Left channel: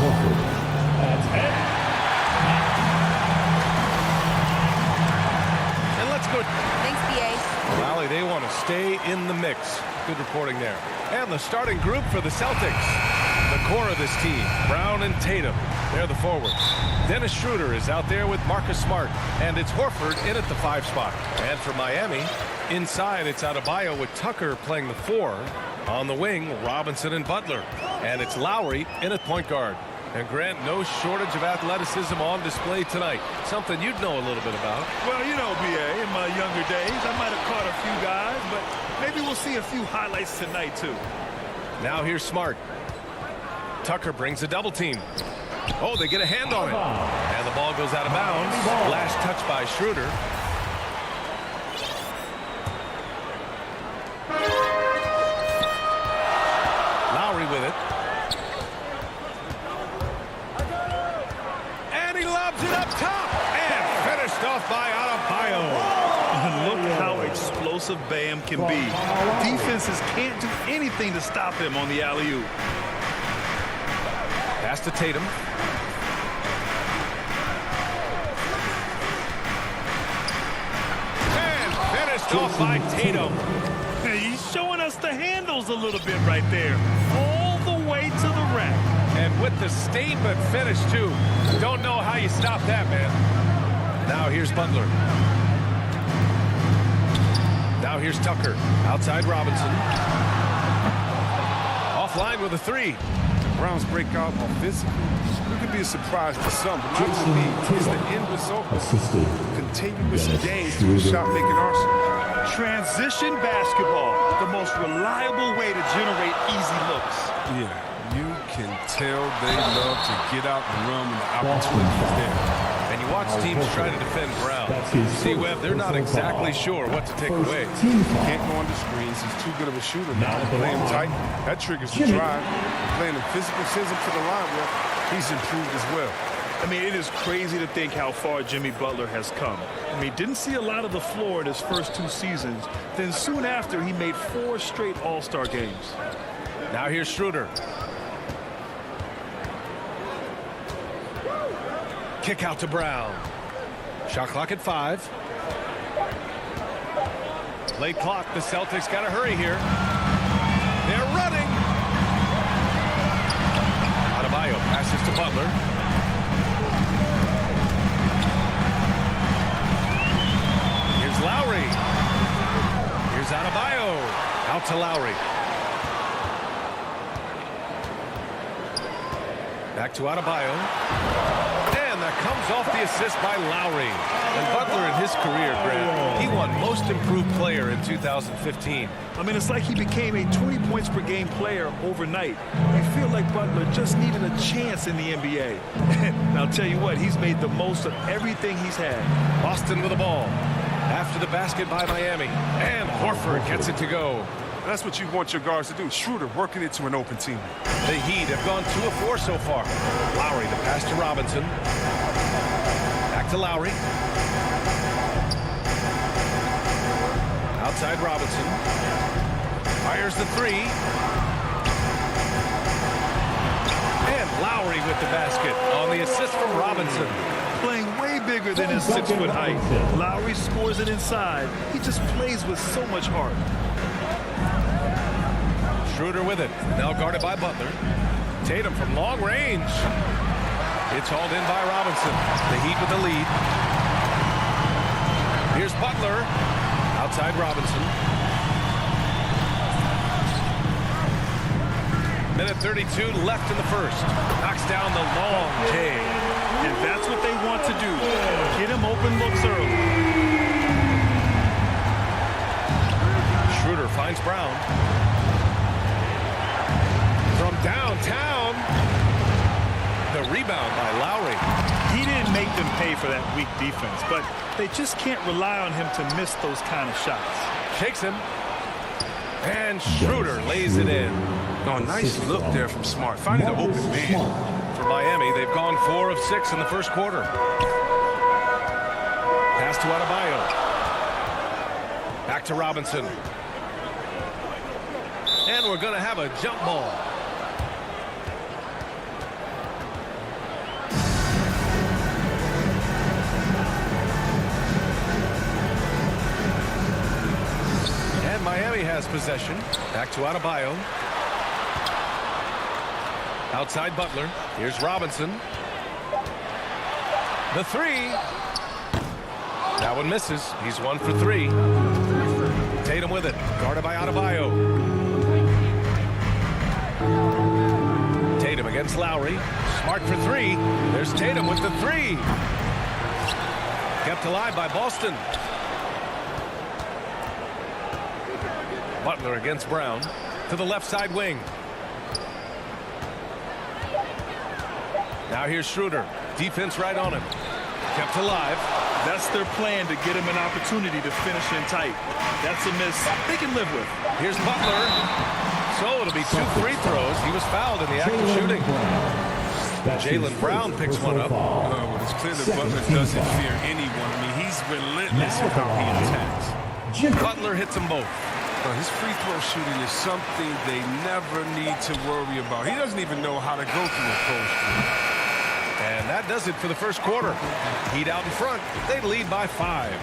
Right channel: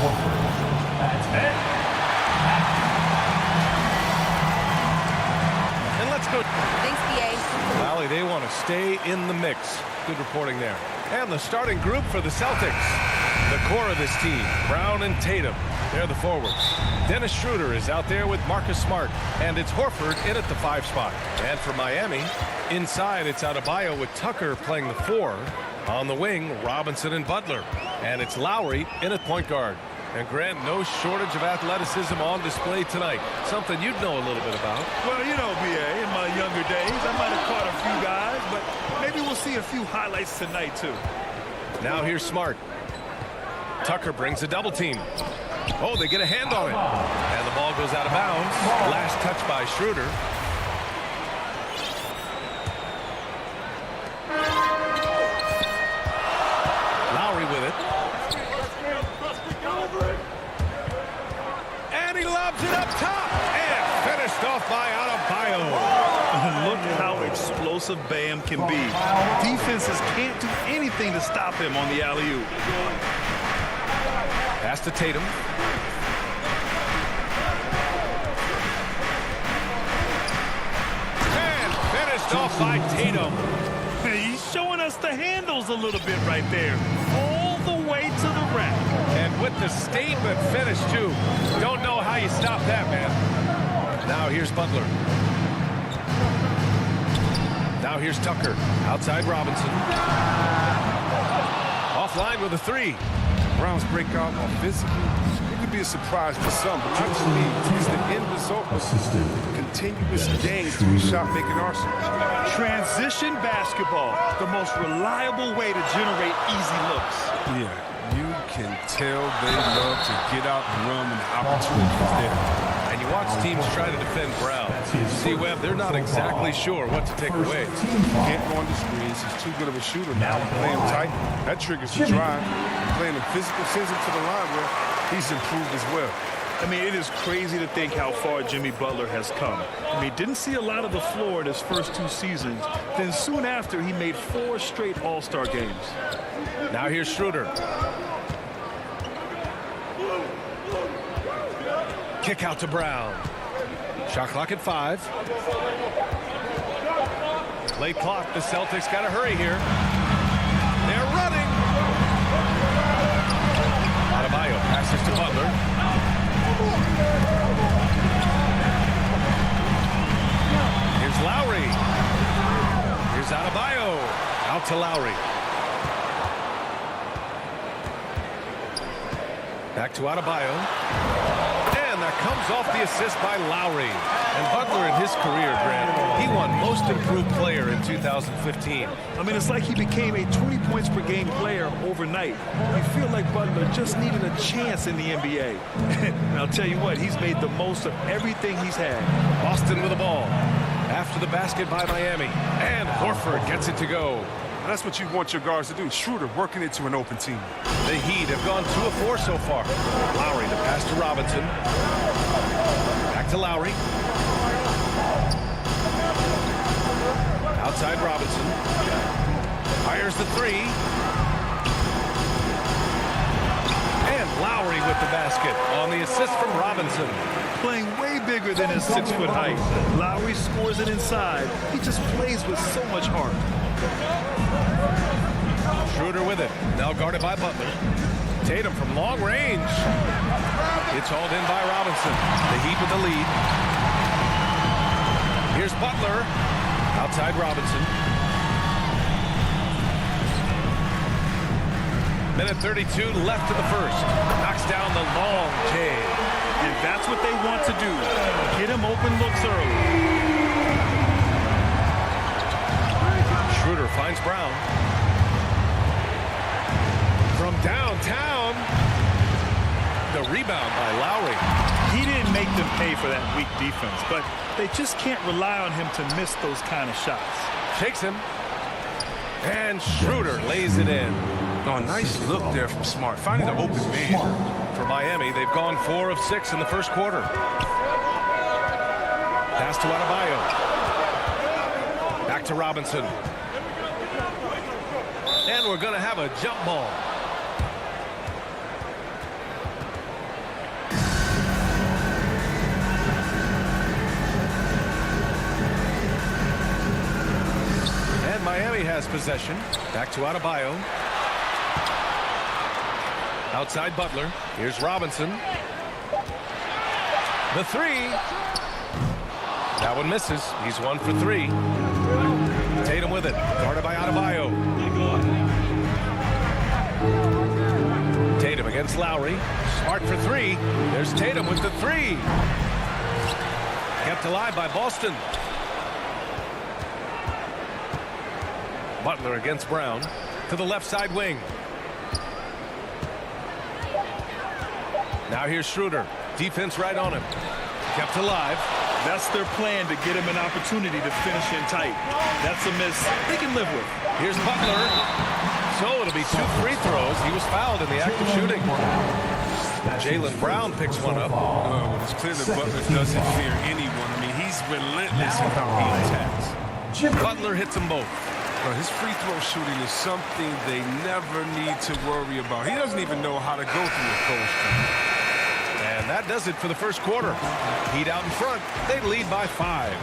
That's it. And let's go. Thanks, BA. Valley, they want to stay in the mix. Good reporting there. And the starting group for the Celtics. The core of this team, Brown and Tatum. They're the forwards. Dennis Schroeder is out there with Marcus Smart. And it's Horford in at the 5 spot. And for Miami, inside it's Adebayo with Tucker playing the 4. On the wing, Robinson and Butler. And it's Lowry in at point guard. And Grant, no shortage of athleticism on display tonight. Something you'd know a little bit about. Well, you know, BA, in my younger days, I might have caught a few guys, but maybe we'll see a few highlights tonight, too. Now here's Smart. Tucker brings a double team. Oh, they get a hand on it. And the ball goes out of bounds. Last touch by Schroeder. Lowry with it. And he lobs it up top. And finished off by Adebayo. Look how explosive Bam can be. Defenses can't do anything to stop him on the alley-oop. Pass to Tatum. And finished off by Tatum. He's showing us the handles a little bit right there. All the way to the rack. And with the statement finish, too. Don't know how you stop that, man. Now here's Butler. Now here's Tucker. Outside Robinson. Offline with a 3. Brown's breakout offensively, it could be a surprise to some, but not to me. It's the end result of continuous gains through the shot-making arsenal. Transition basketball, the most reliable way to generate easy looks. Yeah, you can tell they love to get out and run when the opportunity is there. And you watch teams try to defend Brown. See, Webb, they're not exactly sure what to take away. He can't go under screens. He's too good of a shooter now. You play him tight, that triggers the drive. And playing him physical sends him to the line where he's improved as well. I mean, it is crazy to think how far Jimmy Butler has come. I mean, didn't see a lot of the floor in his first 2 seasons. Then soon after, he made 4 straight All-Star games. Now here's Schroeder. Kick out to Brown. Shot clock at 5. Late clock. The Celtics got to hurry here. They're running. Adebayo passes to Butler. Here's Lowry. Here's Adebayo. Out to Lowry. Back to Adebayo. And that comes off the assist by Lowry. And Butler in his career, Grant, he won Most Improved Player in 2015. I mean, it's like he became a 20 points per game player overnight. You feel like Butler just needed a chance in the NBA. And I'll tell you what, he's made the most of everything he's had. Boston with the ball. After the basket by Miami. And Horford gets it to go. And that's what you want your guards to do. Schroeder working it to an open team. The Heat have gone 2 of 4 so far. Lowry, the pass to Robinson. Back to Lowry. Outside Robinson. Fires the 3. And Lowry with the basket on the assist from Robinson. Playing way bigger than his 6-foot height. Lowry scores it inside. He just plays with so much heart. Schroeder with it. Now guarded by Butler. Tatum from long range. It's hauled in by Robinson. The Heat with the lead. Here's Butler. Outside Robinson. Minute 32 left in the first. Knocks down the long J. And that's what they want to do. Get him open looks early. Schroeder finds Brown. From downtown. The rebound by Lowry. He didn't make them pay for that weak defense, but they just can't rely on him to miss those kind of shots. Shakes him. And Schroeder lays it in. Oh, nice look there from Smart. Finding the open man. For Miami, they've gone 4 of 6 in the first quarter. Pass to Adebayo. Back to Robinson. And we're going to have a jump ball. And Miami has possession. Back to Adebayo. Outside Butler. Here's Robinson. The three. That one misses. He's 1 for 3. Tatum with it. Guarded by Adebayo. Tatum against Lowry. Smart for 3. There's Tatum with the 3. Kept alive by Boston. Butler against Brown. To the left side wing. Now here's Schroeder. Defense right on him. Kept alive. That's their plan, to get him an opportunity to finish in tight. That's a miss they can live with. Here's Butler. So it'll be 2 free throws. He was fouled in the act of shooting. Jaylen Brown picks one up. Well, it's clear that Butler doesn't fear anyone. I mean, he's relentless in how he attacks. Butler hits them both. His free throw shooting is something they never need to worry about. He doesn't even know how to go through a cold streak. And that does it for the first quarter. Heat out in front. They lead by 5.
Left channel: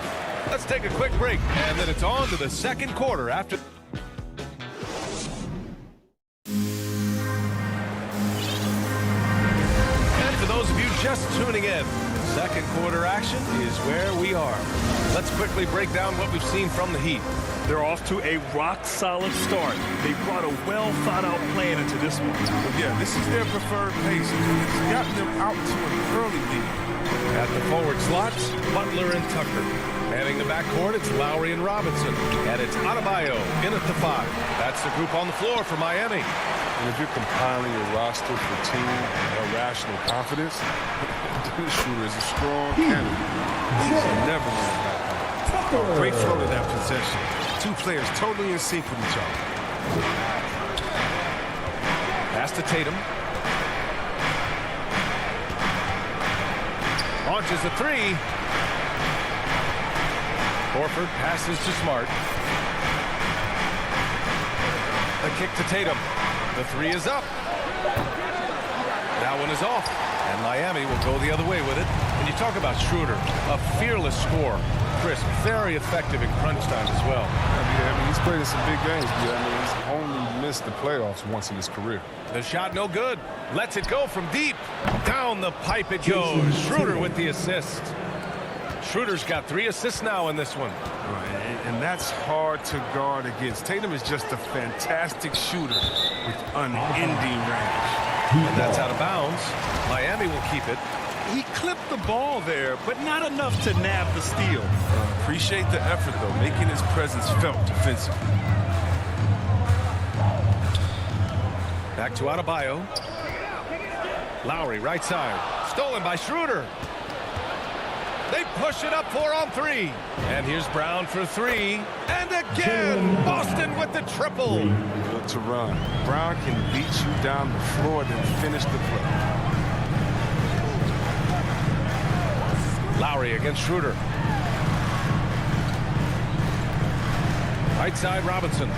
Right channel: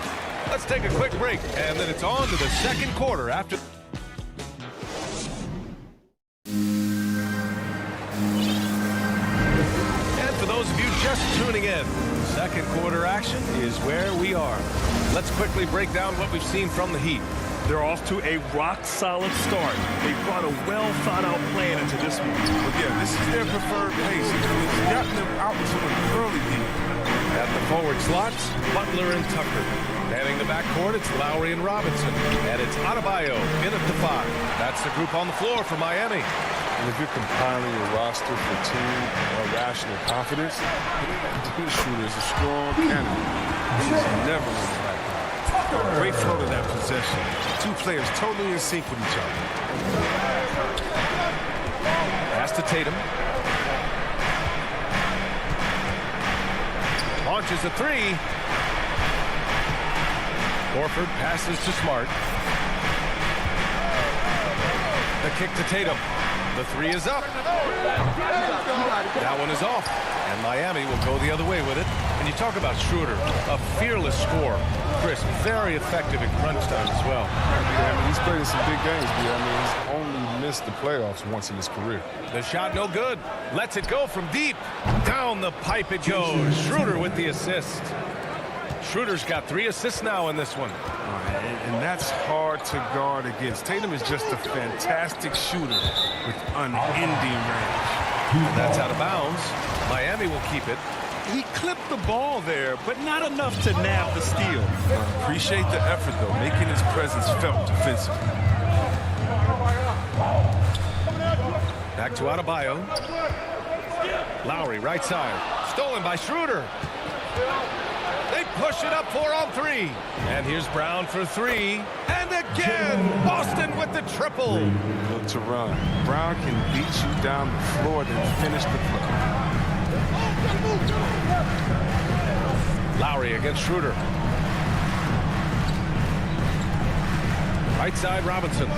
Let's take a quick break, and then it's on to the second quarter after. And for those of you just tuning in, second quarter action is where we are. Let's quickly break down what we've seen from the Heat. They're off to a rock-solid start. They brought a well-thought-out plan into this one. Well, yeah, this is their preferred pace. It's gotten them out to an early lead. At the forward slots, Butler and Tucker. Manning the backcourt, it's Lowry and Robinson. And it's Adebayo in at the 5. That's the group on the floor for Miami. And if you're compiling your roster for team rational confidence, Dennis Schroeder is a strong candidate. He's never won the backcourt. Great flow to that possession. 2 players totally in sync with each other. Pass to Tatum. Launches a 3. Horford passes to Smart. The kick to Tatum. The 3 is up. That one is off. And Miami will go the other way with it. And you talk about Schroeder, a fearless scorer. Chris, very effective in crunch time as well. Yeah, I mean, he's played in some big games. I mean, he's only missed the playoffs once in his career. The shot no good. Lets it go from deep. Down the pipe it goes. Schroeder with the assist. Schroeder's got 3 assists now in this one. And that's hard to guard against. Tatum is just a fantastic shooter with unending range. And that's out of bounds. Miami will keep it. He clipped the ball there, but not enough to nab the steal. Appreciate the effort, though, making his presence felt defensively. Back to Adebayo. Lowry, right side. Stolen by Schroeder. They push it up 4 on 3. And here's Brown for 3. And again, Boston with the triple. Good to run. Brown can beat you down the floor, then finish the play. Lowry against Schroeder. Right side, Robinson.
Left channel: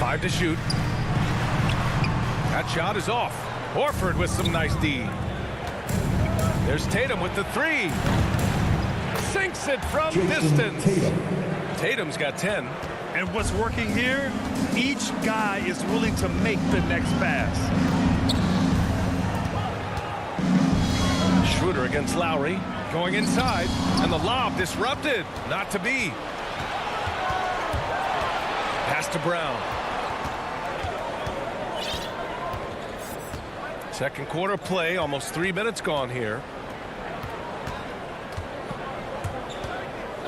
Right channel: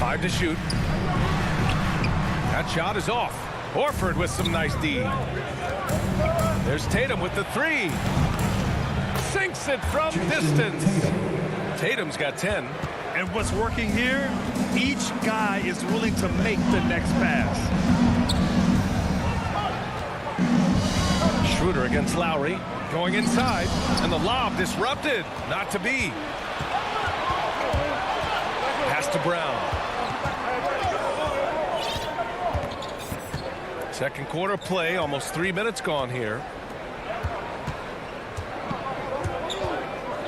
5 to shoot. That shot is off. Horford with some nice D. There's Tatum with the 3. Sinks it from distance. Tatum's got 10. And what's working here, each guy is willing to make the next pass. Schroeder against Lowry. Going inside. And the lob disrupted. Not to be. Pass to Brown. Second quarter play. Almost 3 minutes gone here.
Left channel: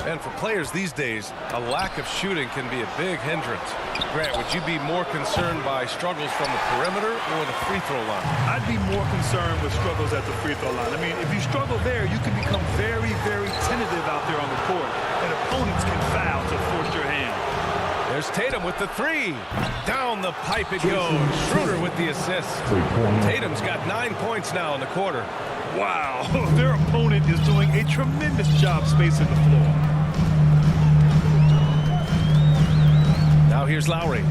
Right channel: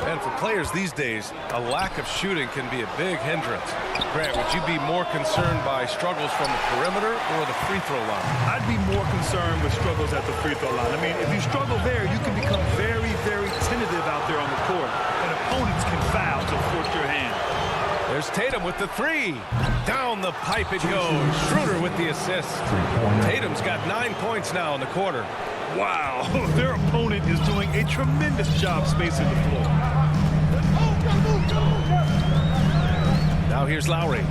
And for players these days, a lack of shooting can be a big hindrance. Grant, would you be more concerned by struggles from the perimeter or the free throw line? I'd be more concerned with struggles at the free throw line. I mean, if you struggle there, you can become very, very tentative out there on the court, and opponents can foul to force your hand. There's Tatum with the 3. Down the pipe it goes. Schroeder with the assist. Tatum's got 9 points now in the quarter. Wow, their opponent is doing a tremendous job spacing the floor. Now here's Lowry.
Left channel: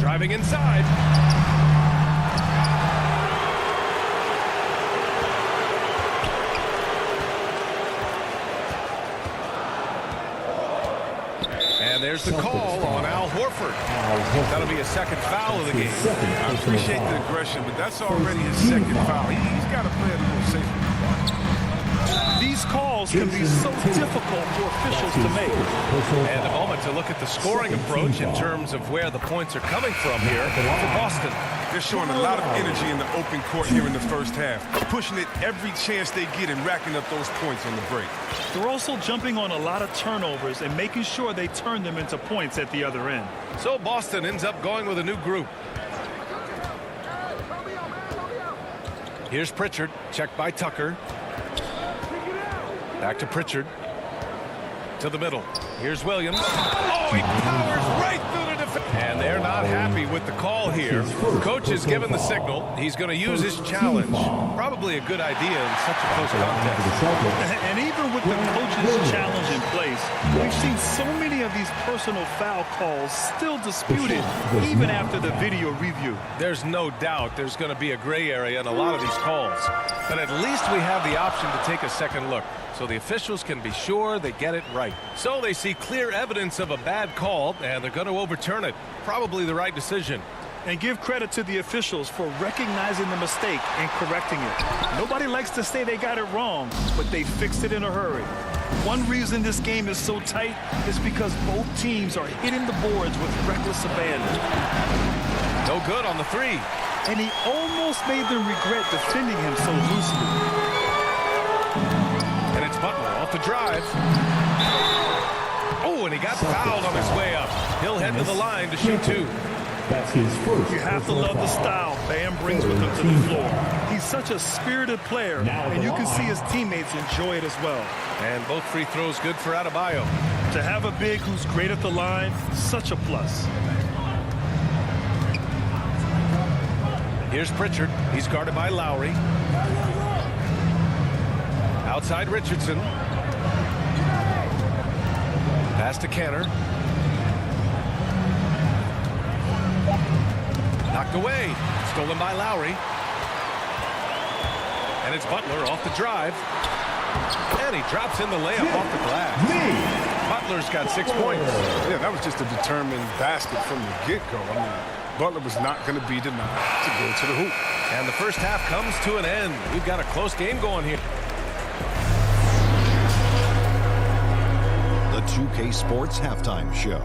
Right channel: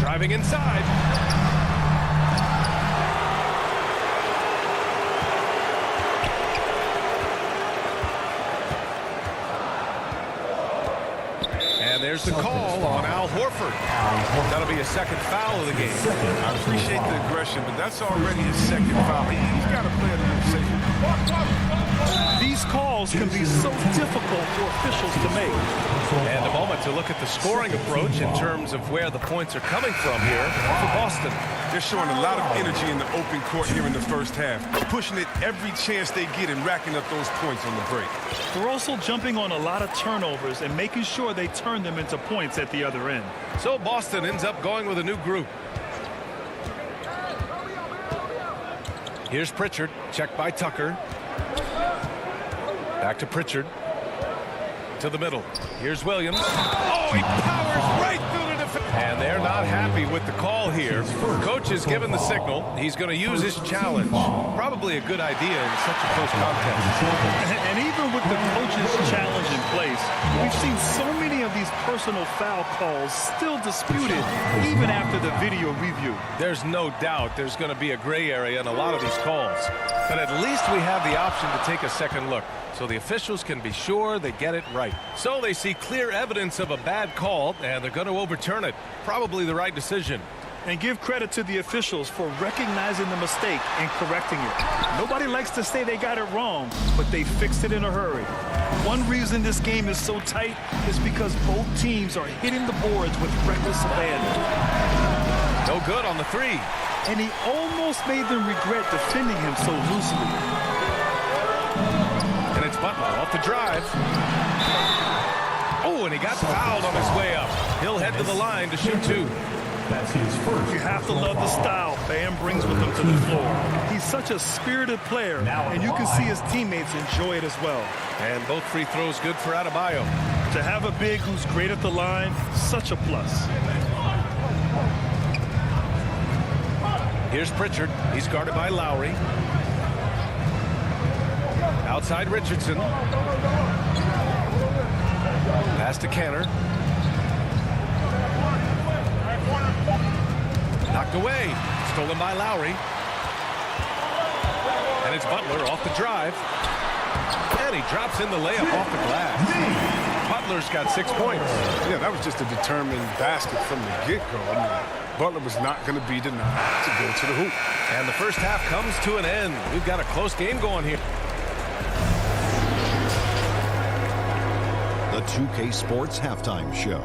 Driving inside. And there's the call on Al Horford. That'll be a second foul of the game. I appreciate the aggression, but that's already his second foul. He's got to play it a little safer. These calls can be so difficult for officials to make. And a moment to look at the scoring approach in terms of where the points are coming from here for Boston. They're showing a lot of energy in the open court here in the first half, pushing it every chance they get and racking up those points on the break. They're also jumping on a lot of turnovers and making sure they turn them into points at the other end. So Boston ends up going with a new group. Here's Pritchard, checked by Tucker. Back to Pritchard. To the middle. Here's Williams. Oh, he powers right through the defense. And they're not happy with the call here. Coach has given the signal. He's going to use his challenge. Probably a good idea in such a close contest. And even with the coach's challenge in place, we've seen so many of these personal foul calls still disputed even after the video review. There's no doubt there's going to be a gray area in a lot of these calls. But at least we have the option to take a second look, so the officials can be sure they get it right. So they see clear evidence of a bad call, and they're going to overturn it. Probably the right decision. And give credit to the officials for recognizing the mistake and correcting it. Nobody likes to say they got it wrong, but they fixed it in a hurry. One reason this game is so tight is because both teams are hitting the boards with reckless abandon. No good on the three. And he almost made them regret defending him so loosely. And it's Butler off the drive. Oh, and he got fouled on his way up. He'll head to the line to shoot two. That's his first. You have to love the style Bam brings with him to the floor. He's such a spirited player, and you can see his teammates enjoy it as well. And both free throws good for Adebayo. To have a big who's great at the line, such a plus. Here's Pritchard. He's guarded by Lowry. Outside Richardson. Pass to Canner. Knocked away. Stolen by Lowry. And it's Butler off the drive. And he drops in the layup off the glass. Butler's got 6 points. Yeah, that was just a determined basket from the get-go. I mean, Butler was not going to be denied to go to the hoop. And the first half comes to an end. We've got a close game going here. The 2K Sports Halftime Show.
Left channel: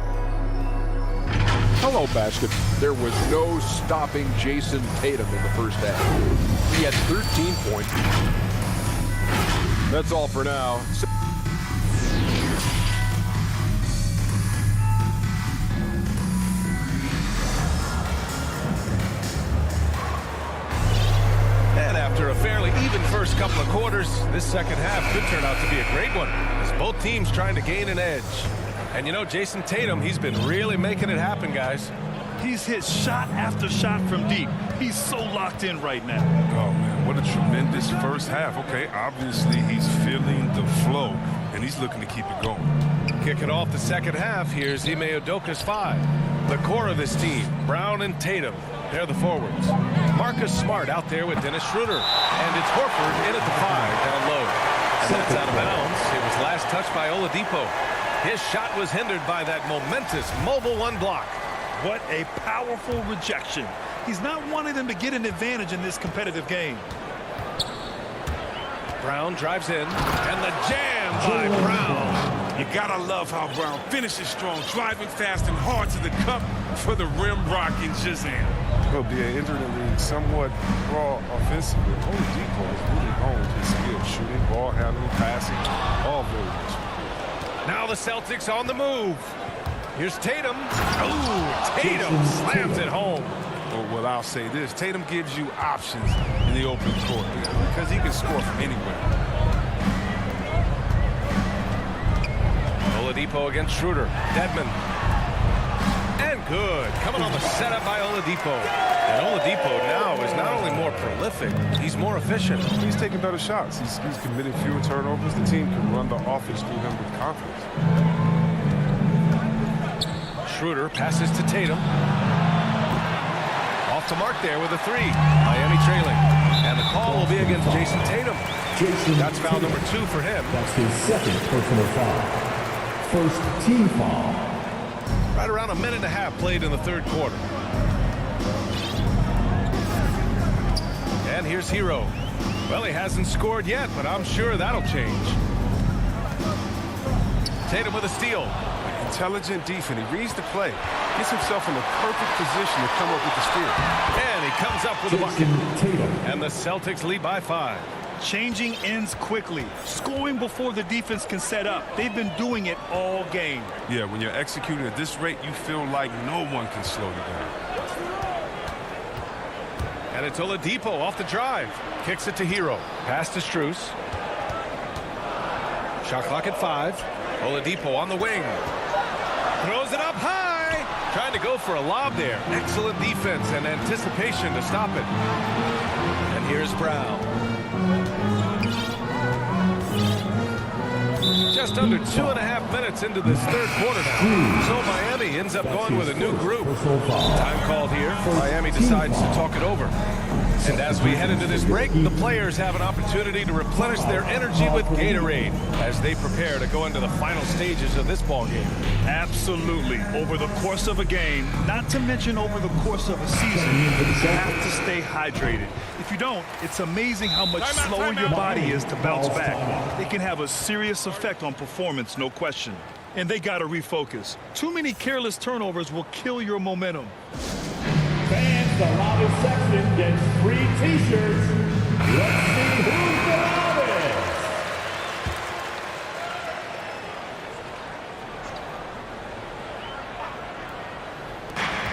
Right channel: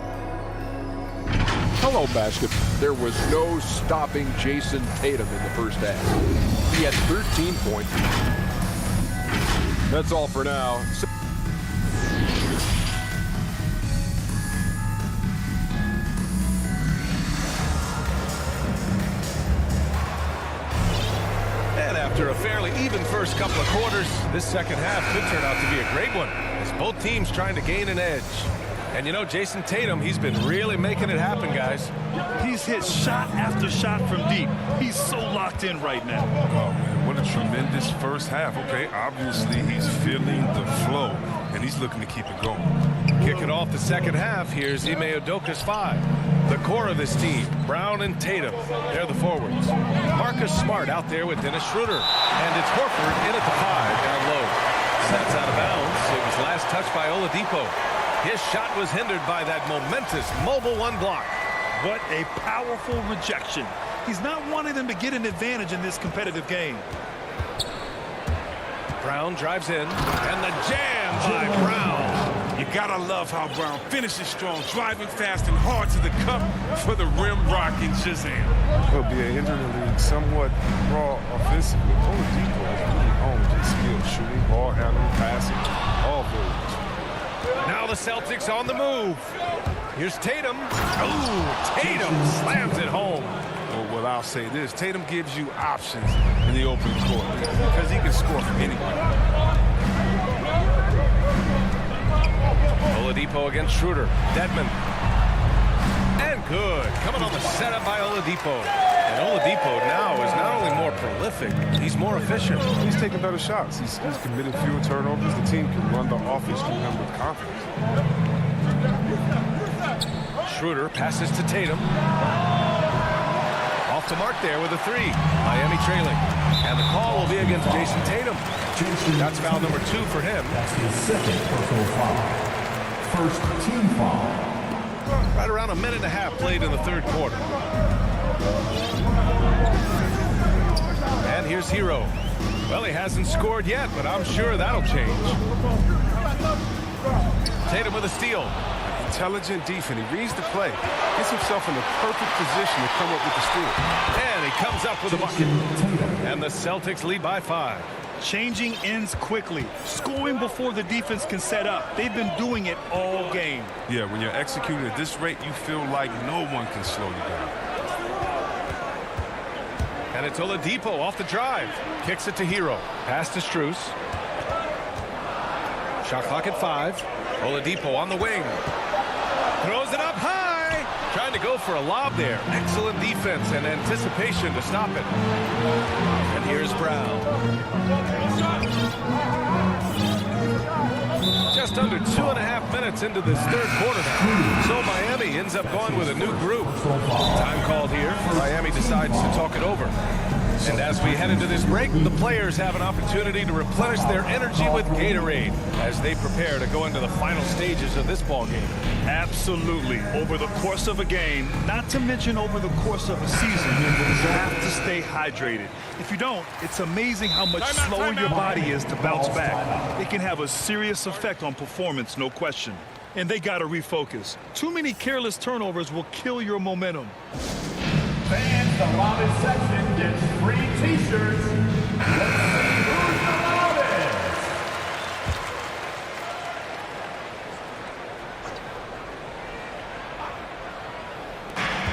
Hello, basket. There was no stopping Jason Tatum in the first half. He had 13 points. That's all for now. And after a fairly even first couple of quarters, this second half could turn out to be a great one, as both teams trying to gain an edge. And you know, Jason Tatum, he's been really making it happen, guys. He's hit shot after shot from deep. He's so locked in right now. Oh, man, what a tremendous first half. Okay, obviously he's feeling the flow, and he's looking to keep it going. Kicking off the second half, here's Ime Udoka's five. The core of this team, Brown and Tatum, they're the forwards. Marcus Smart out there with Dennis Schroeder. And it's Horford in at the five, down low. And that's out of bounds. It was last touched by Oladipo. His shot was hindered by that momentous mobile one block. What a powerful rejection. He's not wanting them to get an advantage in this competitive game. Brown drives in, and the jam by Brown. You gotta love how Brown finishes strong, driving fast and hard to the cup for the rim rocking Shazam. He'll be entered the league somewhat raw offensively. Oladipo has really honed his skills, shooting, ball handling, passing, all very much. Now the Celtics on the move. Here's Tatum. Ooh, Tatum slams it home. Well, I'll say this. Tatum gives you options in the open court because he can score from anywhere. Oladipo against Schroeder. Dedmon. And good. Coming on the setup by Oladipo. And Oladipo now is not only more prolific, he's more efficient. He's taking better shots. He's committed fewer turnovers. The team can run the offense through him with confidence. Schroeder passes to Tatum. Off the mark there with a three. Miami trailing. And the call will be against Jason Tatum. That's foul number 2 for him. That's his second personal foul. First team foul. Right around a minute and a half played in the third quarter. And here's Hero. Well, he hasn't scored yet, but I'm sure that'll change. Tatum with a steal. Intelligent defense. He reads the play. Gets himself in the perfect position to come up with the steal. And he comes up with a bucket. And the Celtics lead by 5. Changing ends quickly. Scoring before the defense can set up. They've been doing it all game. Yeah, when you're executing at this rate, you feel like no one can slow you down. And it's Oladipo off the drive. Kicks it to Hero. Pass to Strus. Shot clock at 5. Oladipo on the wing. Throws it up high. Trying to go for a lob there. Excellent defense and anticipation to stop it. And here's Brown. Just under 2.5 minutes into this third quarter now. So Miami ends up going with a new group. Time called here. Miami decides to talk it over. And as we head into this break, the players have an opportunity to replenish their energy with Gatorade as they prepare to go into the final stages of this ball game. Absolutely. Over the course of a game, not to mention over the course of a season, you have to stay hydrated. If you don't, it's amazing how much slower your body is to bounce back. It can have a serious effect on performance, no question. And they got to refocus. Too many careless turnovers will kill your momentum. Fans, the loudest section gets free t-shirts. Let's see who's the loudest.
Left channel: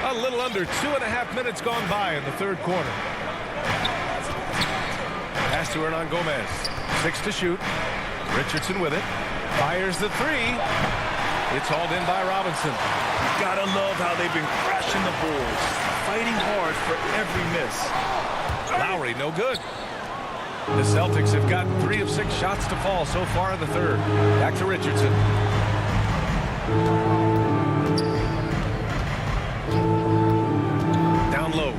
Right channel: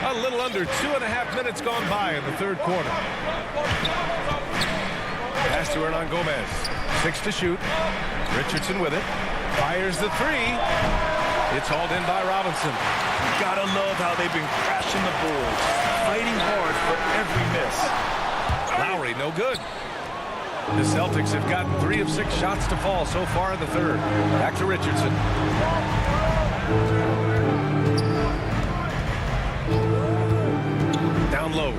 A little under 2.5 minutes gone by in the third quarter. Pass to Hernan Gomez. 6 to shoot. Richardson with it. Fires the 3. It's hauled in by Robinson. You gotta love how they've been crashing the boards, fighting hard for every miss. Lowry, no good. The Celtics have gotten 3 of 6 shots to fall so far in the third. Back to Richardson. Down low.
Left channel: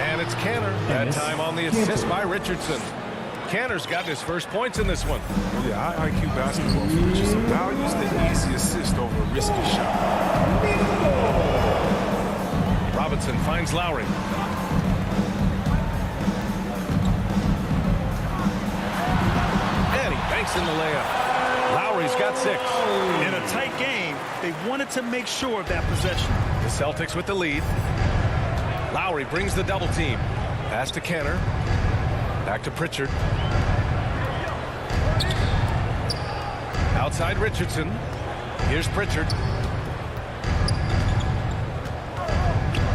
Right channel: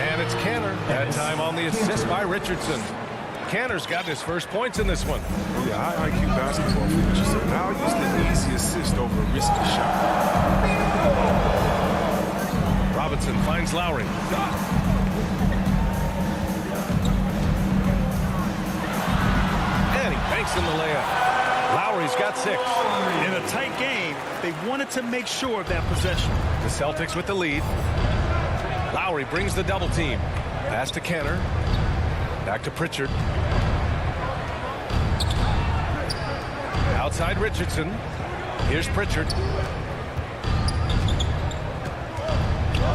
And it's Canner. That time on the assist by Richardson. Canner's gotten his first points in this one. Oh, yeah, high IQ basketball for Richardson. Values the easy assist over a risky shot. Robinson finds Lowry. And he banks in the layup. Lowry's got 6. In a tight game, they wanted to make sure of that possession. The Celtics with the lead. Lowry brings the double team. Pass to Canner. Back to Pritchard. Outside Richardson. Here's Pritchard.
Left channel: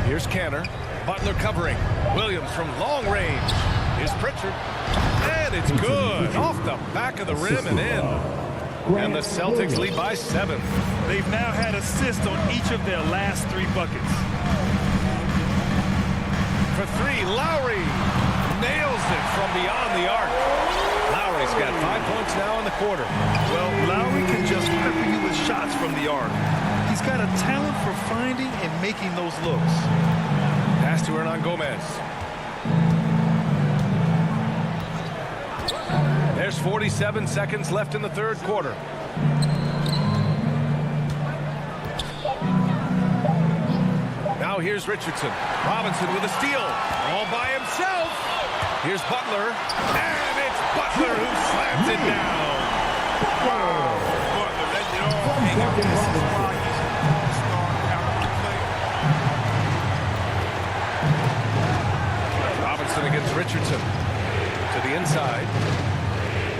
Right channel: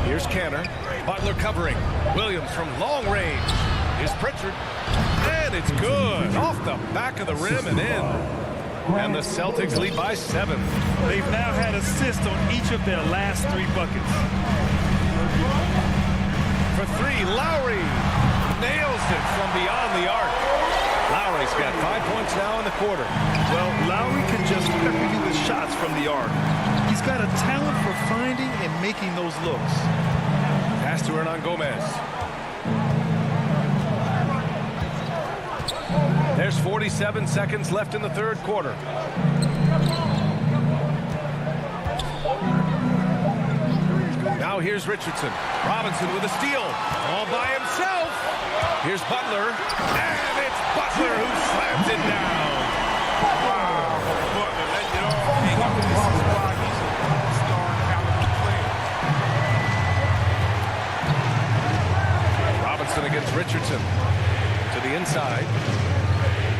Here's Canner. Butler covering. Williams from long range. Here's Pritchard. And it's good. Off the back of the rim and in. And the Celtics lead by 7. They've now had assists on each of their last 3 buckets. For 3, Lowry nails it from beyond the arc. Lowry's got 5 points now in the quarter. Well, Lowry can just pepper you with shots from the arc. He's got a talent for finding and making those looks. Pass to Hernan Gomez. There's 47 seconds left in the third quarter. Now here's Richardson. Robinson with a steal. All by himself. Here's Butler. And it's Butler who slams it down. Wow, Butler letting it all hang up. This is why he's an all-star caliber player. Robinson against Richardson. To the inside.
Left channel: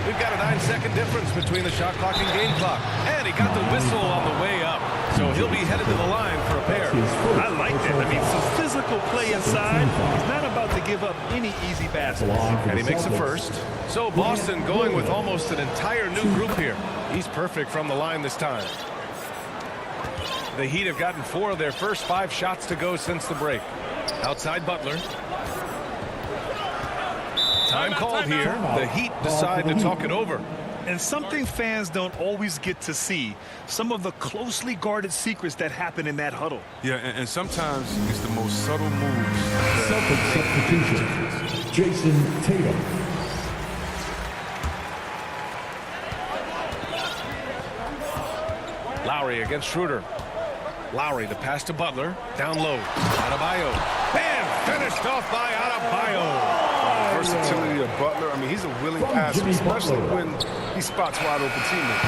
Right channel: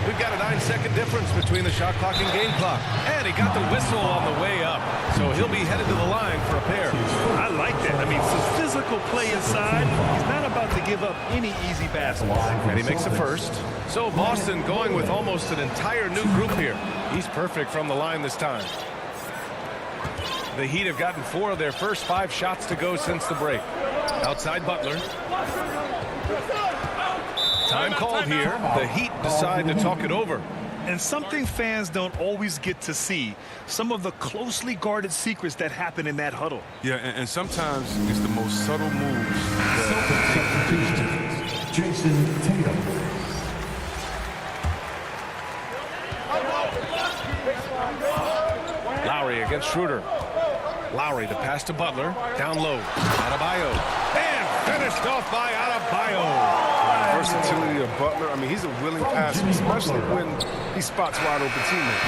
We've got a 9-second difference between the shot clock and game clock. And he got the whistle on the way up. So he'll be headed to the line for a pair. I like that. I mean, some physical play inside. He's not about to give up any easy baskets. And he makes a first. So Boston going with almost an entire new group here. He's perfect from the line this time. The Heat have gotten 4 of their first 5 shots to go since the break. Outside Butler. Time called here. The Heat decide to talk it over. And something fans don't always get to see, some of the closely guarded secrets that happen in that huddle. Yeah, and sometimes it's the most subtle moves that make the difference. Jason Tatum. Lowry against Schroeder. Lowry to pass to Butler. Down low. Adebayo. And finished off by Adebayo. Versatility of Butler. I mean, he's a willing passer, especially when he spots wide open teammates.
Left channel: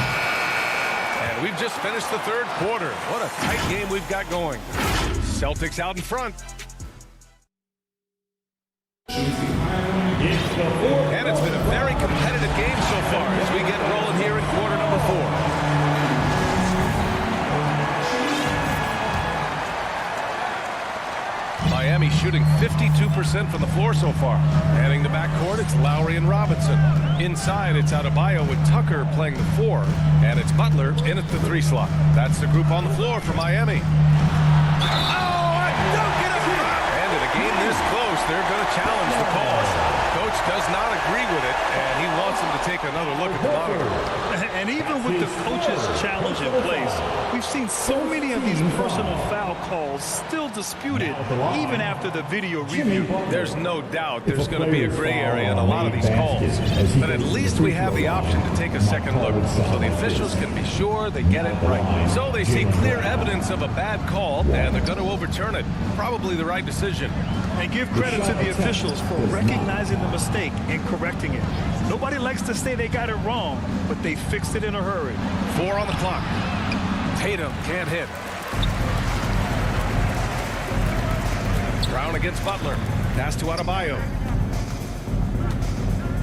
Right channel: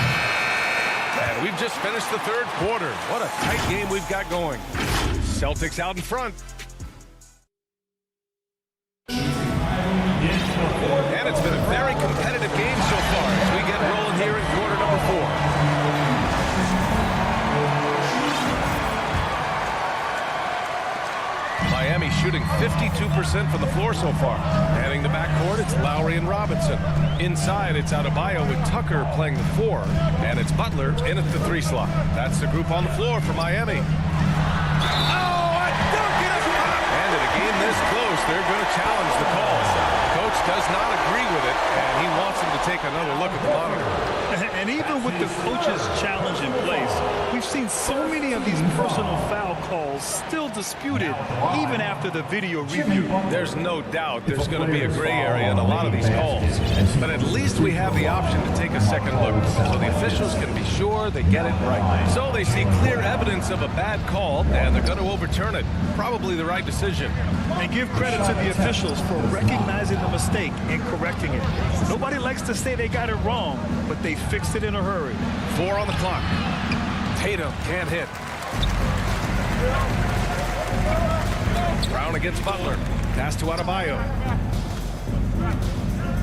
And we've just finished the third quarter. What a tight game we've got going. Celtics out in front. And it's been a very competitive game so far as we get rolling here in quarter number 4. Miami shooting 52% from the floor so far. Heading the backcourt, it's Lowry and Robinson. Inside, it's Adebayo with Tucker playing the 4. And it's Butler in at the 3 slot. That's the group on the floor for Miami. Oh, a dunk and a pop! And in a game this close, they're going to challenge the call. Coach does not agree with it, and he wants him to take another look at the monitor. And even with the coach's challenge in place, we've seen so many of these personal foul calls still disputed even after the video review. There's no doubt there's going to be a gray area in a lot of these calls. But at least we have the option to take a second look so the officials can be sure they get it right. So they see clear evidence of a bad call, and they're going to overturn it. Probably the right decision. And give credit to the officials for recognizing the mistake and correcting it. Nobody likes to say they got it wrong, but they fixed it in a hurry. 4 on the clock. Tatum can't hit. Brown against Butler. Pass to Adebayo.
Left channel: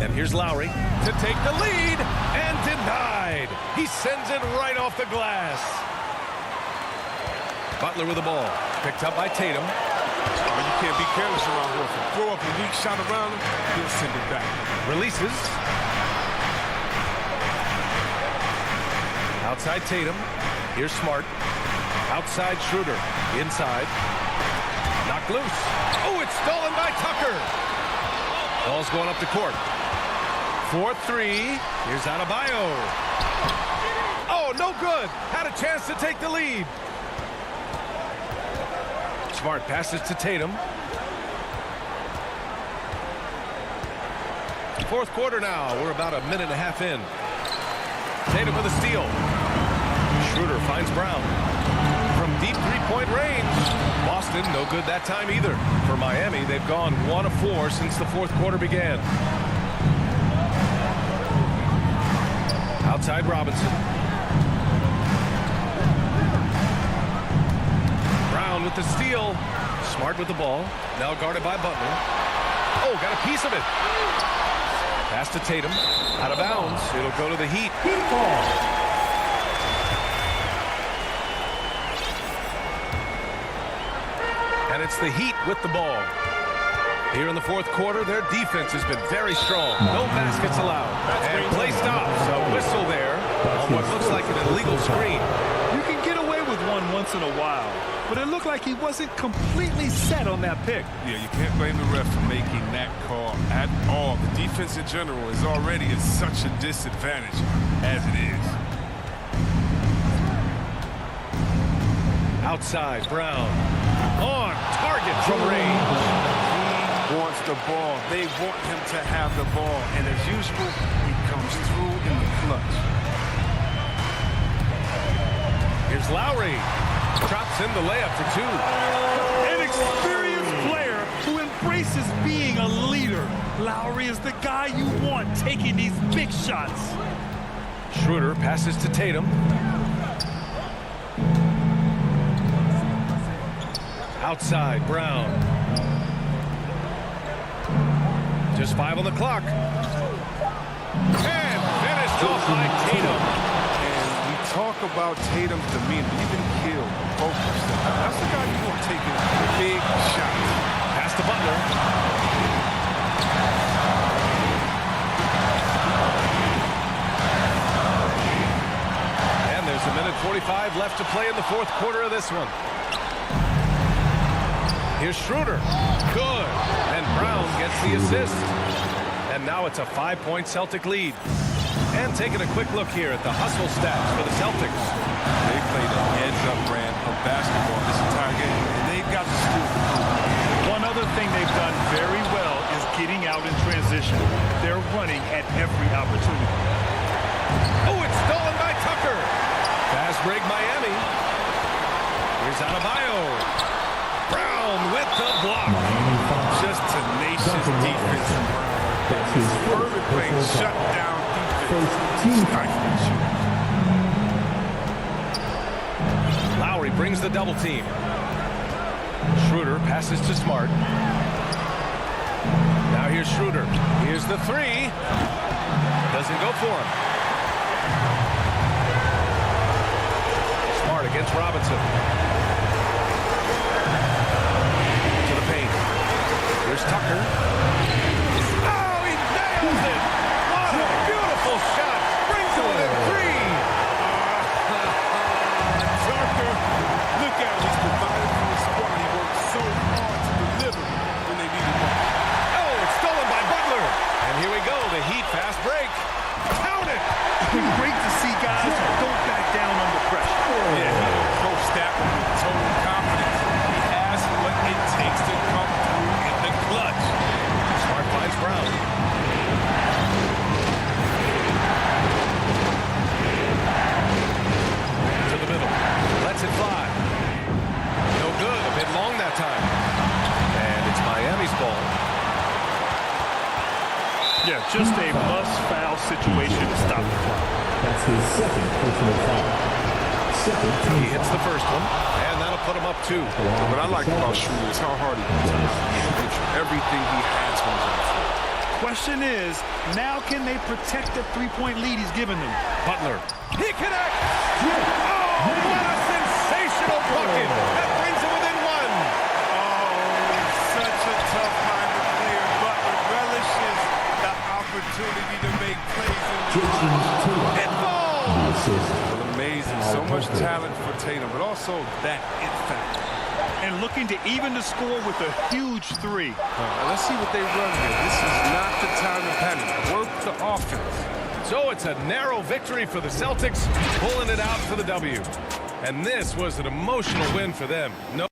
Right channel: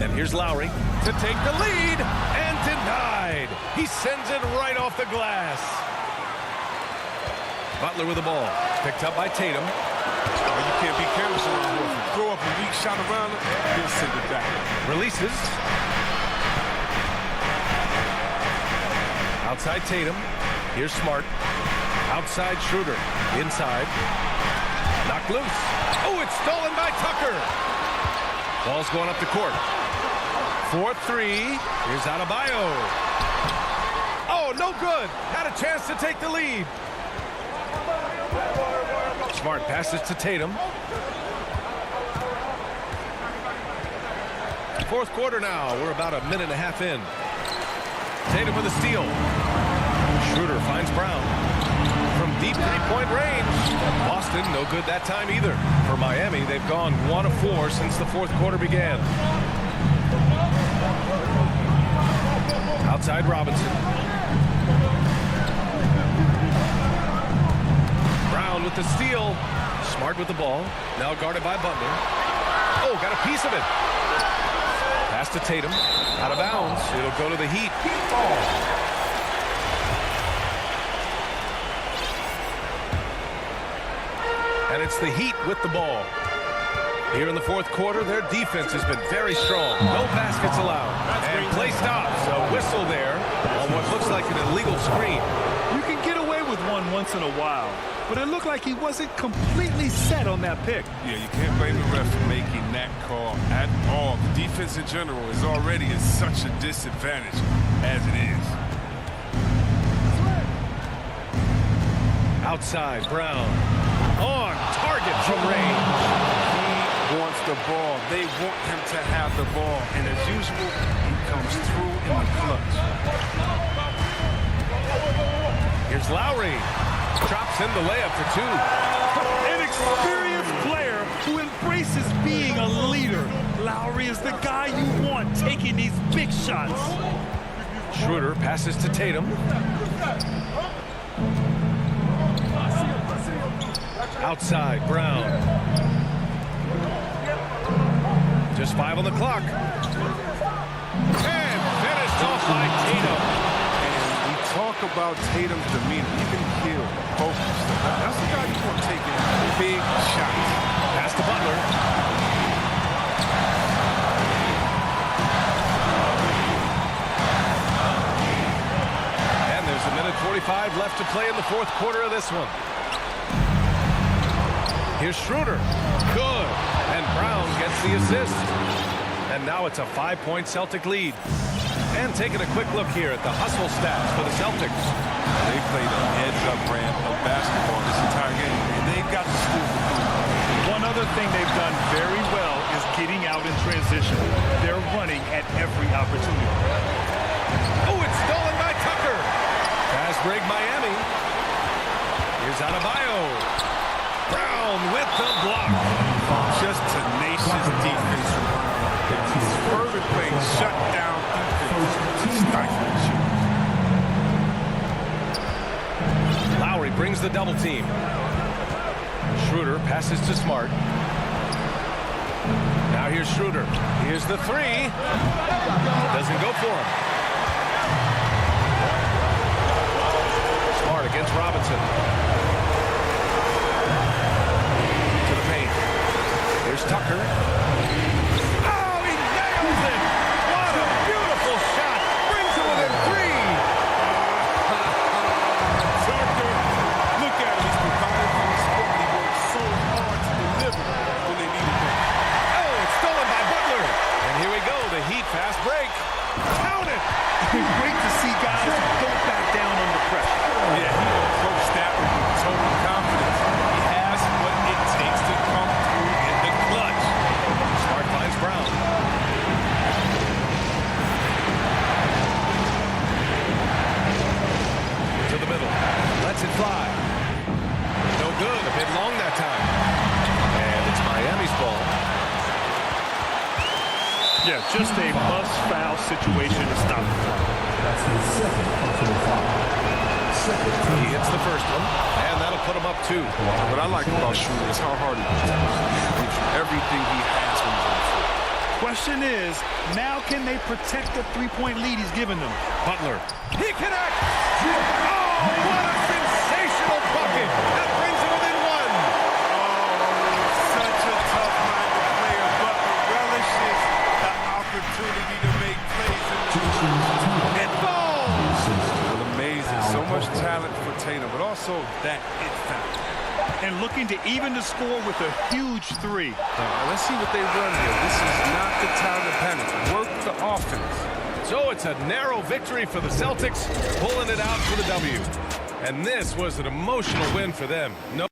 And here's Lowry to take the lead, and denied. He sends it right off the glass. Butler with the ball. Picked up by Tatum. Oh, you can't be careless around here. If you throw up a weak shot around him, he'll send it back. Releases. Outside Tatum. Here's Smart. Outside Schroeder. Inside. Knocked loose. Oh, it's stolen by Tucker. Ball's going up the court. 4-3. Here's Adebayo. Oh, no good. Had a chance to take the lead. Smart passes to Tatum. Fourth quarter now. We're about a minute and a half in. Tatum with a steal. Schroeder finds Brown. From deep three-point range. Boston, no good that time either. For Miami, they've gone 1 of 4 since the fourth quarter began. Outside Robinson. Brown with the steal. Smart with the ball. Now guarded by Butler. Oh, got a piece of it. Pass to Tatum. Out of bounds. It'll go to the Heat. And it's the Heat with the ball. Here in the fourth quarter, their defense has been very strong. No baskets allowed. And play stops. A whistle there on what looks like an illegal screen. You can get away with one once in a while, but it looked like he wasn't completely set on that pick. Yeah, you can't blame the ref for making that call at all. The defense in general is already at such a disadvantage as it is. Outside, Brown. On target from range. He wants the ball. They want him to have the ball. And as usual, he comes through in the clutch. Here's Lowry. Drops in the layup for 2. An experienced player who embraces being a leader. Lowry is the guy you want taking these big shots. Schroeder passes to Tatum. Outside, Brown. Just 5 on the clock. And finished off by Tatum. And we talk about Tatum's demeanor, even killed, focused. That's the guy you want taking big shots. Pass to Butler. And there's a minute 45 left to play in the fourth quarter of this one. Here's Schroeder. Good. And Brown gets the assist. And now it's a 5-point Celtic lead. And taking a quick look here at the hustle stats for the Celtics. They played a heads-up brand of basketball this entire game, and they've got to steal the ball. One other thing they've done very well is getting out in transition. They're running at every opportunity. Oh, it's stolen by Tucker. Pass break Miami. Here's Adebayo. Brown with the block. Just tenacious defense from Brown right there. His fervent play, shut down defense. Stifling shooters. Lowry brings the double team. Schroeder passes to Smart. Now here's Schroeder. Here's the three. Doesn't go for him. Smart against Robinson. To the paint. Here's Tucker. Oh, he nails it! What a beautiful shot! Brings it within three! Tucker, look at him. He's provided for his squad. He worked so hard to deliver when they needed one. Oh, it's stolen by Butler. And here we go, the Heat fast break. Count it! Great to see guys who don't back down under pressure. Yeah, he approached that one with total confidence. He has what it takes to come through in the clutch. Smart finds Brown. To the middle. Lets it fly. No good. A bit long that time. And it's Miami's ball. Yeah, just a must-foul situation to stop the clock. That's his second personal foul. He hits the first one, and that'll put him up two. What I like about Schroeder is how hard he hits. Everything he has when he's on the floor. Question is, now can they protect the three-point lead he's given them? Butler. He connects! Oh, what a sensational bucket! That brings him within one. Oh, such a tough-minded player. Butler relishes the opportunity to make plays in the clutch. It falls! Well, amazing. So much talent for Tatum, but also that it factor. And looking to even the score with a huge three. Let's see what they run here. This is not the time to panic. Work the offense. So it's a narrow victory for the Celtics, pulling it out for the W. And this was an emotional win for them. No.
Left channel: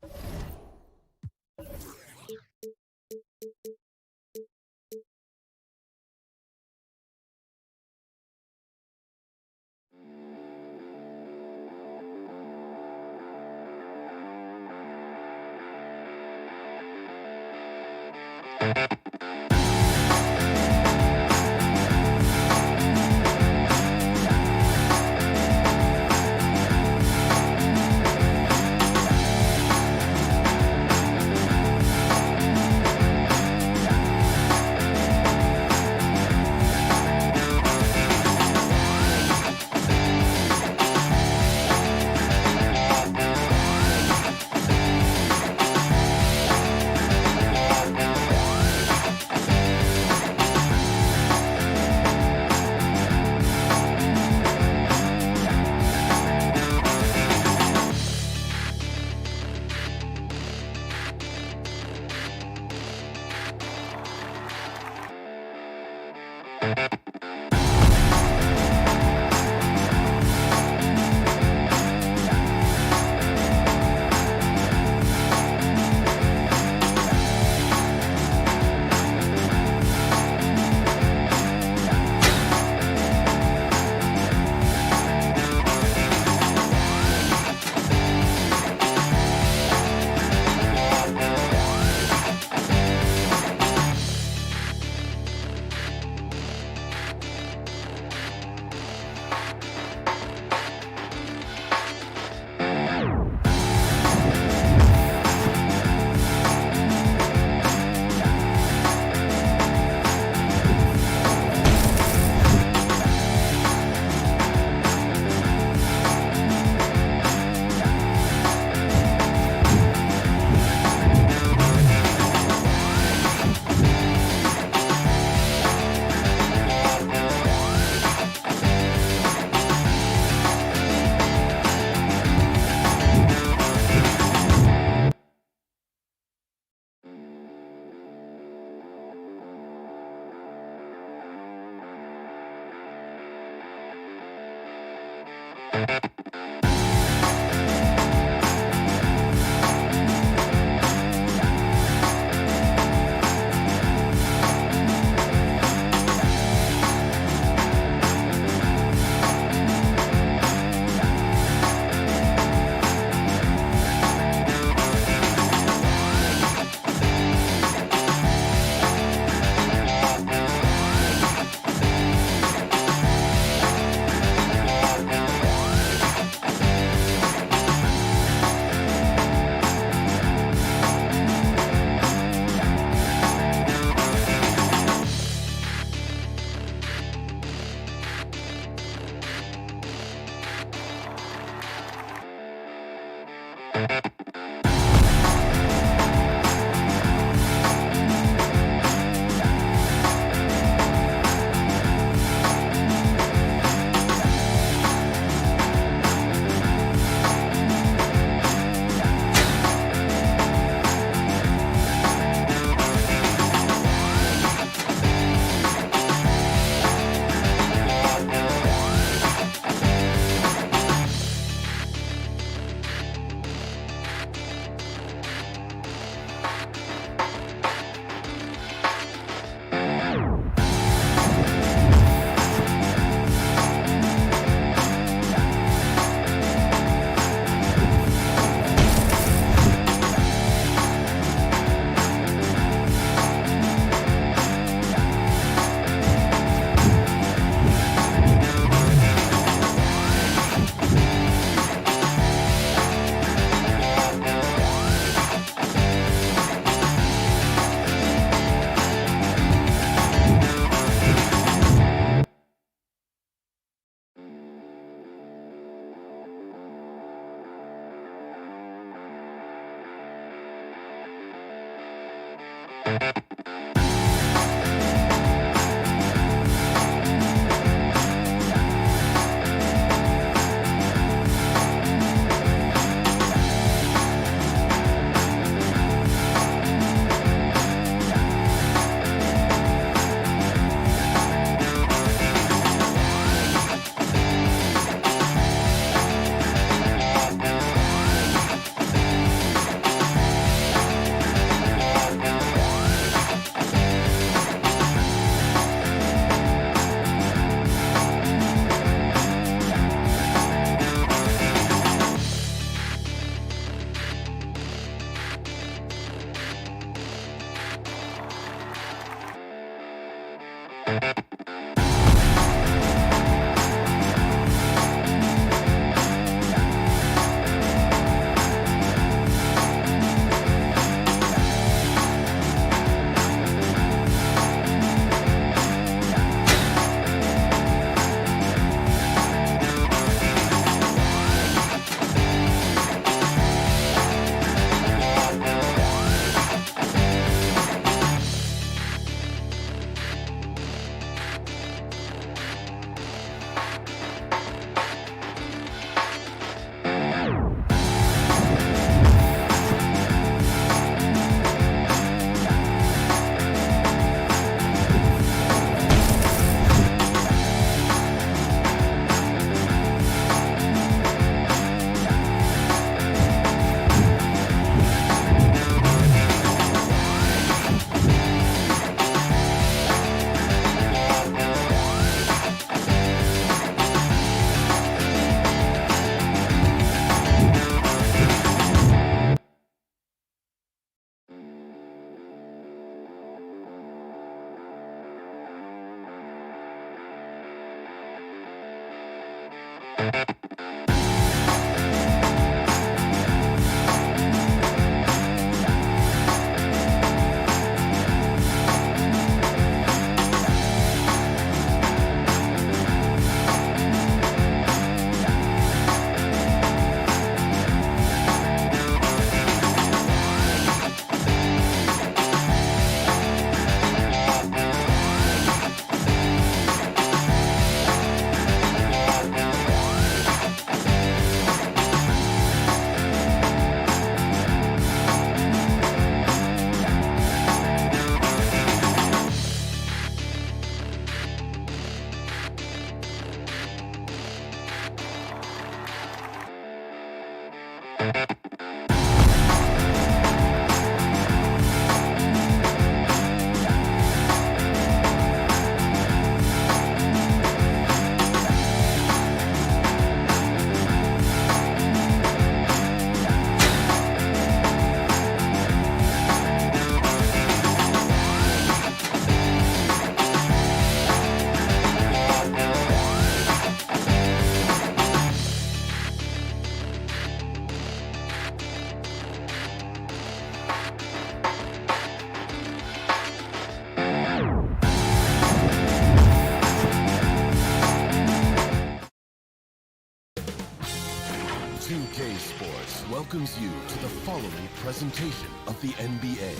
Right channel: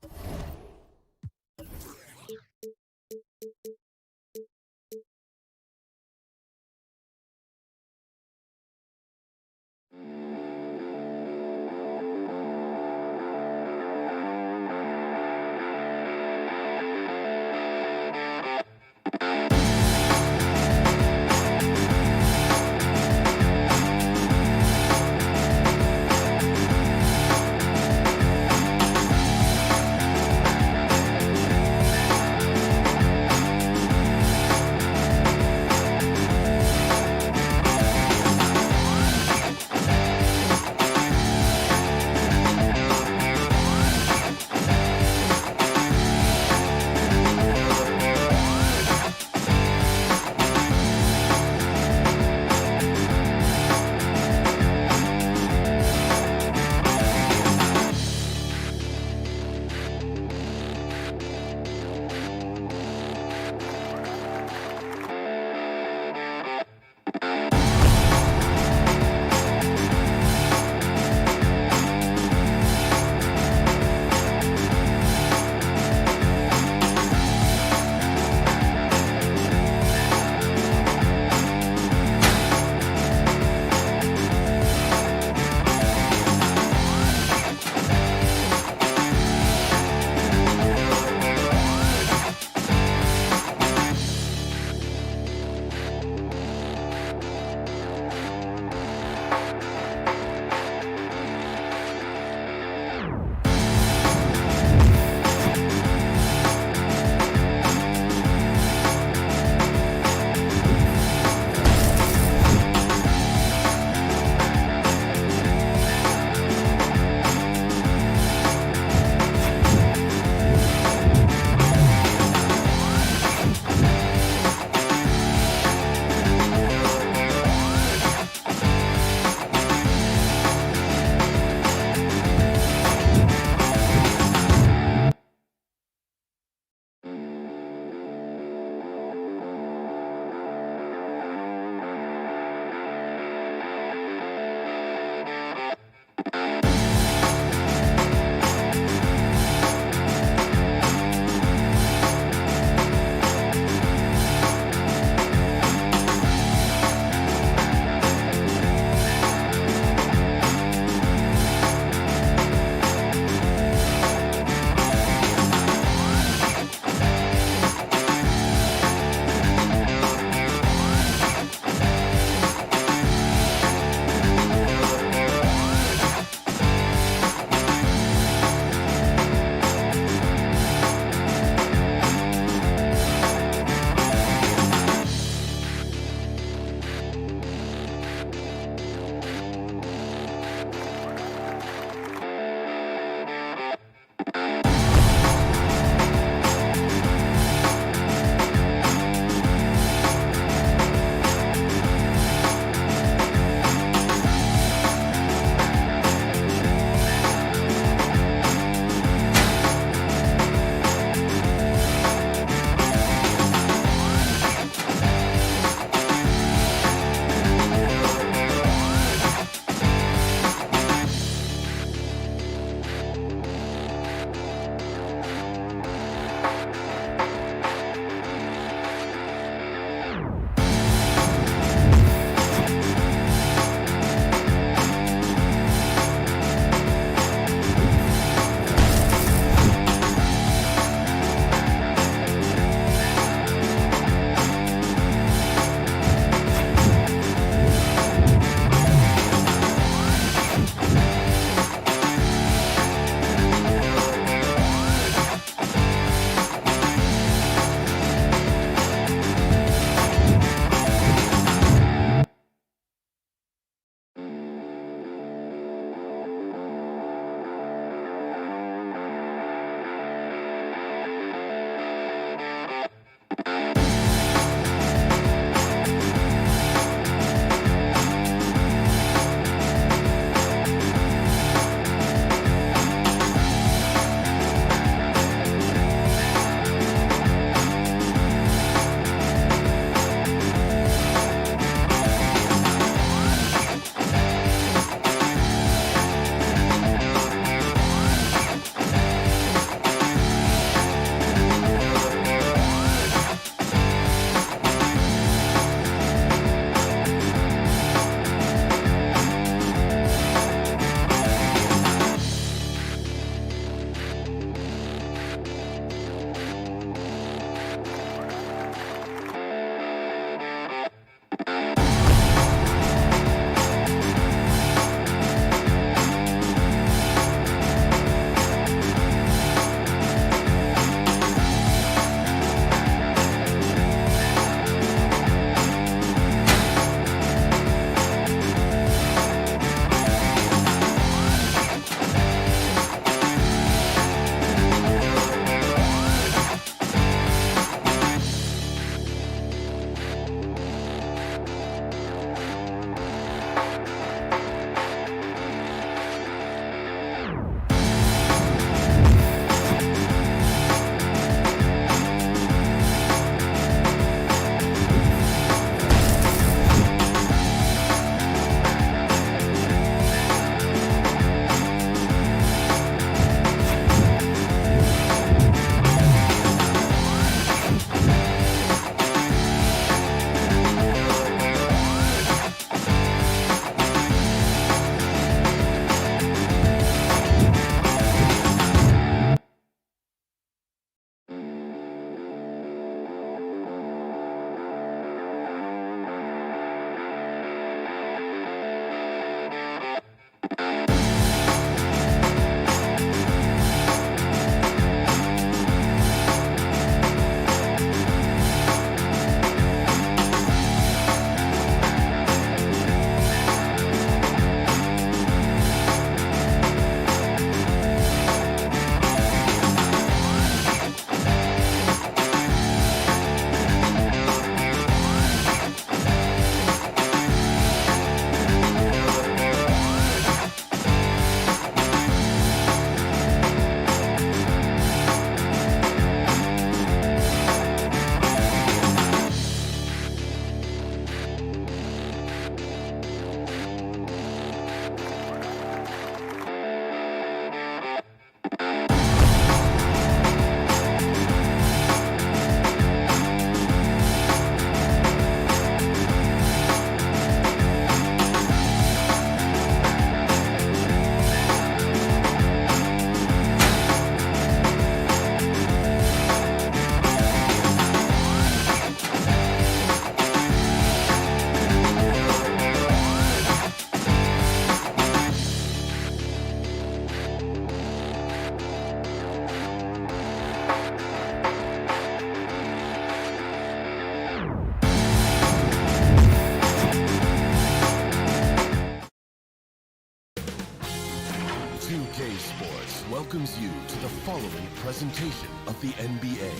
Sports welcomes you to the following presentation of the NBA.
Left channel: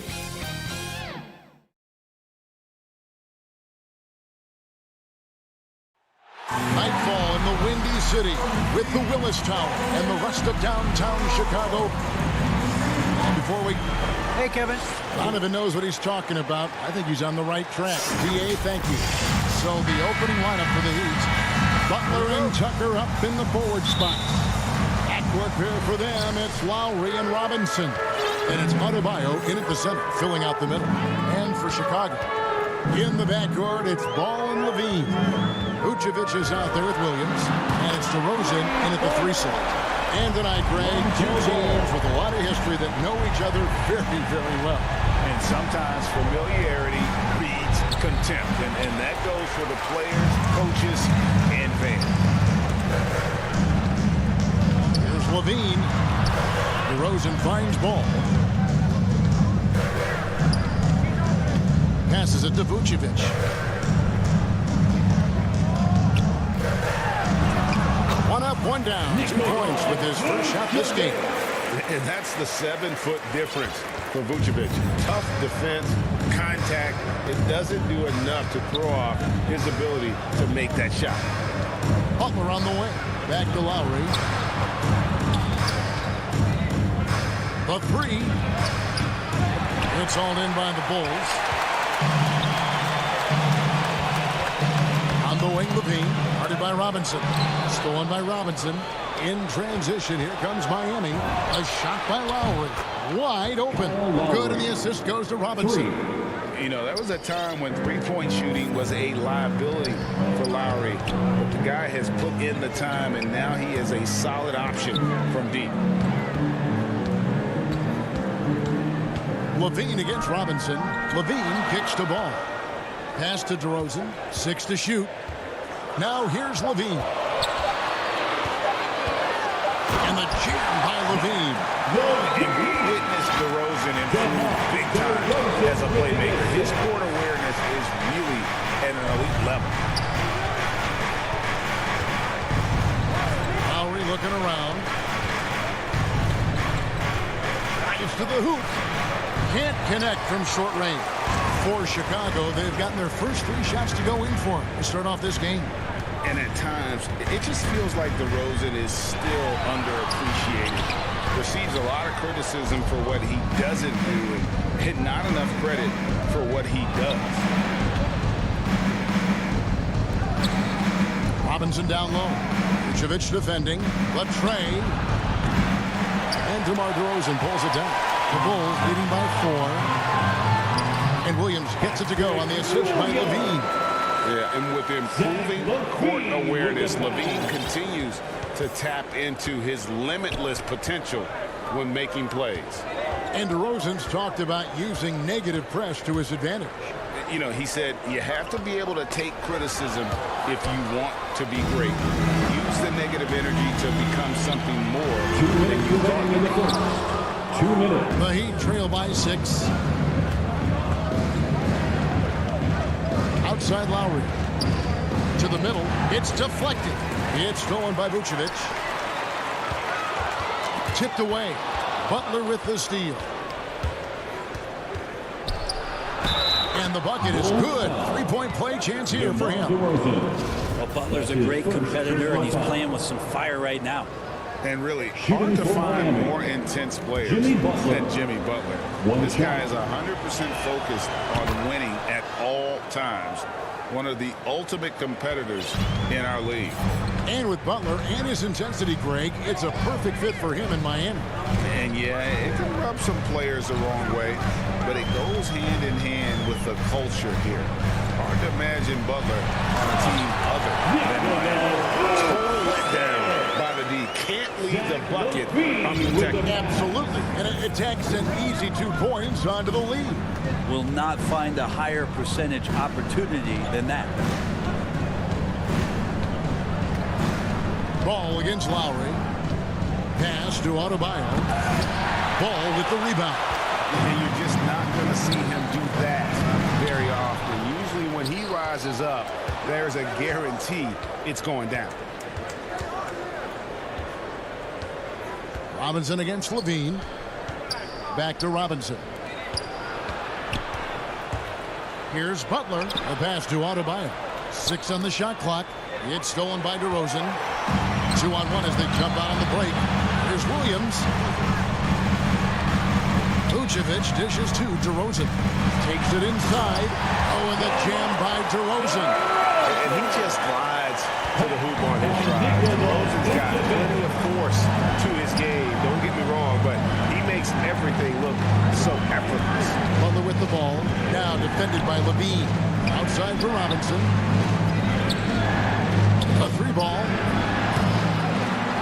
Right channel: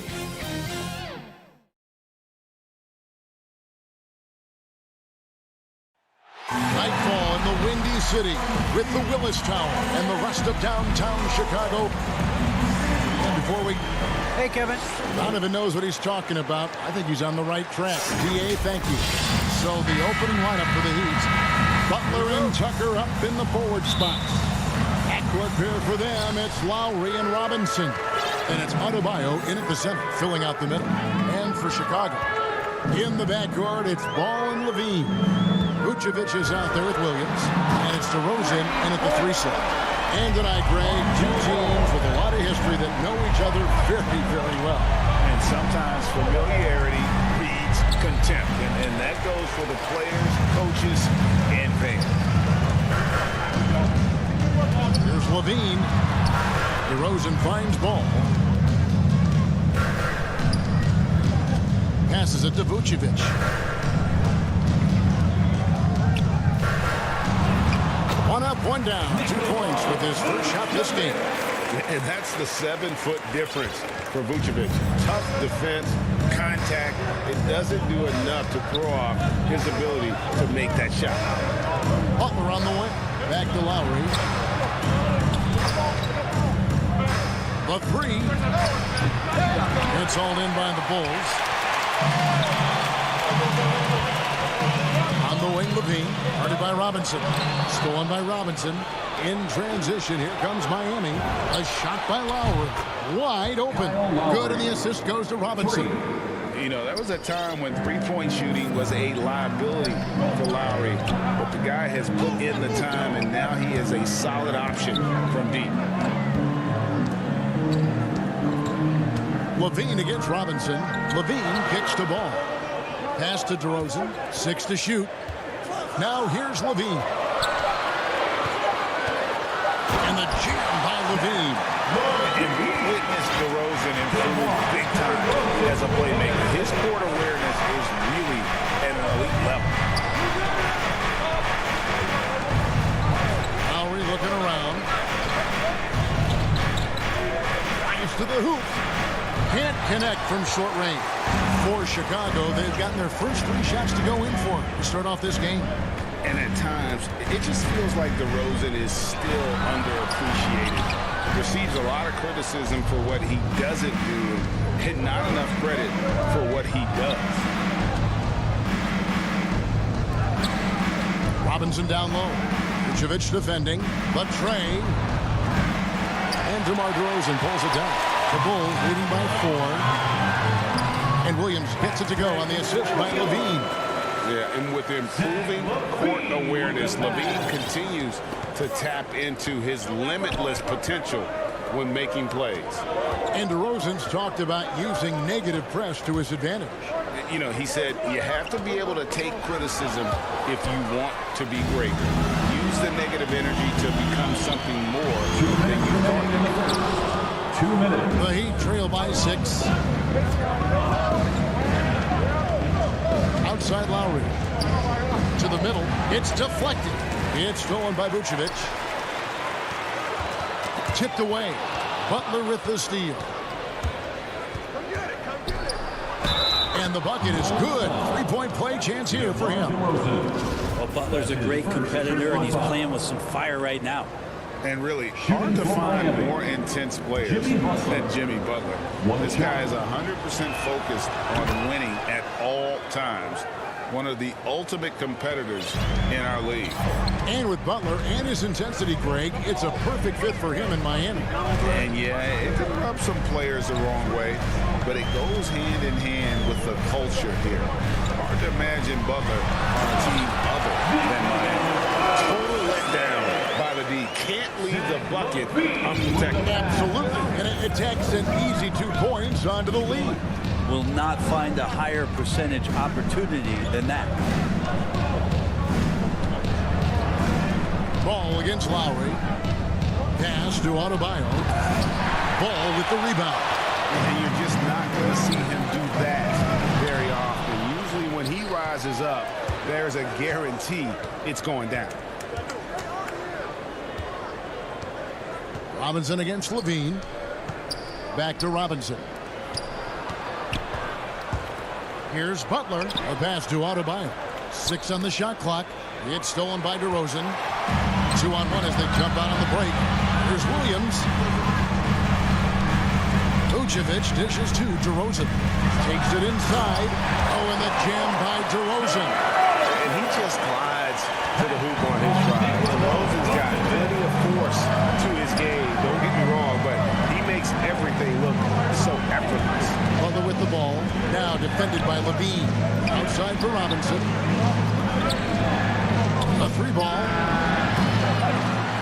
Nightfall in the Windy City with the Willis Tower and the rest of downtown Chicago. And before we... Hey, Kevin. Donovan knows what he's talking about. I think he's on the right track. DA, thank you. So the opening lineup for the Heat. Butler and Tucker up in the forward spots. Backcourt pair for them, it's Lowry and Robinson. And it's Adebayo in at the center, filling out the middle. And for Chicago, in the backcourt, it's Ball and Levine. Vucevic is out there with Williams. And it's DeRozan in at the 3 slot. And tonight, Greg, 2 teams with a lot of history that know each other very, very well. And sometimes familiarity breeds contempt. And that goes for the players, coaches, and fans. Here's Levine. DeRozan finds Ball. Passes it to Vucevic. One up, one down. 2 points with his first shot this game. And that's the 7-foot difference for Vucevic. Tough defense, contact. It doesn't do enough to throw off his ability to make that shot. Butler on the way. Back to Lowry. The 3. It's hauled in by the Bulls. On the wing, Levine. Guarded by Robinson. Stolen by Robinson. In transition, here comes Miami. A shot by Lowry. Wide open. Good, and the assist goes to Robinson. You know, that was a time when three-point shooting was a liability for Lowry. But the guy has put in the time, and now he is a solid option from deep. Levine against Robinson. Levine kicks to Ball. Pass to DeRozan. 6 to shoot. Now here's Levine. And the jam by Levine. And we witnessed DeRozan improve big time as a playmaker. His court awareness is really at an elite level. Lowry looking around. Drives to the hoop. Can't connect from short range. For Chicago, they've gotten their first 3 shots to go in for to start off this game. And at times, it just feels like DeRozan is still underappreciated. Receives a lot of criticism for what he doesn't do and not enough credit for what he does. Robinson down low. Vucevic defending. The tray. And DeMar DeRozan pulls it down. The Bulls leading by 4. And Williams gets it to go on the assist by Levine. Yeah, and with improving court awareness, Levine continues to tap into his limitless potential when making plays. And DeRozan's talked about using negative press to his advantage. You know, he said you have to be able to take criticism if you want to be great. Use the negative energy to become something more than you thought you could. 2 minutes. The Heat trail by 6. Outside Lowry. To the middle. It's deflected. It's stolen by Vucevic. Tipped away. Butler with the steal. And the bucket is good. 3-point play chance here for him. Well, Butler's a great competitor, and he's playing with some fire right now. And really, hard to find more intense players than Jimmy Butler. This guy is 100% focused on winning at all times. One of the ultimate competitors in our league. And with Butler and his intensity, Greg, it's a perfect fit for him in Miami. And yeah, it can rub some players the wrong way, but it goes hand in hand with the culture here. Hard to imagine Butler on a team other than Miami. Total letdown by the D. Can't leave the bucket unprotected. Absolutely. And it takes an easy 2 points onto the lead. Will not find a higher percentage opportunity than that. Ball against Lowry. Pass to Adebayo. Ball with the rebound. And you're just not going to see him do that very often. Usually when he rises up, there's a guarantee it's going down. Robinson against Levine. Back to Robinson. Here's Butler. A pass to Adebayo. 6 on the shot clock. It's stolen by DeRozan. 2-on-1 as they jump out on the break. Here's Williams. Vucevic dishes to DeRozan. Takes it inside. Oh, and the jam by DeRozan. And he just glides to the hoop on his drive. DeRozan's got plenty of force to his game. Don't get me wrong, but he makes everything look so effortless. Butler with the ball. Now defended by Levine. Outside for Robinson. A 3-ball.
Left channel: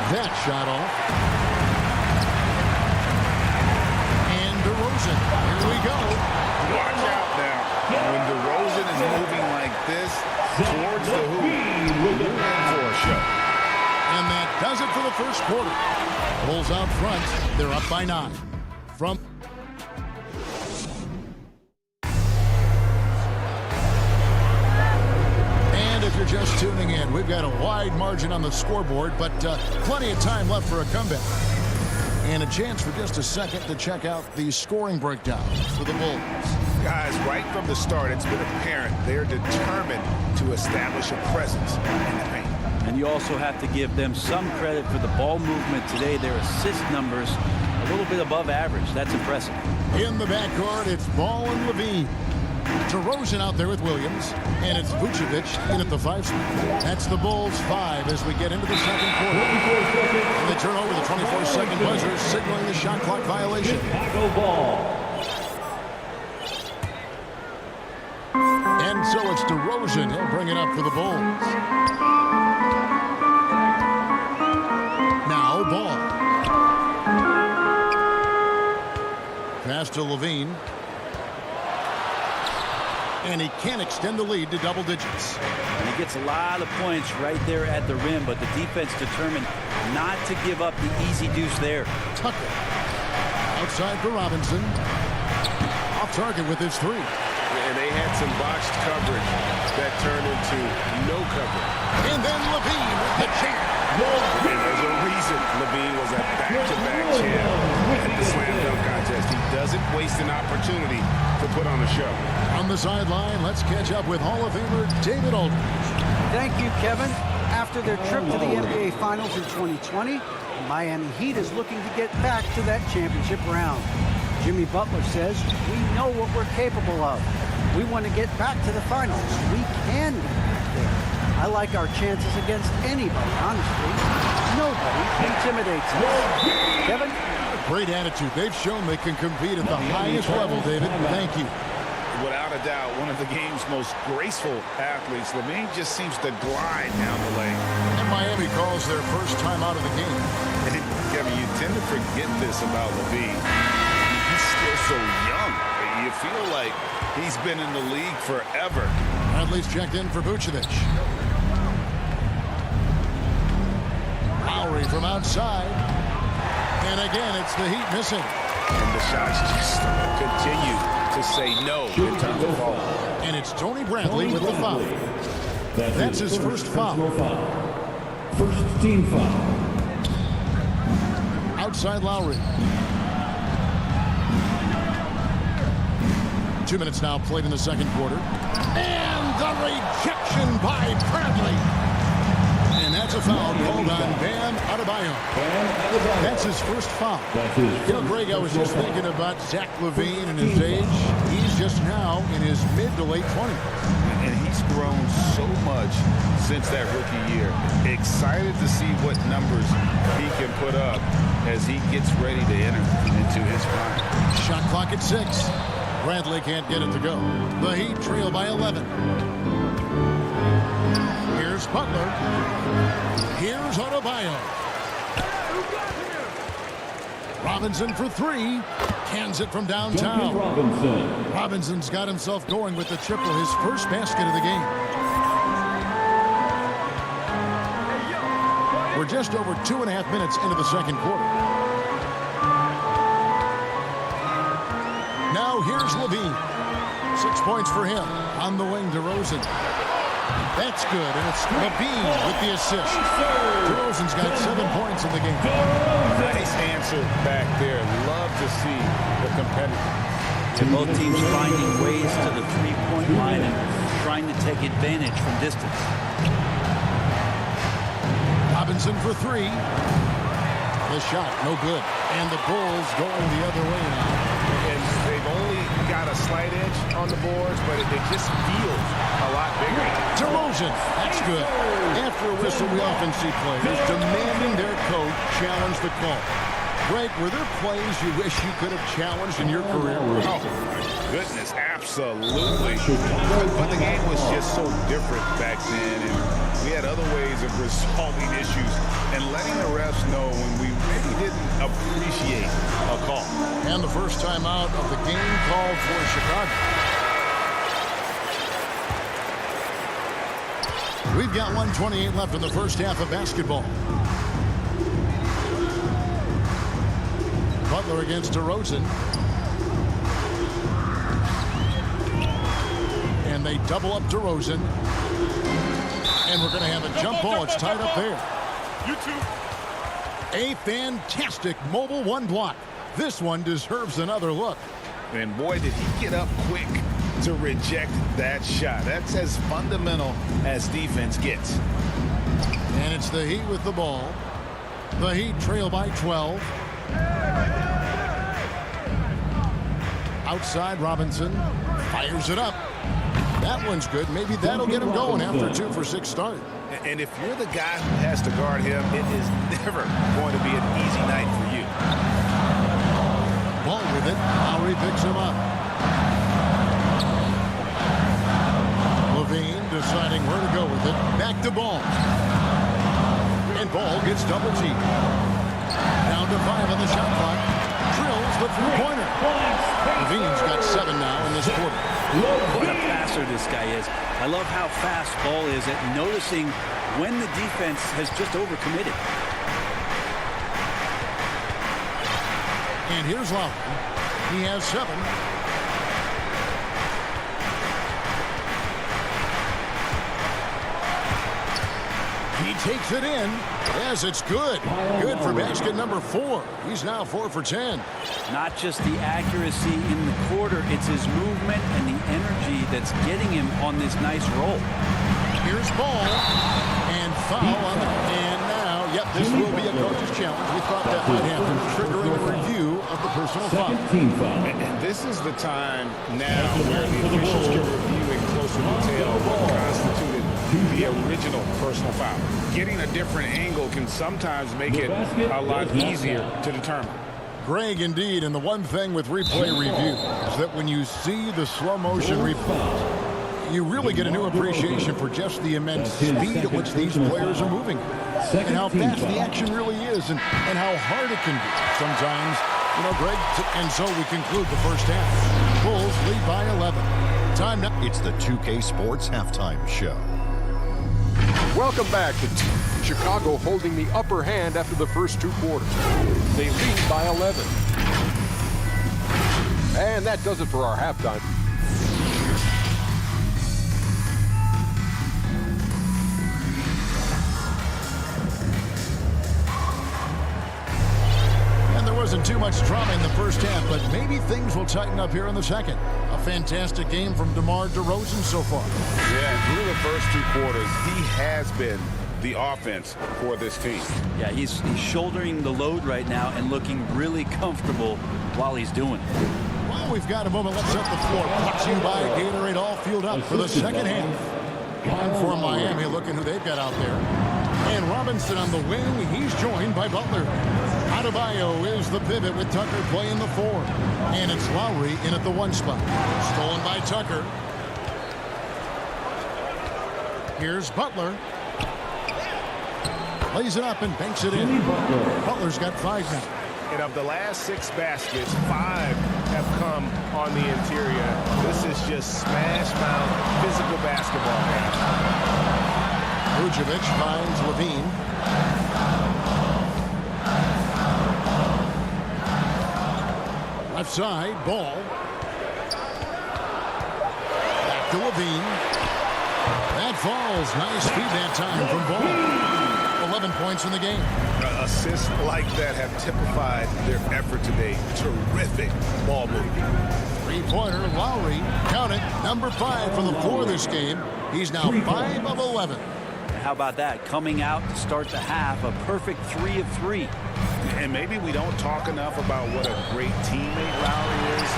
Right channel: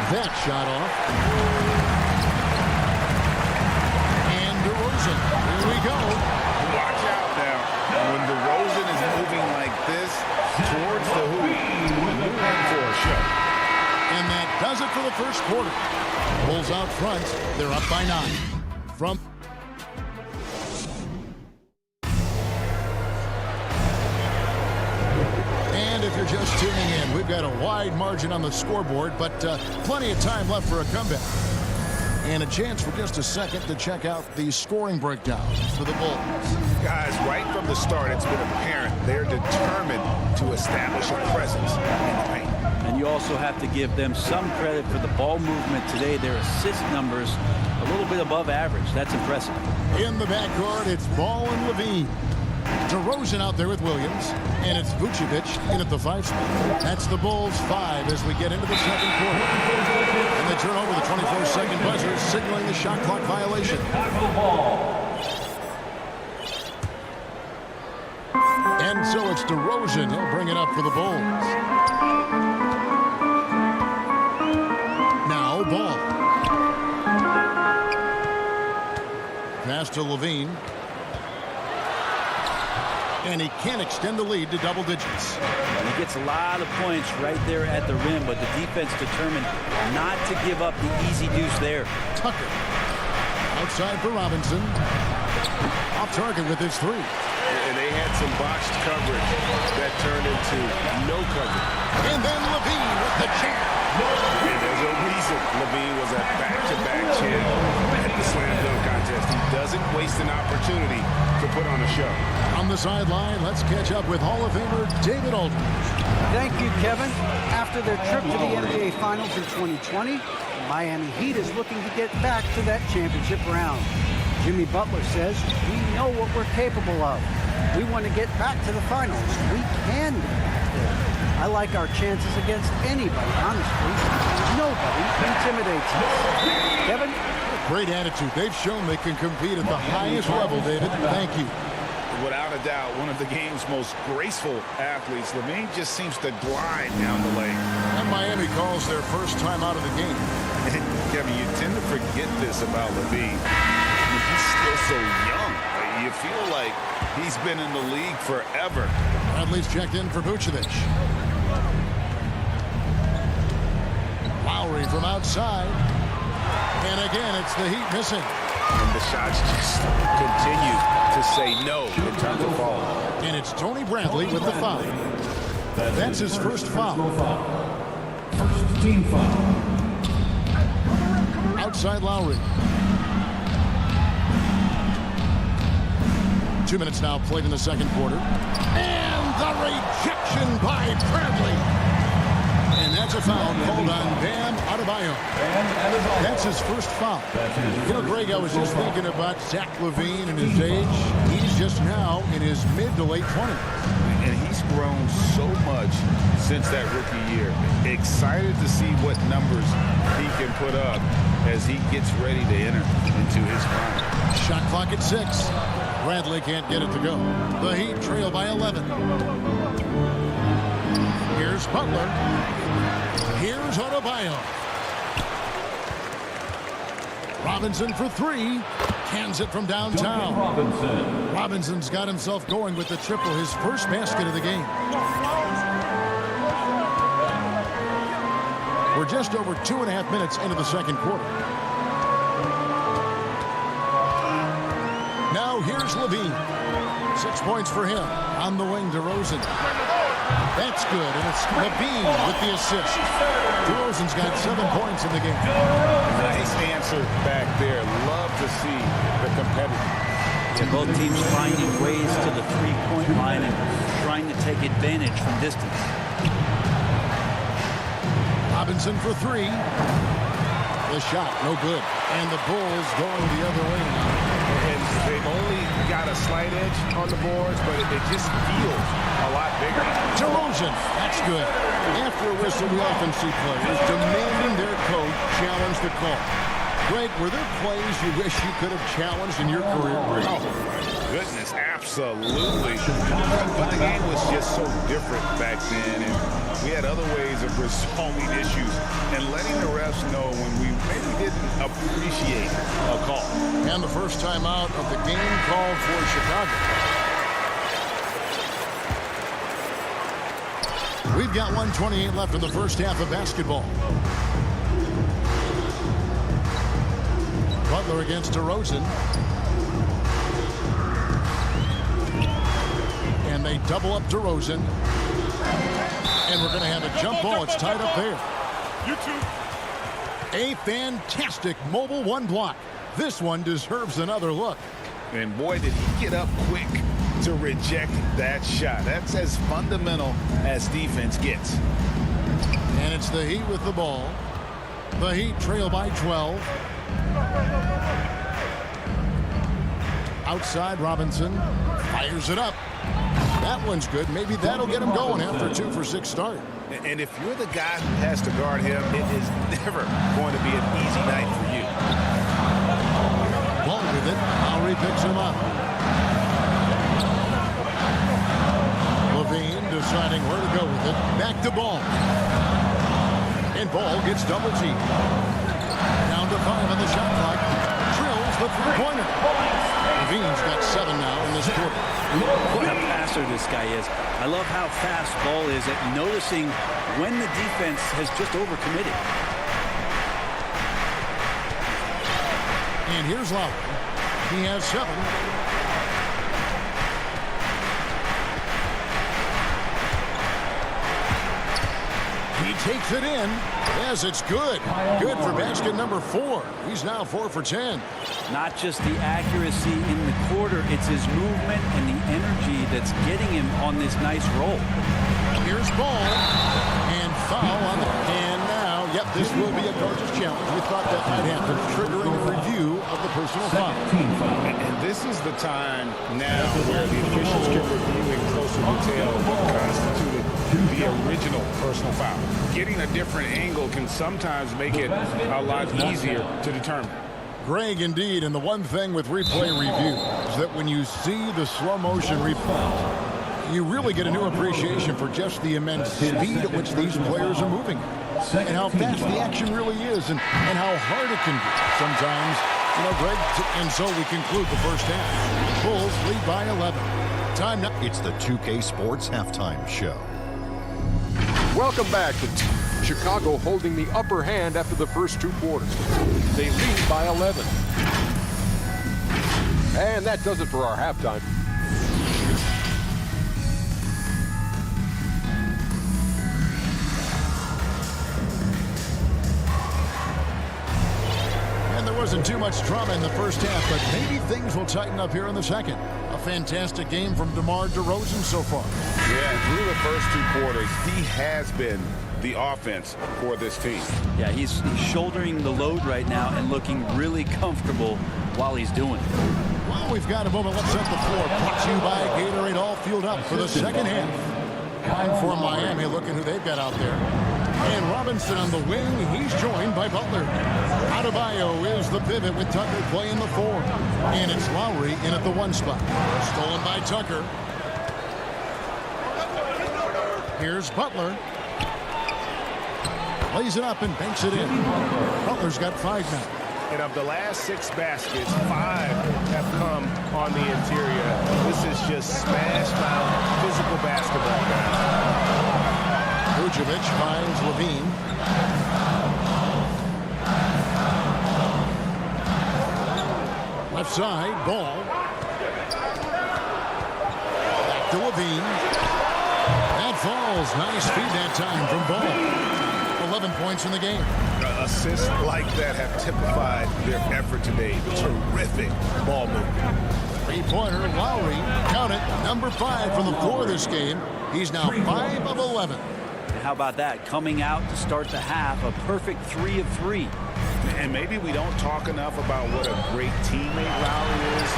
That shot off. And DeRozan. Here we go. Watch out now. When DeRozan is moving like this towards the hoop, you're in for a show. And that does it for the first quarter. Bulls out front. They're up by 9. From And if you're just tuning in, we've got a wide margin on the scoreboard, but plenty of time left for a comeback. And a chance for just a second to check out the scoring breakdown for the Bulls. Guys, right from the start, it's been apparent they're determined to establish a presence in the paint. And you also have to give them some credit for the ball movement today. Their assist numbers a little bit above average. That's impressive. In the backcourt, it's Ball and Levine. DeRozan out there with Williams, and it's Vucevic in at the 5 spot. That's the Bulls 5 as we get into the second quarter. And they turn over the 24-second buzzer, signaling the shot clock violation. Chicago ball. And so it's DeRozan. He'll bring it up for the Bulls. Now Ball. Pass to Levine. And he can't extend the lead to double digits. And he gets a lot of points right there at the rim, but the defense determined not to give up the easy deuce there. Tucker. Outside for Robinson. Off target with his 3. And they had some botched coverage that turned into no coverage. And then Levine with the jam. And there's a reason Levine was a back-to-back champ at the slam dunk contest. He doesn't waste an opportunity to put on a show. On the sideline, let's catch up with Hall of Famer David Aldridge. Thank you, Kevin. After their trip to the NBA Finals in 2020, the Miami Heat is looking to get back to that championship round. Jimmy Butler says, we know what we're capable of. We want to get back to the finals. We can get back there. I like our chances against anybody, honestly. Nobody intimidates us. Kevin? Great attitude. They've shown they can compete at the highest level, David. Thank you. Without a doubt, one of the game's most graceful athletes. Levine just seems to glide down the lane. And Miami calls their first time out of the game. And Kevin, you tend to forget this about Levine. I mean, he's still so young. You feel like he's been in the league forever. Bradley's checked in for Vucevic. Lowry from outside. And again, it's the Heat missing. And the shots just continue to say no in terms of foul. And it's Tony Bradley with the foul. That's his first foul. First team foul. Outside Lowry. 2 minutes now played in the second quarter. And the rejection by Bradley. And that's a foul called on Bam Adebayo. That's his first foul. You know, Greg, I was just thinking about Zach LaVine and his age. He's just now in his mid to late 20s. And he's grown so much since that rookie year. Excited to see what numbers he can put up as he gets ready to enter into his prime. Shot clock at 6. Bradley can't get it to go. The Heat trail by 11. Here's Butler. Here's Adebayo. Robinson for 3. Cans it from downtown. Robinson's got himself going with the triple, his first basket of the game. We're just over 2.5 minutes into the second quarter. Now here's Levine. 6 points for him. On the wing, DeRozan. That's good, and it's Levine with the assist. DeRozan's got 7 points in the game. Nice answer back there. Love to see the competitive. Yeah, both teams finding ways to the three-point line and trying to take advantage from distance. Robinson for three. The shot, no good. And the Bulls going the other way now. And they've only got a slight edge on the boards, but it just feels a lot bigger. DeRozan, that's good. After a whistle, we often see players demanding their coach challenge the call. Greg, were there plays you wish you could have challenged in your career? Oh, my goodness, absolutely. But the game was just so different back then, and we had other ways of resolving issues and letting the refs know when we maybe didn't appreciate a call. And the first time out of the game called for Chicago. We've got 1:28 left in the first half of basketball. Butler against DeRozan. And they double up DeRozan. And we're going to have a jump ball. It's tied up there. You too. A fantastic mobile one block. This one deserves another look. And boy, did he get up quick to reject that shot. That's as fundamental as defense gets. And it's the Heat with the ball. The Heat trail by 12. Outside, Robinson fires it up. That one's good. Maybe that'll get him going after 2 for 6 start. And if you're the guy who has to guard him, it is never going to be an easy night for you. Ball with it. Lowry picks him up. Levine deciding where to go with it. Back to Ball. And Ball gets double teamed. Down to 5 on the shot clock. Drills the three-pointer. Levine's got 7 now in this quarter. What a passer this guy is. I love how fast Ball is at noticing when the defense has just overcommitted. And here's Lowry. He has 7. He takes it in. Yes, it's good. Good for basket number 4. He's now 4 for 10. Not just the accuracy in the quarter, it's his movement and the energy that's getting him on this nice roll. Here's Ball. And foul on the... And now, yep, this will be a coach's challenge. We thought that might happen, triggering a review of the personal foul. And this is the time now where the officials can review in closer detail what constituted the original personal foul. Getting a different angle can sometimes make it a lot easier to determine. Greg, indeed, and the one thing with replay review is that when you see the slow motion replays, you really get a new appreciation for just the immense speed at which these players are moving and how fast the action really is and how hard it can be sometimes, you know, Greg. And so we conclude the first half. Bulls lead by 11. Time now. It's the 2K Sports Halftime Show. Welcome back to Chicago holding the upper hand after the first 2 quarters. They lead by 11. And that does it for our halftime. And there wasn't too much drama in the first half, but maybe things will tighten up here in the second. A fantastic game from DeMar DeRozan so far. Yeah, through the first 2 quarters, he has been the offense for this team. Yeah, he's shouldering the load right now and looking really comfortable while he's doing it. Well, we've got a moment. Let's set the floor. Brought to you by Gatorade, all fueled up for the second half. Time for Miami, looking who they've got out there. And Robinson on the wing. He's joined by Butler. Adebayo is the pivot with Tucker playing the 4. And it's Lowry in at the 1 spot. Stolen by Tucker. Here's Butler. Lays it up and banks it in. Butler's got 5 now. And of the last 6 baskets, 5 have come on the interior. This is just smash mouth physical basketball, guys. Vucevic finds Levine. Left side, Ball. Back to Levine. That falls. Nice feed that time from Ball. 11 points in the game. Assists like that have typified their effort today. Terrific ball movement. Three-pointer, Lowry. Count it. Number 5 from the floor this game. He's now 5 of 11. And how about that? Coming out to start the half, a perfect 3 of 3. And maybe we don't talk enough about what a great teammate Lowry is.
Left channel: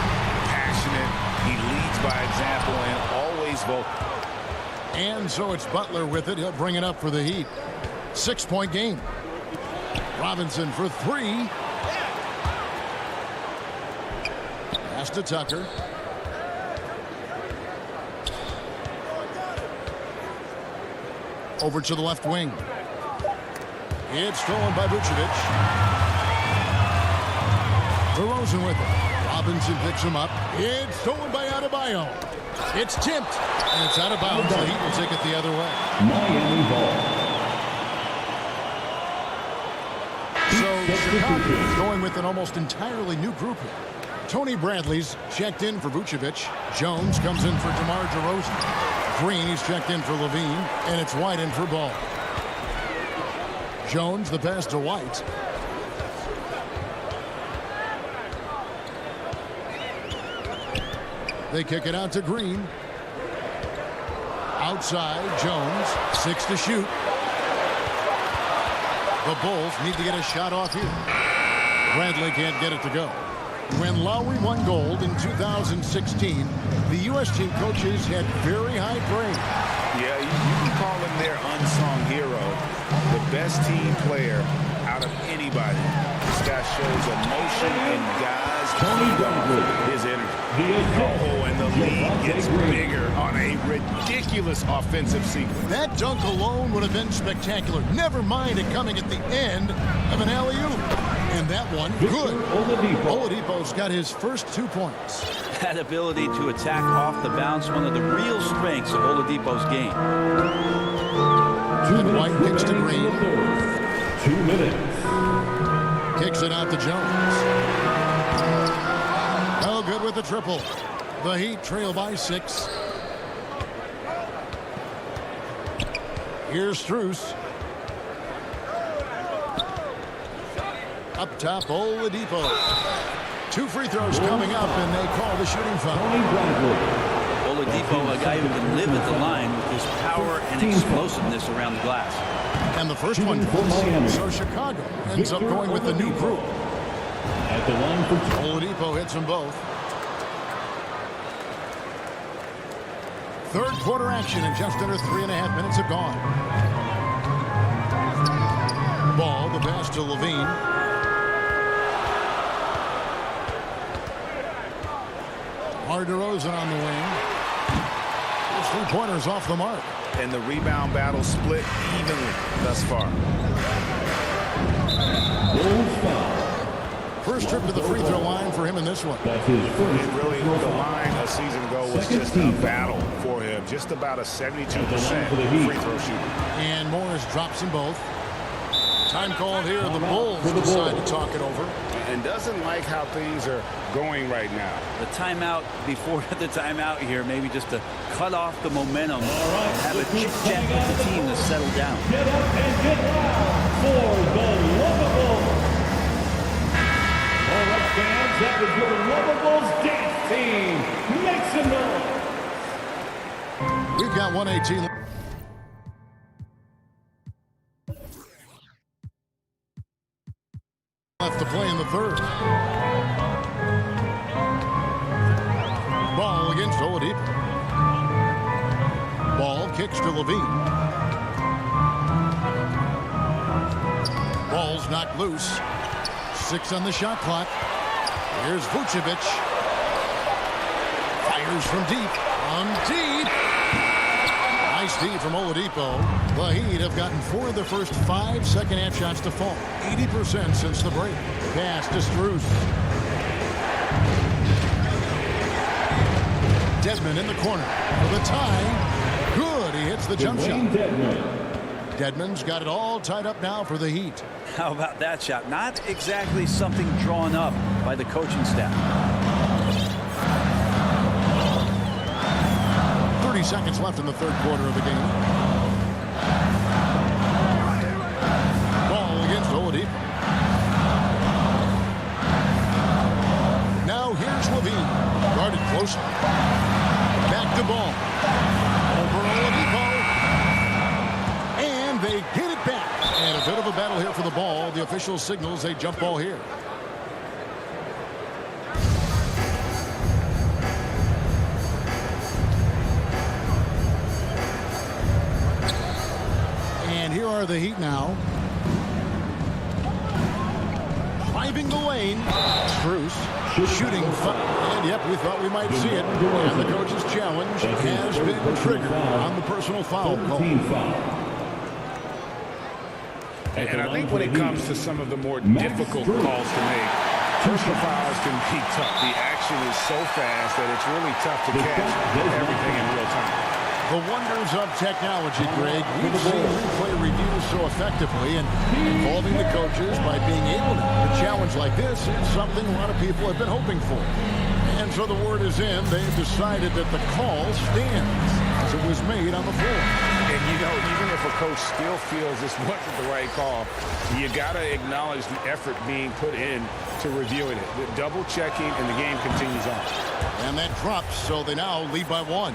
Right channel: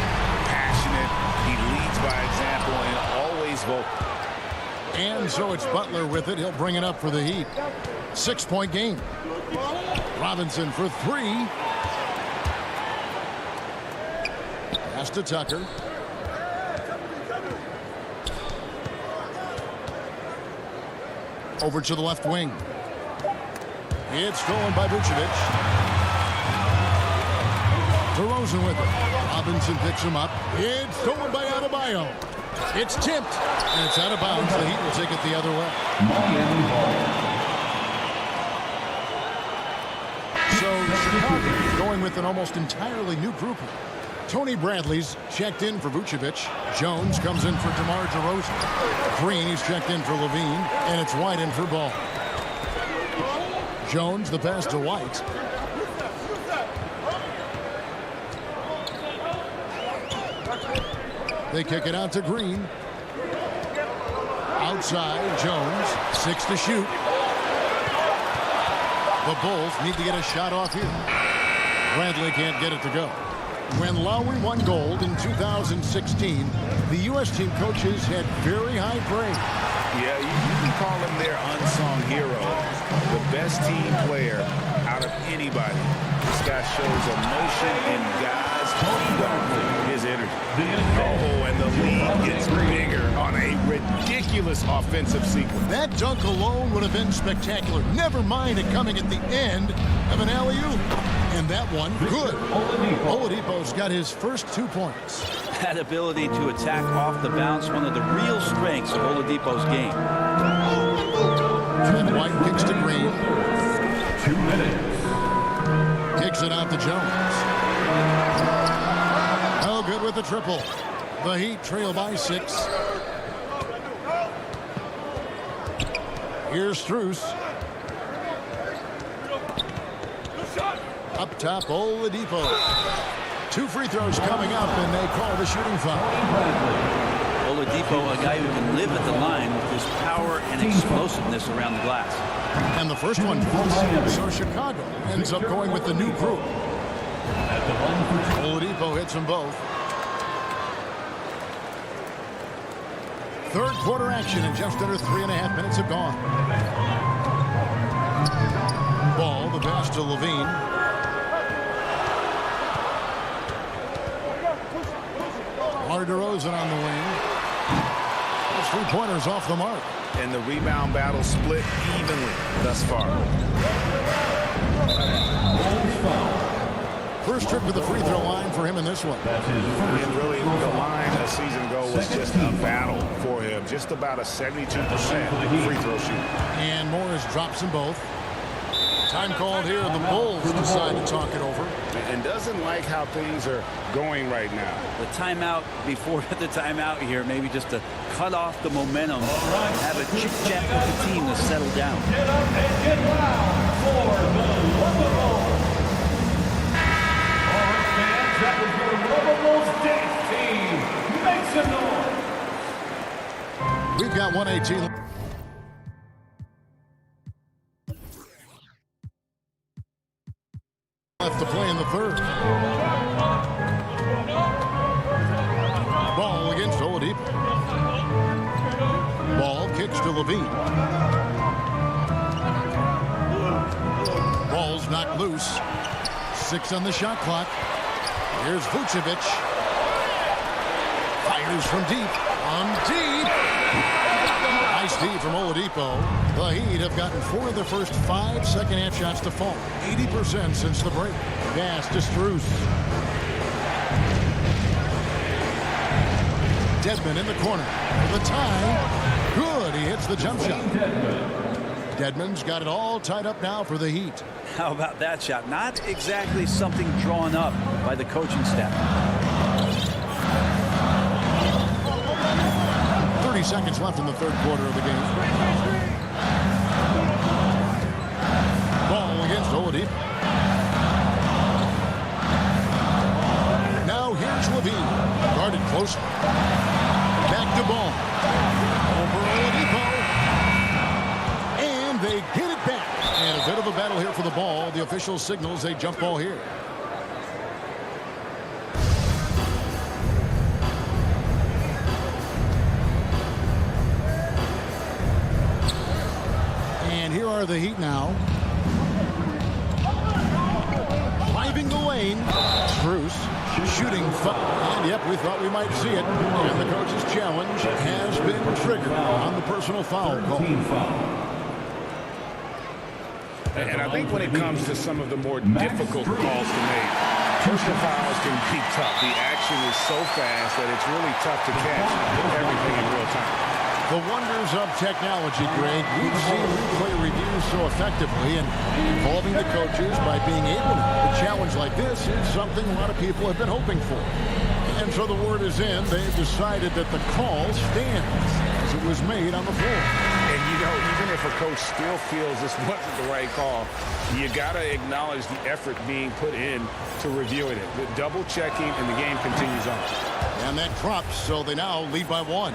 Passionate. He leads by example and always vocal. And so it's Butler with it. He'll bring it up for the Heat. 6-point game. Robinson for 3. Pass to Tucker. Over to the left wing. It's stolen by Vucevic. DeRozan with it. Robinson picks him up. It's stolen by Adebayo. It's tipped, and it's out of bounds. The Heat will take it the other way. Miami ball. So Chicago going with an almost entirely new group here. Tony Bradley's checked in for Vucevic. Jones comes in for DeMar DeRozan. Green, he's checked in for Levine, and it's White in for Ball. Jones, the pass to White. They kick it out to Green. Outside, Jones. 6 to shoot. The Bulls need to get a shot off here. Bradley can't get it to go. When Lowry won gold in 2016, the U.S. team coaches had very high praise. Yeah, you can call him their unsung hero. The best team player out of anybody. This guy shows emotion and guys feed on his energy. Oh, and the lead gets bigger on a ridiculous offensive sequence. That dunk alone would have been spectacular. Never mind it coming at the end of an alley-oop. And that one, good. Oladipo's got his first 2 points. That ability to attack off the bounce, one of the real strengths of Oladipo's game. And White kicks to Green. 2 minutes. Kicks it out to Jones. Oh, good with the triple. The Heat trail by 6. Here's Strus. Up top, Oladipo. 2 free throws coming up, and they call the shooting foul. Oladipo, a guy who can live at the line with his power and explosiveness around the glass. And the first one falls. So Chicago ends up going with the new group. At the line for Oladipo hits them both. Third quarter action, and just under 3.5 minutes have gone. Ball, the pass to Levine. DeMar DeRozan on the wing. Those 3-pointers off the mark. And the rebound battle split evenly thus far. Bulls foul. First trip to the free throw line for him in this one. That's his first. And really, the line a season ago was just a battle for him. Just about a 72% free throw shooter. And Morris drops them both. Time called here. The Bulls decide to talk it over. And doesn't like how things are going right now. The timeout before the timeout here, maybe just to cut off the momentum and have a chit-chat with the team to settle down. Get up and get loud for the Lovables. All right, fans, that was your Lovables dance team. Make some noise. We've got 118. Left to play in the third. Ball against Oladipo. Ball kicks to Levine. Ball's knocked loose. 6 on the shot clock. Here's Vucevic. Fires from deep. On deep. Nice D from Oladipo. The Heat have gotten 4 of their first 5 second-half shots to fall. 80% since the break. Pass to Strus. Dedmon in the corner for the tie. Good. He hits the jump shot. Dedmon's got it all tied up now for the Heat. How about that shot? Not exactly something drawn up by the coaching staff. 30 seconds left in the third quarter of the game. Ball against Oladipo. Now here's Levine. Guarded closely. Back to Ball. Over Oladipo. And they get it back. And a bit of a battle here for the ball. The official signals a jump ball here. And here are the Heat now. Driving the lane. Strus shooting foul. And yep, we thought we might see it. And the coach's challenge has been triggered on the personal foul call. And I think when it comes to some of the more difficult calls to make, personal fouls can be tough. The action is so fast that it's really tough to catch everything in real time. The wonders of technology, Greg. We've seen replay reviews so effectively, and involving the coaches by being able to challenge like this is something a lot of people have been hoping for. And so the word is in. They've decided that the call stands as it was made on the floor. And, you know, even if a coach still feels this wasn't the right call, you got to acknowledge the effort being put in to reviewing it. The double checking, and the game continues on. And that drops, so they now lead by 1.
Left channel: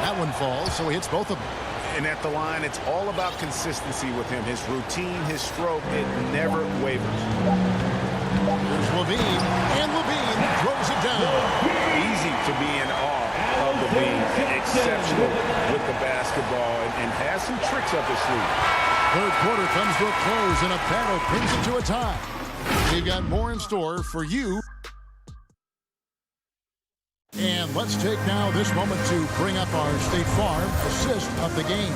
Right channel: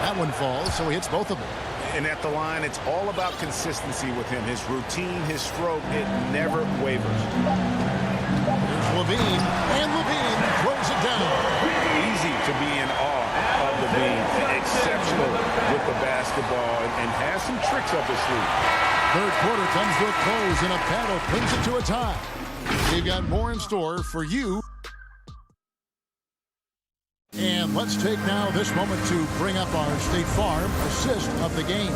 That one falls, so he hits both of them. And at the line, it's all about consistency with him. His routine, his stroke, it never wavers. Here's Levine, and Levine throws it down. Easy to be in awe of Levine. Exceptional with the basketball and has some tricks up his sleeve. Third quarter comes to a close, and a battle brings it to a tie. We've got more in store for you. And let's take now this moment to bring up our State Farm assist of the game.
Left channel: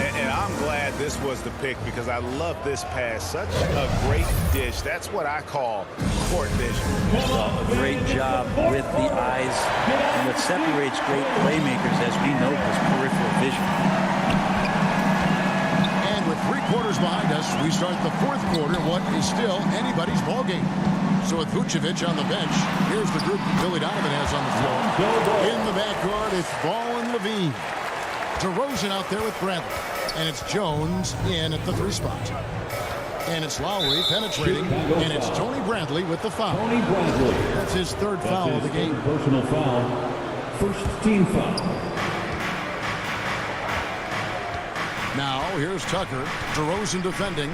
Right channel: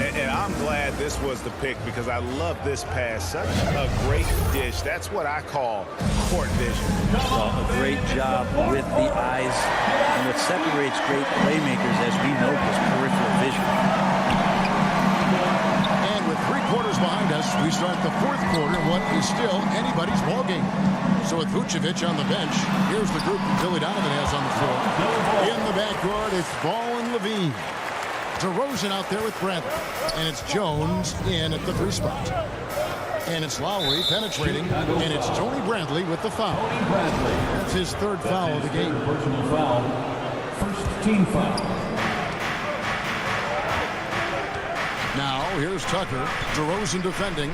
And I'm glad this was the pick because I love this pass. Such a great dish. That's what I call court vision. Well, a great job with the eyes. And what separates great playmakers, as we know, is peripheral vision. And with 3 quarters behind us, we start the fourth quarter in what is still anybody's ball game. So with Vucevic on the bench, here's the group Billy Donovan has on the floor. In the backcourt, it's Ball and Levine. DeRozan out there with Bradley. And it's Jones in at the 3 spot. And it's Lowry penetrating. And it's Tony Bradley with the foul. Tony Bradley. That's his third foul of the game. Personal foul. First team foul. Now, here's Tucker. DeRozan defending.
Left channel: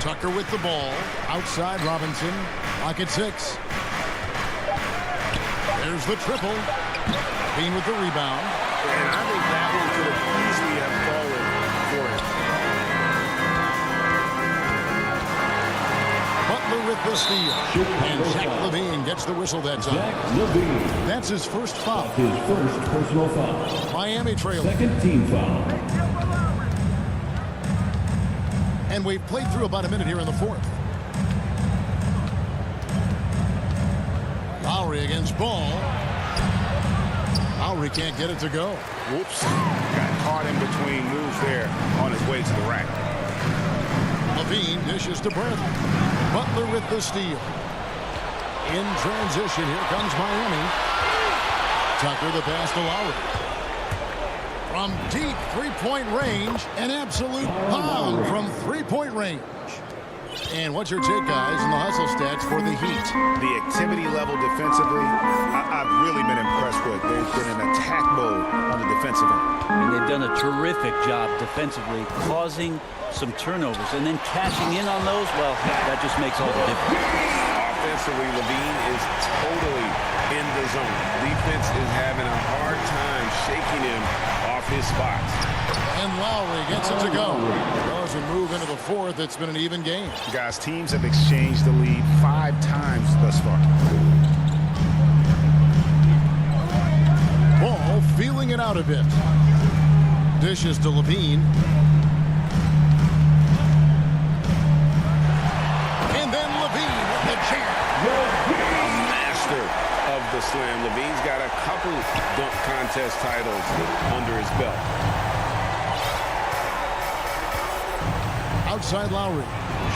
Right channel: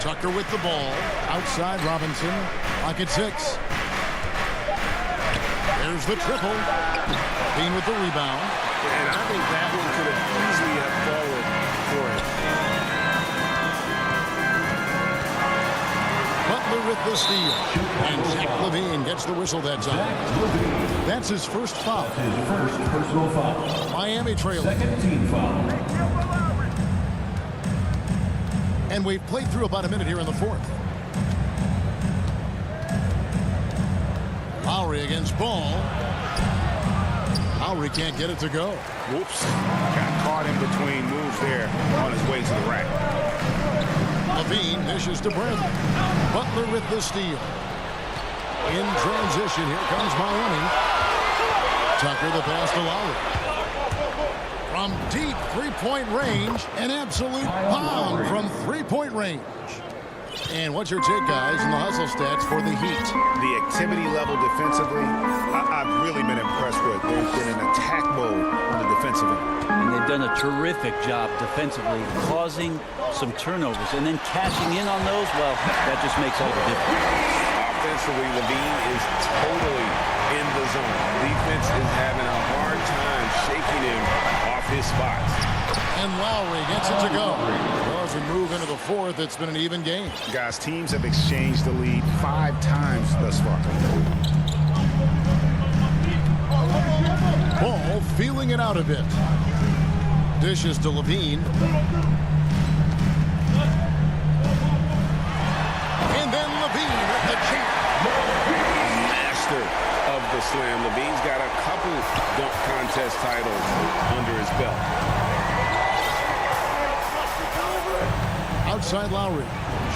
Tucker with the ball. Outside Robinson. Lock at 6. There's the triple. Bean with the rebound. And I think that one could have easily have fallen for him. Butler with the steal. And Zach Levine gets the whistle that time. That's his first foul. His first personal foul. Miami trailing. Second team foul. And we've played through about a minute here in the fourth. Lowry against Ball. Lowry can't get it to go. Whoops. Got caught in between moves there on his way to the rack. Levine dishes to Bradley. Butler with the steal. In transition, here comes Miami. Tucker the pass to Lowry. From deep three-point range, an absolute bomb from three-point range. And what's your take, guys, in the hustle stats for the Heat? The activity level defensively, I've really been impressed with. There's been an attack mode on the defensive end. And they've done a terrific job defensively, causing some turnovers. And then cashing in on those, well, that just makes all the difference. Offensively, Levine is totally in the zone. Defense is having a hard time shaking him off his spots. And Lowry gets it to go. Well, as we move into the fourth, it's been an even game. Guys, teams have exchanged the lead 5 times thus far. Ball feeling it out a bit. Dishes to Levine. And then Levine with the jam. A master of the slam. Levine's got a couple dunk contest titles under his belt. Outside Lowry.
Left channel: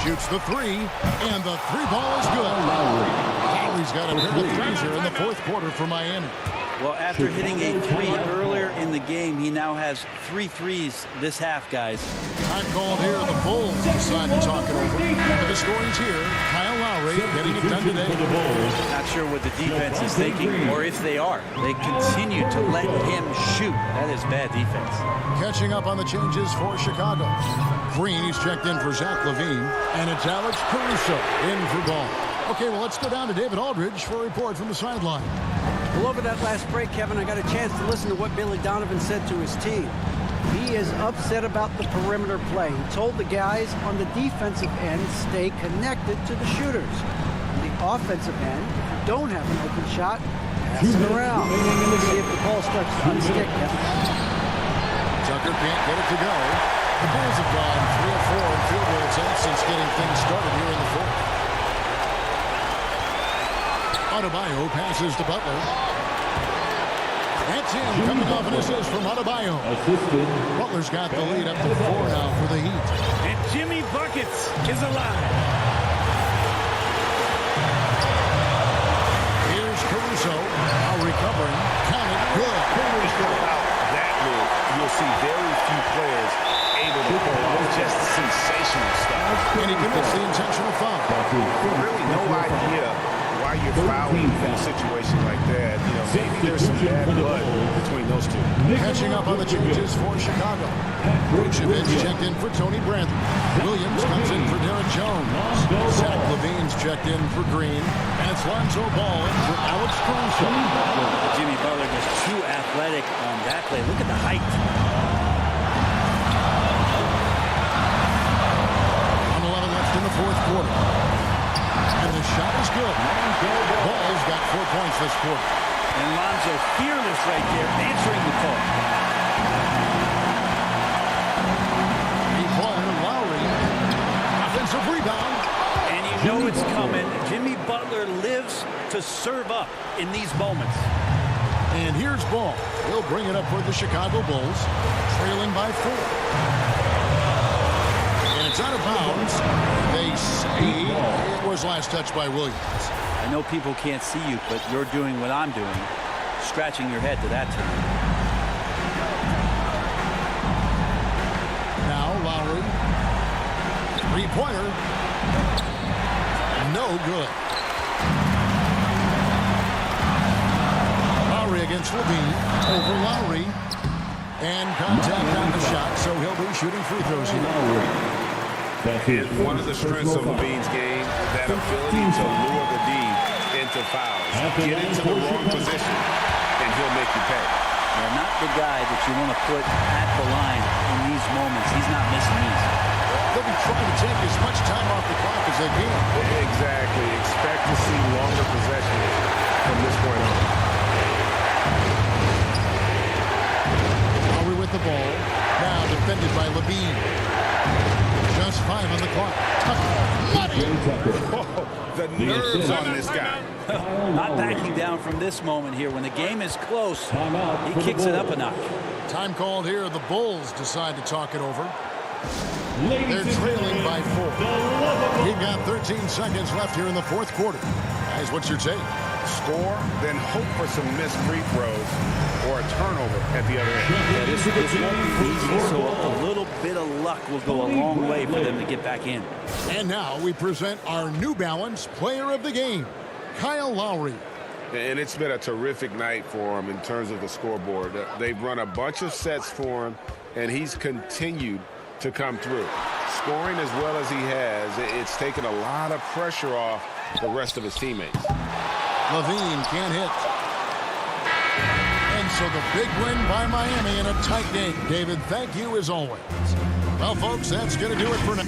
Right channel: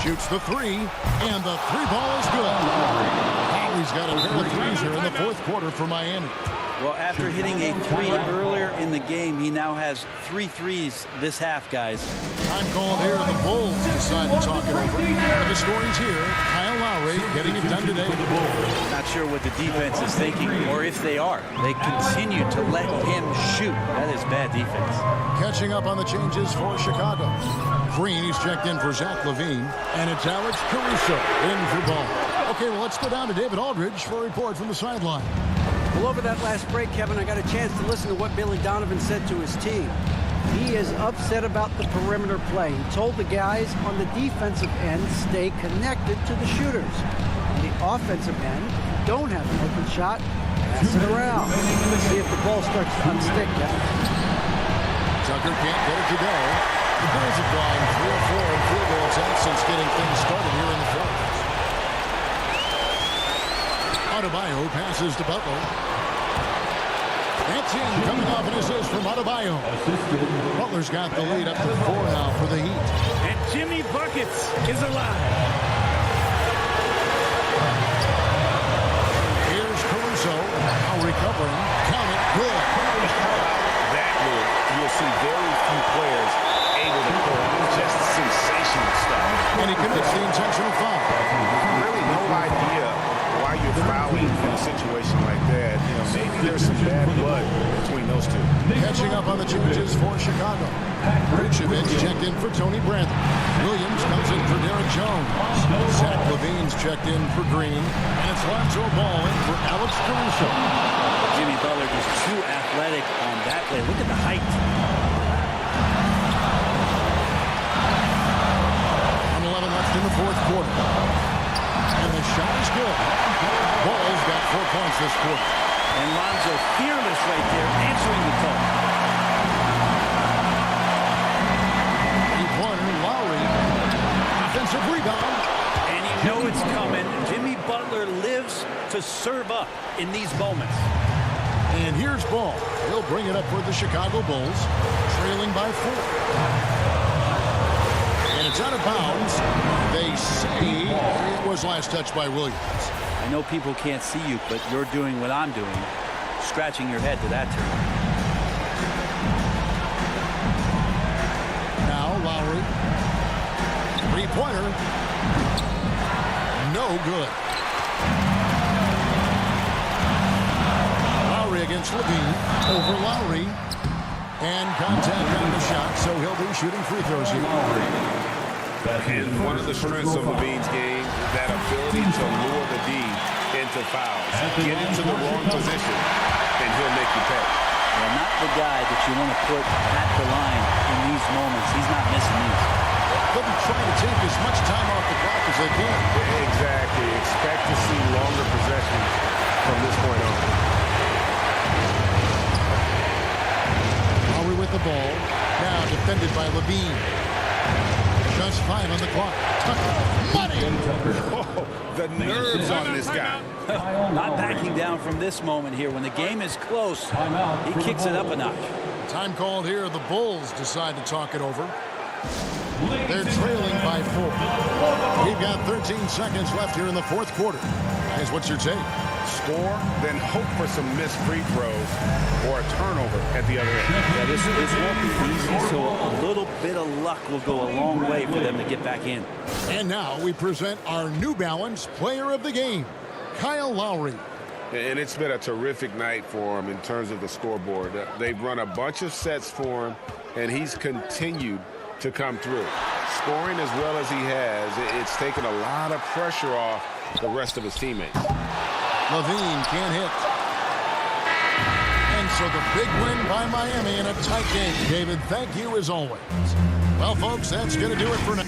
Shoots the 3. And the 3 ball is good. Lowry Lowry's got a pair of threes here in the fourth quarter for Miami. Well, after hitting a three earlier in the game, he now has 3 threes this half, guys. Time called here. The Bulls decide to talk it over. One of the stories here, Kyle Lowry getting it done today. Not sure what the defense is thinking, or if they are. They continue to let him shoot. That is bad defense. Catching up on the changes for Chicago. Green, he's checked in for Zach LaVine. And it's Alex Caruso in for Ball. Okay, well, let's go down to David Aldridge for a report from the sideline. Well, over that last break, Kevin, I got a chance to listen to what Billy Donovan said to his team. He is upset about the perimeter play. He told the guys on the defensive end, stay connected to the shooters. On the offensive end, if you don't have an open shot, pass it around. Let's see if the ball starts to unstick, Kevin. Tucker can't get it to go. The Bulls have gone 3 of 4 in field goal attempts since getting things started here in the fourth. Adebayo passes to Butler. That's in, coming off an assist from Adebayo. Butler's got the lead up to 4 now for the Heat. And Jimmy Buckets is alive. Here's Caruso, now recovering. Count it, good. How about that move? You'll see very few players able to pull off just sensational stuff. And he commits the intentional foul. Really no idea why you're fouling in a situation like that. You know, maybe there's some bad blood between those two. Catching up on the changes for Chicago. Vucevic checked in for Tony Bradley. Williams comes in for Derek Jones. Zach LaVine's checked in for Green. And it's Lonzo Ball in for Alex Caruso. Jimmy Butler just too athletic on that play. Look at the height. On 11 left in the fourth quarter. And the shot is good. Ball's got 4 points this quarter. And Lonzo fearless right there, answering the call. Three-pointer, Lowry. Offensive rebound. And you know it's coming. Jimmy Butler lives to serve up in these moments. And here's Ball. He'll bring it up for the Chicago Bulls, trailing by 4. And it's out of bounds. They say it was last touched by Williams. I know people can't see you, but you're doing what I'm doing, scratching your head to that turn. Now Lowry. Three-pointer. No good. Lowry against LaVine. Over Lowry. And contact on the shot, so he'll be shooting free throws here. And one of the strengths of LaVine's game is that ability to lure the D into fouls. Get into the wrong position, and he'll make you pay. Yeah, not the guy that you want to put at the line in these moments. He's not missing these. They'll be trying to take as much time off the clock as they can. Exactly. Expect to see longer possessions from this point on. Lowry with the ball. Now defended by LaVine. Just 5 on the clock. Tucker. Money! Oh, the nerves on this guy. Not backing down from this moment here. When the game is close, he kicks it up a notch. Time called here. The Bulls decide to talk it over. They're trailing by 4. We've got 13 seconds left here in the fourth quarter. Guys, what's your take? Score, then hope for some missed free throws or a turnover at the other end. Yeah, this won't be easy, so a little bit of luck will go a long way for them to get back in. And now we present our New Balance Player of the Game, Kyle Lowry. And it's been a terrific night for him in terms of the scoreboard. They've run a bunch of sets for him, and he's continued to come through. Scoring as well as he has, it's taken a lot of pressure off the rest of his teammates. LaVine can't hit. And so the big win by Miami in a tight game. David, thank you as always. Well, folks, that's going to do it for now.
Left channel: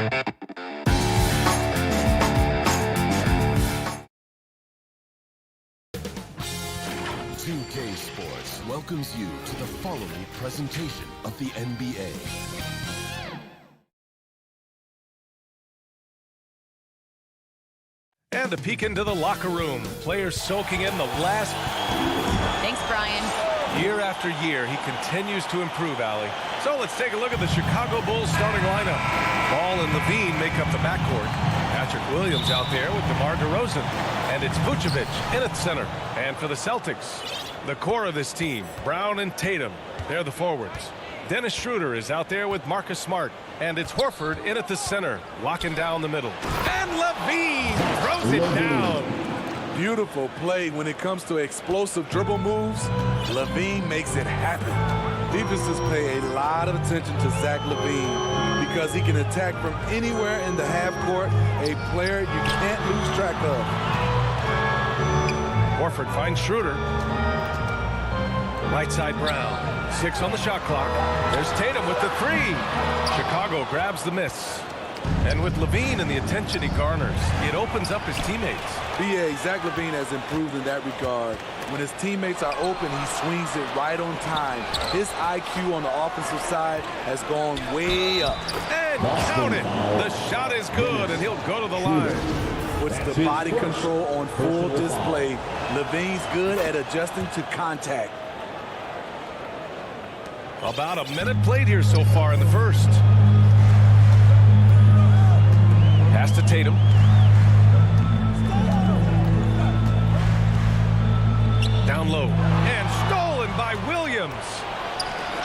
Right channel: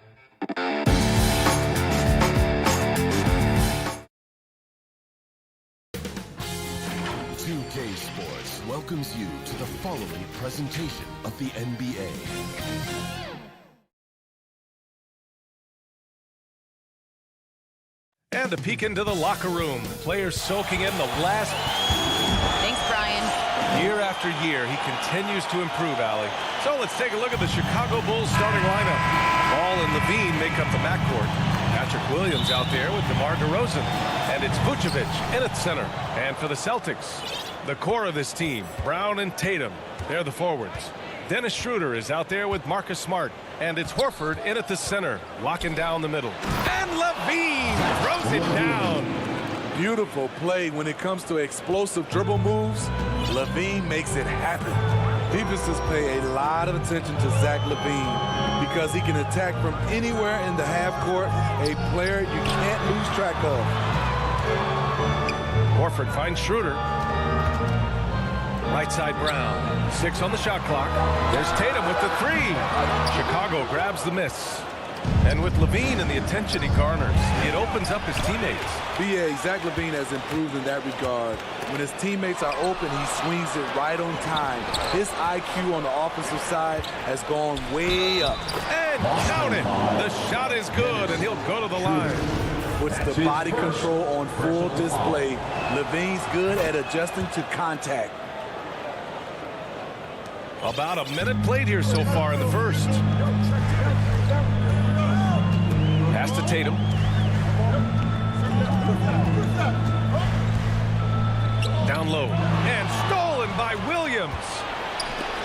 2K Sports welcomes you to the following presentation of the NBA. And a peek into the locker room. Players soaking in the last. Thanks, Brian. Year after year, he continues to improve, Allie. So let's take a look at the Chicago Bulls starting lineup. Ball and Levine make up the backcourt. Patrick Williams out there with DeMar DeRozan. And it's Vucevic in at center. And for the Celtics, the core of this team, Brown and Tatum, they're the forwards. Dennis Schroeder is out there with Marcus Smart. And it's Horford in at the center, locking down the middle. And Levine throws it down. Beautiful play when it comes to explosive dribble moves. Levine makes it happen. Defenses pay a lot of attention to Zach Levine because he can attack from anywhere in the half court, a player you can't lose track of. Horford finds Schroeder. Right side Brown. 6 on the shot clock. There's Tatum with the 3. Chicago grabs the miss. And with Levine and the attention he garners, it opens up his teammates. B.A. Zach Levine has improved in that regard. When his teammates are open, he swings it right on time. His IQ on the offensive side has gone way up. And count it. The shot is good, and he'll go to the line. Puts the body control on full display. Levine's good at adjusting to contact. About a minute played here so far in the first. Pass to Tatum. Down low. And stolen by Williams.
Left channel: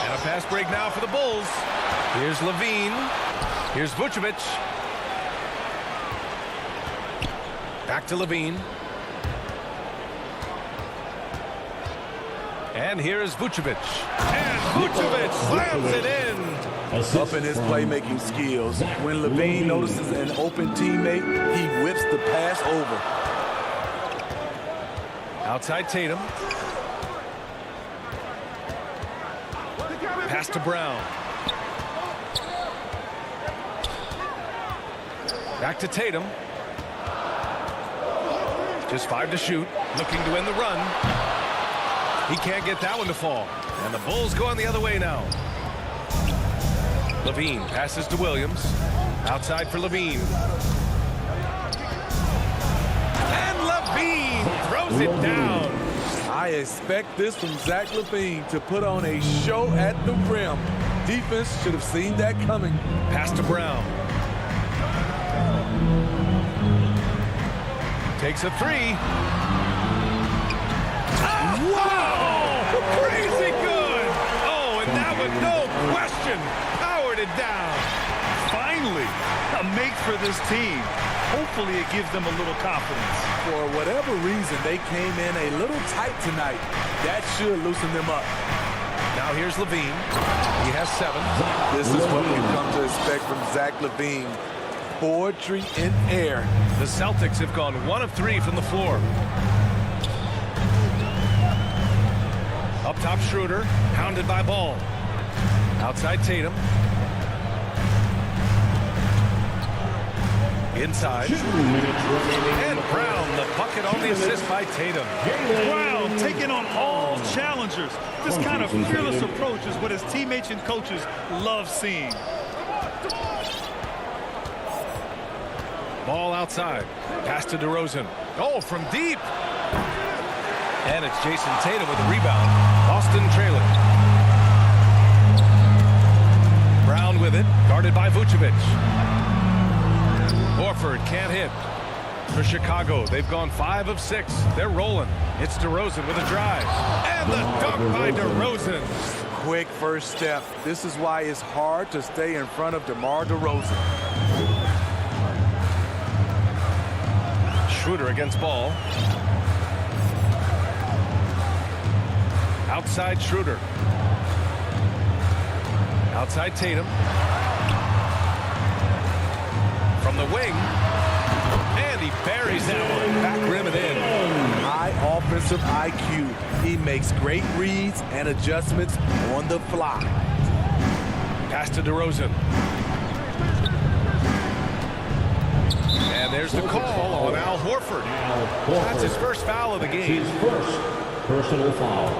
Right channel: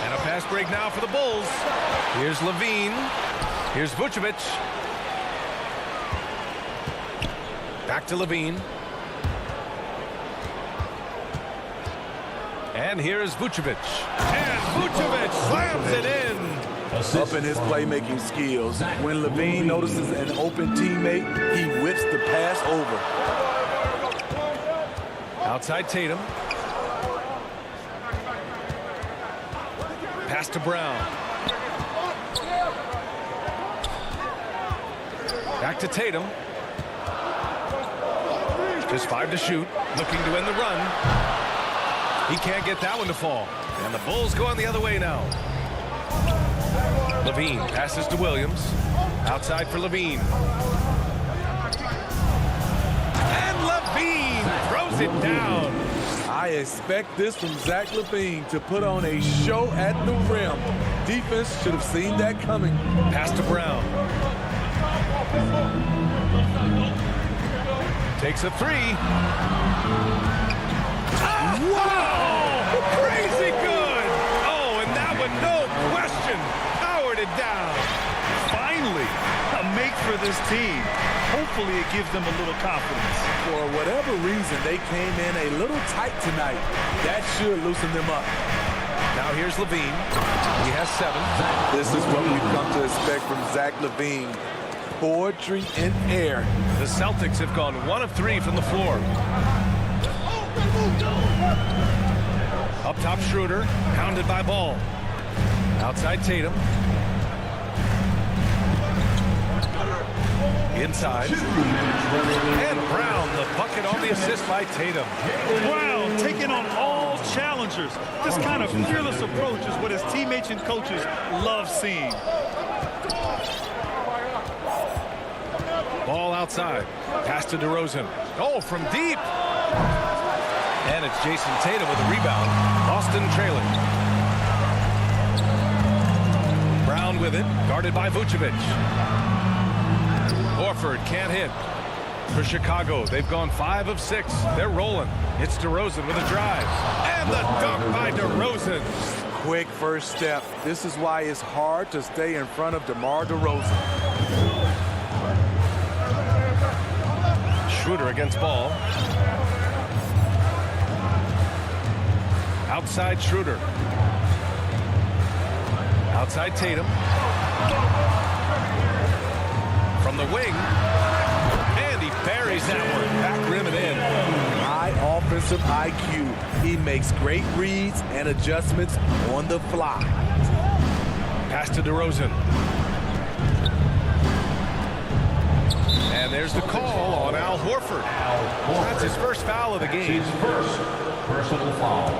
And a pass break now for the Bulls. Here's Levine. Here's Vucevic. Back to Levine. And here's Vucevic. And Vucevic slams it in. Up in his playmaking skills. When Levine notices an open teammate, he whips the pass over. Outside Tatum. Pass to Brown. Back to Tatum. Just 5 to shoot. Looking to end the run. He can't get that one to fall. And the Bulls going the other way now. Levine passes to Williams. Outside for Levine. And Levine throws it down. I expect this from Zach Levine to put on a show at the rim. Defense should have seen that coming. Pass to Brown. Takes a 3. Wow! Crazy good! Oh, and that one, no question, powered it down. Finally, a make for this team. Hopefully it gives them a little confidence. For whatever reason, they came in a little tight tonight. That should loosen them up. Now here's Levine. He has 7. This is what we've come to expect from Zach Levine. Poetry in air. The Celtics have gone 1 of 3 from the floor. Up top, Schroeder, hounded by Ball. Outside Tatum. Inside. And Brown, the bucket on the assist by Tatum. Brown taking on all challengers. This kind of fearless approach is what his teammates and coaches love seeing. Ball outside. Pass to DeRozan. Oh, from deep. And it's Jason Tatum with a rebound. Boston trailing. Brown with it. Guarded by Vucevic. Horford can't hit. For Chicago, they've gone 5 of 6. They're rolling. It's DeRozan with a drive. And the dunk by DeRozan. Quick first step. This is why it's hard to stay in front of DeMar DeRozan. Schroeder against Ball. Outside Schroeder. Outside Tatum. From the wing. And he buries that one. Back rim and in. High offensive IQ. He makes great reads and adjustments on the fly. Pass to DeRozan. And there's the call on Al Horford. That's his first foul of the game. His first personal foul.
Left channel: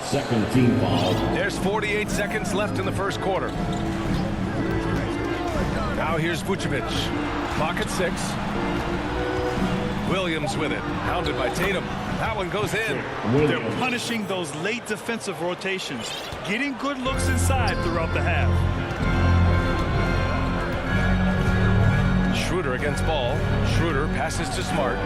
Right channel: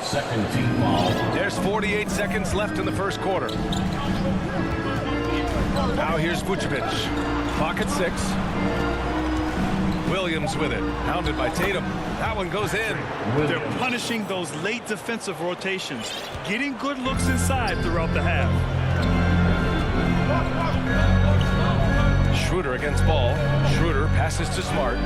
Second team foul. There's 48 seconds left in the first quarter. Now here's Vucevic. Clock at 6. Williams with it. Hounded by Tatum. That one goes in. They're punishing those late defensive rotations, getting good looks inside throughout the half. Schroeder against Ball. Schroeder passes to Smart.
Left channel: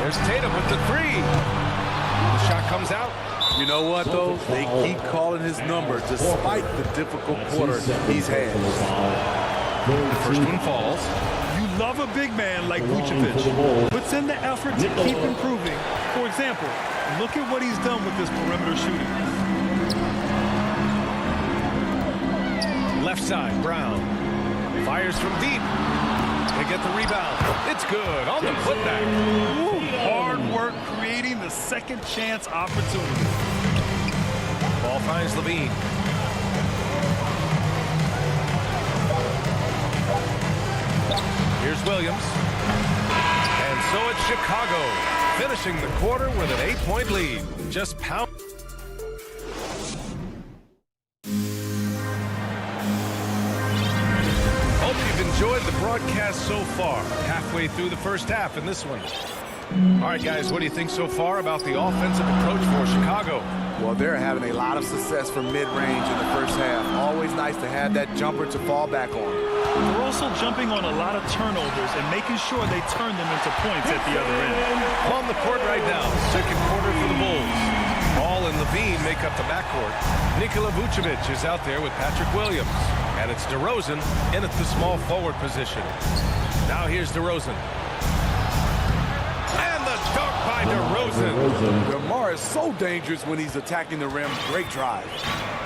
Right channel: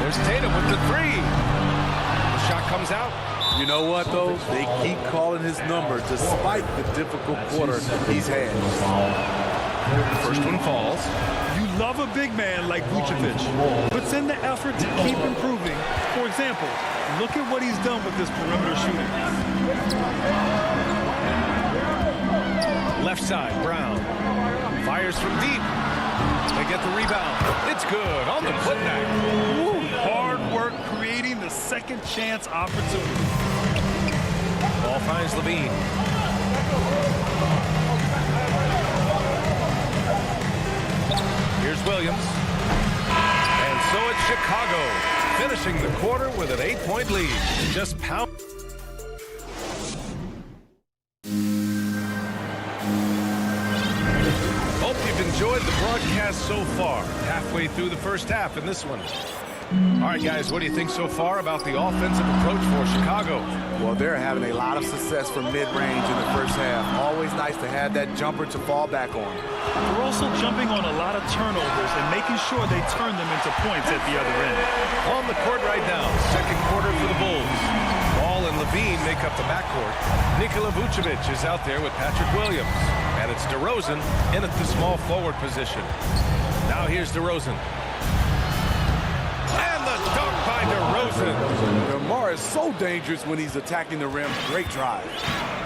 There's Tatum with the 3. The shot comes out. You know what, though? They keep calling his number despite the difficult quarter he's had. The first one falls. You love a big man like Vucevic, puts in the effort to keep improving. For example, look at what he's done with his perimeter shooting. Left side, Brown. Fires from deep. They get the rebound. It's good on the putback. Woo, hard work creating the second chance opportunity. Ball finds Levine. Here's Williams. And so it's Chicago, finishing the quarter with an 8-point lead. Just pound. Hope you've enjoyed the broadcast so far. Halfway through the first half in this one. All right, guys, what do you think so far about the offensive approach for Chicago? Well, they're having a lot of success from mid-range in the first half. Always nice to have that jumper to fall back on. They're also jumping on a lot of turnovers and making sure they turn them into points at the other end. On the court right now, second quarter for the Bulls. Ball and Levine make up the backcourt. Nikola Vucevic is out there with Patrick Williams. And it's DeRozan in at the small forward position. Now here's DeRozan. And the dunk by DeRozan. DeMar is so dangerous when he's attacking the rim. Great drive.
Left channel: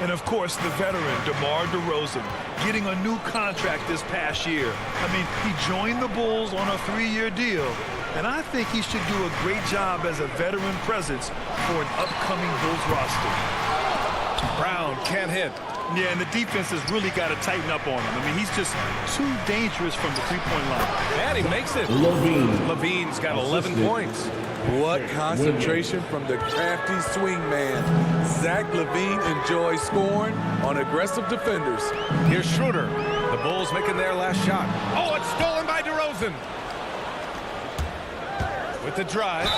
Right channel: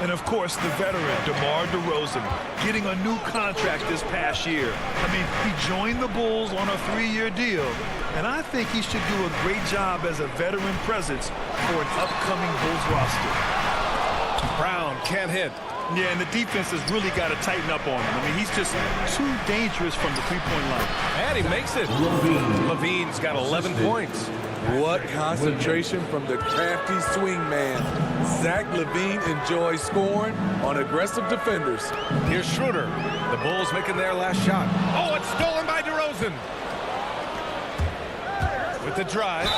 And of course, the veteran, DeMar DeRozan, getting a new contract this past year. I mean, he joined the Bulls on a 3-year deal. And I think he should do a great job as a veteran presence for an upcoming Bulls roster. Brown can't hit. Yeah, and the defense has really got to tighten up on him. I mean, he's just too dangerous from the three-point line. And he makes it. Levine's got 11 points. What concentration from the crafty swing man. Zach LaVine enjoys scoring on aggressive defenders. Here's Schroeder. The Bulls making their last shot. Oh, it's stolen by DeRozan. With the drive.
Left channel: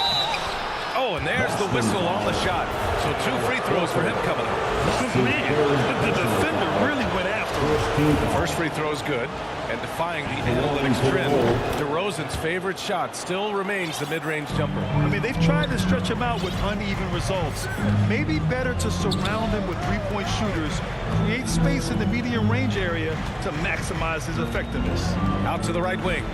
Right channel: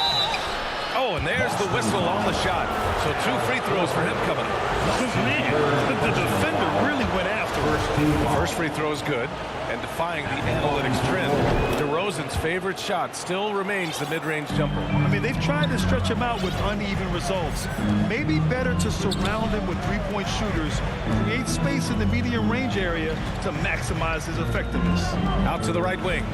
Oh, and there's the whistle on the shot. So 2 free throws for him coming up. Man, the defender really went after it. The first free throw is good. And defying the analytics trend, DeRozan's favorite shot still remains the mid-range jumper. I mean, they've tried to stretch him out with uneven results. Maybe better to surround him with three-point shooters, create space in the medium range area to maximize his effectiveness. Out to the right wing.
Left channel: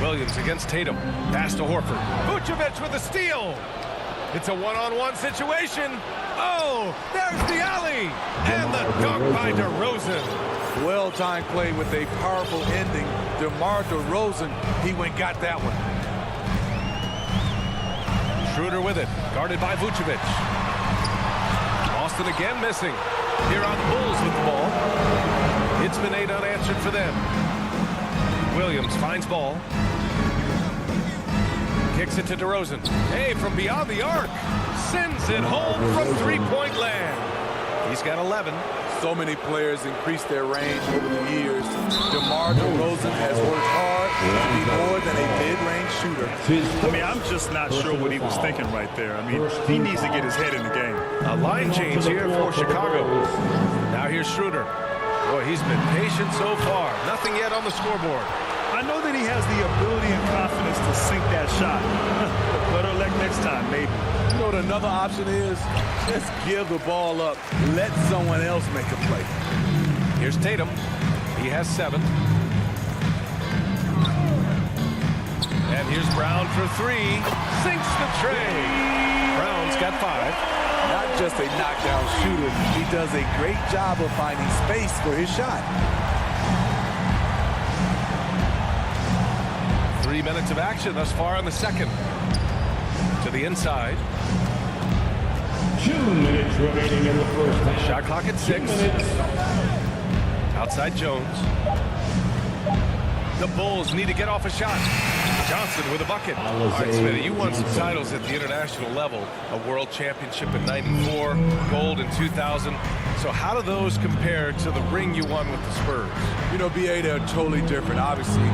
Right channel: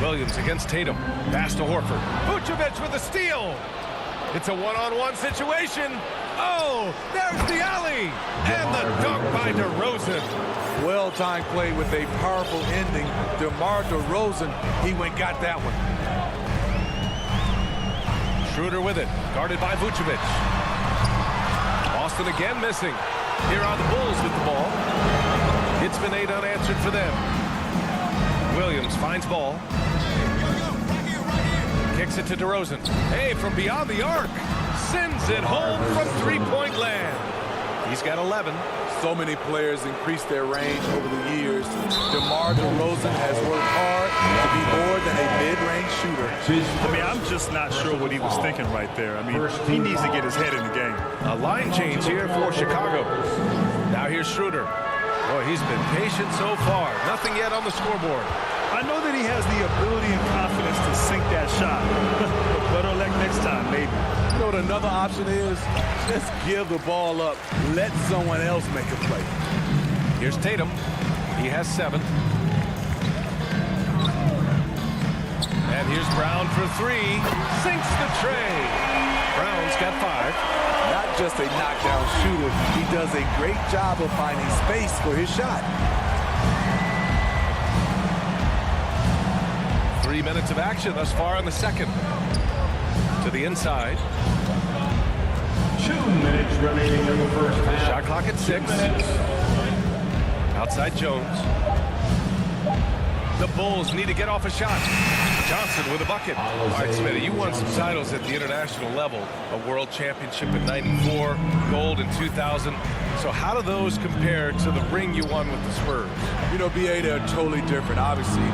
Williams against Tatum. Pass to Horford. Vucevic with a steal. It's a one-on-one situation. Oh, there's the alley. And the dunk by DeRozan. Well-timed play with a powerful ending. DeMar DeRozan, he went got that one. Schroeder with it. Guarded by Vucevic. Boston again missing. Here are the Bulls with the ball. It's been 8 unanswered for them. Williams finds ball. Kicks it to DeRozan. Hey, from beyond the arc. Sends it home from three-point land. He's got 11. So many players increased their range over the years. DeMar DeRozan has worked hard to be more than a mid-range shooter. I mean, I'm just not sure what he was thinking right there. I mean, he needs to get his head in the game. A line change here for Chicago. Now here's Schroeder. Boy, he's been patient so far. Nothing yet on the scoreboard. I know that he has the ability and confidence to sink that shot. But better luck next time, maybe. You know what another option is? Just give the ball up. Let someone else make a play. Here's Tatum. He has 7. And here's Brown for 3. Sinks the tray. Brown's got 5. Not just a knockdown shooter. He does a great job of finding space for his shot. 3 minutes of action thus far in the second. To the inside. 2 minutes remaining in the first half. Shot clock at 6. Outside Jones. The Bulls need to get off a shot. Johnson with a bucket. All right, Smitty, you won some titles at the international level. A world championship in '94, gold in 2000. So how do those compare to the ring you won with the Spurs? You know, BA, they're totally different. Obviously,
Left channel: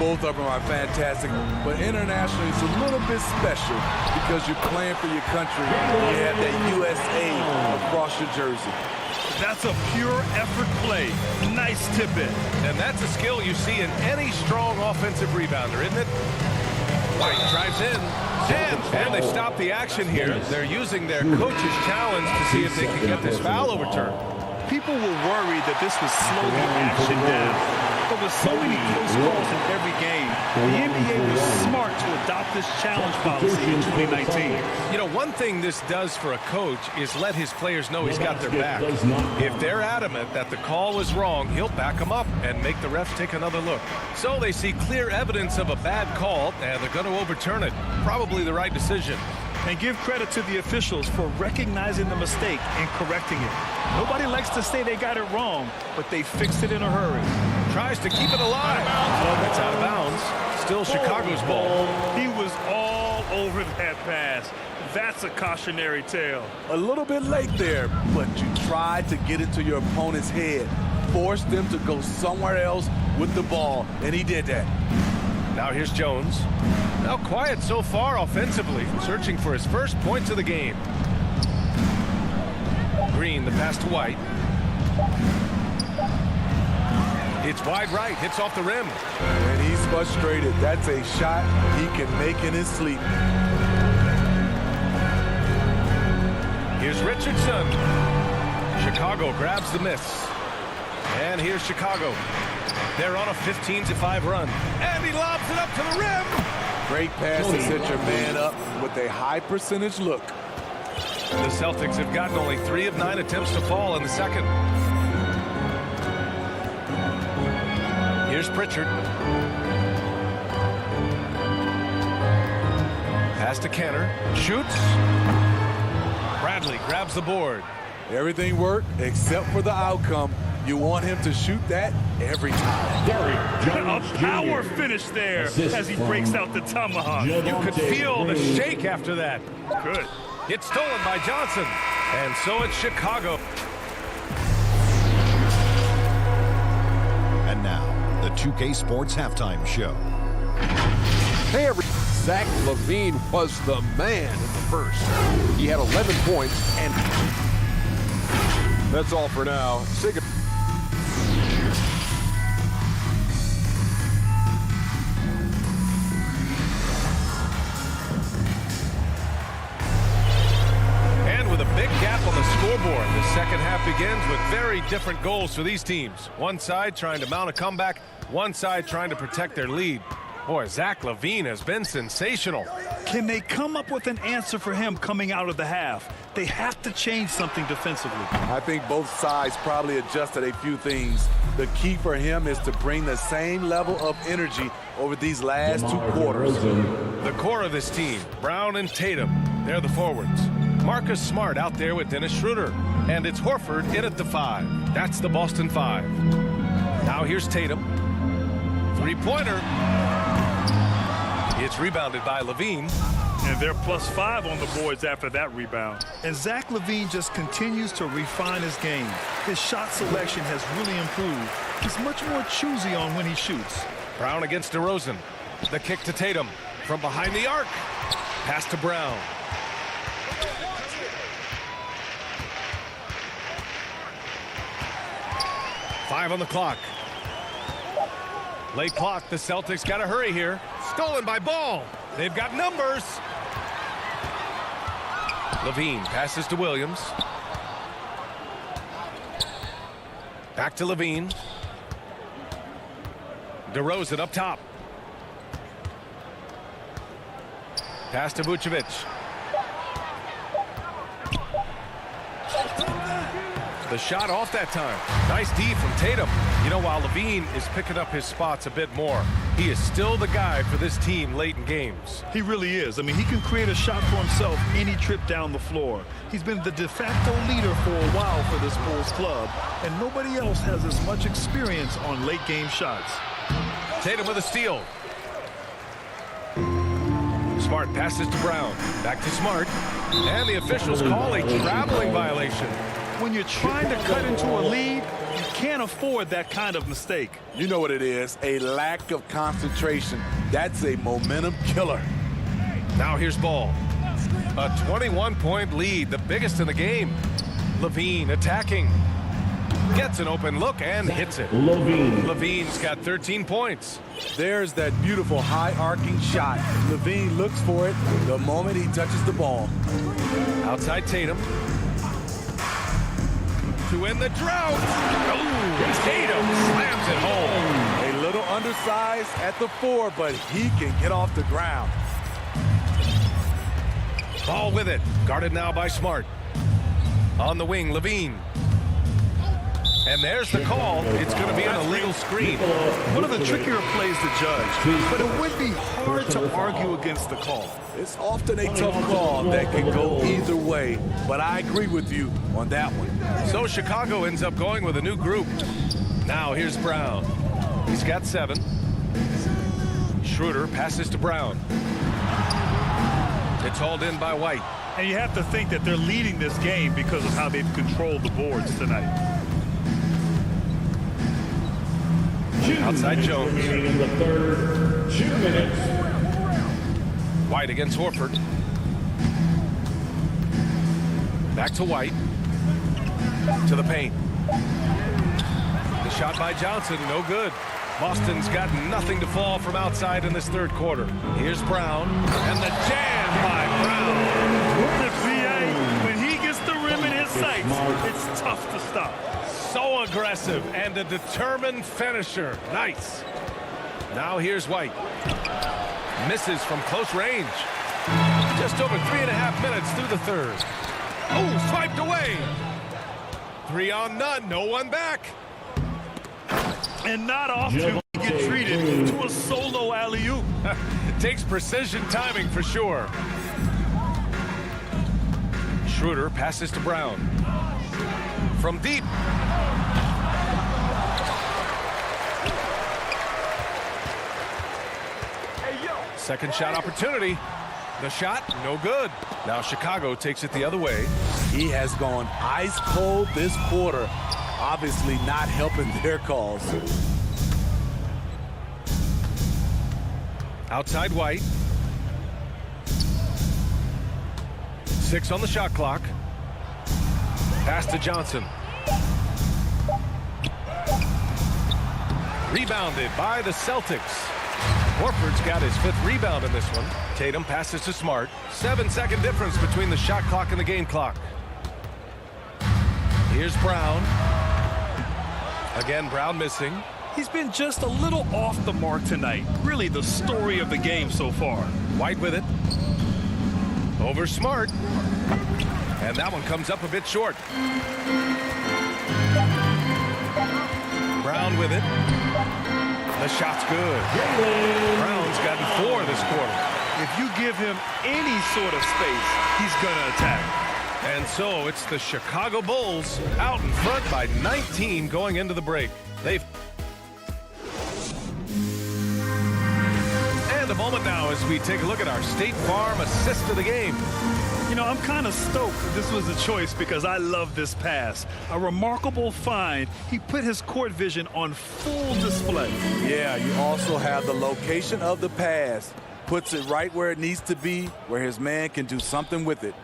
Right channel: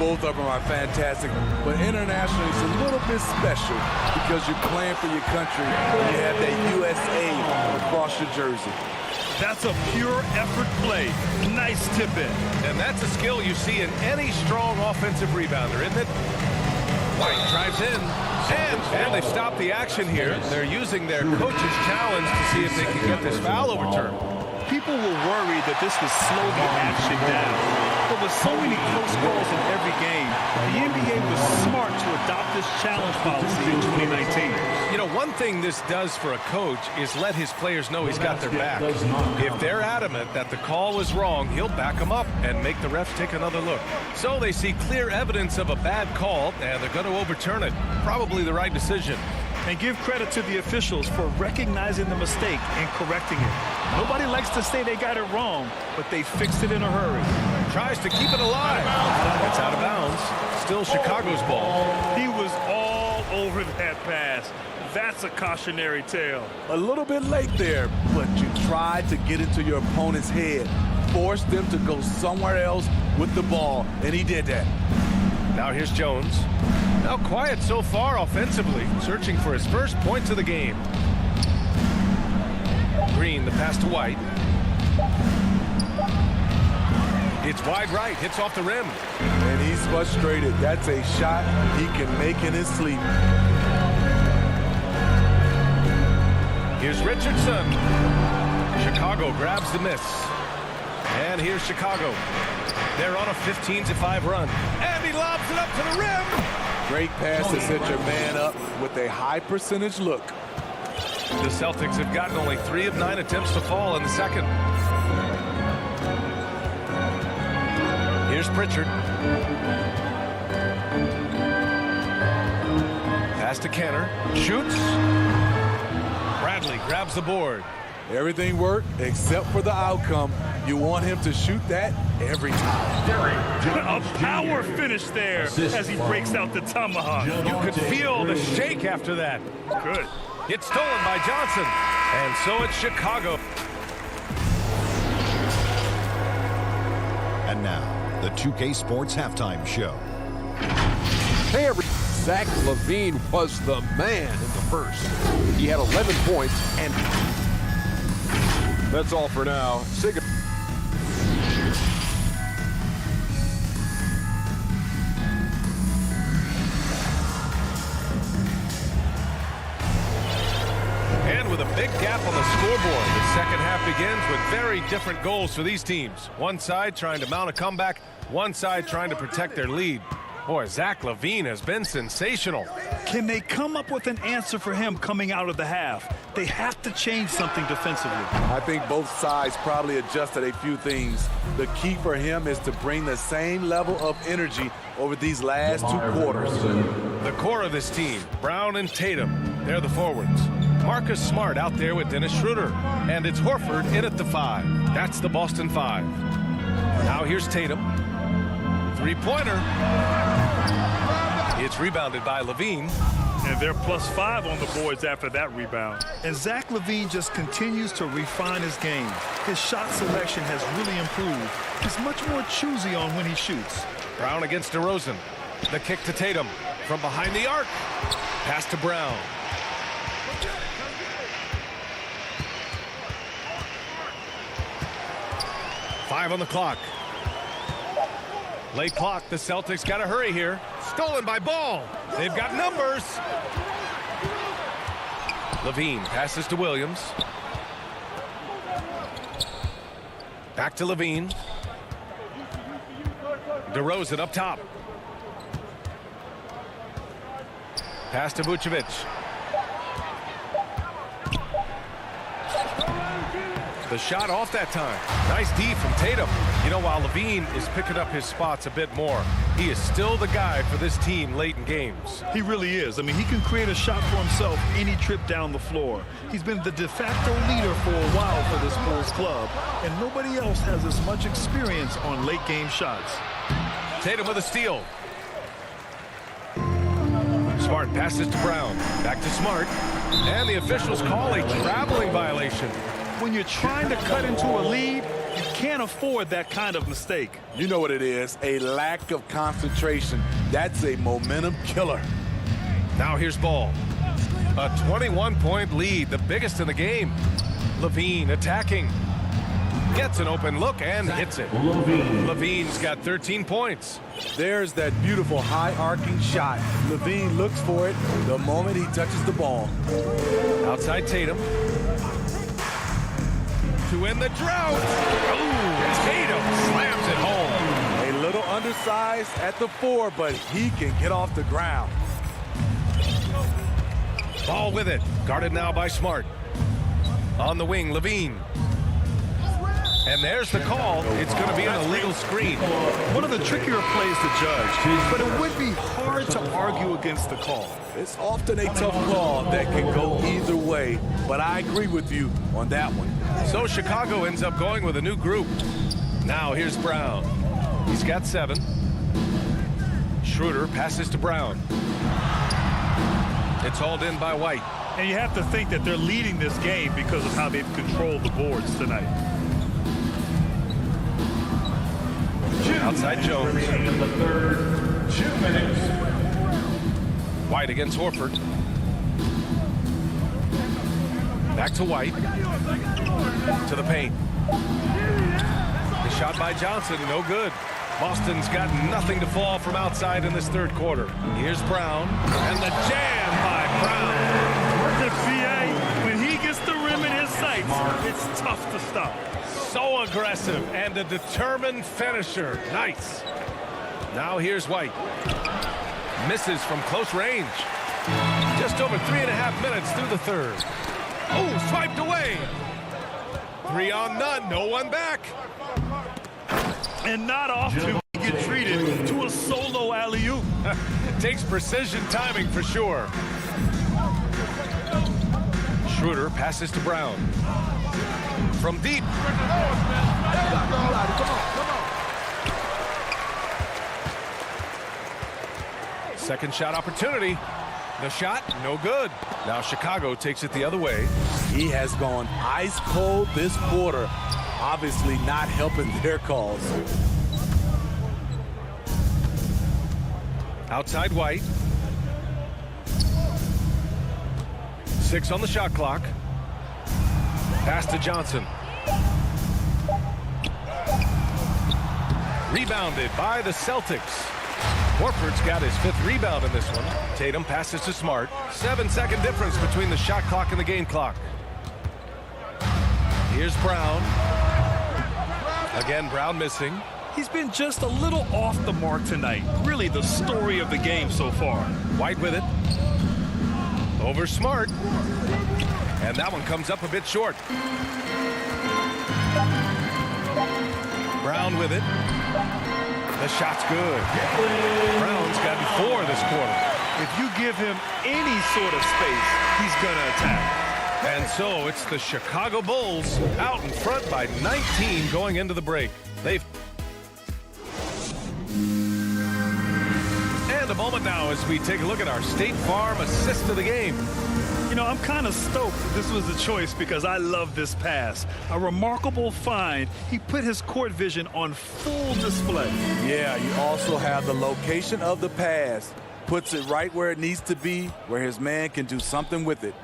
both of them are fantastic. But internationally, it's a little bit special because you're playing for your country and you have that USA across your jersey. That's a pure effort play. Nice tip in. And that's a skill you see in any strong offensive rebounder, isn't it? White drives in. And they stop the action here. They're using their coach's challenge to see if they can get this foul overturned. People were worried that this would slow the action down. But with so many close calls in every game, the NBA was smart to adopt this challenge policy in 2019. You know, one thing this does for a coach is let his players know he's got their back. If they're adamant that the call was wrong, he'll back them up and make the refs take another look. So they see clear evidence of a bad call, and they're going to overturn it. Probably the right decision. And give credit to the officials for recognizing the mistake and correcting it. Nobody likes to say they got it wrong, but they fixed it in a hurry. Tries to keep it alive. It's out of bounds. Still Chicago's ball. He was all over that pass. That's a cautionary tale. A little bit late there, but you tried to get into your opponent's head. Forced them to go somewhere else with the ball, and he did that. Now here's Jones. Now quiet so far offensively, searching for his first points of the game. Green, the pass to White. It's wide right, hits off the rim. And he's frustrated. That's a shot he can make in his sleep. Here's Richardson. Chicago grabs the miss. And here's Chicago. They're on a 15-5 run. And he lobs it up to the rim. Great pass to set your man up with a high percentage look. The Celtics have gotten only 3 of 9 attempts to fall in the second. Here's Pritchard. Pass to Kenner. Shoots. Bradley grabs the board. Everything worked except for the outcome. You want him to shoot that every time. A power finish there as he breaks out the tomahawk. You could feel the shake after that. Good. It's stolen by Johnson. And so it's Chicago. And now, the 2K Sports Halftime Show. Hey, Zach LaVine was the man in the first. He had 11 points, and that's all for now. And with a big gap on the scoreboard, the second half begins with very different goals for these teams. One side trying to mount a comeback, one side trying to protect their lead. Boy, Zach LaVine has been sensational. Can they come up with an answer for him coming out of the half? They have to change something defensively. I think both sides probably adjusted a few things. The key for him is to bring the same level of energy over these last 2 quarters. The core of this team, Brown and Tatum, they're the forwards. Marcus Smart out there with Dennis Schroeder. And it's Horford in at the 5. That's the Boston 5. Now here's Tatum. 3-pointer. It's rebounded by LaVine. And they're +5 on the boards after that rebound. And Zach LaVine just continues to refine his game. His shot selection has really improved. He's much more choosy on when he shoots. Brown against DeRozan. The kick to Tatum from behind the arc. Pass to Brown. Five on the clock. Late clock. The Celtics got to hurry here. Stolen by Ball. They've got numbers. LaVine passes to Williams. Back to LaVine. DeRozan up top. Pass to Vucevic. The shot off that time. Nice D from Tatum. You know, while LaVine is picking up his spots a bit more, He is still the guy for this team late in games. He really is. I mean, he can create a shot for himself any trip down the floor. He's been the de facto leader for a while for this Bulls club, and nobody else has as much experience on late game shots. Tatum with a steal. Smart passes to Brown. Back to Smart. And the officials call a traveling violation. When you're trying to cut into a lead, you can't afford that kind of mistake. You know what it is, a lack of concentration. That's a momentum killer. Now here's Ball. A 21-point lead, the biggest in the game. Levine attacking. Gets an open look and hits it. Levine's got 13 points. There's that beautiful high arcing shot. Levine looks for it the moment he touches the ball. Outside Tatum. To end the drought. Oh, Tatum slams it home. A little undersized at the 4, but he can get off the ground. Ball with it. Guarded now by Smart. On the wing, Levine. And there's the call. It's going to be an illegal screen. One of the trickier plays to judge, but it would be hard to argue against the call. It's often a tough call that can go either way, but I agree with you on that one. So Chicago ends up going with a new group. Now here's Brown. He's got 7. Schroeder passes to Brown. It's hauled in by White. And you have to think that they're leading this game because of how they've controlled the boards tonight. Outside Jones. In the third, 2 minutes. White against Horford. Back to White. To the paint. The shot by Johnson, no good. Boston's got nothing to fall from outside in this third quarter. Here's Brown. And the jam by Brown. The PA, when he gets the rim in his sights, it's tough to stop. So aggressive and a determined finisher. Nice. Now here's White. Misses from close range. Just over 3.5 minutes through the third. Oh, swiped away. 3 on none. No one back. And not often we get treated to a solo alley-oop. Takes precision timing for sure. Schroeder passes to Brown. From deep. Second shot opportunity. The shot, no good. Now Chicago takes it the other way. He has gone ice cold this quarter. Obviously not helping their cause. Outside White. 6 on the shot clock. Pass to Johnson. Rebounded by the Celtics. Horford's got his 5th rebound in this one. Tatum passes to Smart. 7-second difference between the shot clock and the game clock. Here's Brown. Again, Brown missing. He's been just a little off the mark tonight. Really the story of the game so far. White with it. Over Smart. And that one comes up a bit short. Brown with it. The shot's good. Brown's gotten 4 this quarter. If you give him any sort of space, he's going to attack. And so it's the Chicago Bulls out in front by 19 going into the break. And a moment now as we take a look at our State Farm assist of the game. You know, I'm kind of stoked that this was a choice because I love this pass. A remarkable find. He put his court vision on full display. Yeah, you also have the location of the pass. Puts it right where it needs to be, where his man can do something with it.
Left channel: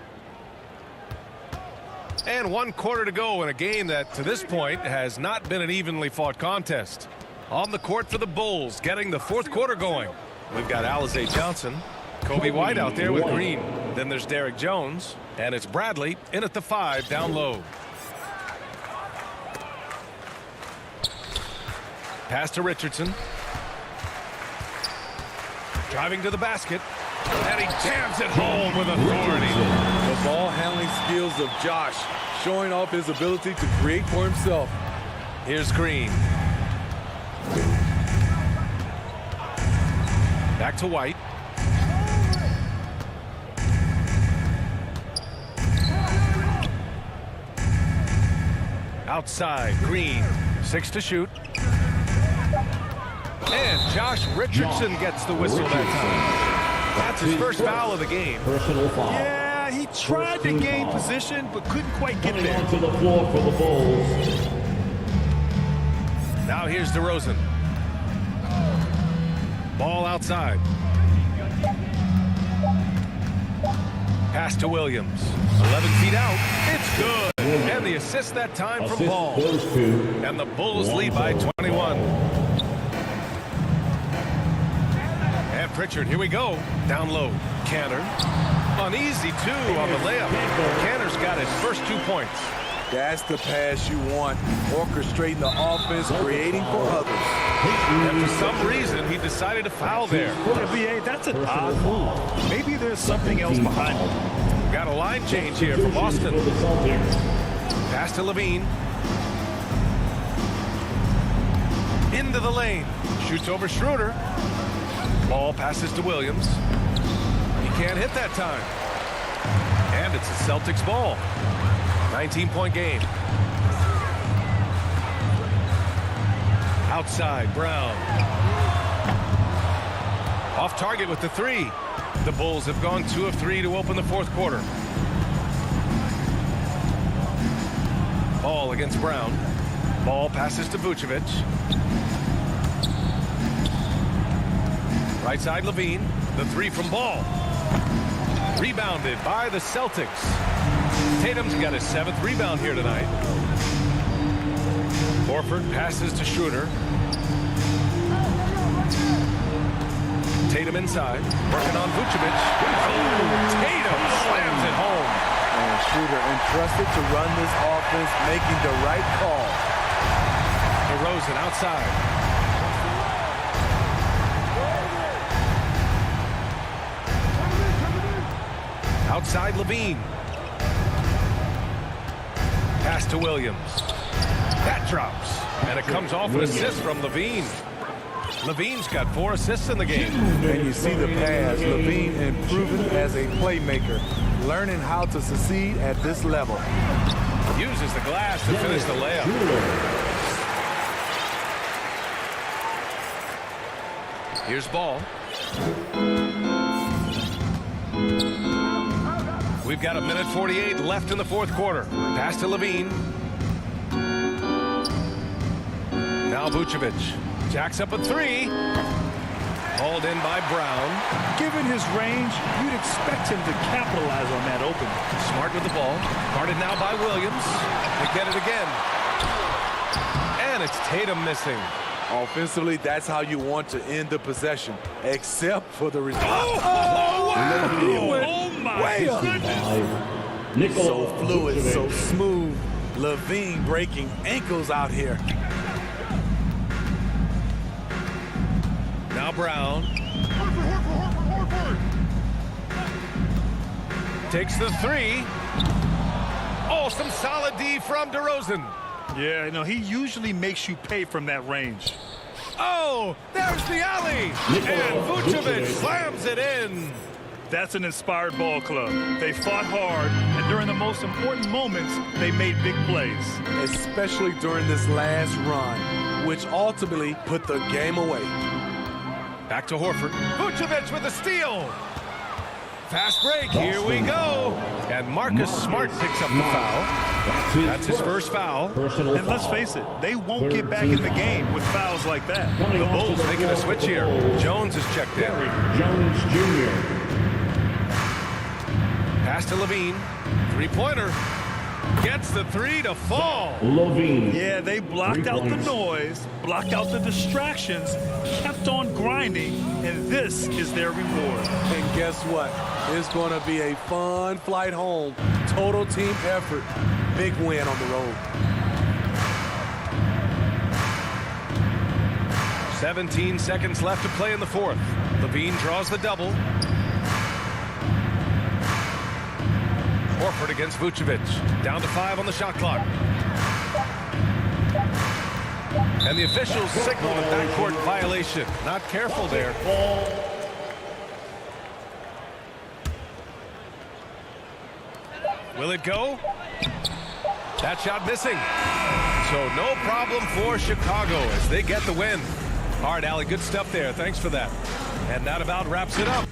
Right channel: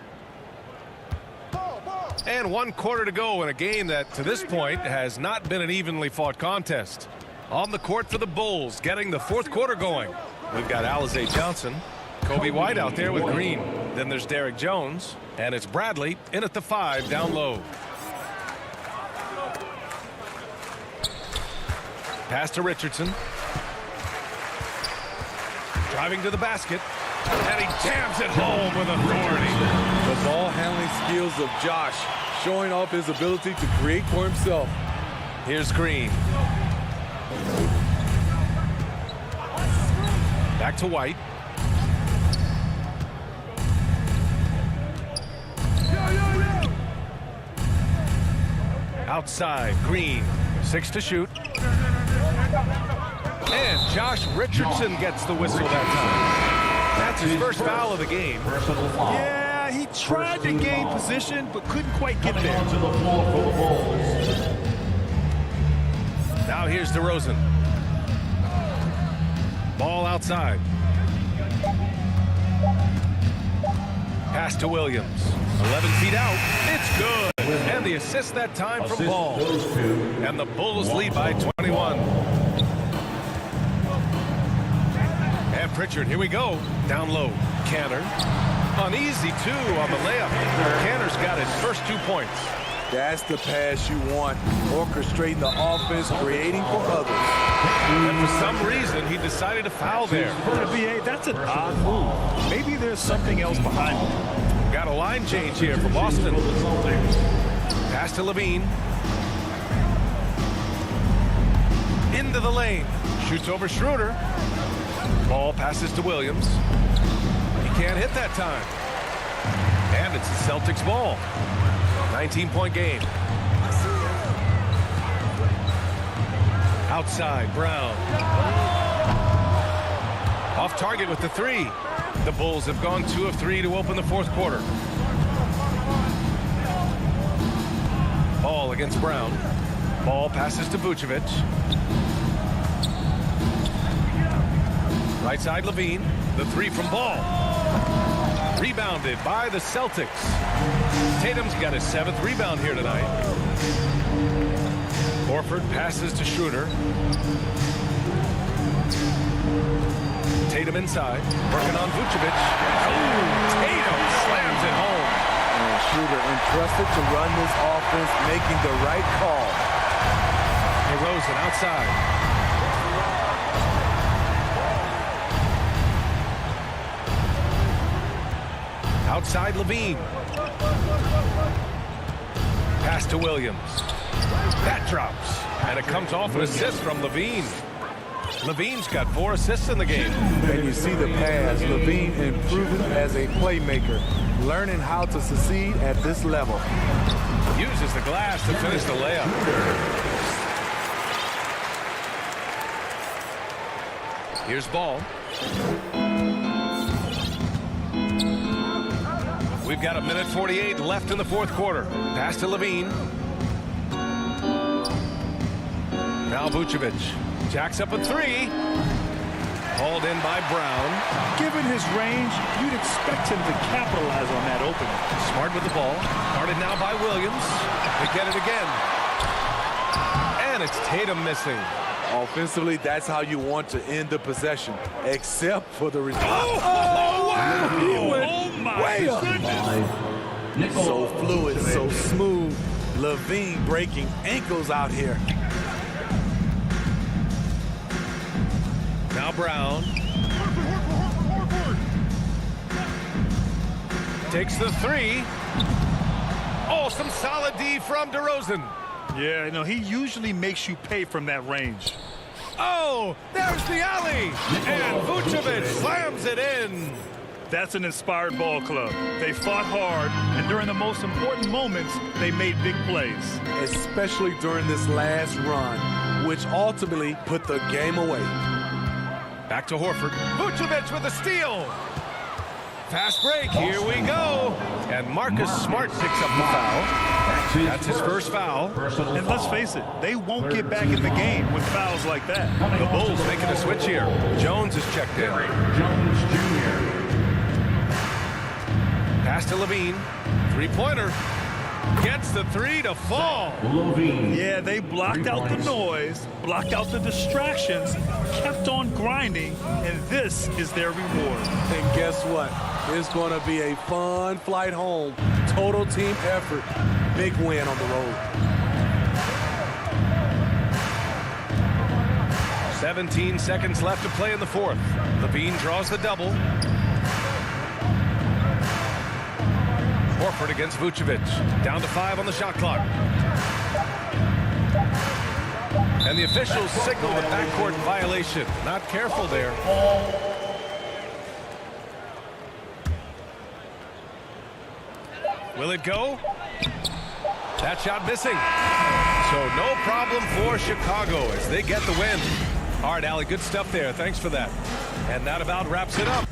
And 1 quarter to go in a game that, to this point, has not been an evenly fought contest. On the court for the Bulls, getting the 4th quarter going. We've got Alize Johnson. Kobe White out there with Green. Then there's Derek Jones. And it's Bradley in at the 5 down low. Pass to Richardson. Driving to the basket. And he jams it home with authority. The ball handling skills of Josh, showing off his ability to create for himself. Here's Green. Back to White. Outside, Green. 6 to shoot. And Josh Richardson gets the whistle that time. That's his first foul of the game. Personal foul. Yeah, he tried to gain position, but couldn't quite get there. Onto the floor for the Bulls. Now here's DeRozan. Ball outside. Pass to Williams. 11 feet out. It's good. And the assist that time from Ball. And the Bulls lead by 21. And Pritchard, here we go. Down low. Canner. An easy 2 on the layup. Canner's got his first 2 points. That's the pass you want. Orchestrating the offense, creating for others. And for some reason, he decided to foul there. BA, that's an odd move. Maybe there's something else behind it. We've got a line change here from Boston. Pass to Levine. Into the lane. Shoots over Schroeder. Ball passes to Williams. He can't hit that time. And it's the Celtics ball. 19-point game. Outside, Brown. Off target with the 3. The Bulls have gone 2 of 3 to open the 4th quarter. Ball against Brown. Ball passes to Vucevic. Right side, Levine. The 3 from Ball. Rebounded by the Celtics. Tatum's got his 7th rebound here tonight. Horford passes to Schroeder. Tatum inside, working on Vucevic. Oh, Tatum slams it home. And Schroeder entrusted to run this offense, making the right call. DeRozan outside. Outside, Levine. Pass to Williams. That drops. And it comes off an assist from Levine. Levine's got 4 assists in the game. And you see the pass. Levine improving as a playmaker, learning how to succeed at this level. Uses the glass to finish the layup. Here's Ball. We've got 1:48 left in the 4th quarter. Pass to Levine. Now Vucevic. Jacks up a 3. Hauled in by Brown. Given his range, you'd expect him to capitalize on that opening. Smart with the ball. Guarded now by Williams. They get it again. And it's Tatum missing. Offensively, that's how you want to end the possession, except for the result. Oh, wow! He went way up. So fluid, so smooth. Levine breaking ankles out here. Now Brown. Takes the 3. Oh, some solid D from DeRozan. Yeah, you know, he usually makes you pay from that range. Oh, there's the alley. And Vucevic slams it in. That's an inspired ball club. They fought hard, and during the most important moments, they made big plays. Especially during this last run, which ultimately put the game away. Back to Horford. Vucevic with a steal. Fast break. Here we go. And Marcus Smart picks up the foul. That's his first foul. And let's face it, they won't get back in the game with fouls like that. The Bulls making a switch here. Jones is checked in. Jones Jr. Pass to Levine. 3-pointer. Gets the 3 to fall. Levine. Yeah, they blocked out the noise, blocked out the distractions, kept on grinding, and this is their reward. And guess what? It's going to be a fun flight home. Total team effort. Big win on the road. 17 seconds left to play in the 4th. Levine draws the double. Horford against Vucevic. Down to 5 on the shot clock. And the officials signal the backcourt violation. Not careful there. Will it go? That shot missing. So no problem for Chicago as they get the win. All right, Allie, good stuff there. Thanks for that. And that about wraps it up.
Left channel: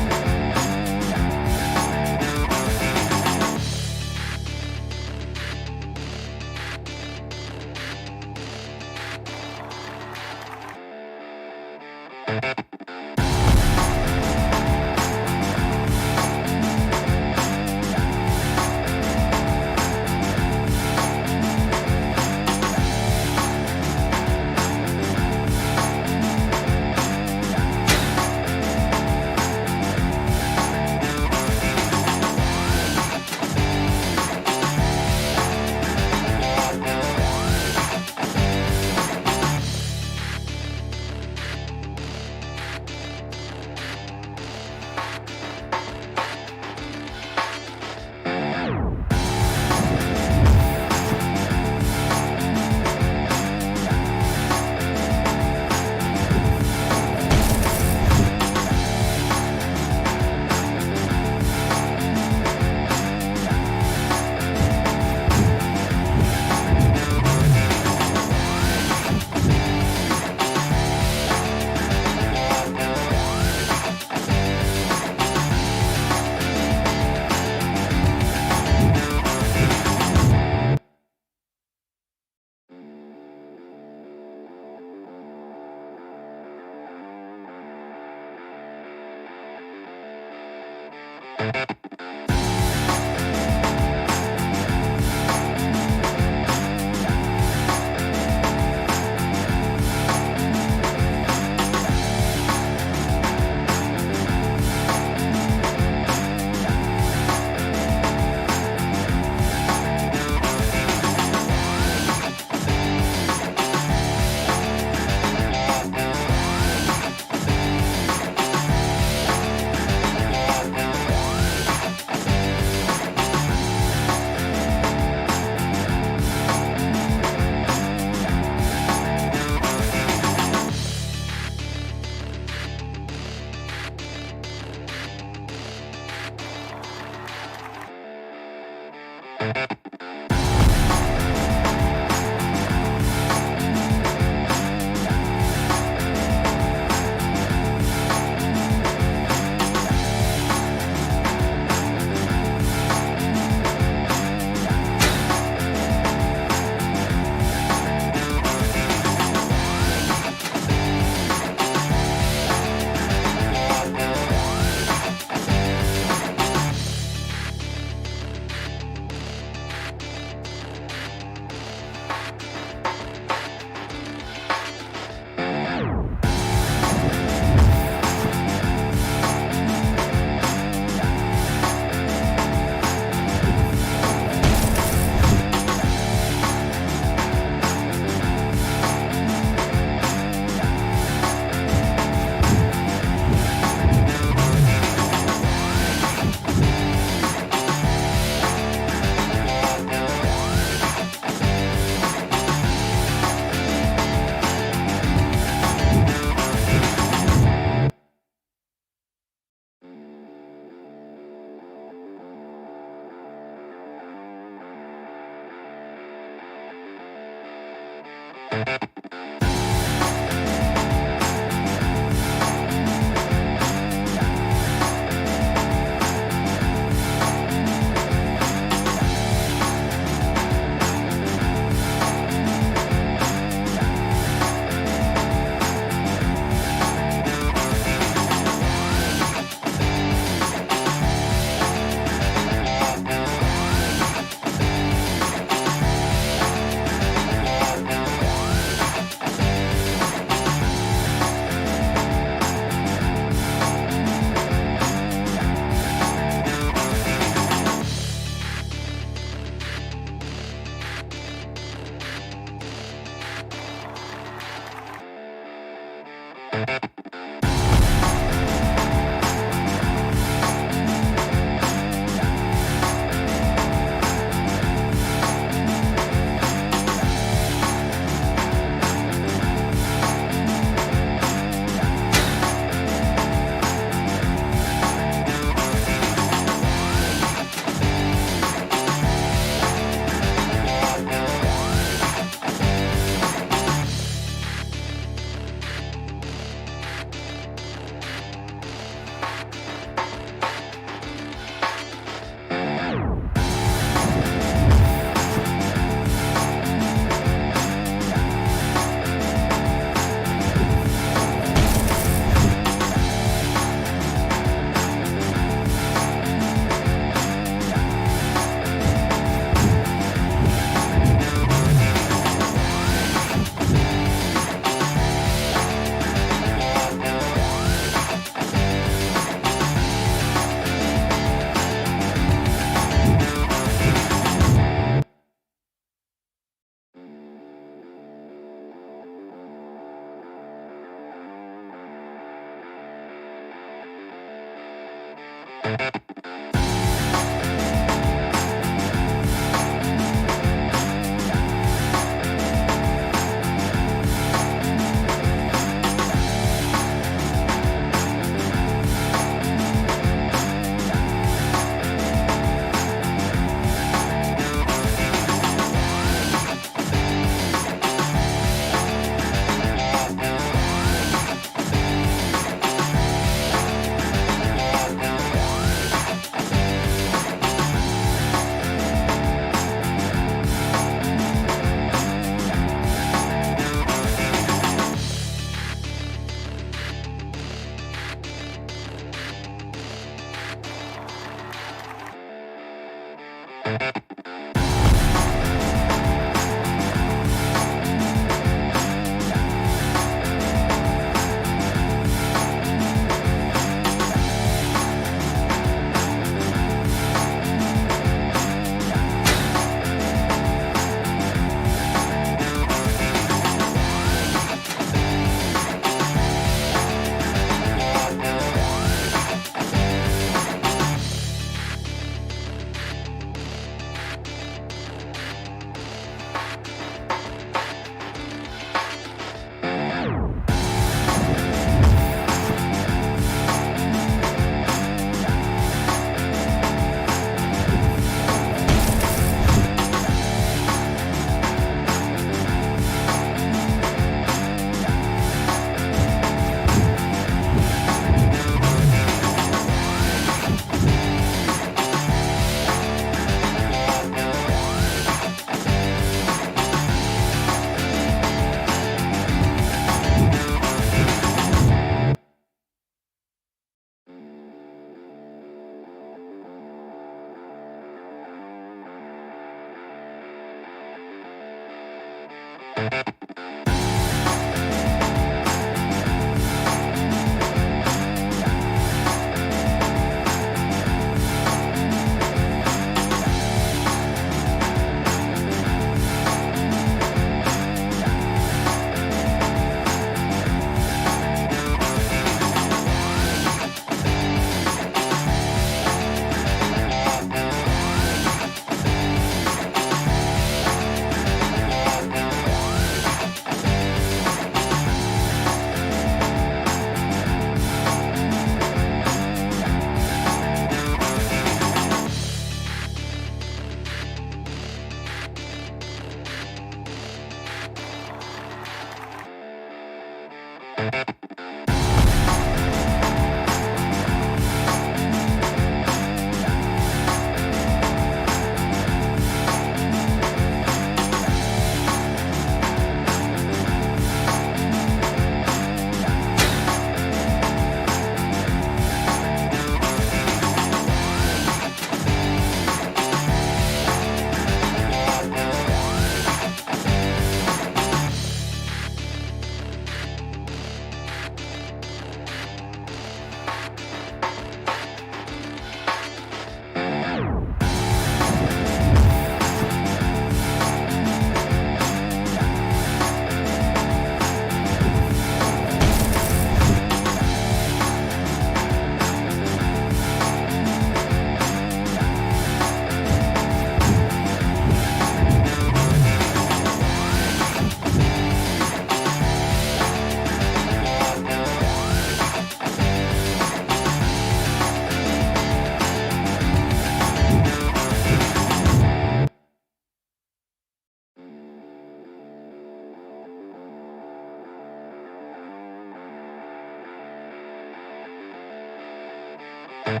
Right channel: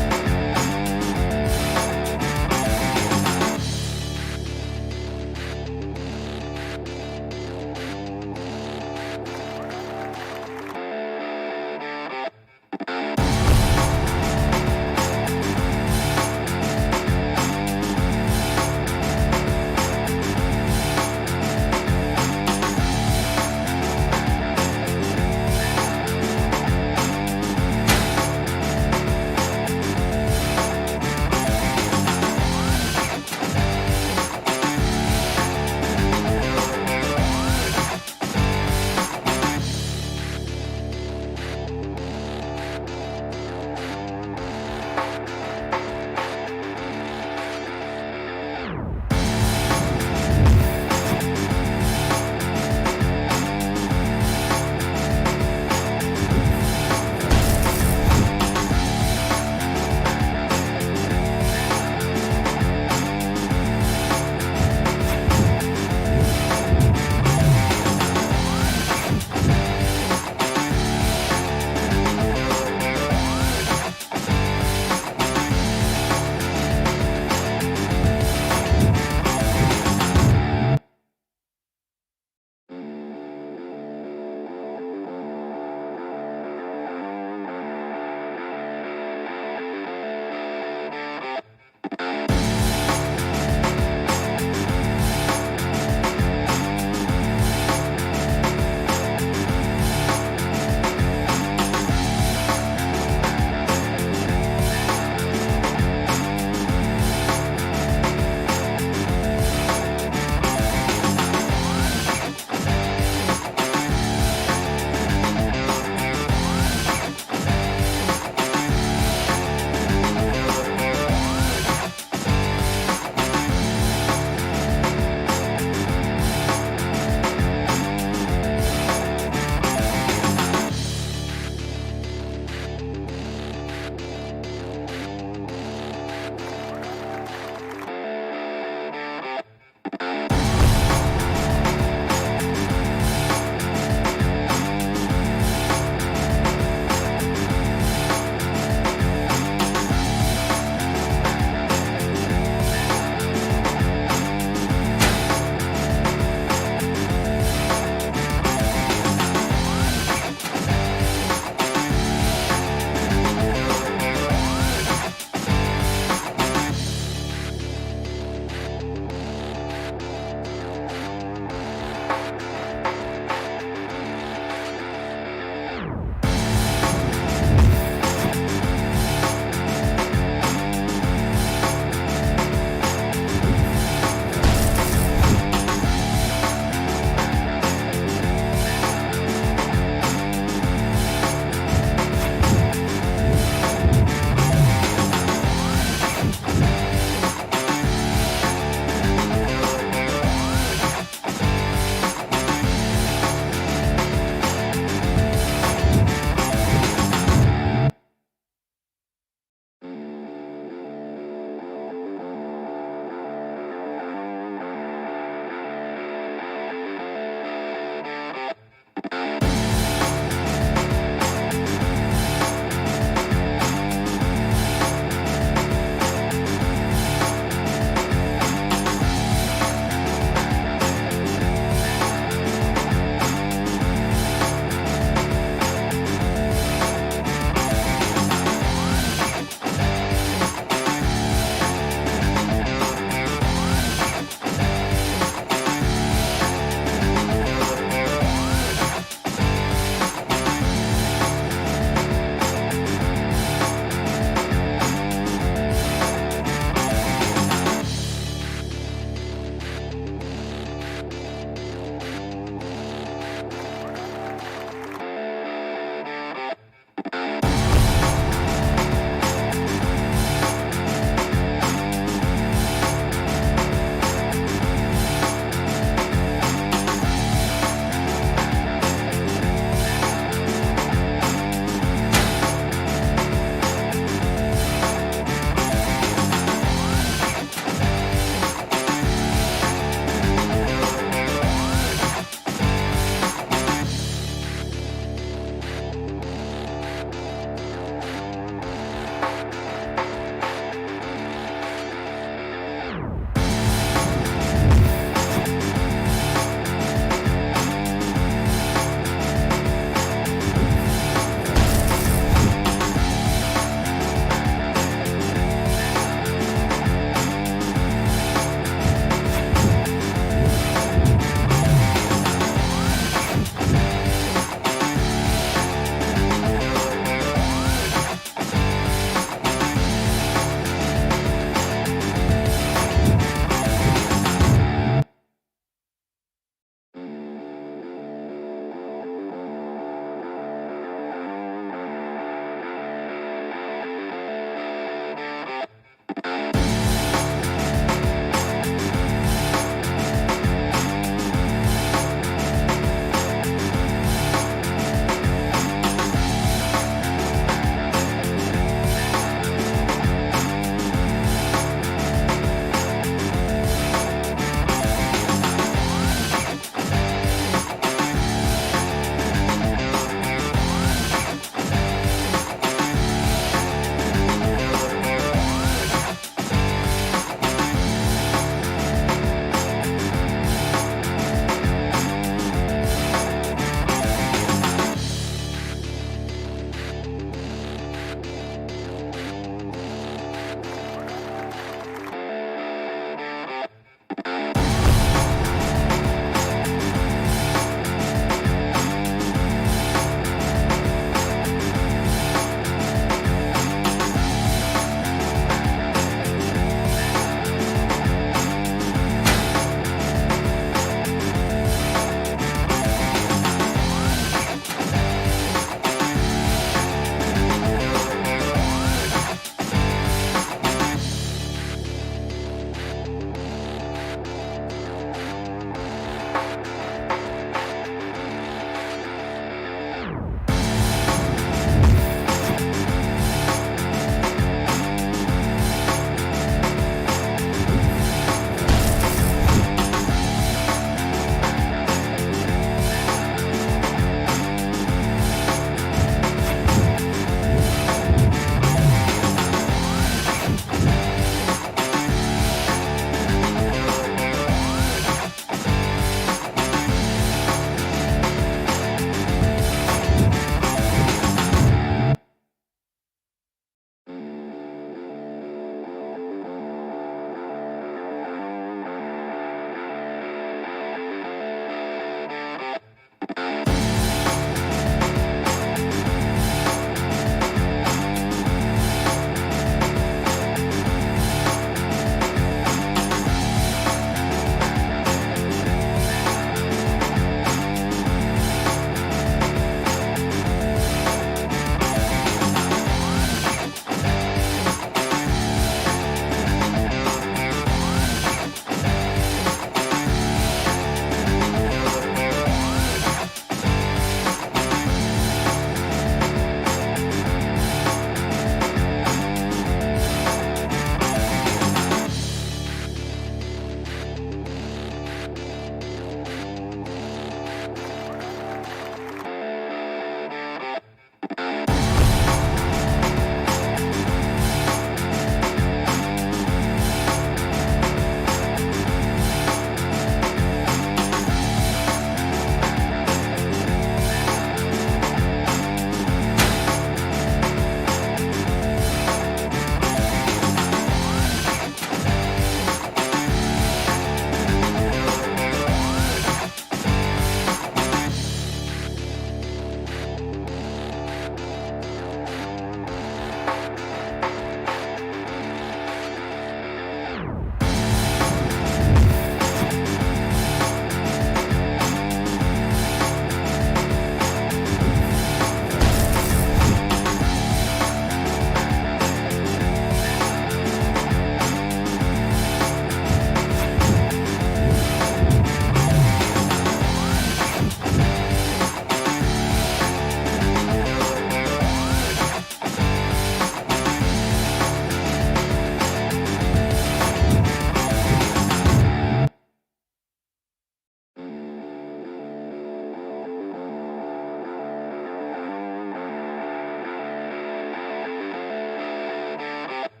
Following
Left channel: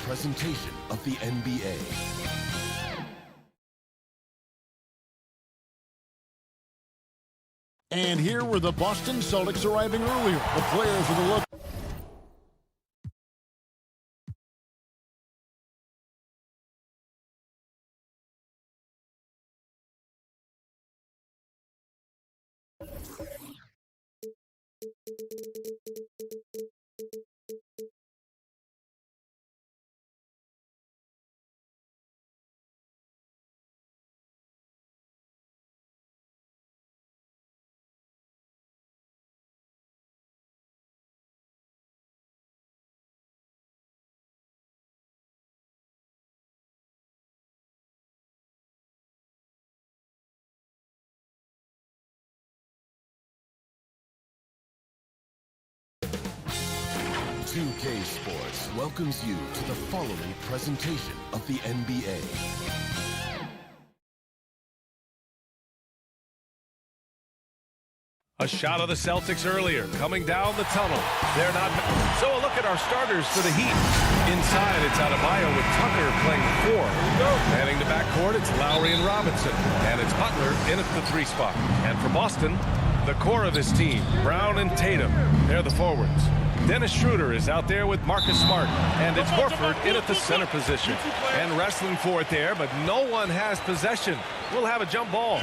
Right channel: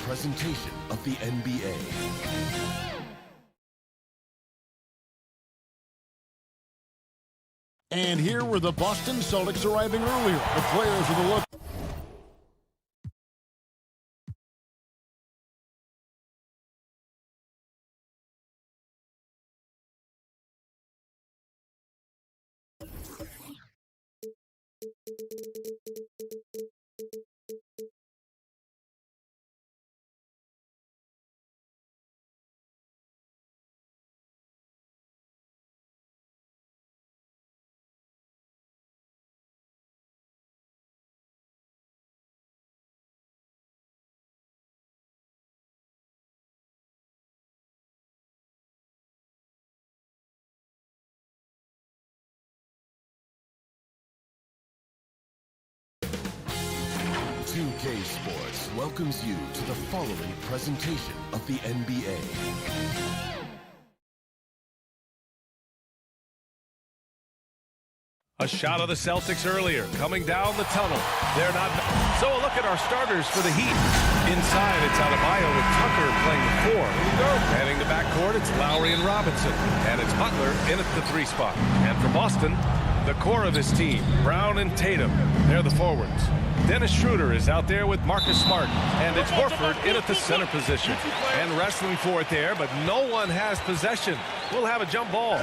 presentation of the NBA. And here were the Boston Celtics arriving earlier. The players with a look. CLA Sports welcomes you to the following presentation of the NBA. A shot of the Celtics earlier, coming down the tunnel. They're not. So a look at our starters for the Heat. Inside, it's Adebayo with Tucker playing the 4. Here we go. Manning the backcourt, it's Lowry and Robinson. And it's Butler in at the 3 spot. And for Boston, the core of this team, Brown and Tatum. They're the forwards. Dennis Schroeder is out there with Marcus Smart. And it's Horford in at the center position. And wrestling for it there, but no one has possession. We'll have a jump ball.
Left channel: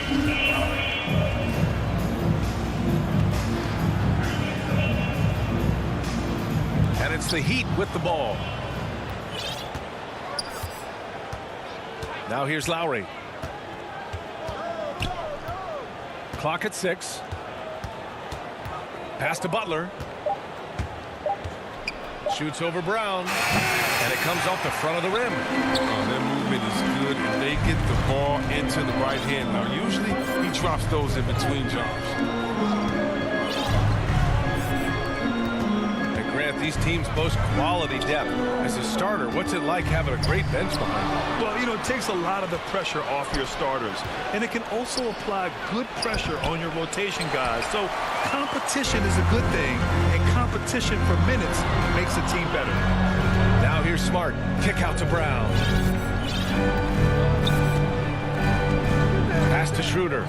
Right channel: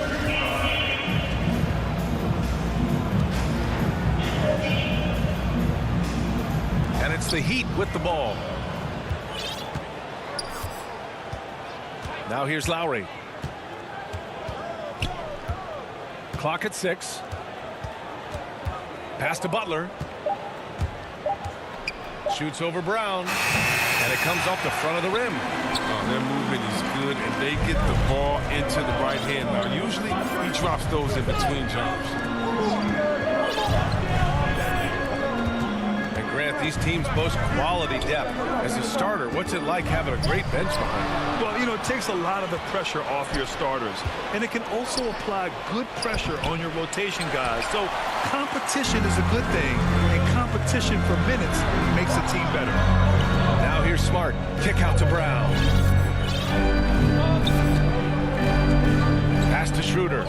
And it's the Heat with the ball. Now here's Lowry. Clock at 6. Pass to Butler. Shoots over Brown. And it comes off the front of the rim. Oh, their movement is good, and they get the ball into the right hand. Now, usually he drops those in between jumps. And Grant, these teams boast quality depth. As a starter, what's it like having a great bench behind you? Well, you know, it takes a lot of the pressure off your starters. And it can also apply good pressure on your rotation guys. So competition is a good thing. And competition for minutes makes a team better. Now here's Smart. Kick out to Brown. Pass to Schroeder.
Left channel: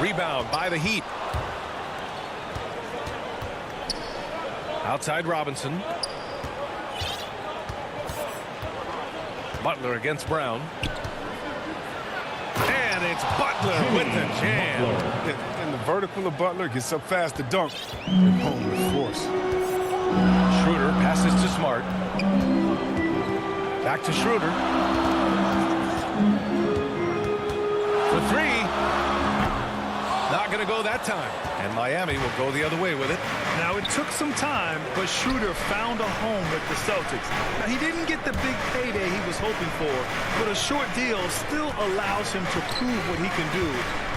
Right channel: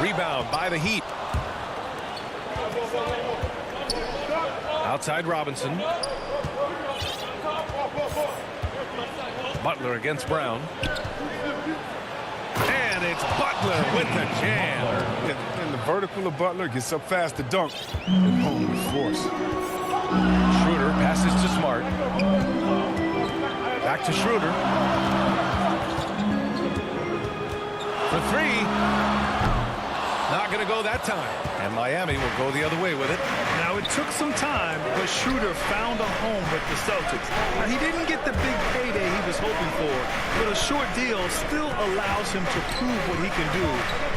Rebound by the Heat. Outside Robinson. Butler against Brown. And it's Butler with the jam. And the vertical of Butler gets up fast to dunk and home with force. Schroeder passes to Smart. Back to Schroeder. For 3. Not going to go that time. And Miami will go the other way with it. Now, it took some time, but Schroeder found a home with the Celtics. Now, he didn't get the big payday he was hoping for, but a short deal still allows him to prove what he can do.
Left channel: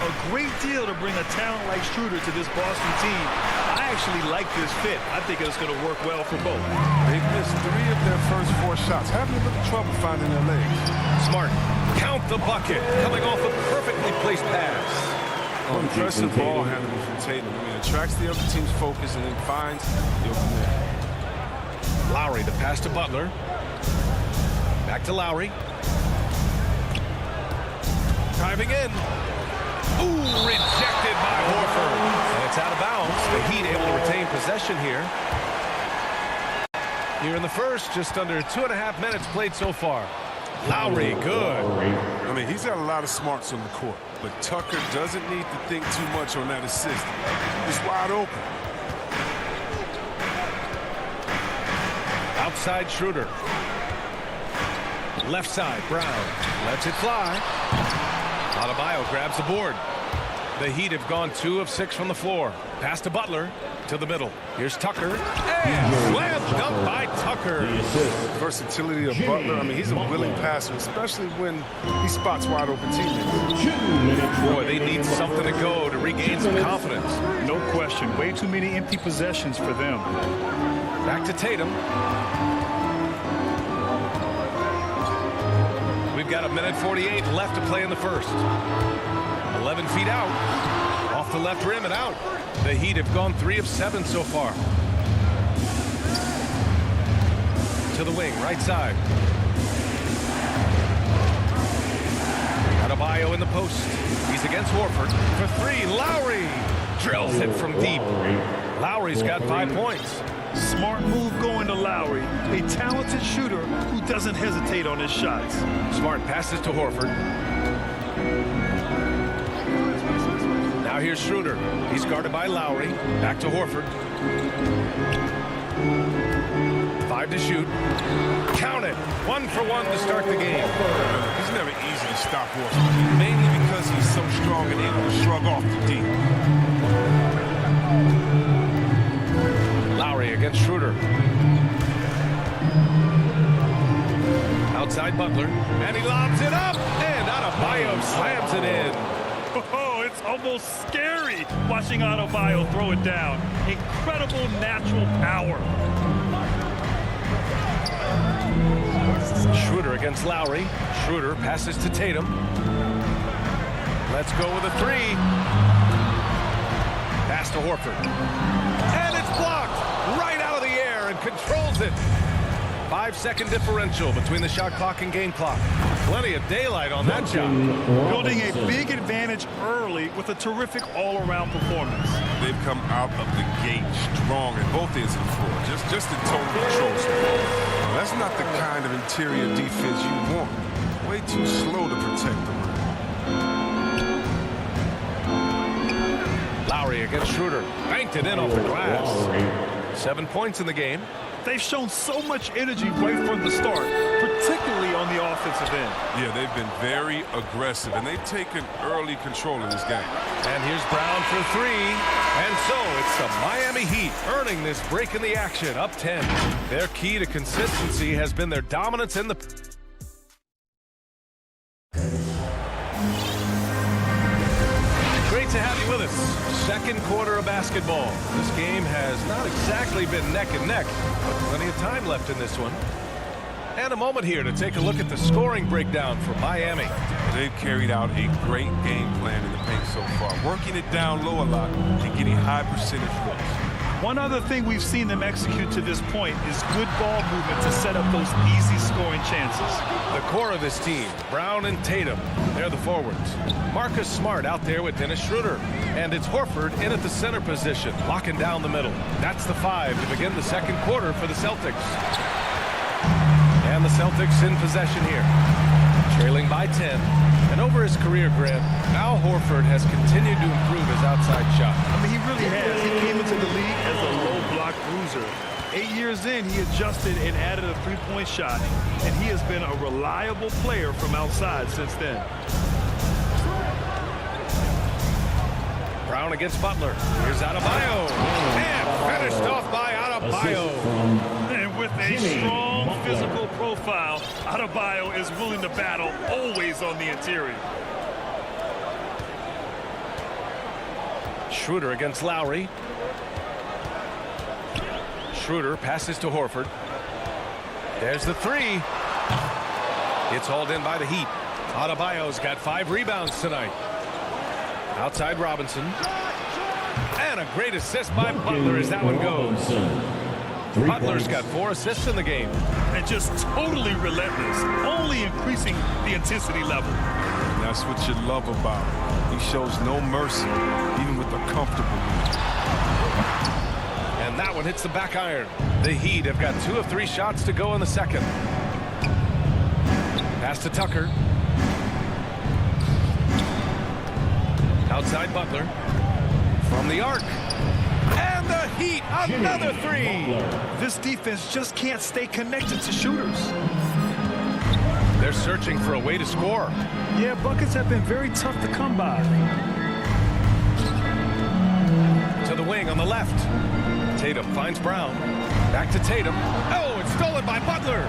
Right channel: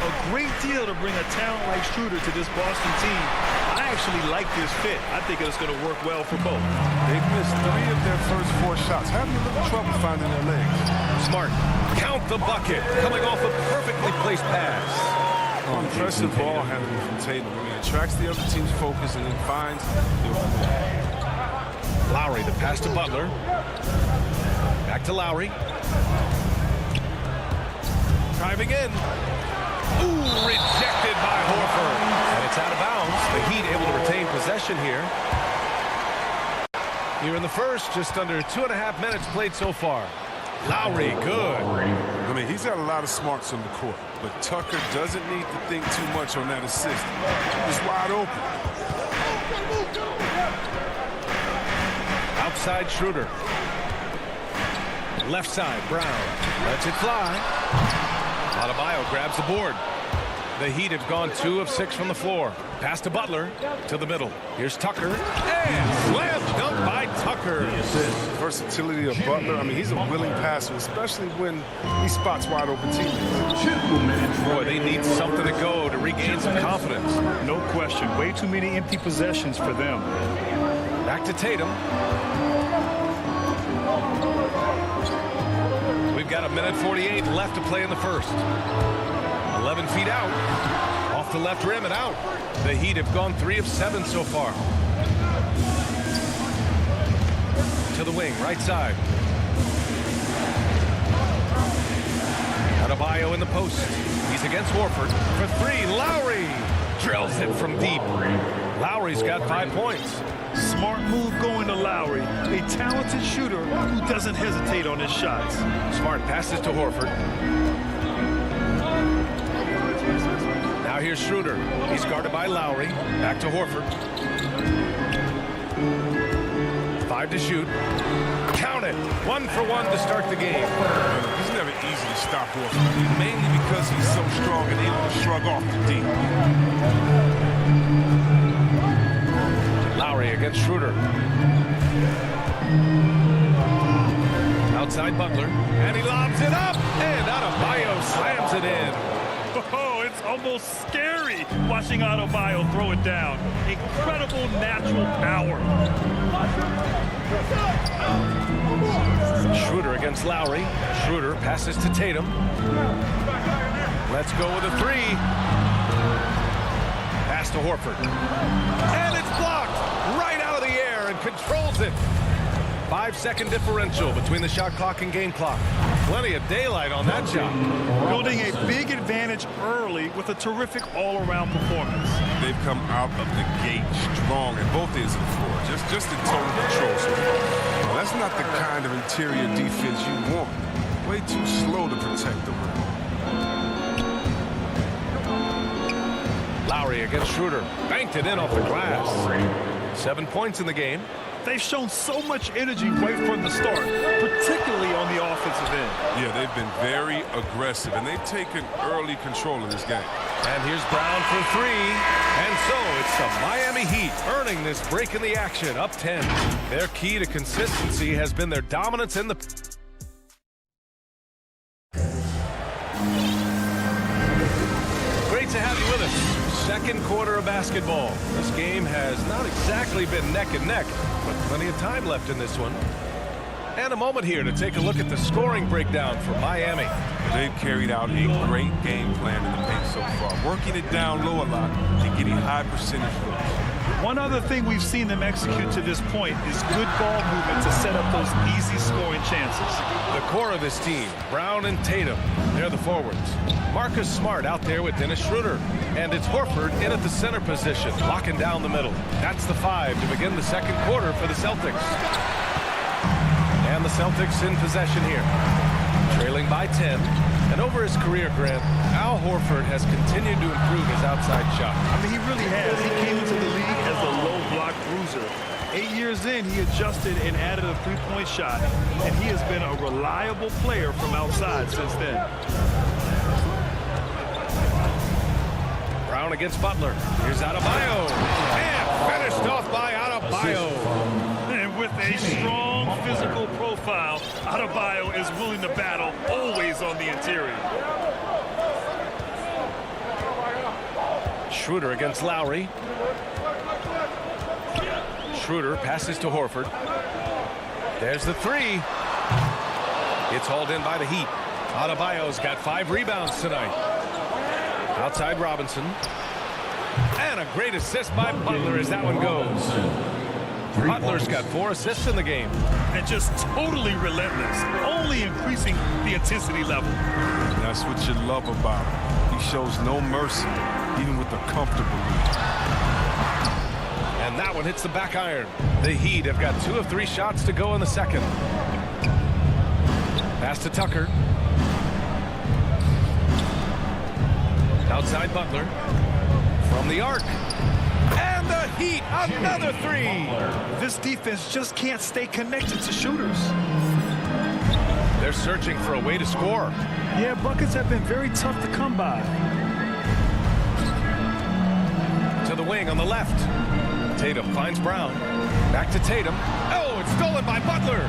A great deal to bring a talent like Schroeder to this Boston team. I actually like this fit. I think it's going to work well for both. They've missed 3 of their first 4 shots, having a little trouble finding their legs. Smart. Count the bucket. Coming off a perfectly placed pass. Oh, impressive ball handling from Tatum. I mean, attracts the other team's focus and then finds the open man. Lowry, the pass to Butler. Back to Lowry. Driving in. Ooh, rejected by Horford. And it's out of bounds. The Heat able to retain possession here. Here in the first, just under 2.5 minutes played so far. Lowry, good. I mean, he's got a lot of smarts on the court, but Tucker doesn't need to think too much on that assist. He's wide open. Outside Schroeder. Left side, Brown. Lets it fly. Adebayo grabs the board. The Heat have gone 2 of 6 from the floor. Pass to Butler. To the middle. Here's Tucker. And slam dunk by Tucker. Versatility of Butler. I mean, he's a willing passer, especially when he spots wide open teammates. Boy, they need something to go to regain some confidence. No question. Way too many empty possessions for them. Back to Tatum. We've we've got 1:48 left to play in the first. 11 feet out. Off the left rim and out. The Heat have gone 3 of 7 so far. To the wing, right side. Adebayo in the post. He's against Horford for 3. Lowry drills it from deep. Lowry's got 5 points. Smart move going to Lowry, a talented shooter who doesn't hesitate on his shots. Smart passes to Horford. Now here's Schroeder. He's guarded by Lowry. Back to Horford. 5 to shoot. Count it. 1 for 1 to start the game. He's never easy to stop Horford, mainly because he's so strong and able to shrug off the D. Lowry against Schroeder. Outside Butler. And he lobs it up. And Adebayo slams it in. Oh, it's almost scary watching Adebayo throw it down. Incredible natural power. Schroeder against Lowry. Schroeder passes to Tatum. Let's go with a 3. Pass to Horford. And it's blocked right out of the air and controls it. 5-second differential between the shot clock and game clock. Plenty of daylight on that shot. Building a big advantage early with a terrific all-around performance. They've come out of the gate strong at both ends of the floor, just in total control so far. Now, that's not the kind of interior defense you want. Way too slow to protect the rim. Lowry against Schroeder. Banked it in off the glass. 7 points in the game. They've shown so much energy right from the start, particularly on the offensive end. Yeah, they've been very aggressive, and they've taken early control of this game. And here's Brown for 3. And so it's the Miami Heat earning this break in the action, up 10. Their key to consistency has been their dominance in the... Great to have you with us. Second quarter of basketball. This game has not exactly been neck and neck, but plenty of time left in this one. And a moment here to take a look at the scoring breakdown for Miami. They've carried out a great game plan in the paint so far, working it down low a lot and getting high percentage looks. One other thing we've seen them execute to this point is good ball movement to set up those easy scoring chances. The core of this team, Brown and Tatum, they're the forwards. Marcus Smart out there with Dennis Schroeder. And it's Horford in at the center position, locking down the middle. That's the 5 to begin the second quarter for the Celtics. And the Celtics in possession here. Trailing by 10. And over his career, Grant, Al Horford has continued to improve his outside shot. I mean, he really has. He came into the league as a low block bruiser. 8 years in, he adjusted and added a three-point shot, and he has been a reliable player from outside since then. Brown against Butler. Here's Adebayo. And finished off by Adebayo. And with a strong physical profile, Adebayo is willing to battle always on the interior. Schroeder against Lowry. Schroeder passes to Horford. There's the 3. It's hauled in by the Heat. Adebayo's got 5 rebounds tonight. Outside Robinson. And a great assist by Butler as that one goes. Butler's got 4 assists in the game. And just totally relentless, only increasing the intensity level. And that's what you love about him. He shows no mercy, even with a comfortable lead. And that one hits the back iron. The Heat have got 2 of 3 shots to go in the second. Pass to Tucker. Outside Butler. From the arc. And the Heat, another 3. This defense just can't stay connected to shooters. They're searching for a way to score. Yeah, buckets have been very tough to come by. To the wing on the left. Tatum finds Brown. Back to Tatum. Oh, it's stolen by Butler.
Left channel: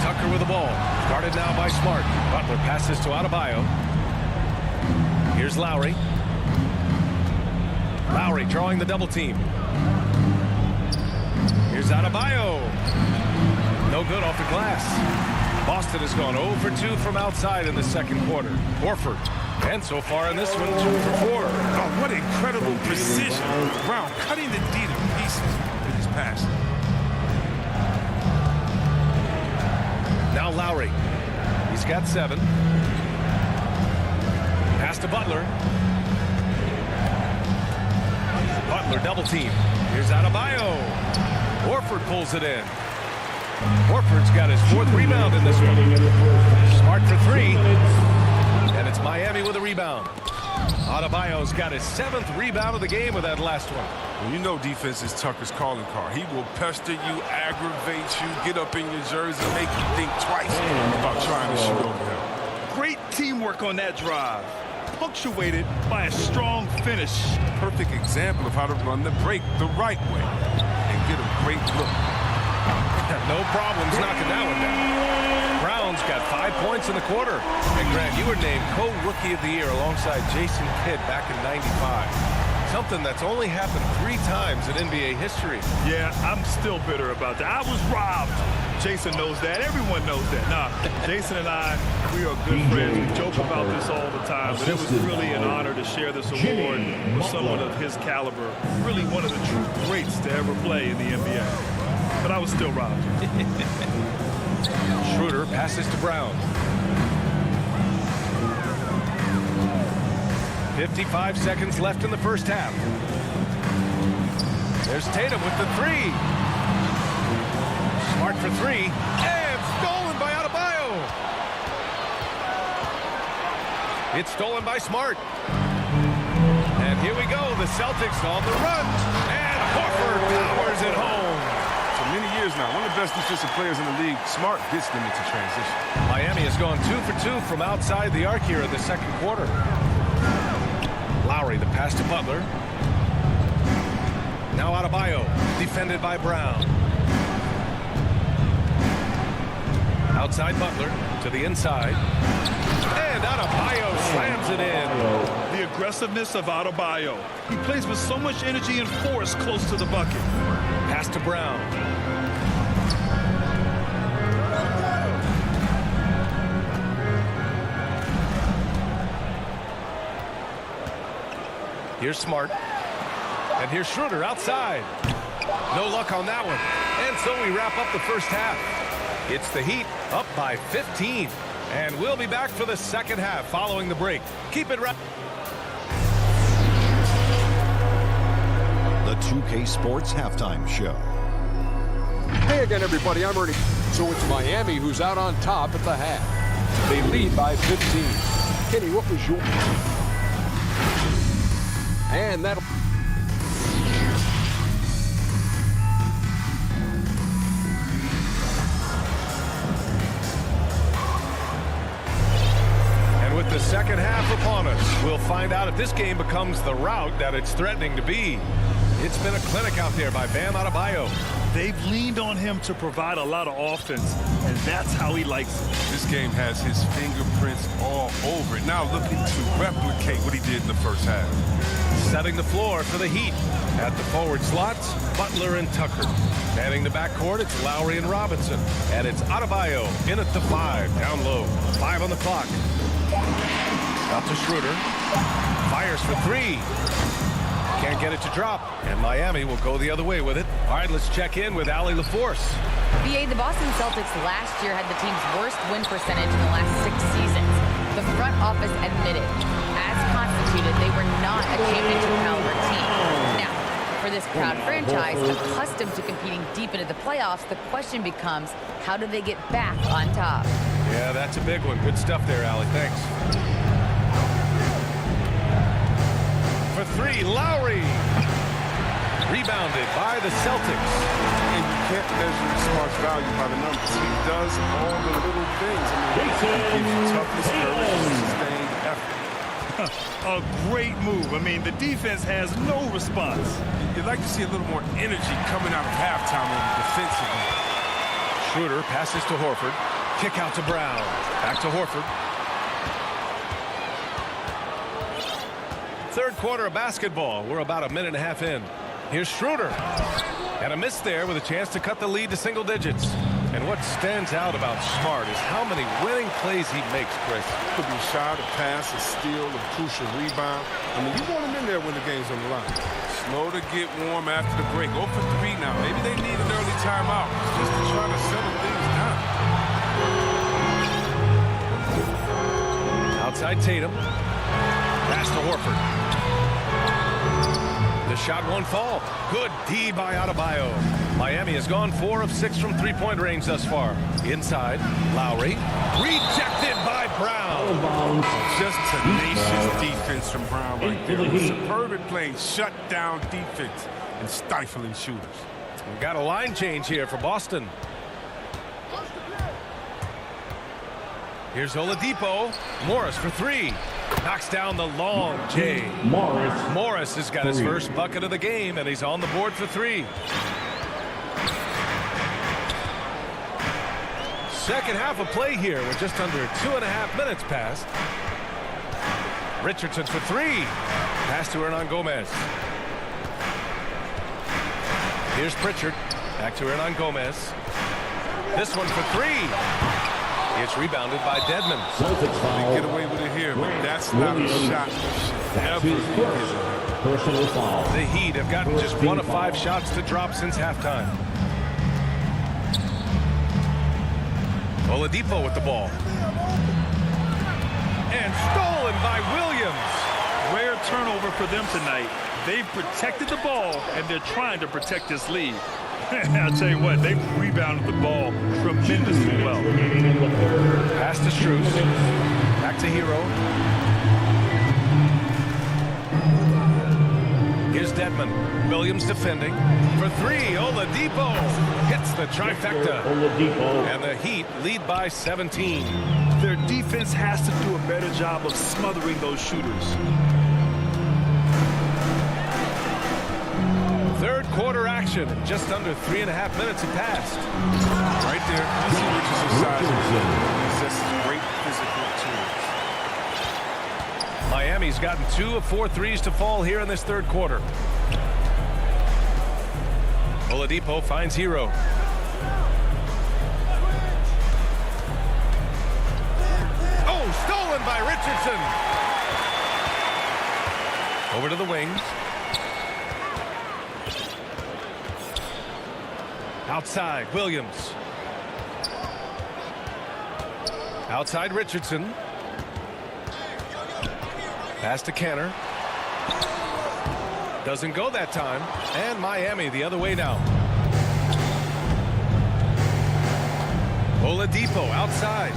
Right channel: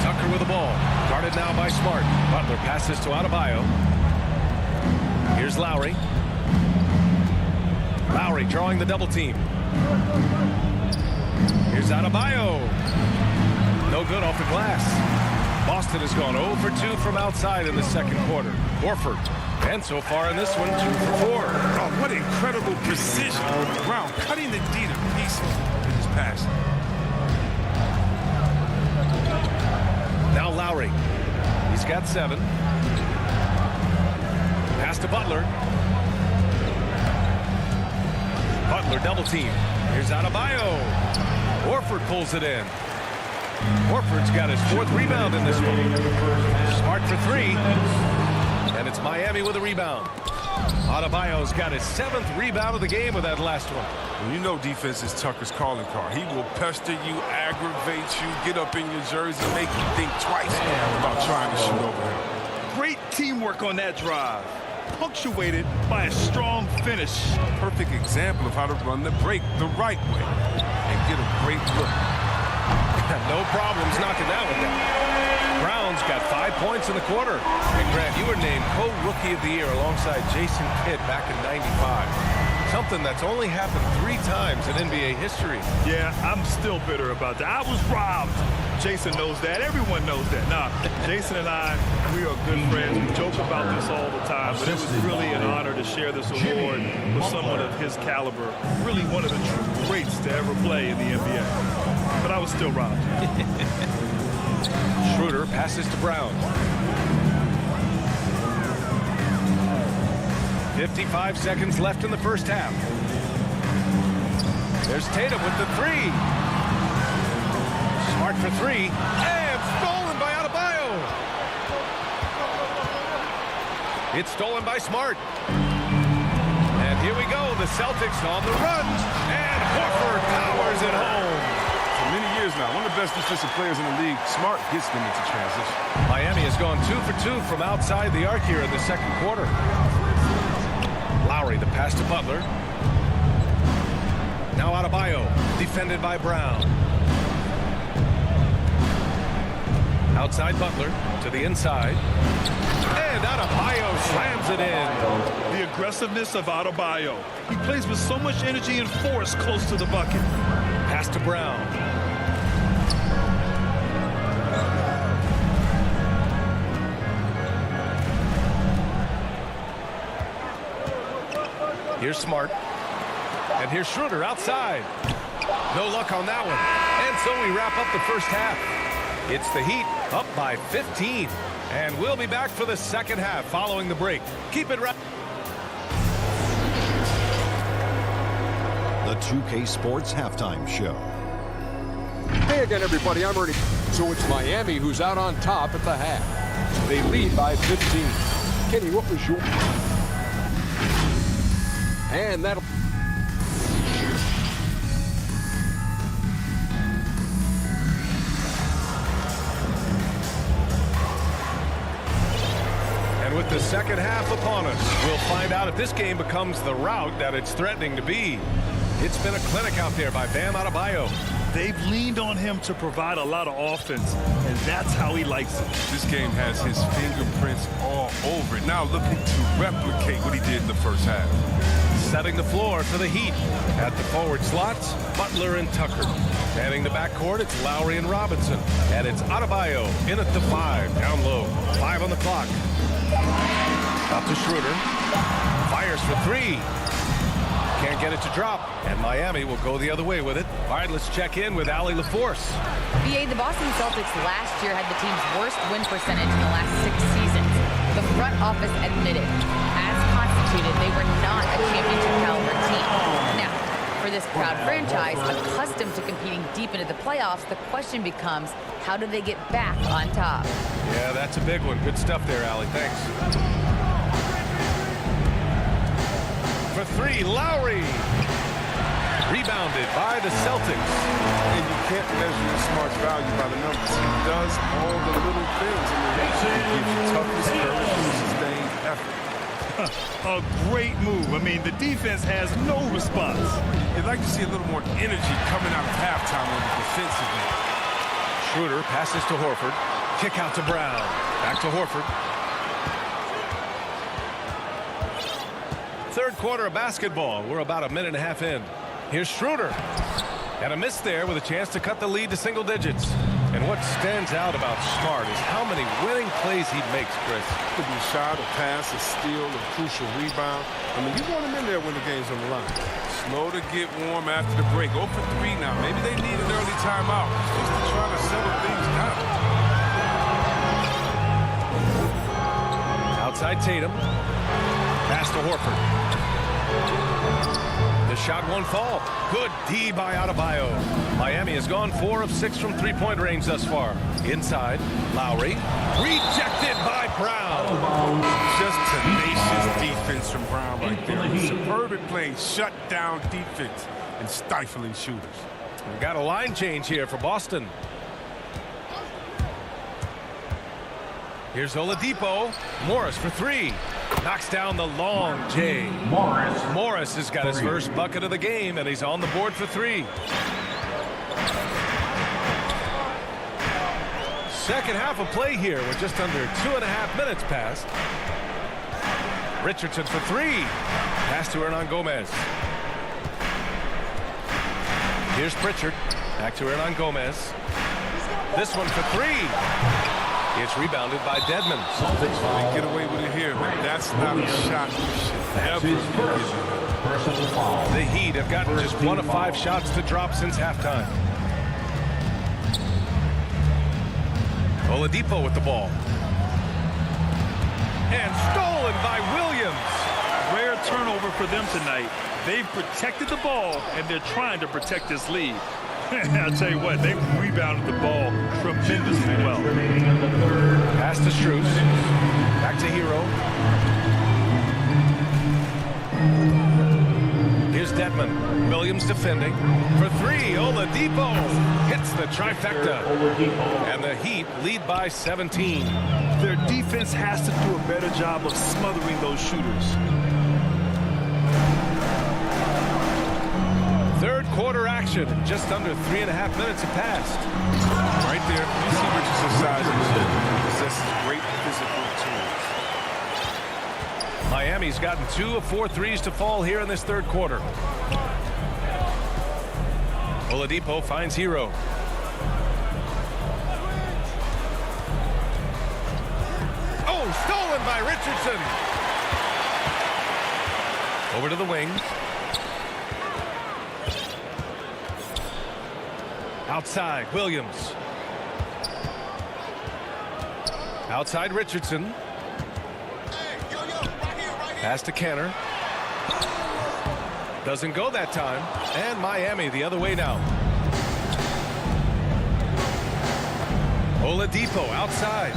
Tucker with the ball. Guarded now by Smart. Butler passes to Adebayo. Here's Lowry. Lowry drawing the double team. Here's Adebayo. No good off the glass. Boston has gone 0 for 2 from outside in the second quarter. Horford. And so far in this one, 2 for 4. Oh, what incredible precision. Brown cutting the D to pieces with his pass. Now Lowry. He's got 7. Pass to Butler. Butler double team. Here's Adebayo. Horford pulls it in. Horford's got his 4th rebound in this one. Smart for 3. And it's Miami with a rebound. Adebayo's got his 7th rebound of the game with that last one. Well, you know defense is Tucker's calling card. He will pester you, aggravate you, get up in your jersey, make you think twice about trying to shoot over him. Great teamwork on that drive, punctuated by a strong finish. Perfect example of how to run the break the right way and get a great look. No problems knocking that one down. Brown's got 5 points in the quarter. And Grant, you were named co-rookie of the year alongside Jason Kidd back in '95. Something that's only happened 3 times in NBA history. Yeah, I'm still bitter about that. I was robbed. Jason knows that. Everyone knows that. Nah, Jason and I, we are good friends. We joke about this all the time, but it was really an honor to share this award with someone of his caliber. Really one of the true greats to ever play in the NBA. But I was still robbed. Schroeder passes to Brown. 55 seconds left in the first half. There's Tatum with the 3. Smart for 3. And stolen by Adebayo. It's stolen by Smart. And here we go. The Celtics on the run. And Horford powers it home. For many years now, one of the best defensive players in the league. Smart gets them into transition. Miami has gone 2 for 2 from outside the arc here in the second quarter. Lowry, the pass to Butler. Now Adebayo, defended by Brown. Outside Butler to the inside. And Adebayo slams it in. The aggressiveness of Adebayo. He plays with so much energy and force close to the bucket. Pass to Brown. Here's Smart. And here's Schroeder outside. No luck on that one. And so we wrap up the first half. It's the Heat up by 15. And we'll be back for the second half following the break. Keep it right. The 2K Sports Halftime Show. Hey again, everybody. I'm Ernie. So it's Miami who's out on top at the half. They lead by 15. Kenny, what was your... And that'll... And with the second half upon us, we'll find out if this game becomes the rout that it's threatening to be. It's been a clinic out there by Bam Adebayo. They've leaned on him to provide a lot of offense, and that's how he likes it. This game has his fingerprints all over it. Now looking to replicate what he did in the first half. Setting the floor for the Heat. At the forward slots, Butler and Tucker. Manning the backcourt, it's Lowry and Robinson. And it's Adebayo in at the 5, down low. 5 on the clock. Out to Schroeder. Fires for 3. Can't get it to drop, and Miami will go the other way with it. All right, let's check in with Allie LaForce. BA, the Boston Celtics last year had the team's worst win percentage in the last 6 seasons. The front office admitted, as constituted, they were not a championship caliber team. Now, for this proud franchise, accustomed to competing deep into the playoffs, the question becomes, how do they get back on top? Yeah, that's a big one. Good stuff there, Allie. Thanks. For 3, Lowry. Rebounded by the Celtics. And you can't measure Smart's value by the numbers. He does all the little things. I mean, he gives you toughness, courage, and sustained effort. A great move. I mean, the defense has no response. You'd like to see a little more energy coming out of halftime on the defensive end. Schroeder passes to Horford. Kick out to Brown. Back to Horford. Third quarter of basketball. We're about a minute and a half in. Here's Schroeder. And a miss there with a chance to cut the lead to single digits. And what stands out about Smart is how many winning plays he makes, Chris. Could be a shot, a pass, a steal, a crucial rebound. I mean, you want him in there when the game's on the line. Slow to get warm after the break. 0 for 3 now. Maybe they need an early timeout just to try to settle things down. Outside Tatum. Pass to Horford. The shot won't fall. Good D by Adebayo. Miami has gone 4 of 6 from three-point range thus far. Inside, Lowry. Rejected by Brown. Just tenacious defense from Brown right there. Superb at playing shut-down defense and stifling shooters. We've got a line change here for Boston. Here's Oladipo. Morris for 3. Knocks down the long J. Morris has got his first bucket of the game, and he's on the board for 3. Second half of play here with just under 2.5 minutes passed. Richardson for 3. Pass to Hernan Gomez. Here's Pritchard. Back to Hernan Gomez. This one for 3. It's rebounded by Dedmon. They get away with it here, but that's not a shot you should ever be giving him. The Heat have gotten just 1 of 5 shots to drop since halftime. Oladipo with the ball. And stolen by Williams. Rare turnover for them tonight. They've protected the ball, and they're trying to protect this lead. I'll tell you what, they've rebounded the ball tremendously well. Pass to Strus. Back to Hero. Here's Dedmon. Williams defending. For 3, Oladipo hits the trifecta. And the Heat lead by 17. Their defense has to do a better job of smothering those shooters. Third quarter action. Just under 3.5 minutes have passed. Right there, you see Richardson's size. He possesses great physical tools. Miami's gotten 2 of 4 threes to fall here in this third quarter. Oladipo finds Hero. Oh, stolen by Richardson. Over to the wing. Outside, Williams. Outside, Richardson. Pass to Kenner. Doesn't go that time. And Miami the other way now. Oladipo outside.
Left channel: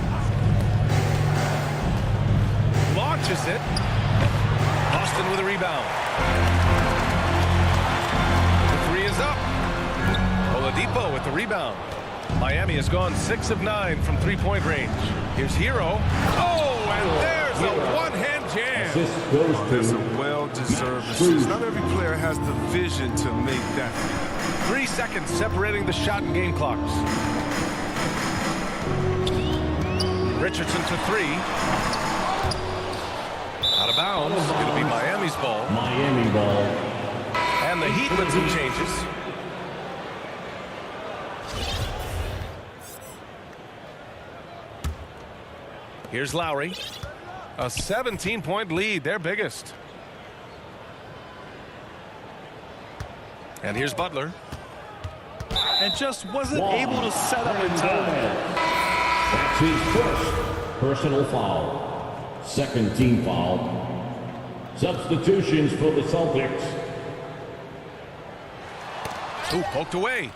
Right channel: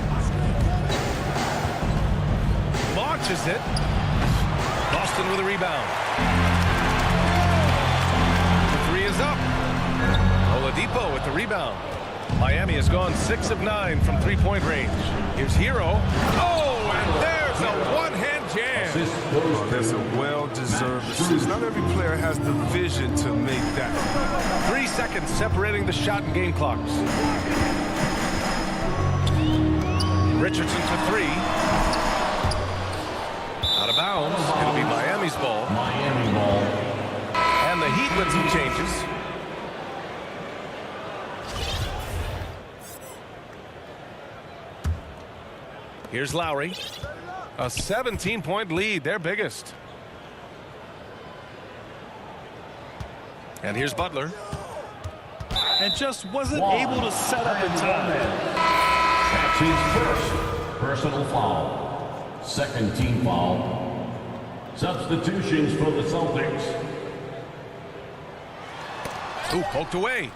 Launches it. Boston with a rebound. The 3 is up. Oladipo with the rebound. Miami has gone 6 of 9 from three-point range. Here's Hero. Oh, and there's a one-hand jam. There's a well-deserved assist. Not every player has the vision to make that. 3 seconds separating the shot and game clocks. Richardson for 3. Out of bounds. It'll be Miami's ball. Miami ball. And the Heat with some changes. Here's Lowry. A 17-point lead, their biggest. And here's Butler. And just wasn't able to set up in time. That's his first personal foul. Second team foul. Substitutions for the Celtics. Ooh, poked away.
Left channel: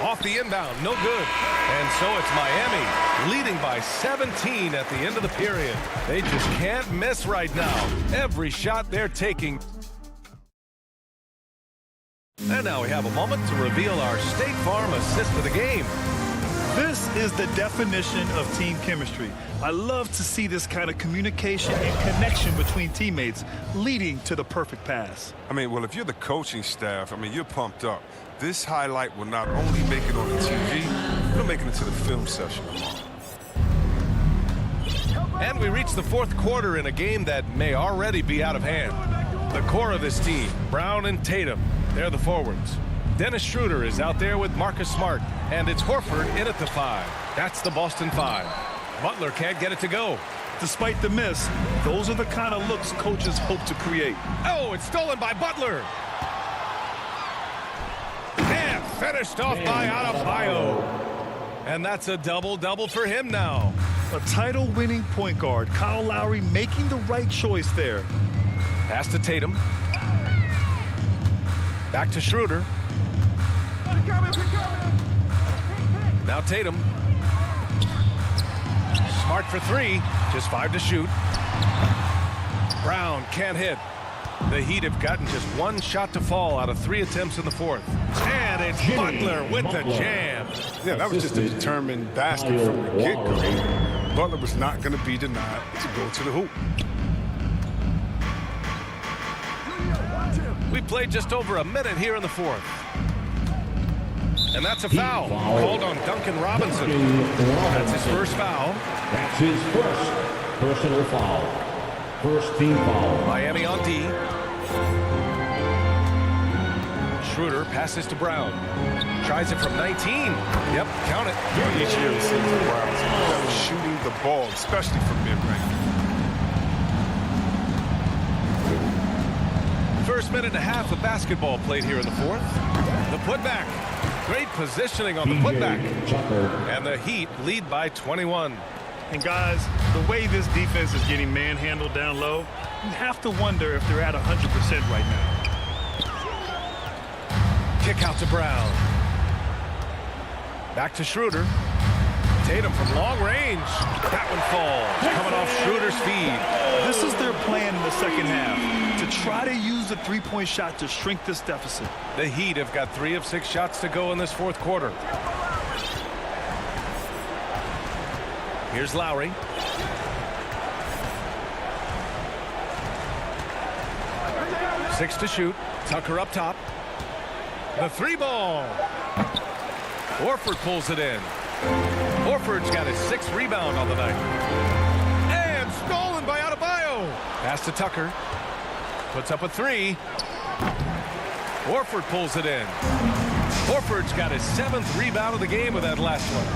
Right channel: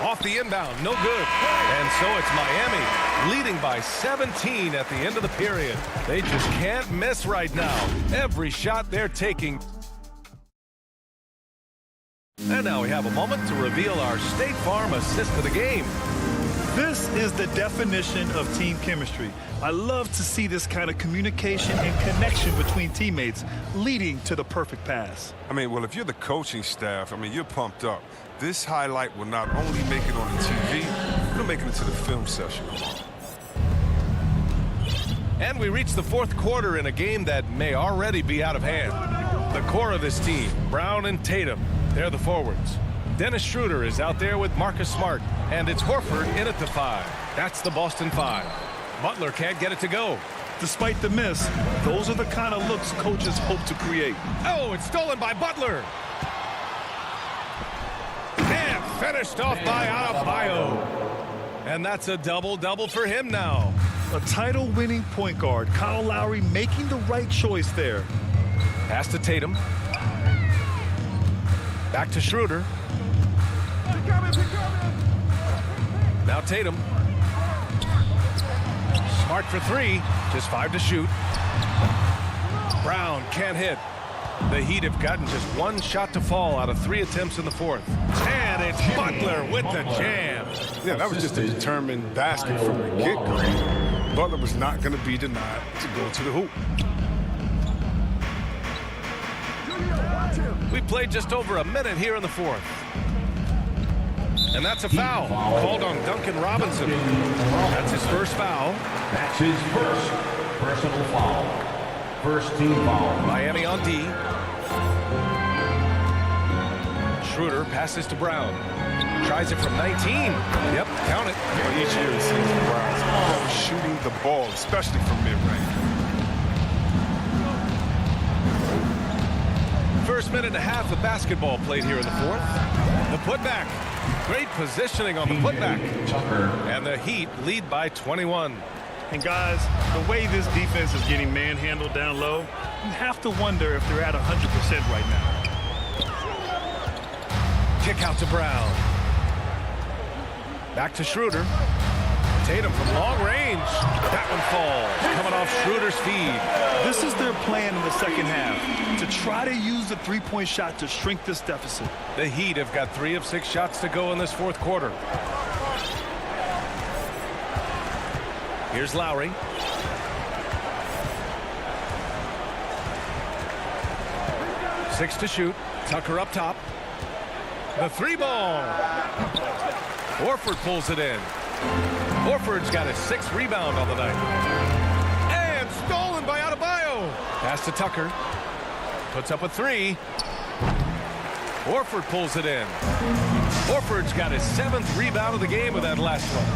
Off the inbound, no good. And so it's Miami leading by 17 at the end of the period. They just can't miss right now. Every shot they're taking. And now we have a moment to reveal our State Farm assist of the game. This is the definition of team chemistry. I love to see this kind of communication and connection between teammates leading to the perfect pass. I mean, well, if you're the coaching staff, I mean, you're pumped up. This highlight will not only make it on the TV, it'll make it into the film session tomorrow. And we reach the fourth quarter in a game that may already be out of hand. The core of this team, Brown and Tatum, they're the forwards. Dennis Schroeder is out there with Marcus Smart, and it's Horford in at the 5. That's the Boston 5. Butler can't get it to go. Despite the miss, those are the kind of looks coaches hope to create. Oh, it's stolen by Butler. And finished off by Adebayo. And that's a double-double for him now. A title-winning point guard, Kyle Lowry making the right choice there. Pass to Tatum. Back to Schroeder. Now Tatum. Smart for 3. Just 5 to shoot. Brown can't hit. The Heat have gotten just 1 shot to fall out of 3 attempts in the 4th. And it's Butler with the jam. Yeah, that was just a determined basket from the get-go. Butler was not going to be denied to go to the hoop. We played just over a minute here in the 4th. And that's a foul called on Duncan Robinson. That's his first foul. That's his first personal foul. First team foul. Miami on D. Schroeder passes to Brown. Tries it from 19. Yep, count it. You know, each year it seems the Browns are shooting the ball, especially from mid-range. First minute and a half of basketball played here in the 4th. The putback. Great positioning on the putback. And the Heat lead by 21. And guys, the way this defense is getting manhandled down low, you have to wonder if they're at 100% right now. Kick out to Brown. Back to Schroeder. Tatum from long range. That one falls. Coming off Schroeder's feed. This is their plan in the second half, to try to use the three-point shot to shrink this deficit. The Heat have got 3 of 6 shots to go in this 4th quarter. Here's Lowry. Six to shoot. Tucker up top. The 3 ball. Horford pulls it in. Horford's got his 6th rebound on the night. And stolen by Adebayo. Pass to Tucker. Puts up a 3. Horford pulls it in. Horford's got his 7th rebound of the game with that last one.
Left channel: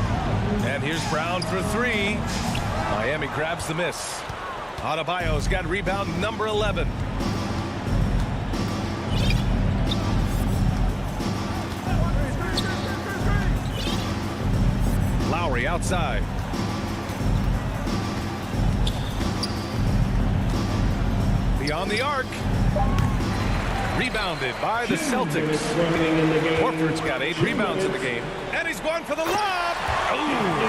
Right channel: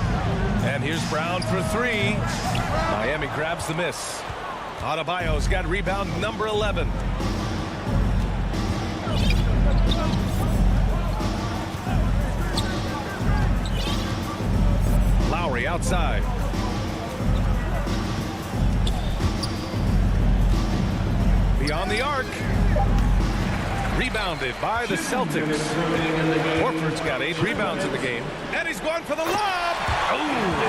And here's Brown for 3. Miami grabs the miss. Adebayo's got rebound number 11. Lowry outside. Beyond the arc. Rebounded by the Celtics. Horford's got 8 rebounds in the game. And he's going for the lob. Oh,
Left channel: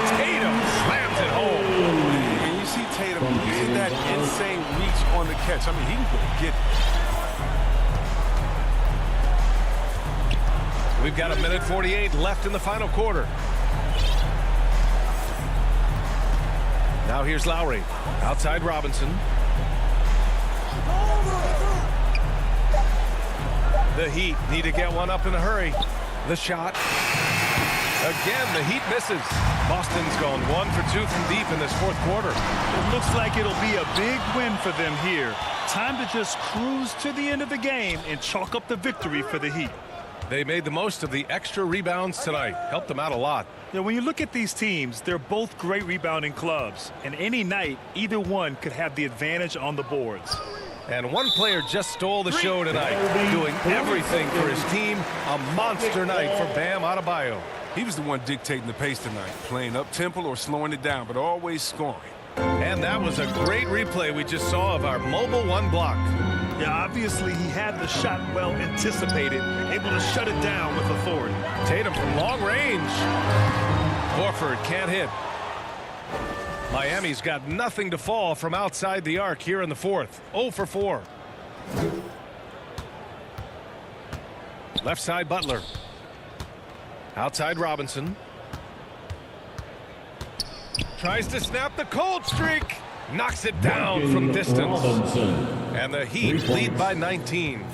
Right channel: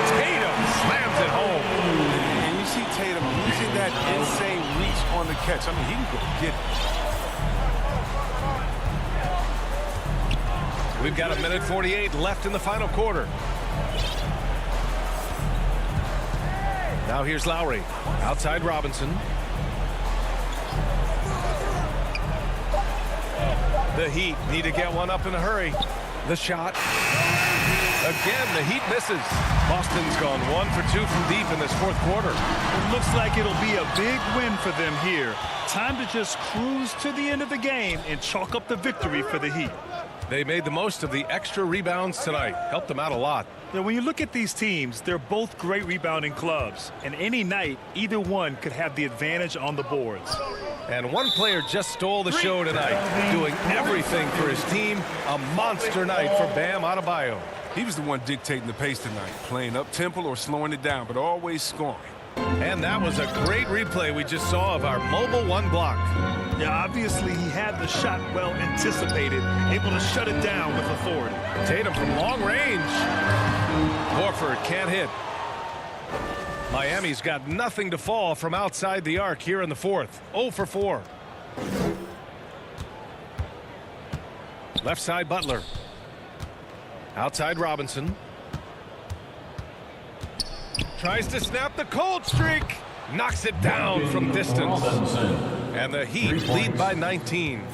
Tatum slams it home. And you see Tatum using that insane reach on the catch. I mean, he can go get it. We've got 1:48 left in the final quarter. Now here's Lowry. Outside Robinson. The Heat need to get one up in a hurry. The shot. Again, the Heat misses. Boston's gone 1 for 2 from deep in this 4th quarter. It looks like it'll be a big win for them here. Time to just cruise to the end of the game and chalk up the victory for the Heat. They made the most of the extra rebounds tonight. Helped them out a lot. Now, when you look at these teams, they're both great rebounding clubs. And any night, either one could have the advantage on the boards. And one player just stole the show tonight, doing everything for his team. A monster night for Bam Adebayo. He was the one dictating the pace tonight, playing up-tempo or slowing it down, but always scoring. And that was a great replay we just saw of our mobile 1 block. Yeah, obviously he had the shot well anticipated, able to shut it down with authority. Tatum from long range. Horford can't hit. Miami's got nothing to fall from outside the arc here in the 4th. 0 for 4. Left side Butler. Outside Robinson. Tries to snap the cold streak. Knocks it down from distance. And the Heat lead by 19.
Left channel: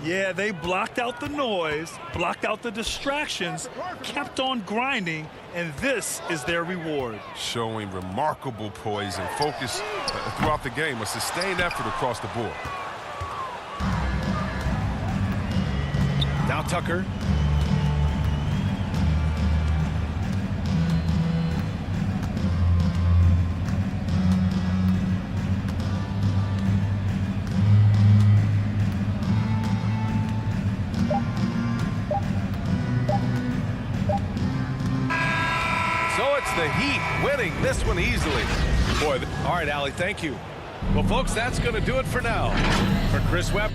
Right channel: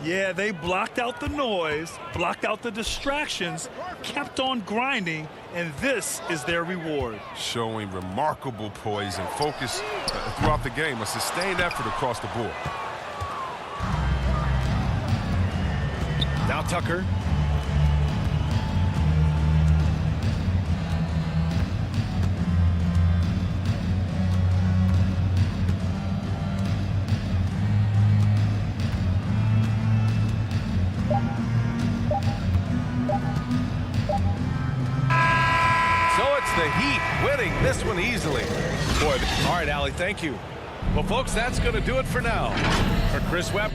Yeah, they blocked out the noise, blocked out the distractions, kept on grinding, and this is their reward. Showing remarkable poise and focus throughout the game, a sustained effort across the board. Now Tucker. puts the Heat winning this one easily. Boy, all right, Allie, thank you. Well, folks, that's going to do it for now. For Chris Webb.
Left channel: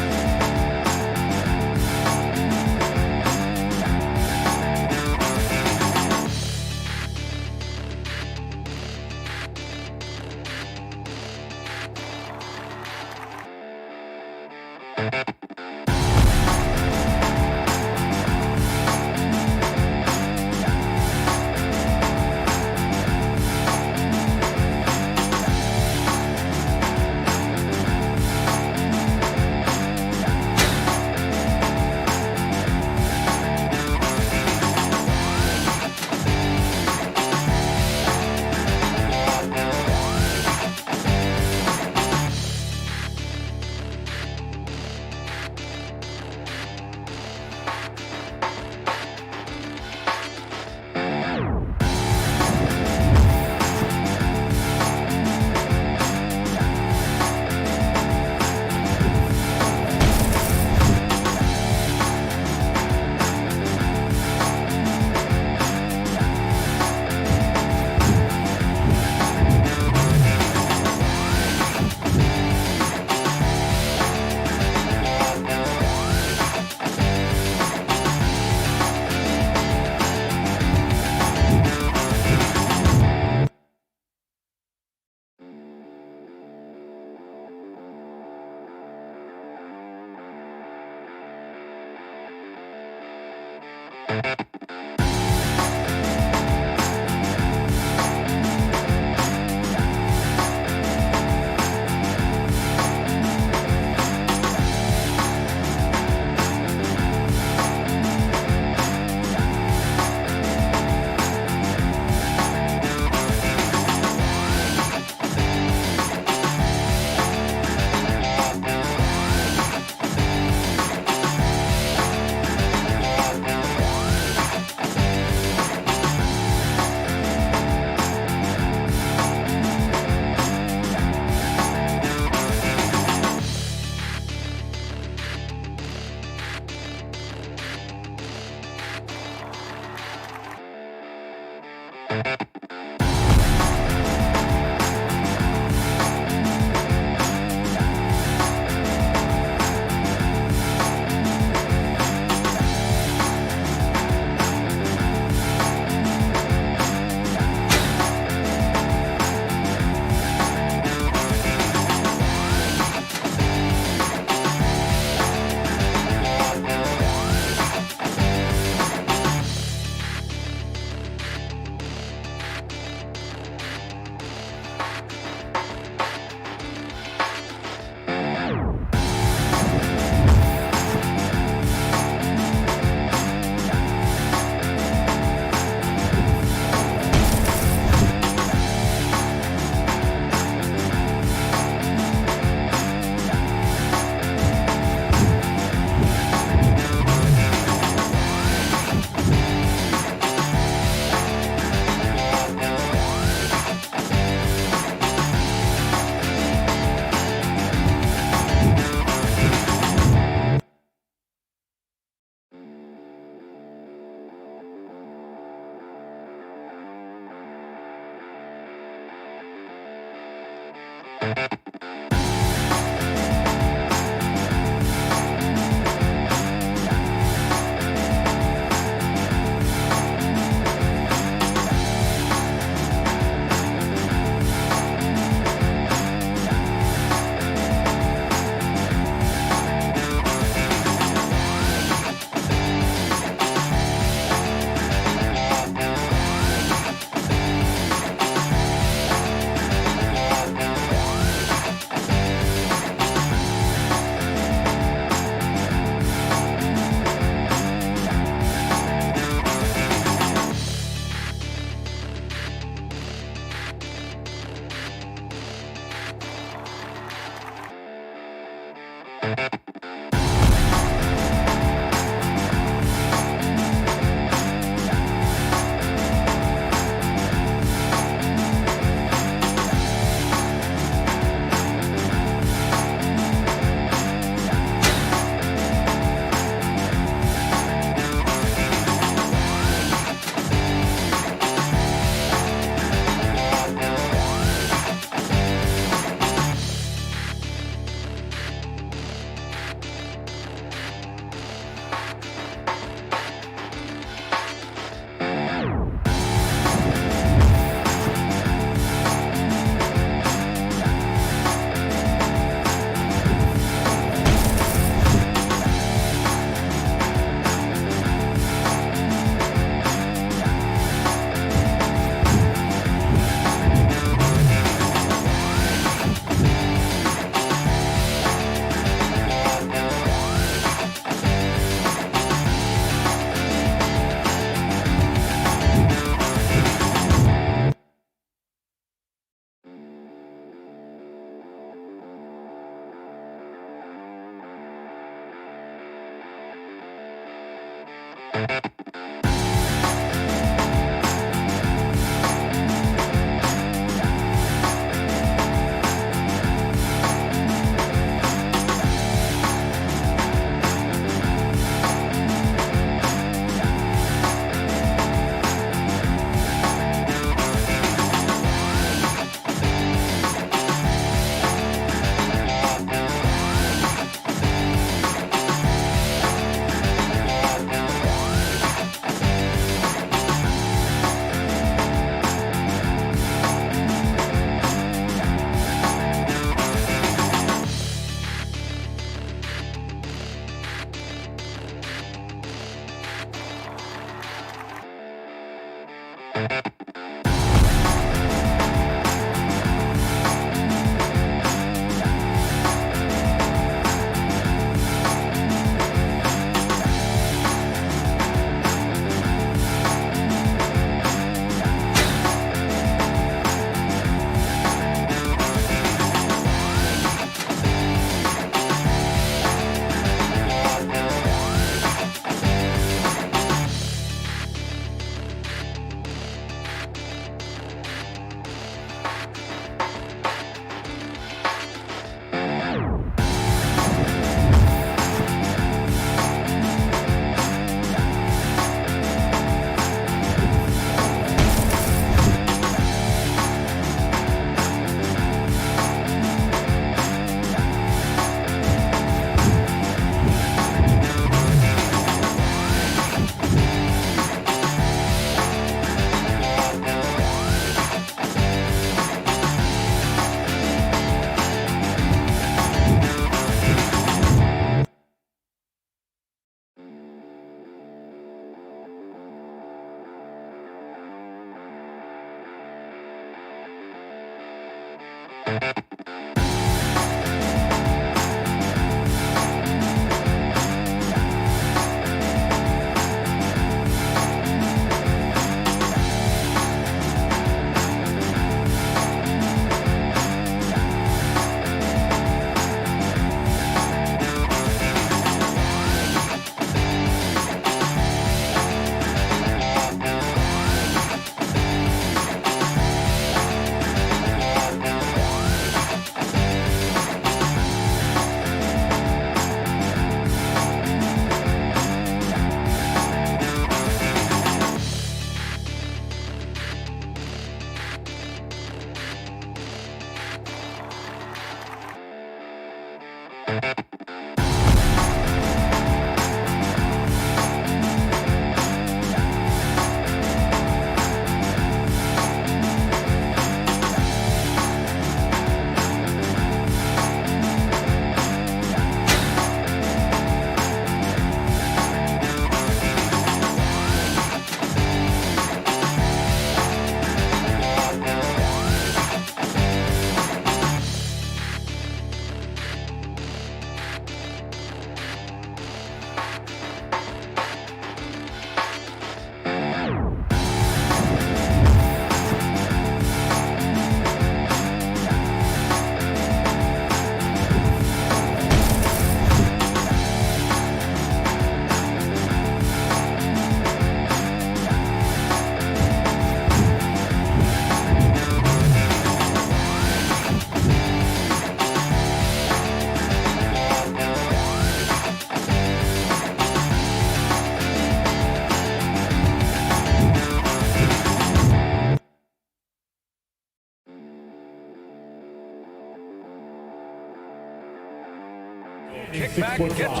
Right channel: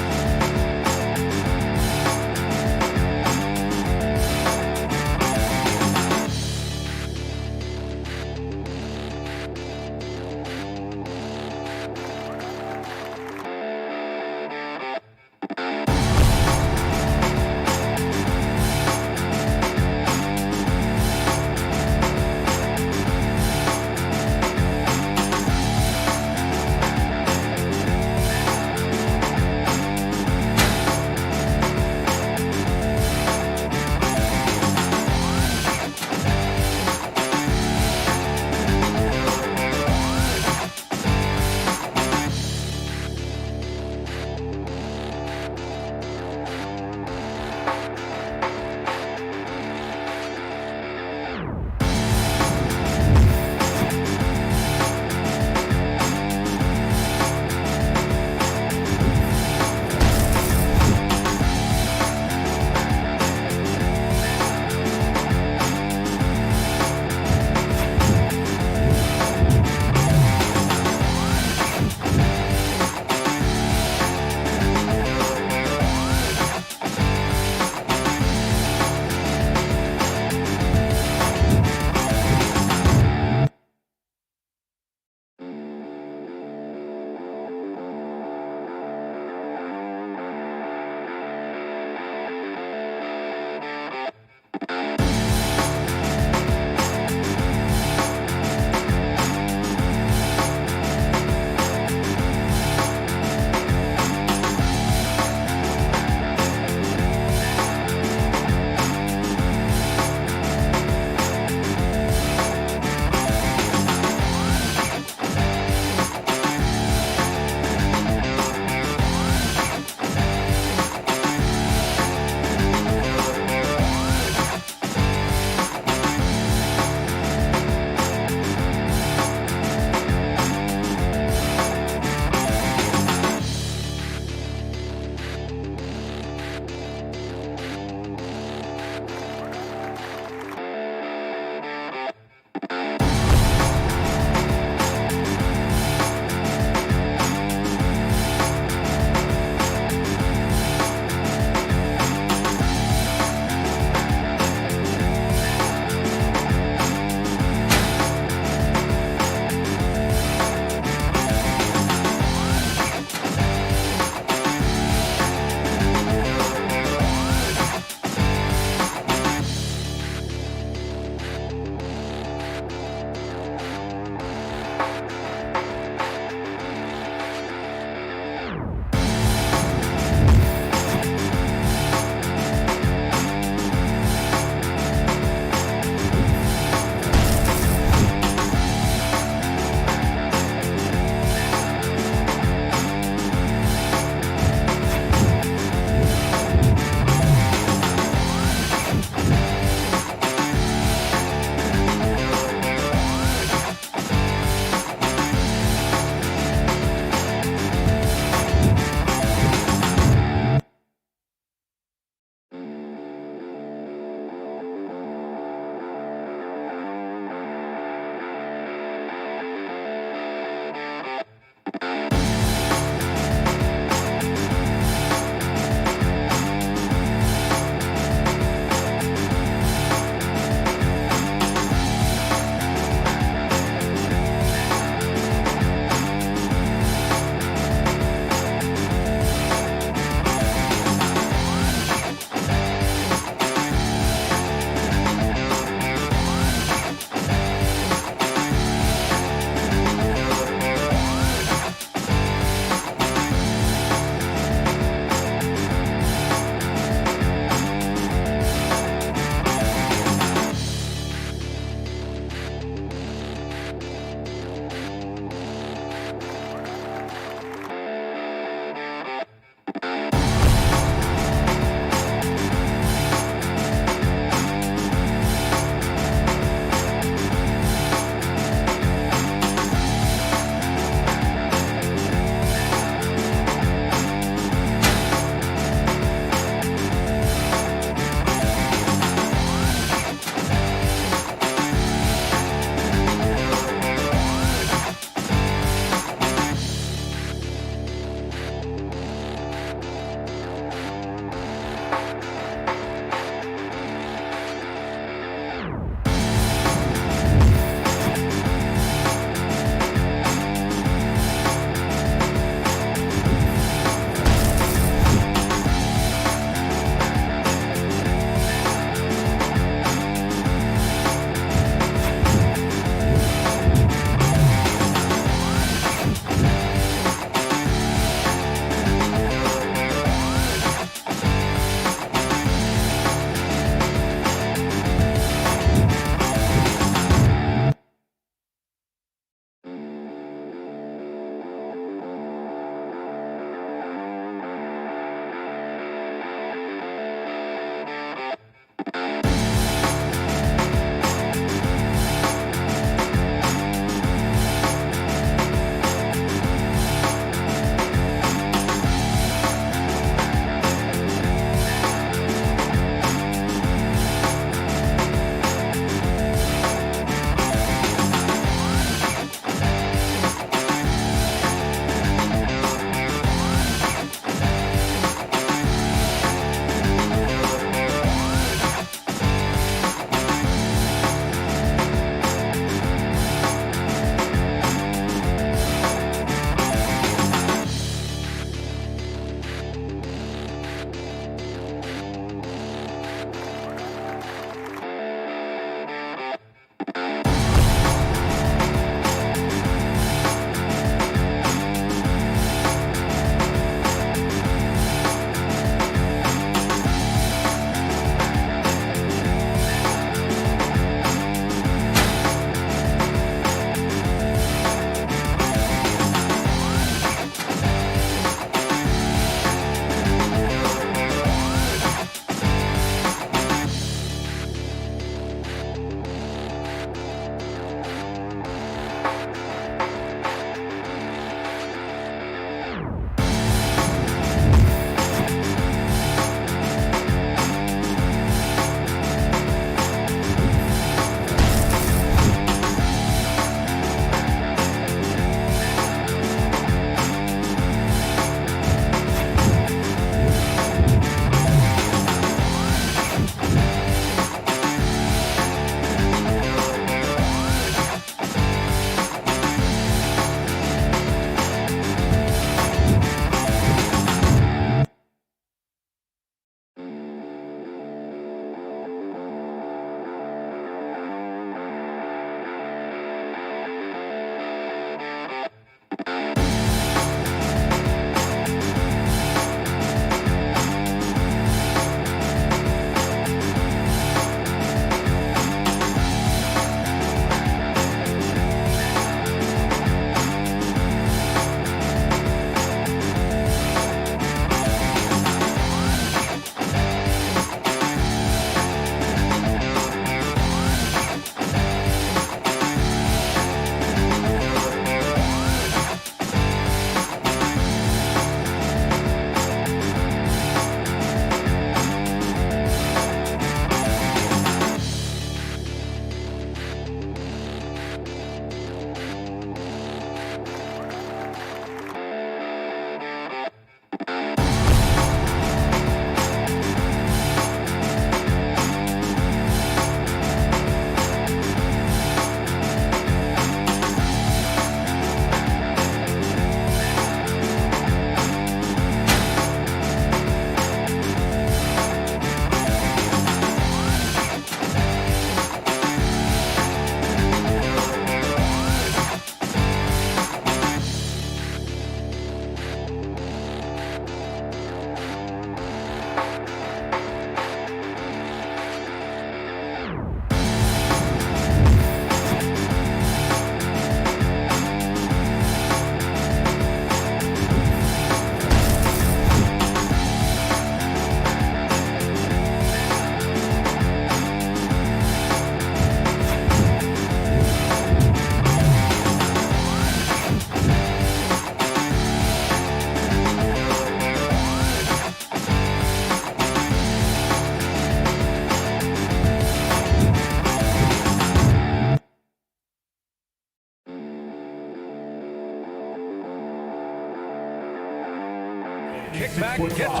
back, gets...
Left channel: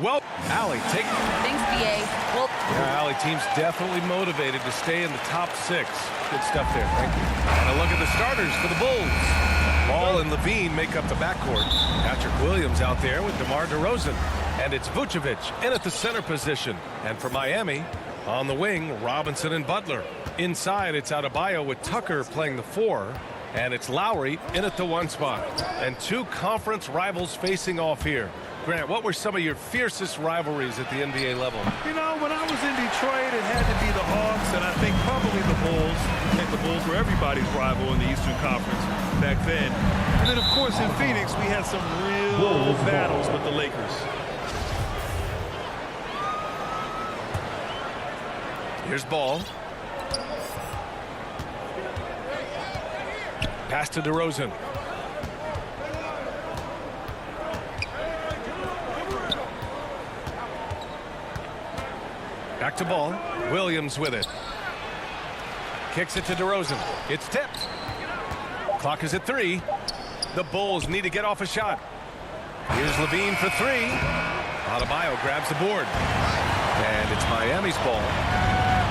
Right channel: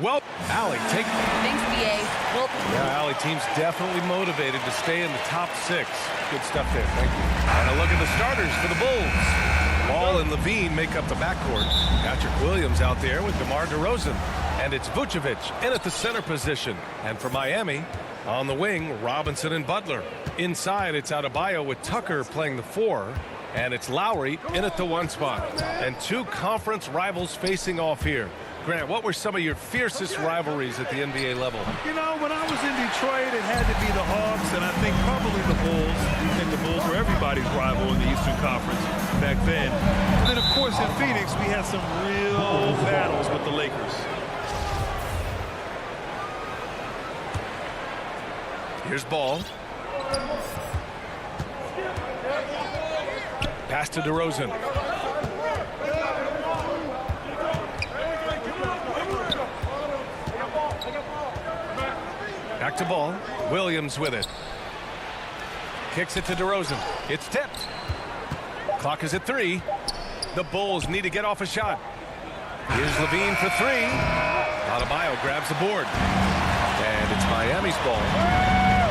Well, Allie, take... Thanks, BA. Well, yeah, Allie, team's definitely motivated to stay in the top 6. Good stuff there. Thank you. And a look at the starters for the Bulls. Ball and Levine make up the backcourt. Patrick Williams out there with DeMar DeRozan. And it's Vucevic in at the center position. And for Miami, on the wing, Robinson and Butler. Inside, it's Adebayo with Tucker playing the 4. And it's Lowry in at the 1 spot. And 2 conference rivals facing off here. Grant, what were some of your fiercest rivalries at the NBA level? You know, when I was in Detroit, it had to be the Hawks, and I think probably the Bulls. I think the Bulls were everybody's rival in the Eastern Conference back then. And then, of course, in Phoenix, we had some real battles with the Lakers. Here's Ball. Pass to DeRozan. Back to Ball. Williams with it. Kicks it to DeRozan. It's tipped. Clock is at 3. The Bulls need to get off a shot. Here's Levine for 3. Adebayo grabs the board. And it's Miami's ball.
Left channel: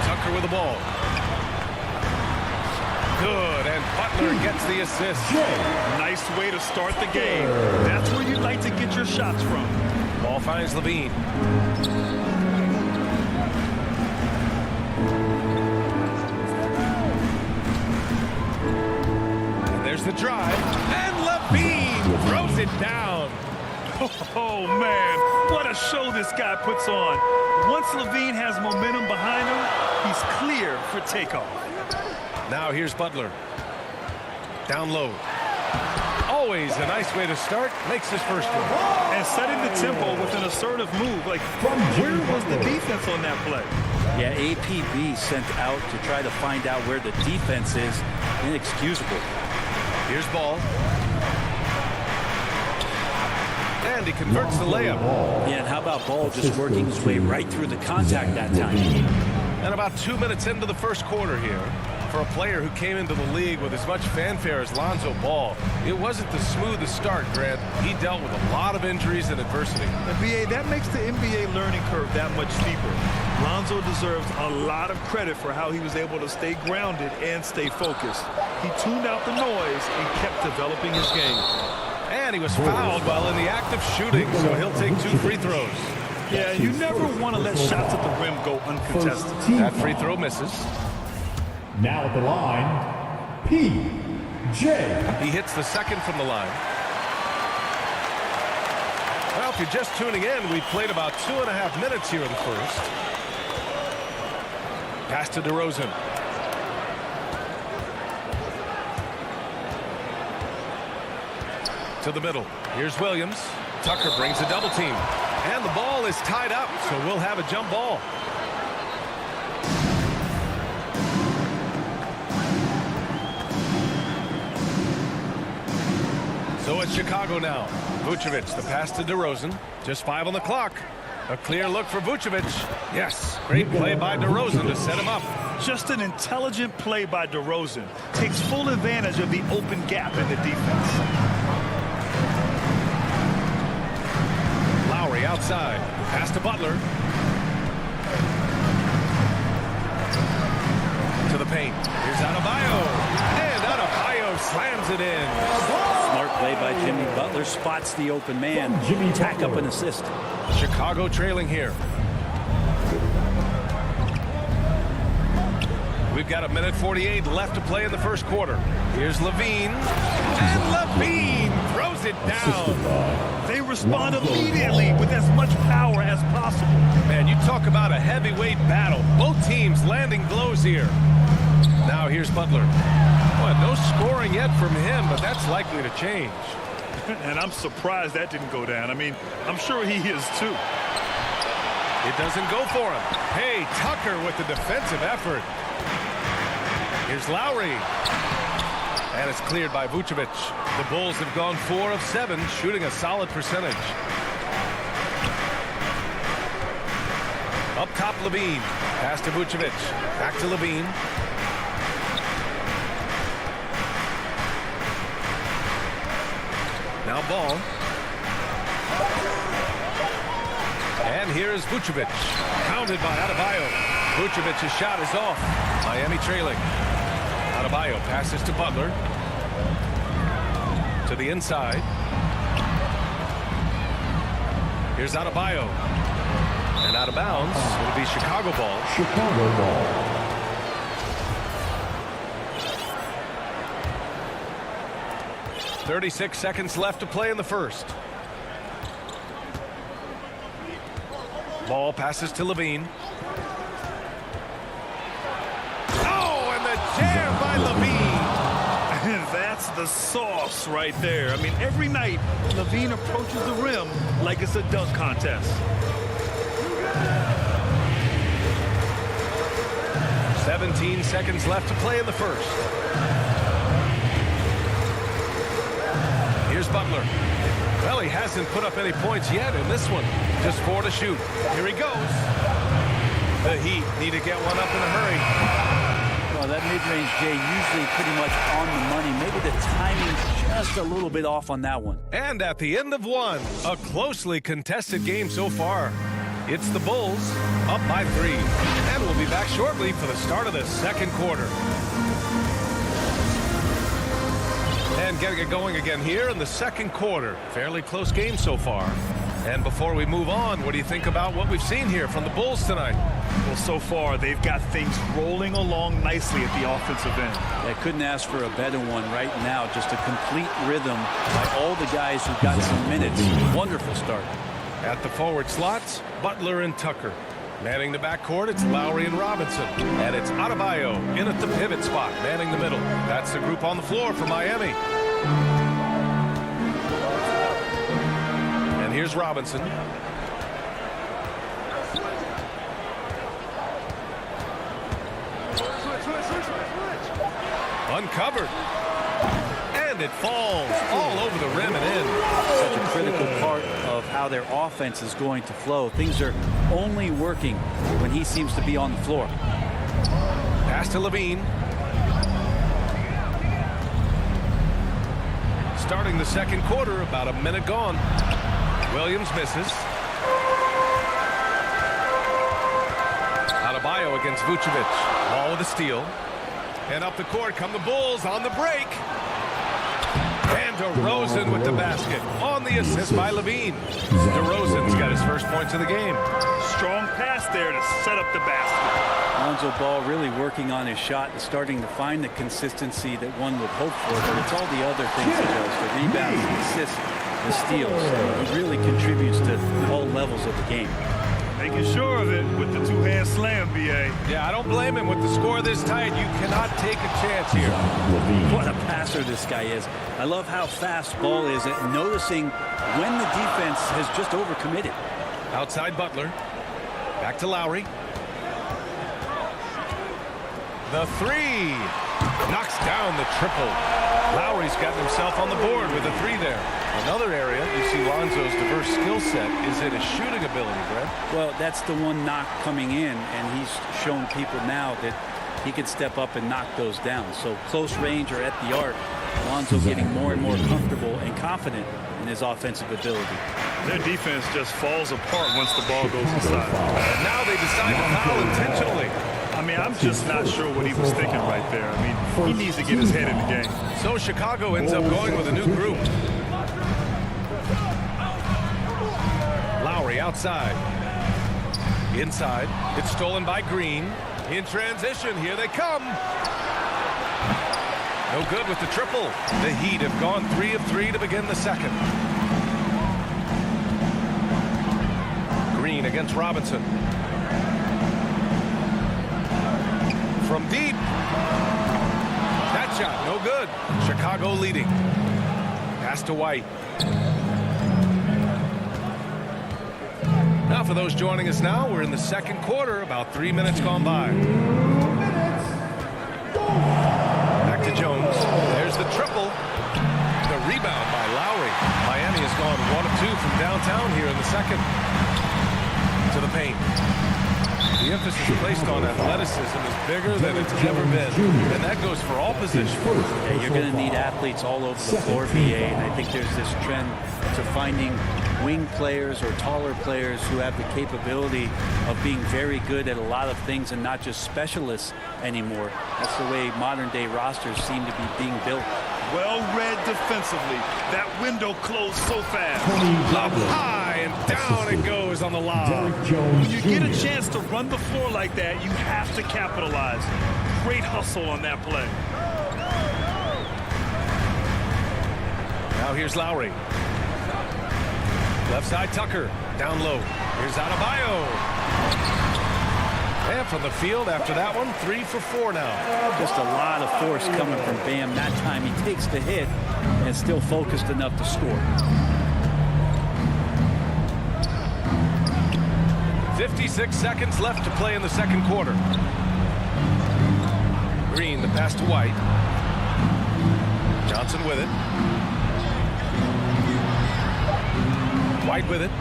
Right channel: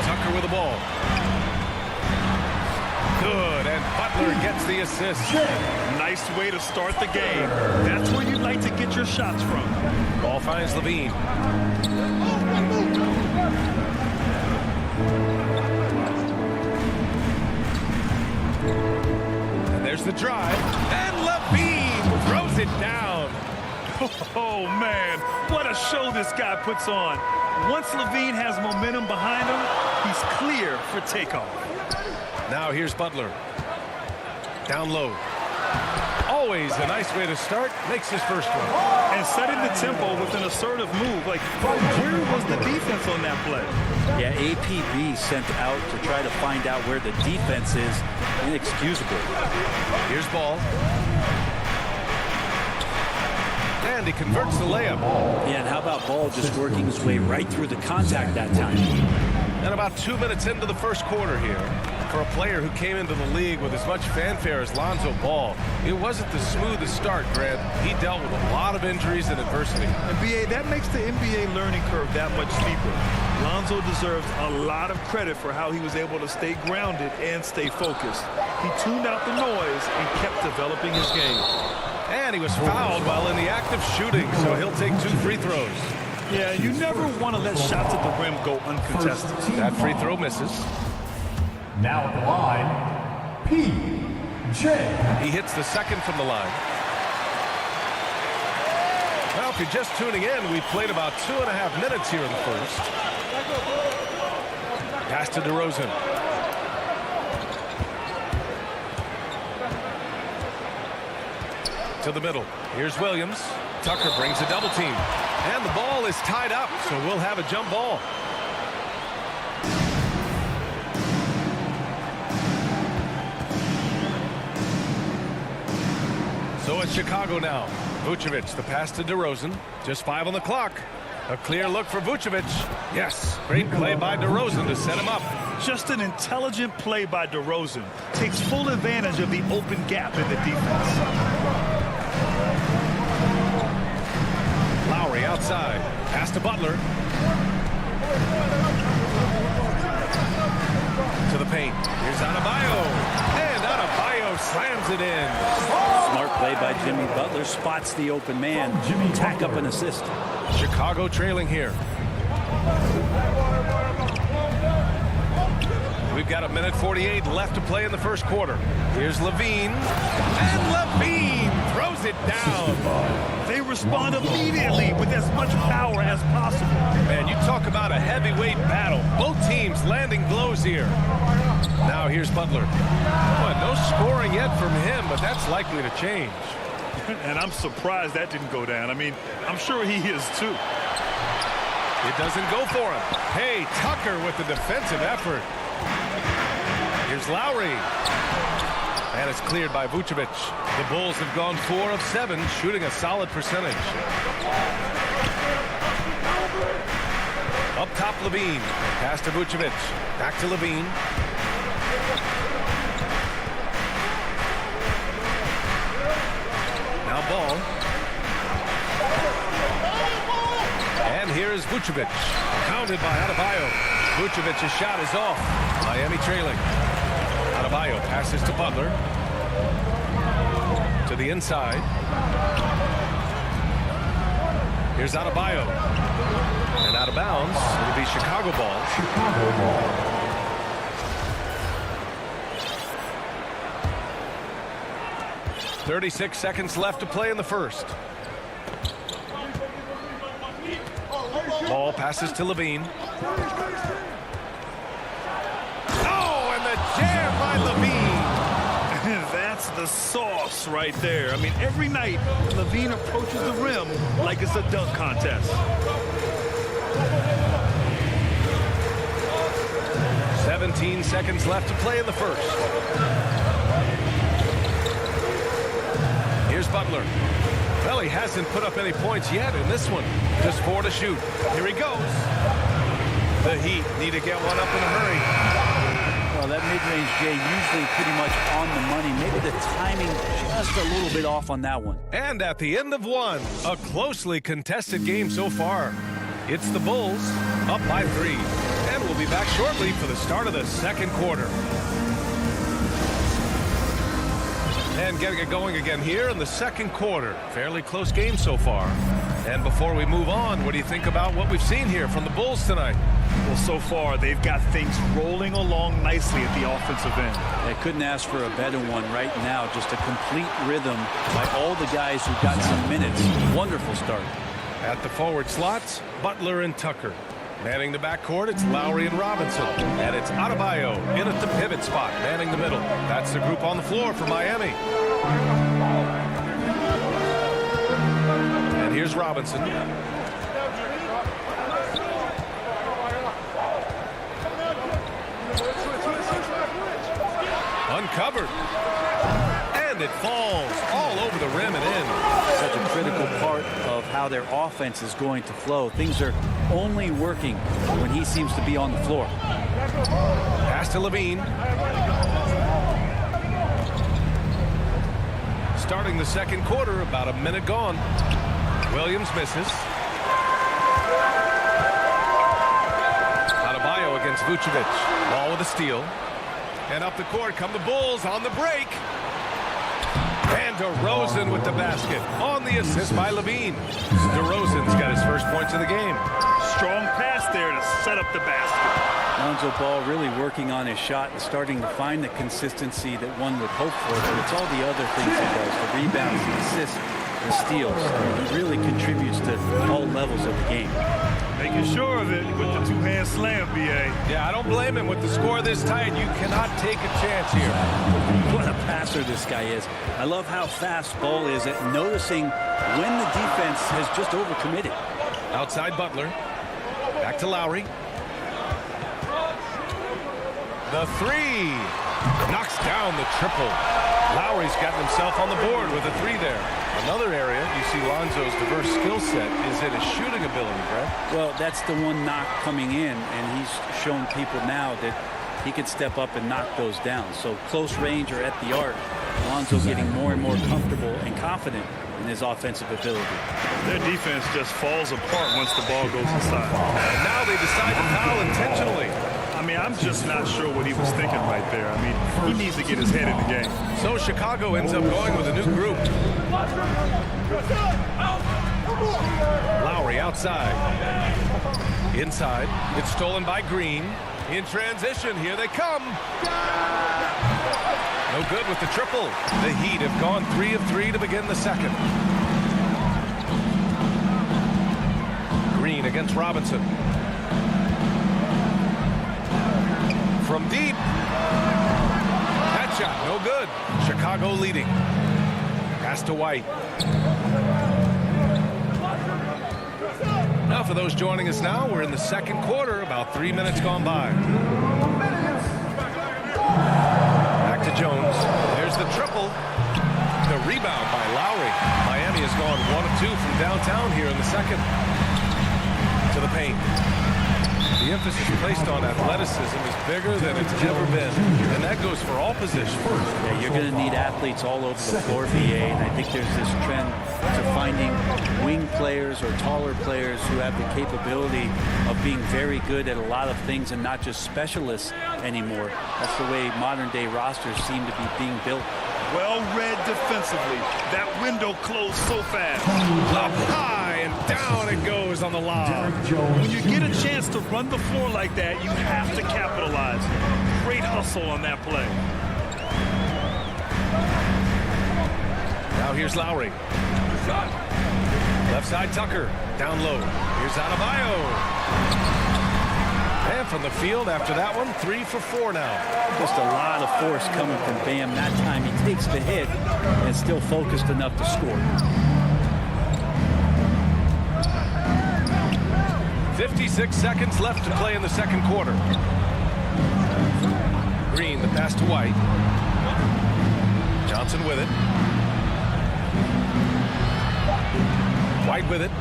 Tucker with the ball. Good, and Butler gets the assist. Nice way to start the game. That's where you'd like to get your shots from. Ball finds Levine. And there's the drive. And Levine throws it down. Oh, man, what a show this guy puts on. Once Levine has momentum behind him, he's clear for takeoff. Now here's Butler. Down low. Always a nice way to start. Makes his first one. And setting the tempo with an assertive move. Like, where was the defense on that play? Yeah, APB sent out to try to find out where the defense is. Inexcusable. Here's Ball. And he converts the layup. Yeah, and how about Ball just working his way right through the contact that time? And about 2 minutes into the first quarter here, for a player who came into the league with as much fanfare as Lonzo Ball, it wasn't the smoothest start, Grant. He dealt with a lot of injuries and adversity. And BA, that makes the NBA learning curve that much steeper. Lonzo deserves a lot of credit for how he was able to stay grounded and stay focused. He tuned out the noise and kept developing his game. And he was fouled while in the act of shooting, so he'll take 2 free throws. Yeah, you never want to let shots at the rim go uncontested. That free throw misses. Now at the line, PJ. He hits the second from the line. Well, if you're just tuning in, we've played about 2.5 minutes here in the first. Pass to DeRozan. To the middle. Here's Williams. Tucker brings a double team. And the ball is tied up, so we'll have a jump ball. So it's Chicago now. Vucevic, the pass to DeRozan. Just 5 on the clock. A clear look for Vucevic. Yes, great play by DeRozan to set him up. Just an intelligent play by DeRozan. Takes full advantage of the open gap in the defense. Lowry outside. Pass to Butler. To the paint. Here's Adebayo. And Adebayo slams it in. Smart play by Jimmy Butler. Spots the open man. Tack up an assist. Chicago trailing here. We've got 1:48 left to play in the first quarter. Here's Levine. And Levine throws it down. They respond immediately with as much power as possible. Man, you talk about a heavyweight battle. Both teams landing blows here. Now here's Butler. Well, no scoring yet from him, but that's likely to change. And I'm surprised that didn't go down. I mean, I'm sure he is too. It doesn't go for him. Hey, Tucker with the defensive effort. Here's Lowry. And it's cleared by Vucevic. The Bulls have gone 4 of 7, shooting a solid percentage. Up top, Levine. Pass to Vucevic. Back to Levine. Now ball. And here's Vucevic. Counted by Adebayo. Vucevic's shot is off. Miami trailing. Adebayo passes to Butler. To the inside. Here's Adebayo. And out of bounds. It'll be Chicago ball. Chicago ball. .36 seconds left to play in the first. Ball passes to Levine. Oh, and the jam by Levine. That's the sauce right there. I mean, every night, Levine approaches the rim like it's a dunk contest. 17 seconds left to play in the first. Here's Butler. Well, he hasn't put up any points yet in this one. Just 4 to shoot. Here he goes. The Heat need to get one up in a hurry. Well, that mid-range, Jay, usually pretty much on the money. Maybe the timing just a little bit off on that one. And at the end of one, a closely contested game so far. It's the Bulls up by 3. And we'll be back shortly for the start of the second quarter. And getting it going again here in the second quarter. Fairly close game so far. And before we move on, what do you think about what we've seen here from the Bulls tonight? Well, so far, they've got things rolling along nicely at the offensive end. I couldn't ask for a better one right now. Just a complete rhythm by all the guys who got some minutes. Wonderful start. At the forward slots, Butler and Tucker. Manning the backcourt, it's Lowry and Robinson. And it's Adebayo in at the pivot spot, manning the middle. That's the group on the floor for Miami. And here's Robinson. Uncovered. And it falls all over the rim and in. Such a critical part of how their offense is going to flow. Things are only working when he seems to be on the floor. Pass to Levine. Starting the second quarter, about a minute gone. Williams misses. Adebayo against Vucevic. Ball with a steal. And up the court come the Bulls on the break. And DeRozan with the basket on the assist by Levine. DeRozan's got his first points of the game. Strong pass there to set up the basket. Lonzo Ball really working on his shot and starting to find the consistency that one would hope for, but it's all the other things he does, the rebounds, the assists, the steals. He really contributes to all levels of the game. Making sure of it with the two-hand slam, B.A. Yeah, I don't blame him. With the score this tight, you cannot take a chance here. What a passer this guy is. I love how fast Ball is at noticing when the defense has just overcommitted. Outside Butler. Back to Lowry. The three. Knocks down the triple. Lowry's gotten himself on the board with a 3 there. Another area you see Lonzo's diverse skill set is in his shooting ability, Brent. Well, that's the one knock coming in, and he's shown people now that he can step up and knock those down. So close range or at the arc, Lonzo getting more and more comfortable and confident in his offensive ability. Their defense just falls apart once the ball goes inside. And now they decide to foul intentionally. I mean, I'm just not sure what he was thinking right there. I mean, he needs to get his head in the game. So Chicago ends up going with a new group. Lowry outside. Inside. It's stolen by Green. In transition, here they come. No good with the triple. The Heat have gone 3 of 3 to begin the second. Green against Robinson. From deep. That shot, no good. Chicago leading. Pass to White. Now for those joining us now, we're in the second quarter, about 3 minutes gone by. Back to Jones. There's the triple. The rebound by Lowry. Miami has gone 1 of 2 from downtown here in the second. To the paint. The emphasis placed on athleticism is bigger than it's ever been, and that goes for all positions. Yeah, you're going to need athletes all over the floor, BA, and I think there's this trend to finding wing players or taller players who have the capability of being very good at a lot of things and not just specialists anymore. That's the way modern-day rosters seem to be being built. Well read defensively. That window closed so fast. Up high and down it goes on the lob. When you get a chance to run the floor like that, you have to capitalize. Great hustle on that play. Now here's Lowry. Left side Tucker. Down low. Here's Adebayo. And from the field after that one, 3 for 4 now. Just a lot of force coming from Bam. That time he takes the hit and still focused enough to score. 56 seconds left to play in the second quarter. Green, the pass to White. Johnson with it. White with it.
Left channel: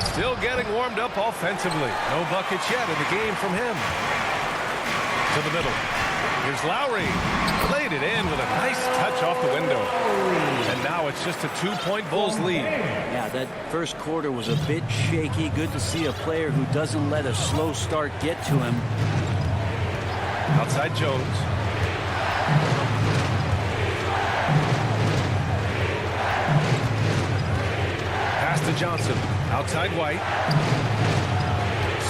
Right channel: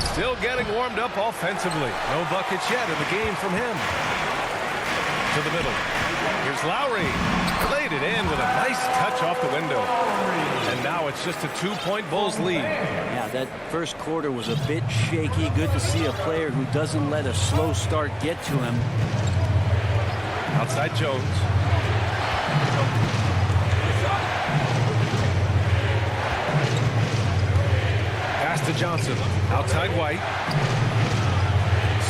Still getting warmed up offensively. No buckets yet in the game from him. To the middle. Here's Lowry. Laid it in with a nice touch off the window. And now it's just a 2-point Bulls lead. Yeah, that first quarter was a bit shaky. Good to see a player who doesn't let a slow start get to him. Outside Jones. Pass to Johnson. Outside White.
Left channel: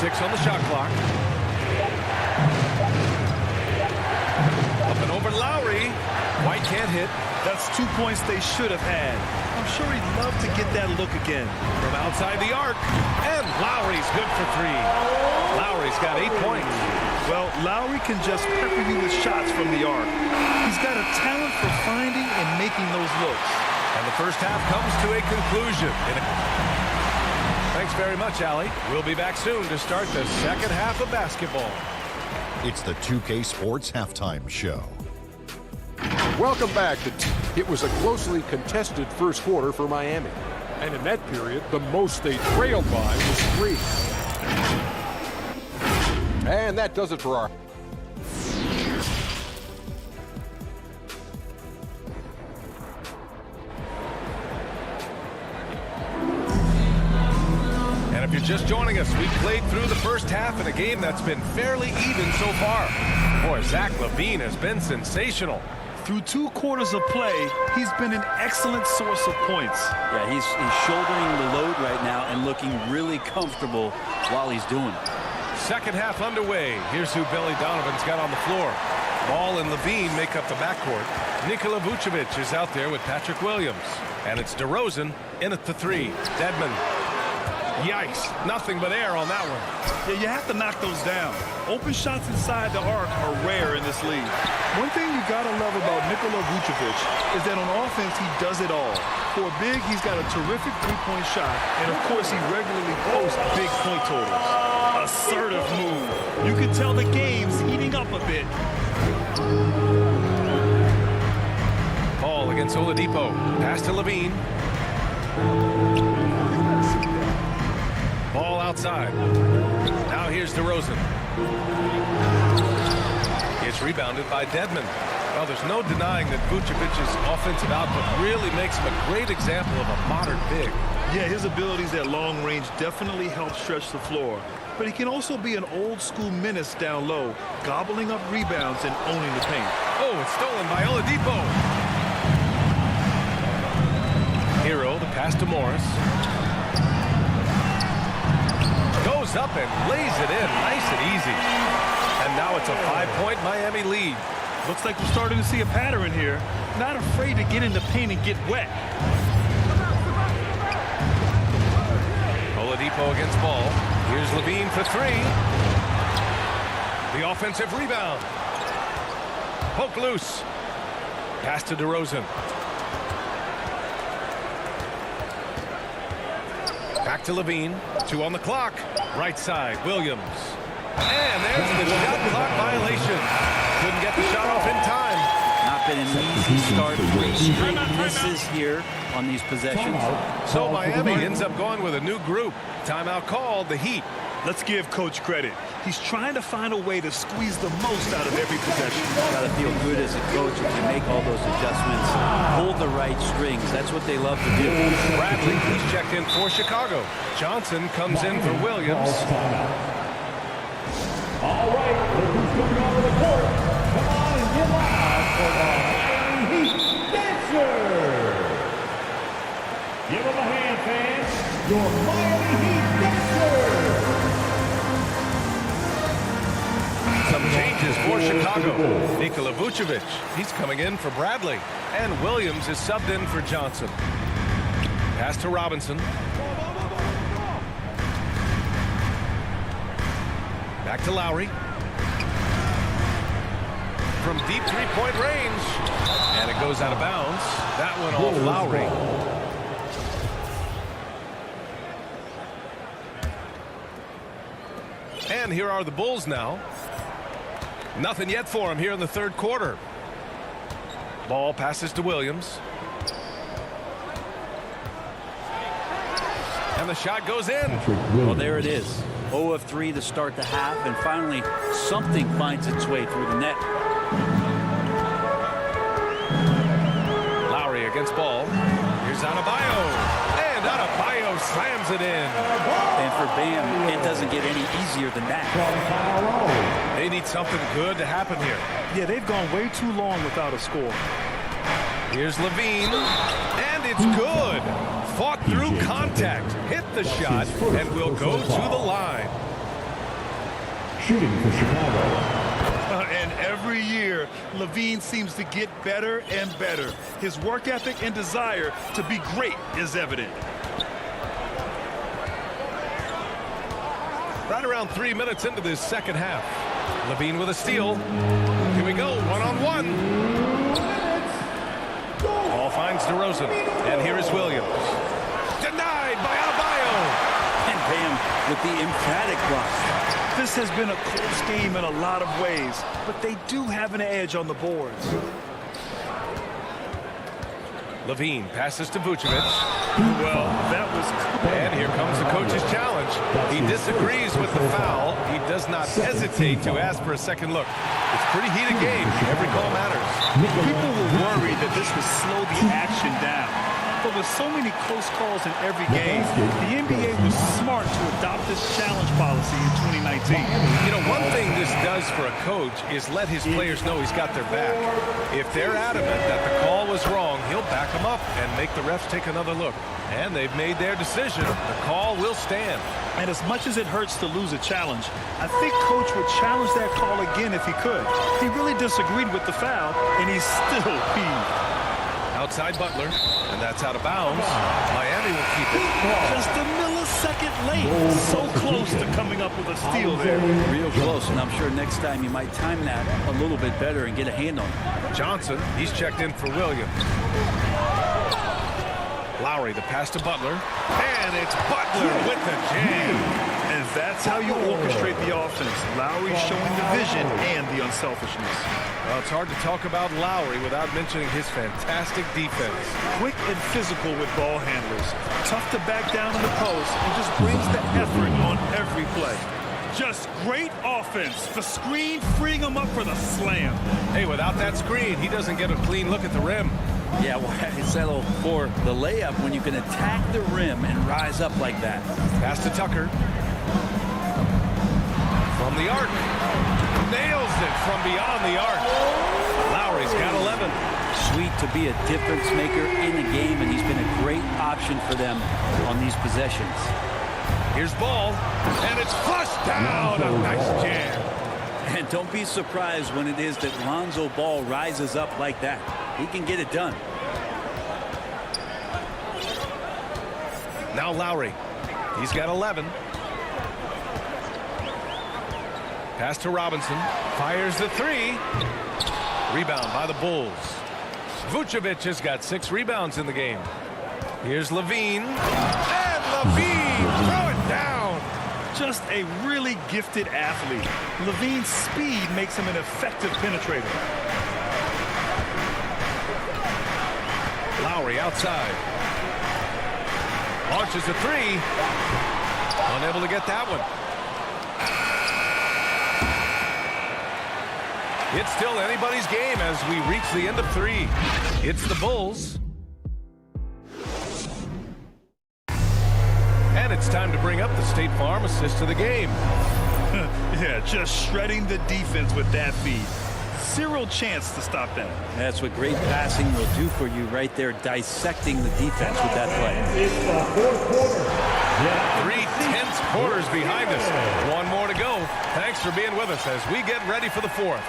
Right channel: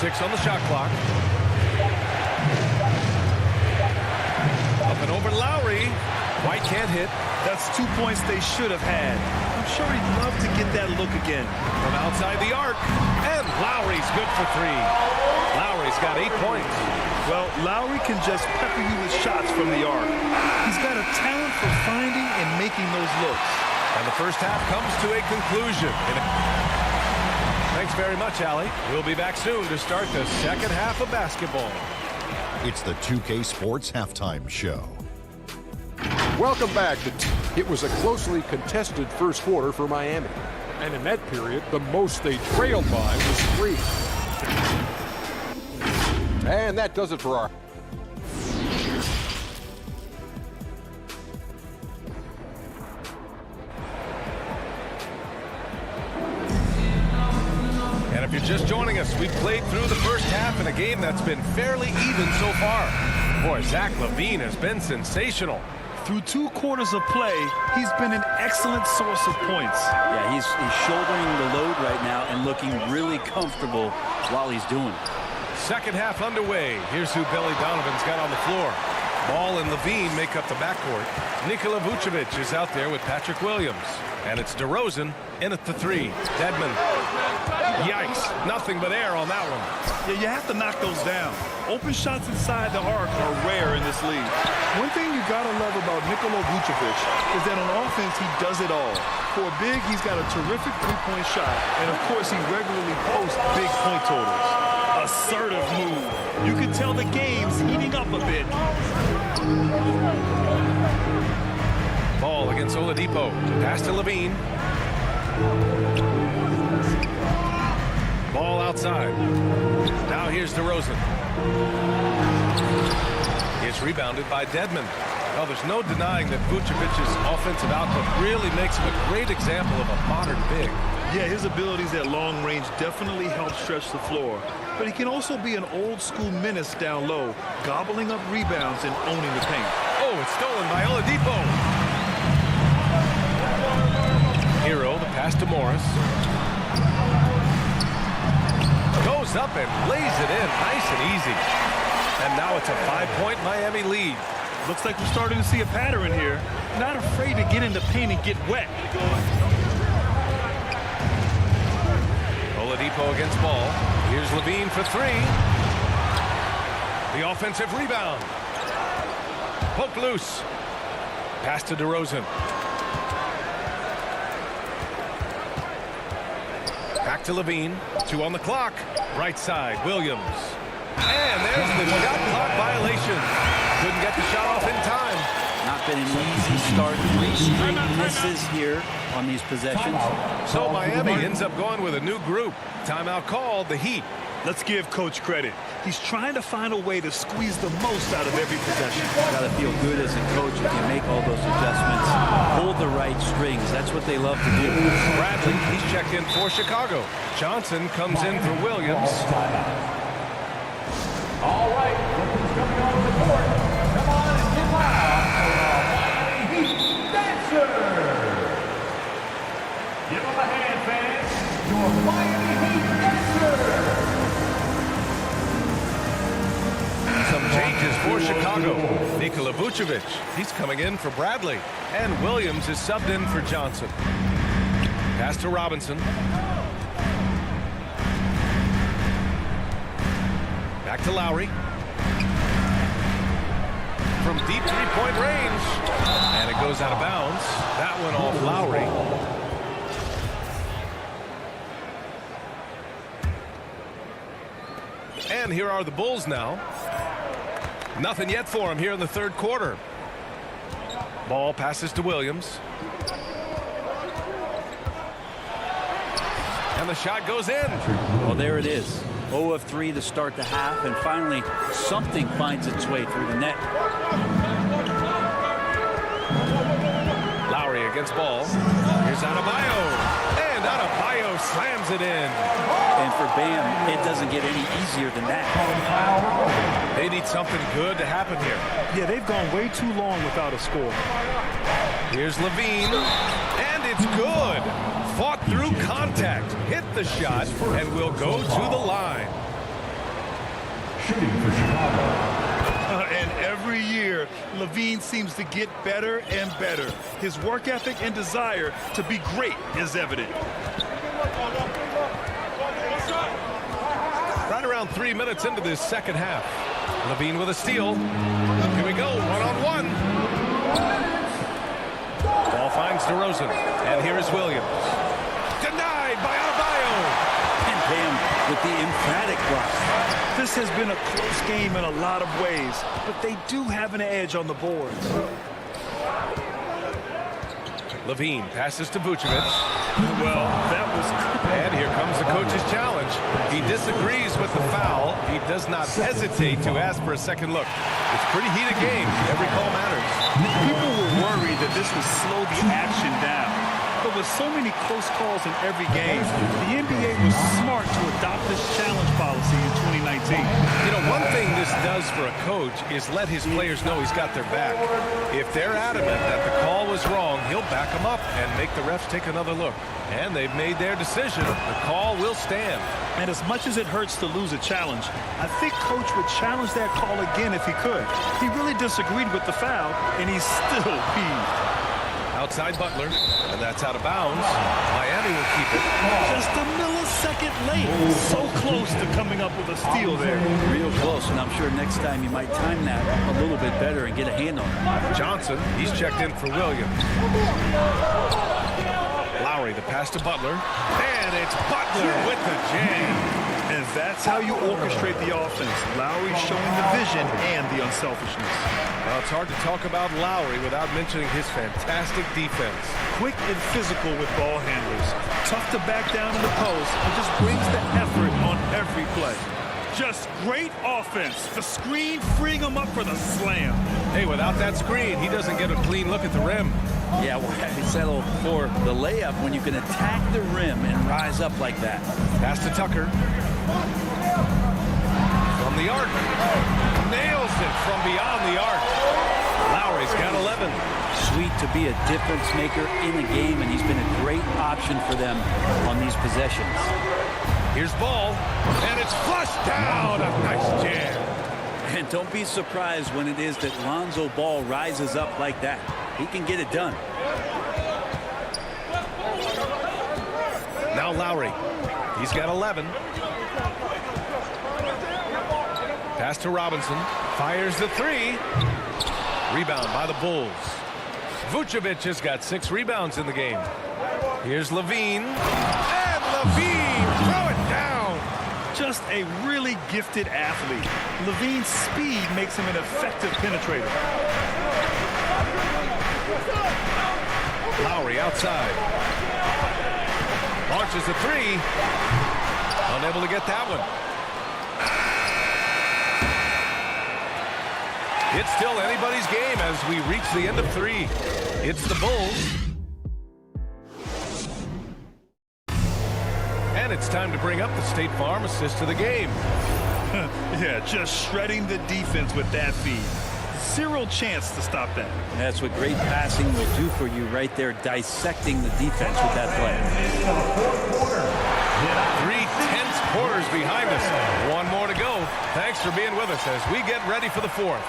6 on the shot clock. Up and over Lowry. White can't hit. That's 2 points they should have had. I'm sure he'd love to get that look again. From outside the arc. And Lowry's good for 3. Lowry's got 8 points. Well, Lowry can just pepper you with shots from the arc. He's got a talent for finding and making those looks. And the first half comes to a conclusion. Thanks very much, Allie. We'll be back soon to start the second half of basketball. It's the 2K Sports Halftime Show. Welcome back. It was a closely contested first quarter for Miami. And in that period, the most they trailed by was 3. And that does it for our... And if you're just joining us, we played through the first half in a game that's been fairly even so far. Boy, Zach LaVine has been sensational. Through 2 quarters of play, he's been an excellent source of points. Yeah, he's shouldering the load right now and looking really comfortable while he's doing it. Second half underway. Here's who Billy Donovan's got on the floor. Ball and LaVine make up the backcourt. Nikola Vucevic is out there with Patrick Williams. And it's DeRozan in at the 3. Dedmon. Yikes. Nothing but air on that one. Yeah, you have to knock those down. Open shots inside the arc are rare in this league. One thing you got to love about Nikola Vucevic is that on offense, he does it all. For a big, he's got a terrific three-point shot. And, of course, he regularly posts big point totals. Assertive move. You can tell the game's heating up a bit. Ball against Oladipo. Pass to LaVine. Ball outside. Now here's DeRozan. It's rebounded by Dedmon. Well, there's no denying that Vucevic's offensive output really makes him a great example of a modern big. Yeah, his abilities at long range definitely help stretch the floor. But he can also be an old-school menace down low, gobbling up rebounds and owning the paint. Oh, it's stolen by Oladipo. Hero, the pass to Morris. Goes up and lays it in nice and easy. And now it's a 5-point Miami lead. Looks like we're starting to see a pattern here. Not afraid to get in the paint and get wet. Oladipo against Ball. Here's LaVine for 3. The offensive rebound. Poked loose. Pass to DeRozan. Back to LaVine. 2 on the clock. Right side, Williams. And there's the shot clock violation. Couldn't get the shot off in time. Not been an easy start. 3 straight misses here on these possessions. So Miami ends up going with a new group. Timeout called, the Heat. Let's give Coach credit. He's trying to find a way to squeeze the most out of every possession. Got to feel good as a coach if you make all those adjustments, pull the right strings. That's what they love to do. Bradley, he's checked in for Chicago. Johnson comes in for Williams. All right, look who's coming onto the court. Come on and get loud for the Miami Heat Dancers. Give them a hand, fans. Your Miami Heat Dancers. Some changes for Chicago. Nikola Vucevic, he's coming in for Bradley. And Williams is subbed in for Johnson. Pass to Robinson. Back to Lowry. From deep three-point range. And it goes out of bounds. That one off Lowry. And here are the Bulls now. Nothing yet for him here in the third quarter. Ball passes to Williams. And the shot goes in. Well, there it is. 0 of 3 to start the half, and finally something finds its way through the net. Lowry against Ball. Here's Adebayo. And Adebayo slams it in. And for Bam, it doesn't get any easier than that. They need something good to happen here. Yeah, they've gone way too long without a score. Here's Levine. And it's good. Fought through contact. Hit the shot and will go to the line. Shooting for Chicago. And every year, Levine seems to get better and better. His work ethic and desire to be great is evident. Right around 3 minutes into this second half. Levine with a steal. Here we go, one-on-one. Ball finds DeRozan. And here is Williams. Denied by Adebayo. And Bam with the emphatic block. This has been a close game in a lot of ways, but they do have an edge on the boards. Levine passes to Vucevic. Well, that was cool. And here comes the coach's challenge. He disagrees with the foul. He does not hesitate to ask for a second look. It's a pretty heated game. Every call matters. People were worried that this would slow the action down. But with so many close calls in every game, the NBA was smart to adopt this challenge policy in 2019. You know, one thing this does for a coach is let his players know he's got their back. If they're adamant that the call was wrong, he'll back them up and make the refs take another look. And they've made their decision. The call will stand. And as much as it hurts to lose a challenge, I think Coach would challenge that call again if he could. He really disagreed with the foul, and he's still peeved. Outside Butler, and that's out of bounds. Miami will keep it. Just a millisecond late. So close to coming up with a steal there. Real close, and I'm sure next time you might time that a little bit better and get a hand on it. Johnson, he's checked in for Williams. Lowry, the pass to Butler. And it's Butler with the jam. And that's how you orchestrate the offense. Lowry showing the vision and the unselfishness. Well, it's hard to talk about Lowry without mentioning his fantastic defense. Quick and physical with ball handlers. Tough to back down in the post and just brings the effort on every play. Just great offense. The screen freeing him up for the slam. Hey, without that screen, he doesn't get a clean look at the rim. Yeah, why settle for the layup when you can attack the rim and rise up like that? Pass to Tucker. From the arc. Nails it from beyond the arc. Lowry's got 11. Sweet to be a difference maker in the game, and he's been a great option for them on these possessions. Here's Ball, and it's flushed down. A nice jam. And don't be surprised when it is that Lonzo Ball rises up like that. He can get it done. Now Lowry. He's got 11. Pass to Robinson. Fires the three. Rebound by the Bulls. Vucevic has got 6 rebounds in the game. Here's Levine. And Levine throw it down. Just a really gifted athlete. Levine's speed makes him an effective penetrator. Lowry outside. Launches a three. Unable to get that one. It's still anybody's game as we reach the end of 3. It's the Bulls. And it's time to bring up the State Farm assist of the game. Yeah, just shredding the defense with that feed. Zero chance to stop that. That's what great passing will do for you right there, dissecting the defense with that play. It's the fourth quarter. 3 tense quarters behind us. 1 more to go. Thanks for being with us as we get ready for the 4th.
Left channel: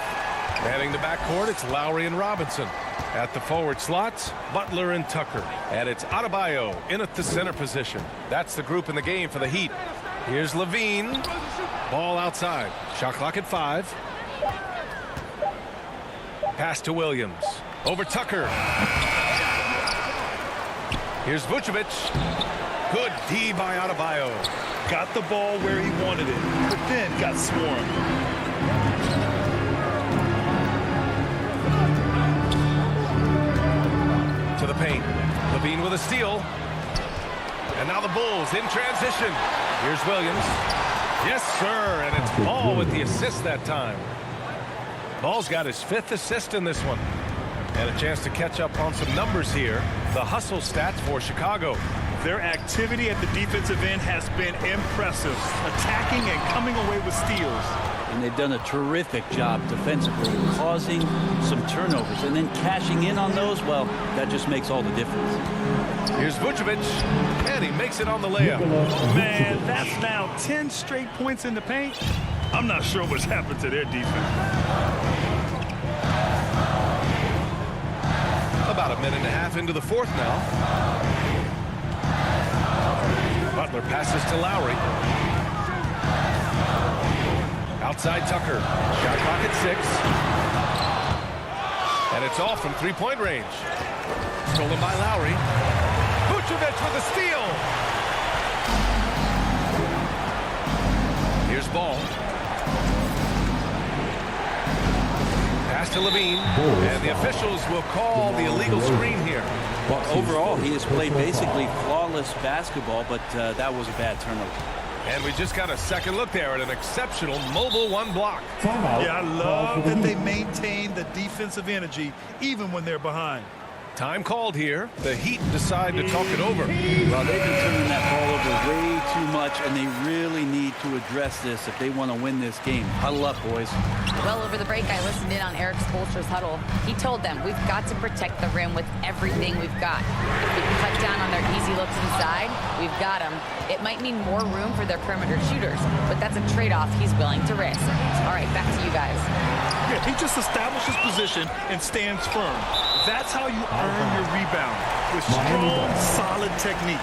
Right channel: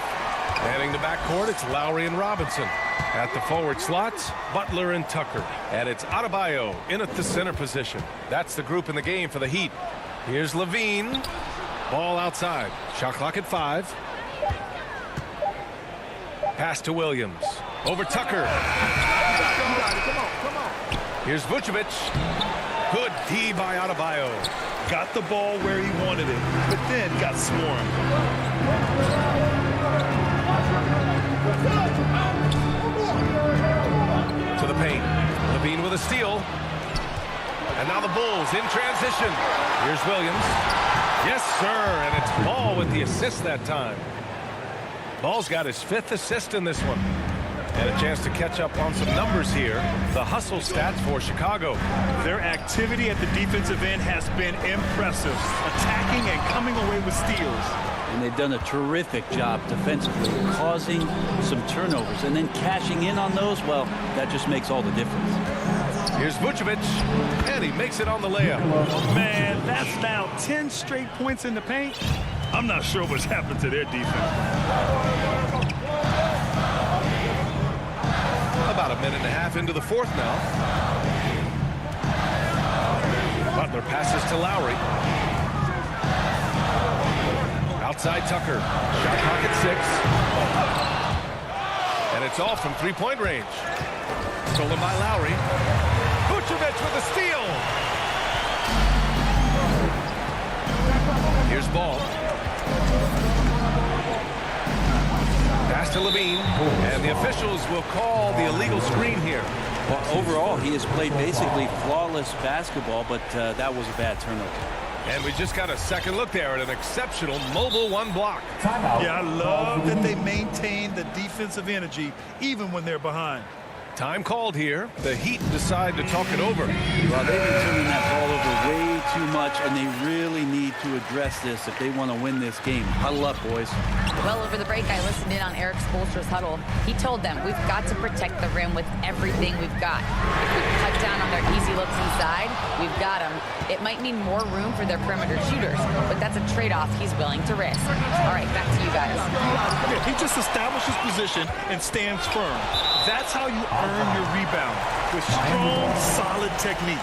Heading to backcourt, it's Lowry and Robinson. At the forward slots, Butler and Tucker. And it's Adebayo in at the center position. That's the group in the game for the Heat. Here's Levine. Ball outside. Shot clock at 5. Pass to Williams. Over Tucker. Here's Vucevic. Good D by Adebayo. Got the ball where he wanted it, but then got swarmed. To the paint. Levine with a steal. And now the Bulls in transition. Here's Williams. Yes, sir. And it's Ball with the assist that time. Ball's got his 5th assist in this one. And a chance to catch up on some numbers here. The hustle stats for Chicago. Their activity at the defensive end has been impressive. Attacking and coming away with steals. And they've done a terrific job defensively, causing some turnovers. And then cashing in on those, well, that just makes all the difference. Here's Vucevic, and he makes it on the layup. Man, that's now 10 straight points in the paint. I'm not sure what's happened to their defense. About a minute and a half into the 4th now. Butler passes to Lowry. Outside Tucker. Shot clock at 6. And it's off from 3-point range. Stolen by Lowry. Vucevic with a steal. Here's Ball. Pass to Levine. And the officials will call the illegal screen here. Well, overall, he has played basically flawless basketball, but that was a bad turnover. And we just got a second look there at an exceptional mobile 1 block. Yeah, I love that they maintain the defensive energy even when they're behind. Time called here. The Heat decide to talk it over. Well, they've been turning that ball over way too much, and they really need to address this if they want to win this game. Huddle up, boys. Well, over the break, I listened in on Eric Spoelstra's huddle. He told them, we've got to protect the rim with everything we've got. If we cut down on their easy looks inside, we've got them. It might mean more room for their perimeter shooters, but that's a trade-off he's willing to risk. All right, back to you guys. Yeah, he just establishes position and stands firm. That's how you earn your rebound, with strong, solid technique.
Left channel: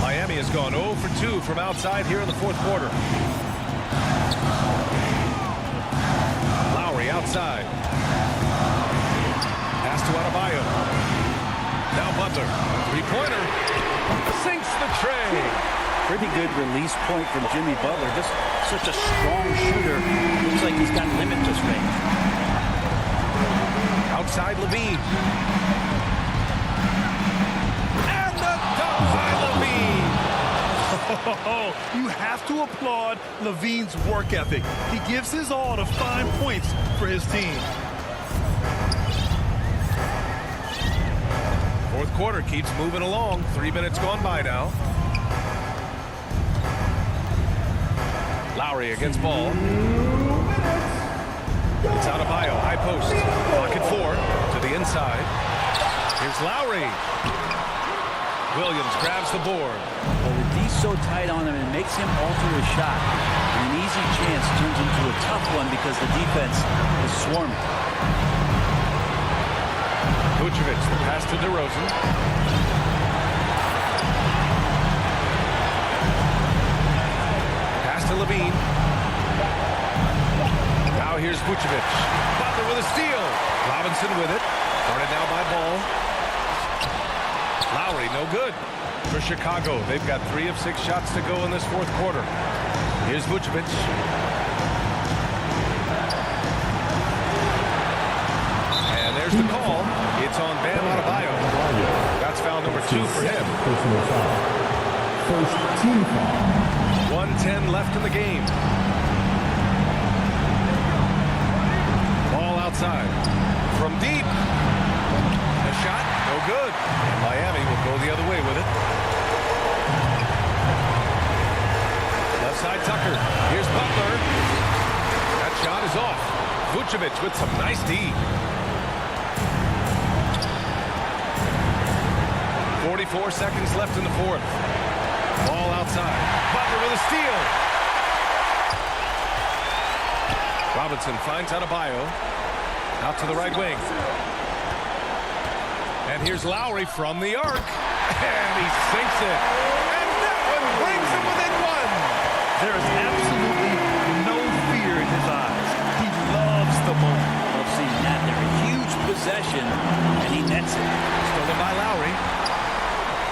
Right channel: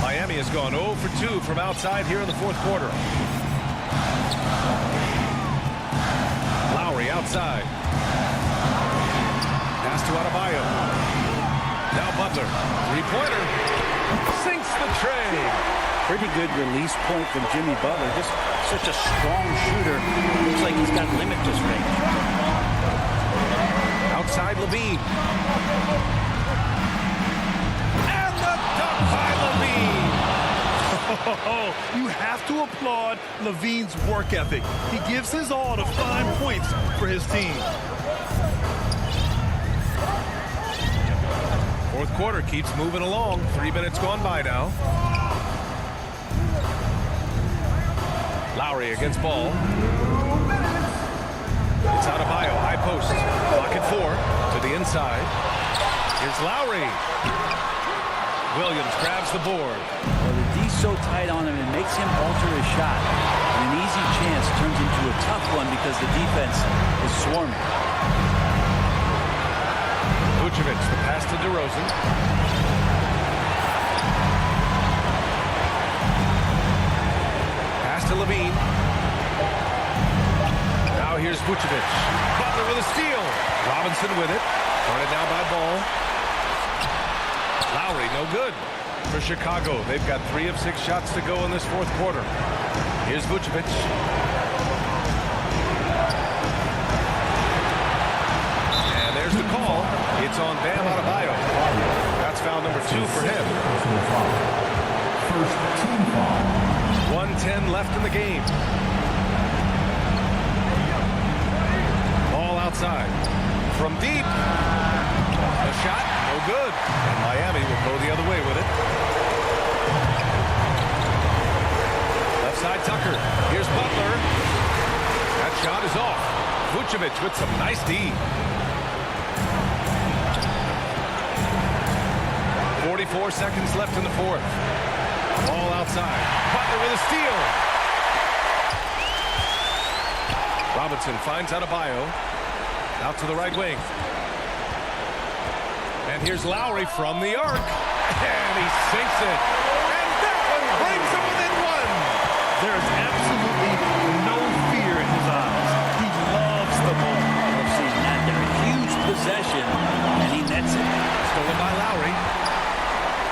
Miami has gone 0 for 2 from outside here in the 4th quarter. Lowry outside. Pass to Adebayo. Now Butler. 3-pointer. Sinks the tray. Pretty good release point from Jimmy Butler. Just such a strong shooter. Looks like he's got limitless range. Outside Levine. And the dunk by Levine. You have to applaud Levine's work ethic. He gives his all to find points for his team. 4th quarter keeps moving along. 3 minutes gone by now. Lowry against Ball. It's Adebayo, high post. Clock at 4 to the inside. Here's Lowry. Williams grabs the board. Well, the D's so tight on him, it makes him alter his shot. And an easy chance turns into a tough one because the defense is swarming. Vucevic, the pass to DeRozan. Pass to Levine. Now here's Vucevic. Butler with a steal. Robinson with it. Guarded now by Ball. Lowry, no good. For Chicago, they've got 3 of 6 shots to go in this 4th quarter. Here's Vucevic. And there's the call. It's on Bam Adebayo. That's foul number 2 for him. first team foul. 1:10 left in the game. Ball outside. From deep. The shot, no good. And Miami will go the other way with it. Left side, Tucker. Here's Butler. That shot is off. Vucevic with some nice D. 44 seconds left in the fourth. Ball outside. Butler with a steal. Robinson finds Adebayo. Out to the right wing. And here's Lowry from the arc. And he sinks it. And that one brings him within one. There is absolutely no fear in his eyes. He loves the moment. I love seeing that there. A huge possession, and he nets it. Stolen by Lowry.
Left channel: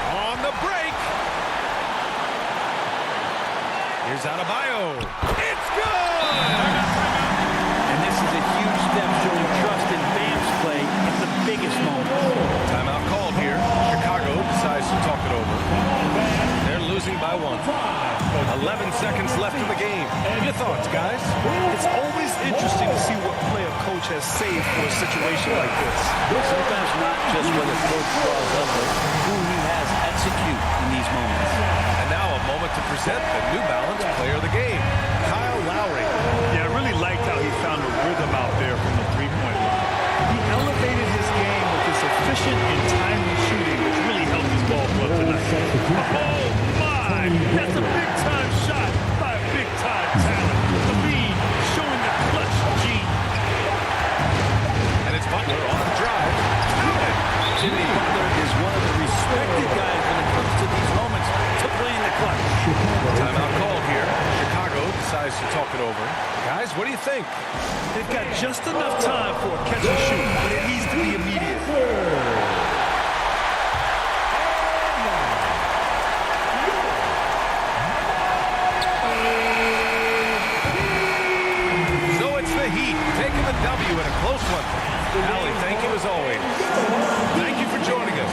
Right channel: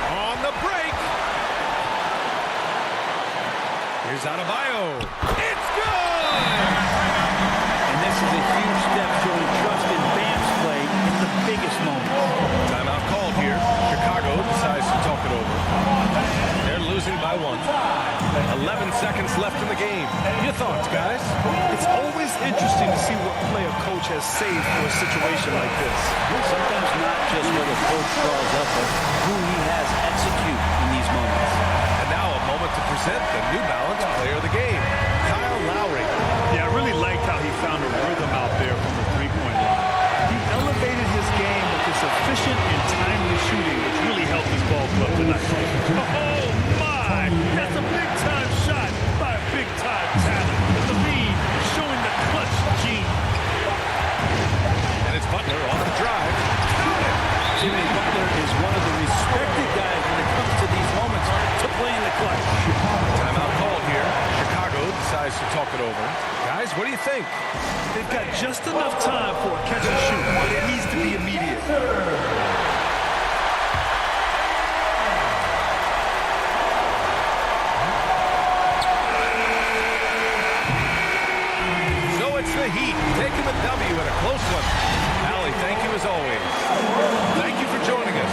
On the break. Here's Adebayo. It's good! And this is a huge step showing trust in Bam's play in the biggest moments. Timeout called here. Chicago decides to talk it over. They're losing by 1. 11 seconds left in the game. Your thoughts, guys? It's always interesting to see what play a coach has saved for a situation like this. Sometimes not just what the coach draws up, but who he has execute in these moments. And now a moment to present the New Balance player of the game, Kyle Lowry. Yeah, I really liked how he found a rhythm out there from the three-point line. He elevated his game with his efficient and timely shooting, which really helped his ball club tonight. Oh, my! That's a big-time shot by a big-time talent. Levine showing the clutch gene. And it's Butler on the drive. Count it! Jimmy Butler is one of the respected guys when it comes to these moments to play in the clutch. Timeout called here. Chicago decides to talk it over. Guys, what do you think? They've got just enough time for a catch and shoot, but it needs to be immediate. So it's the Heat taking the W in a close one. Allie, thank you as always. Thank you for joining us.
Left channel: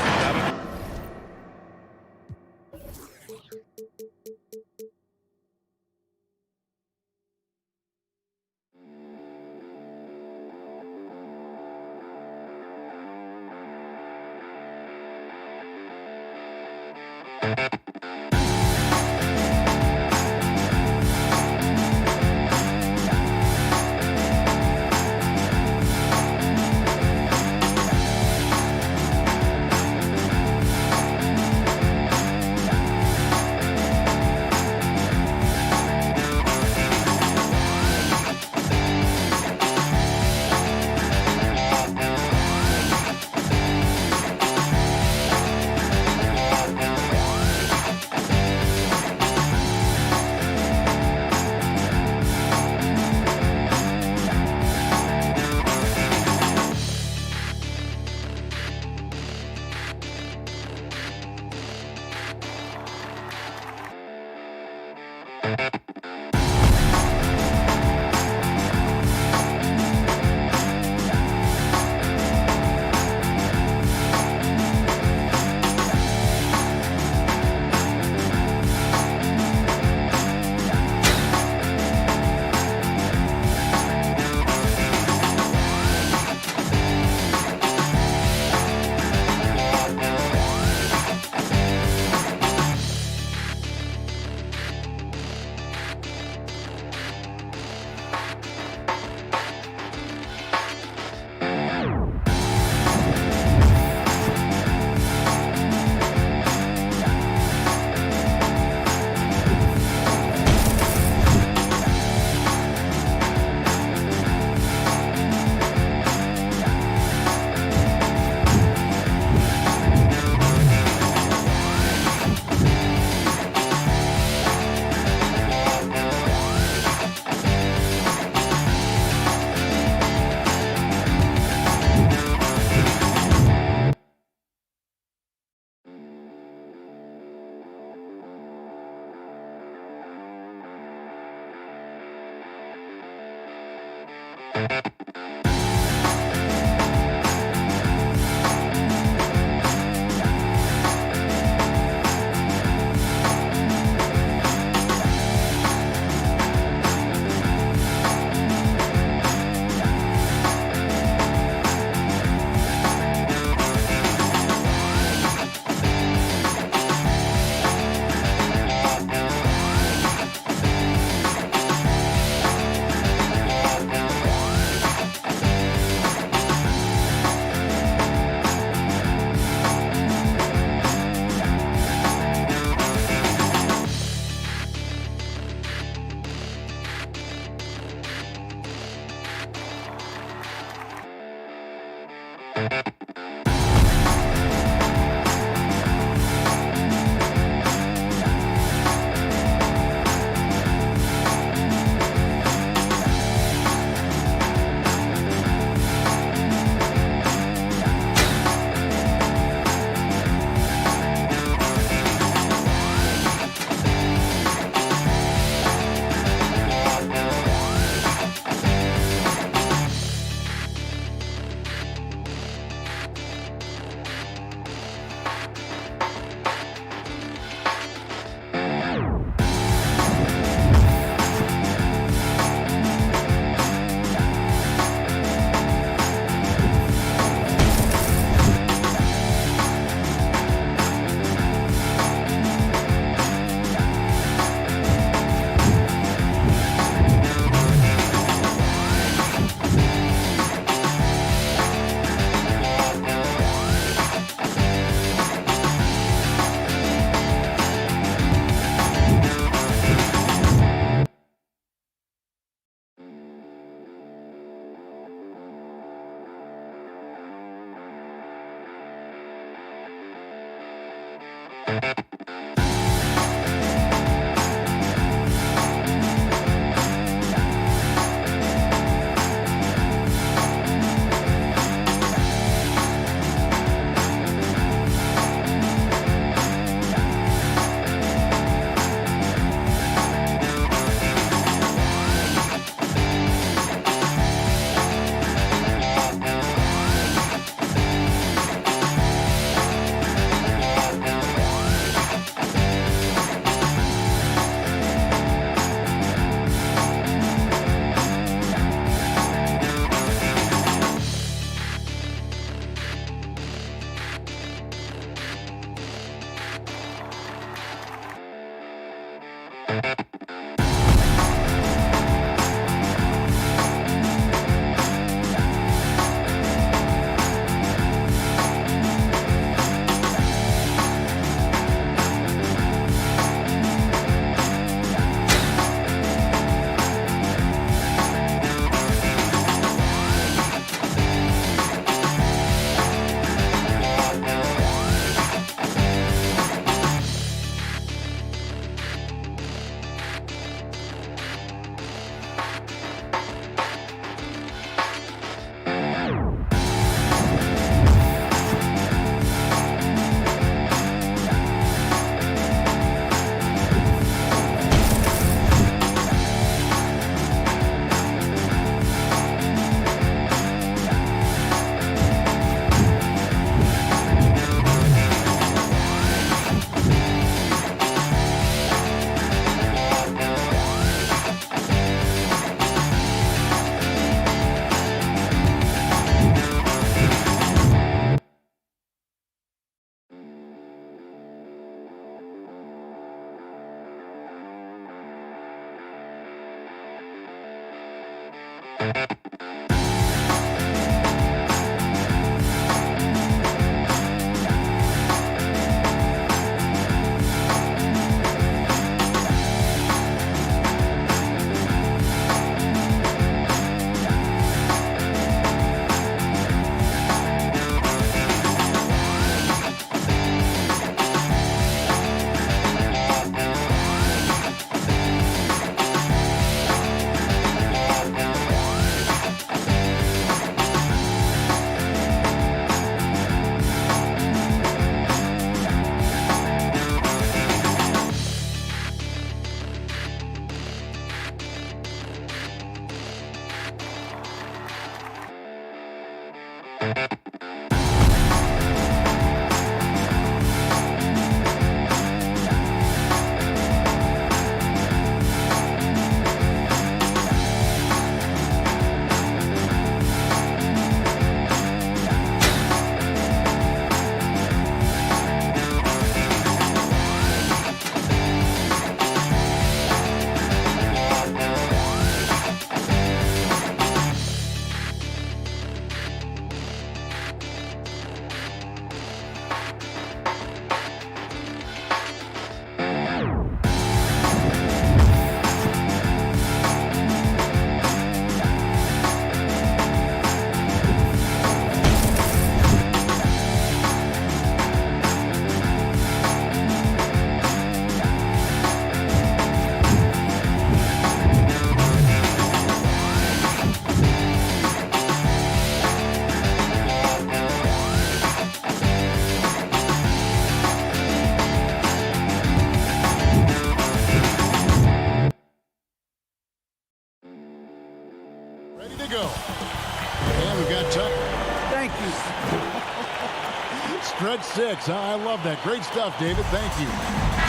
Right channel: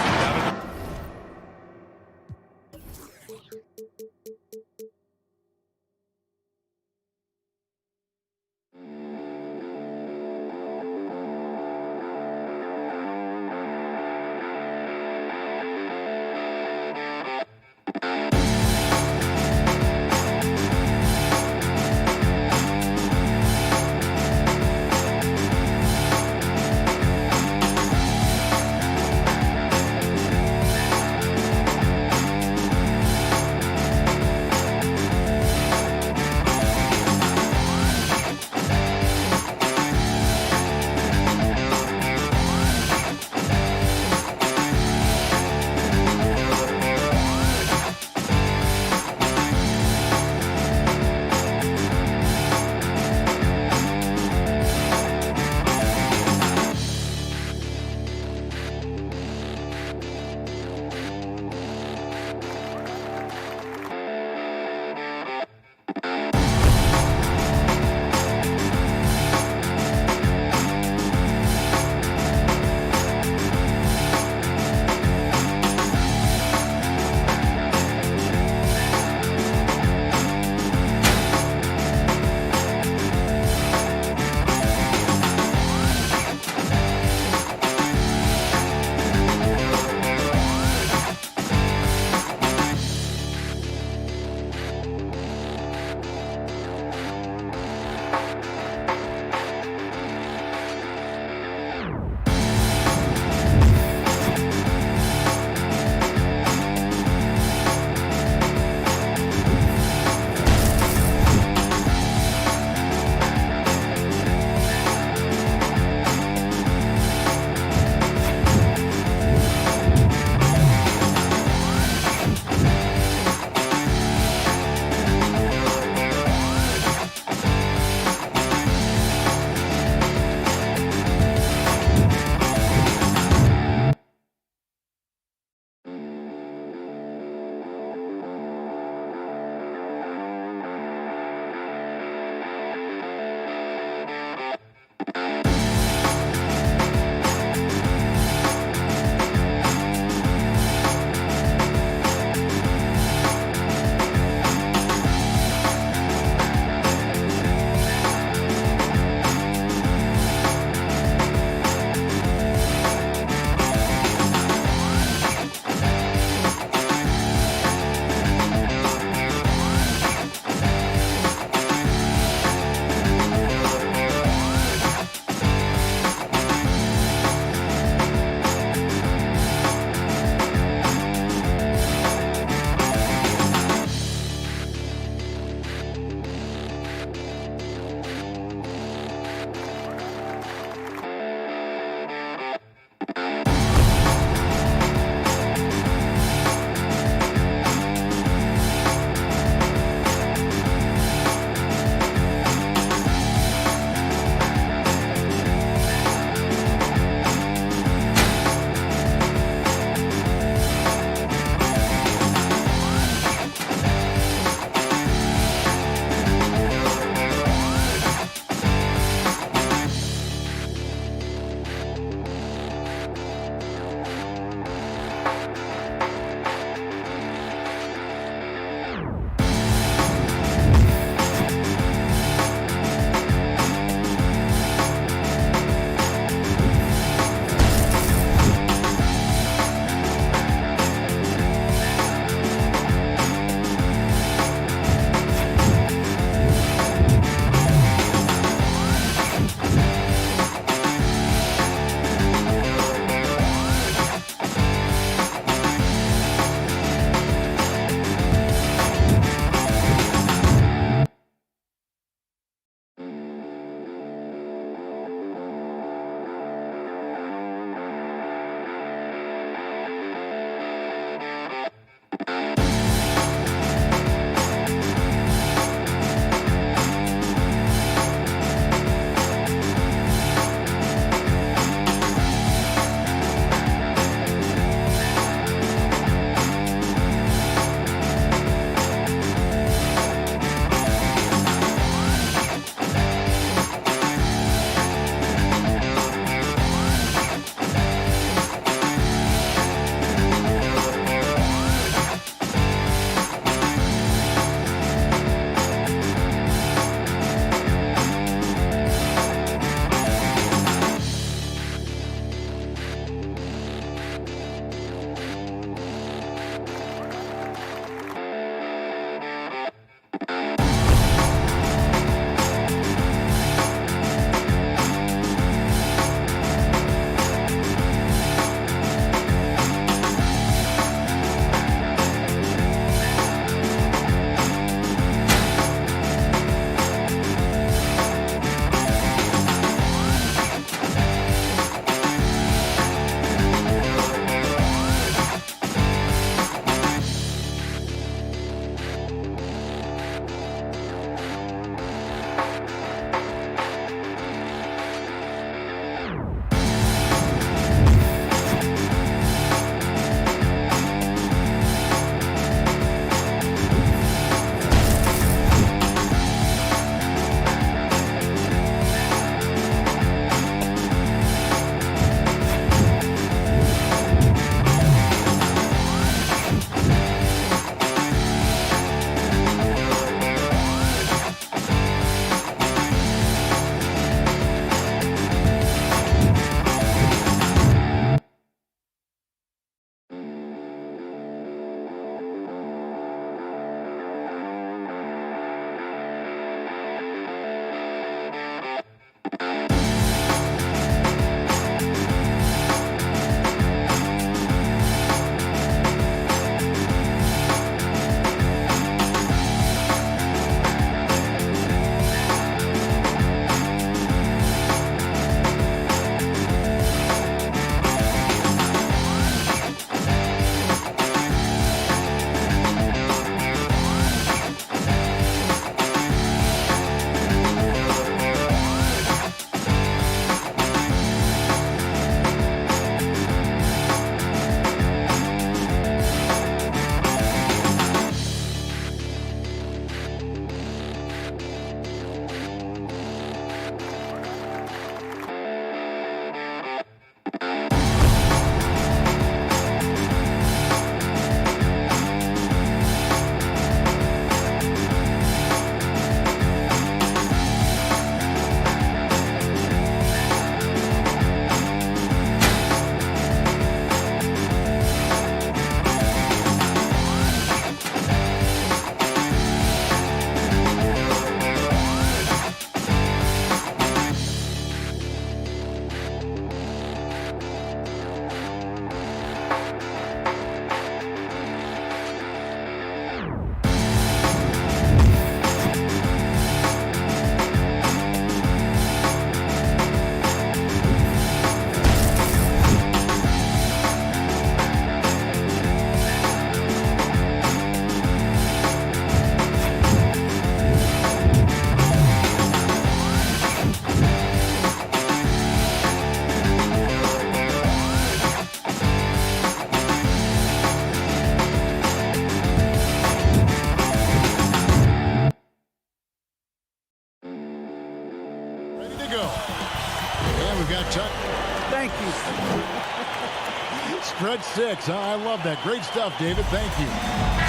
Stretch 6. I love that. Great stuff, David. Thank you.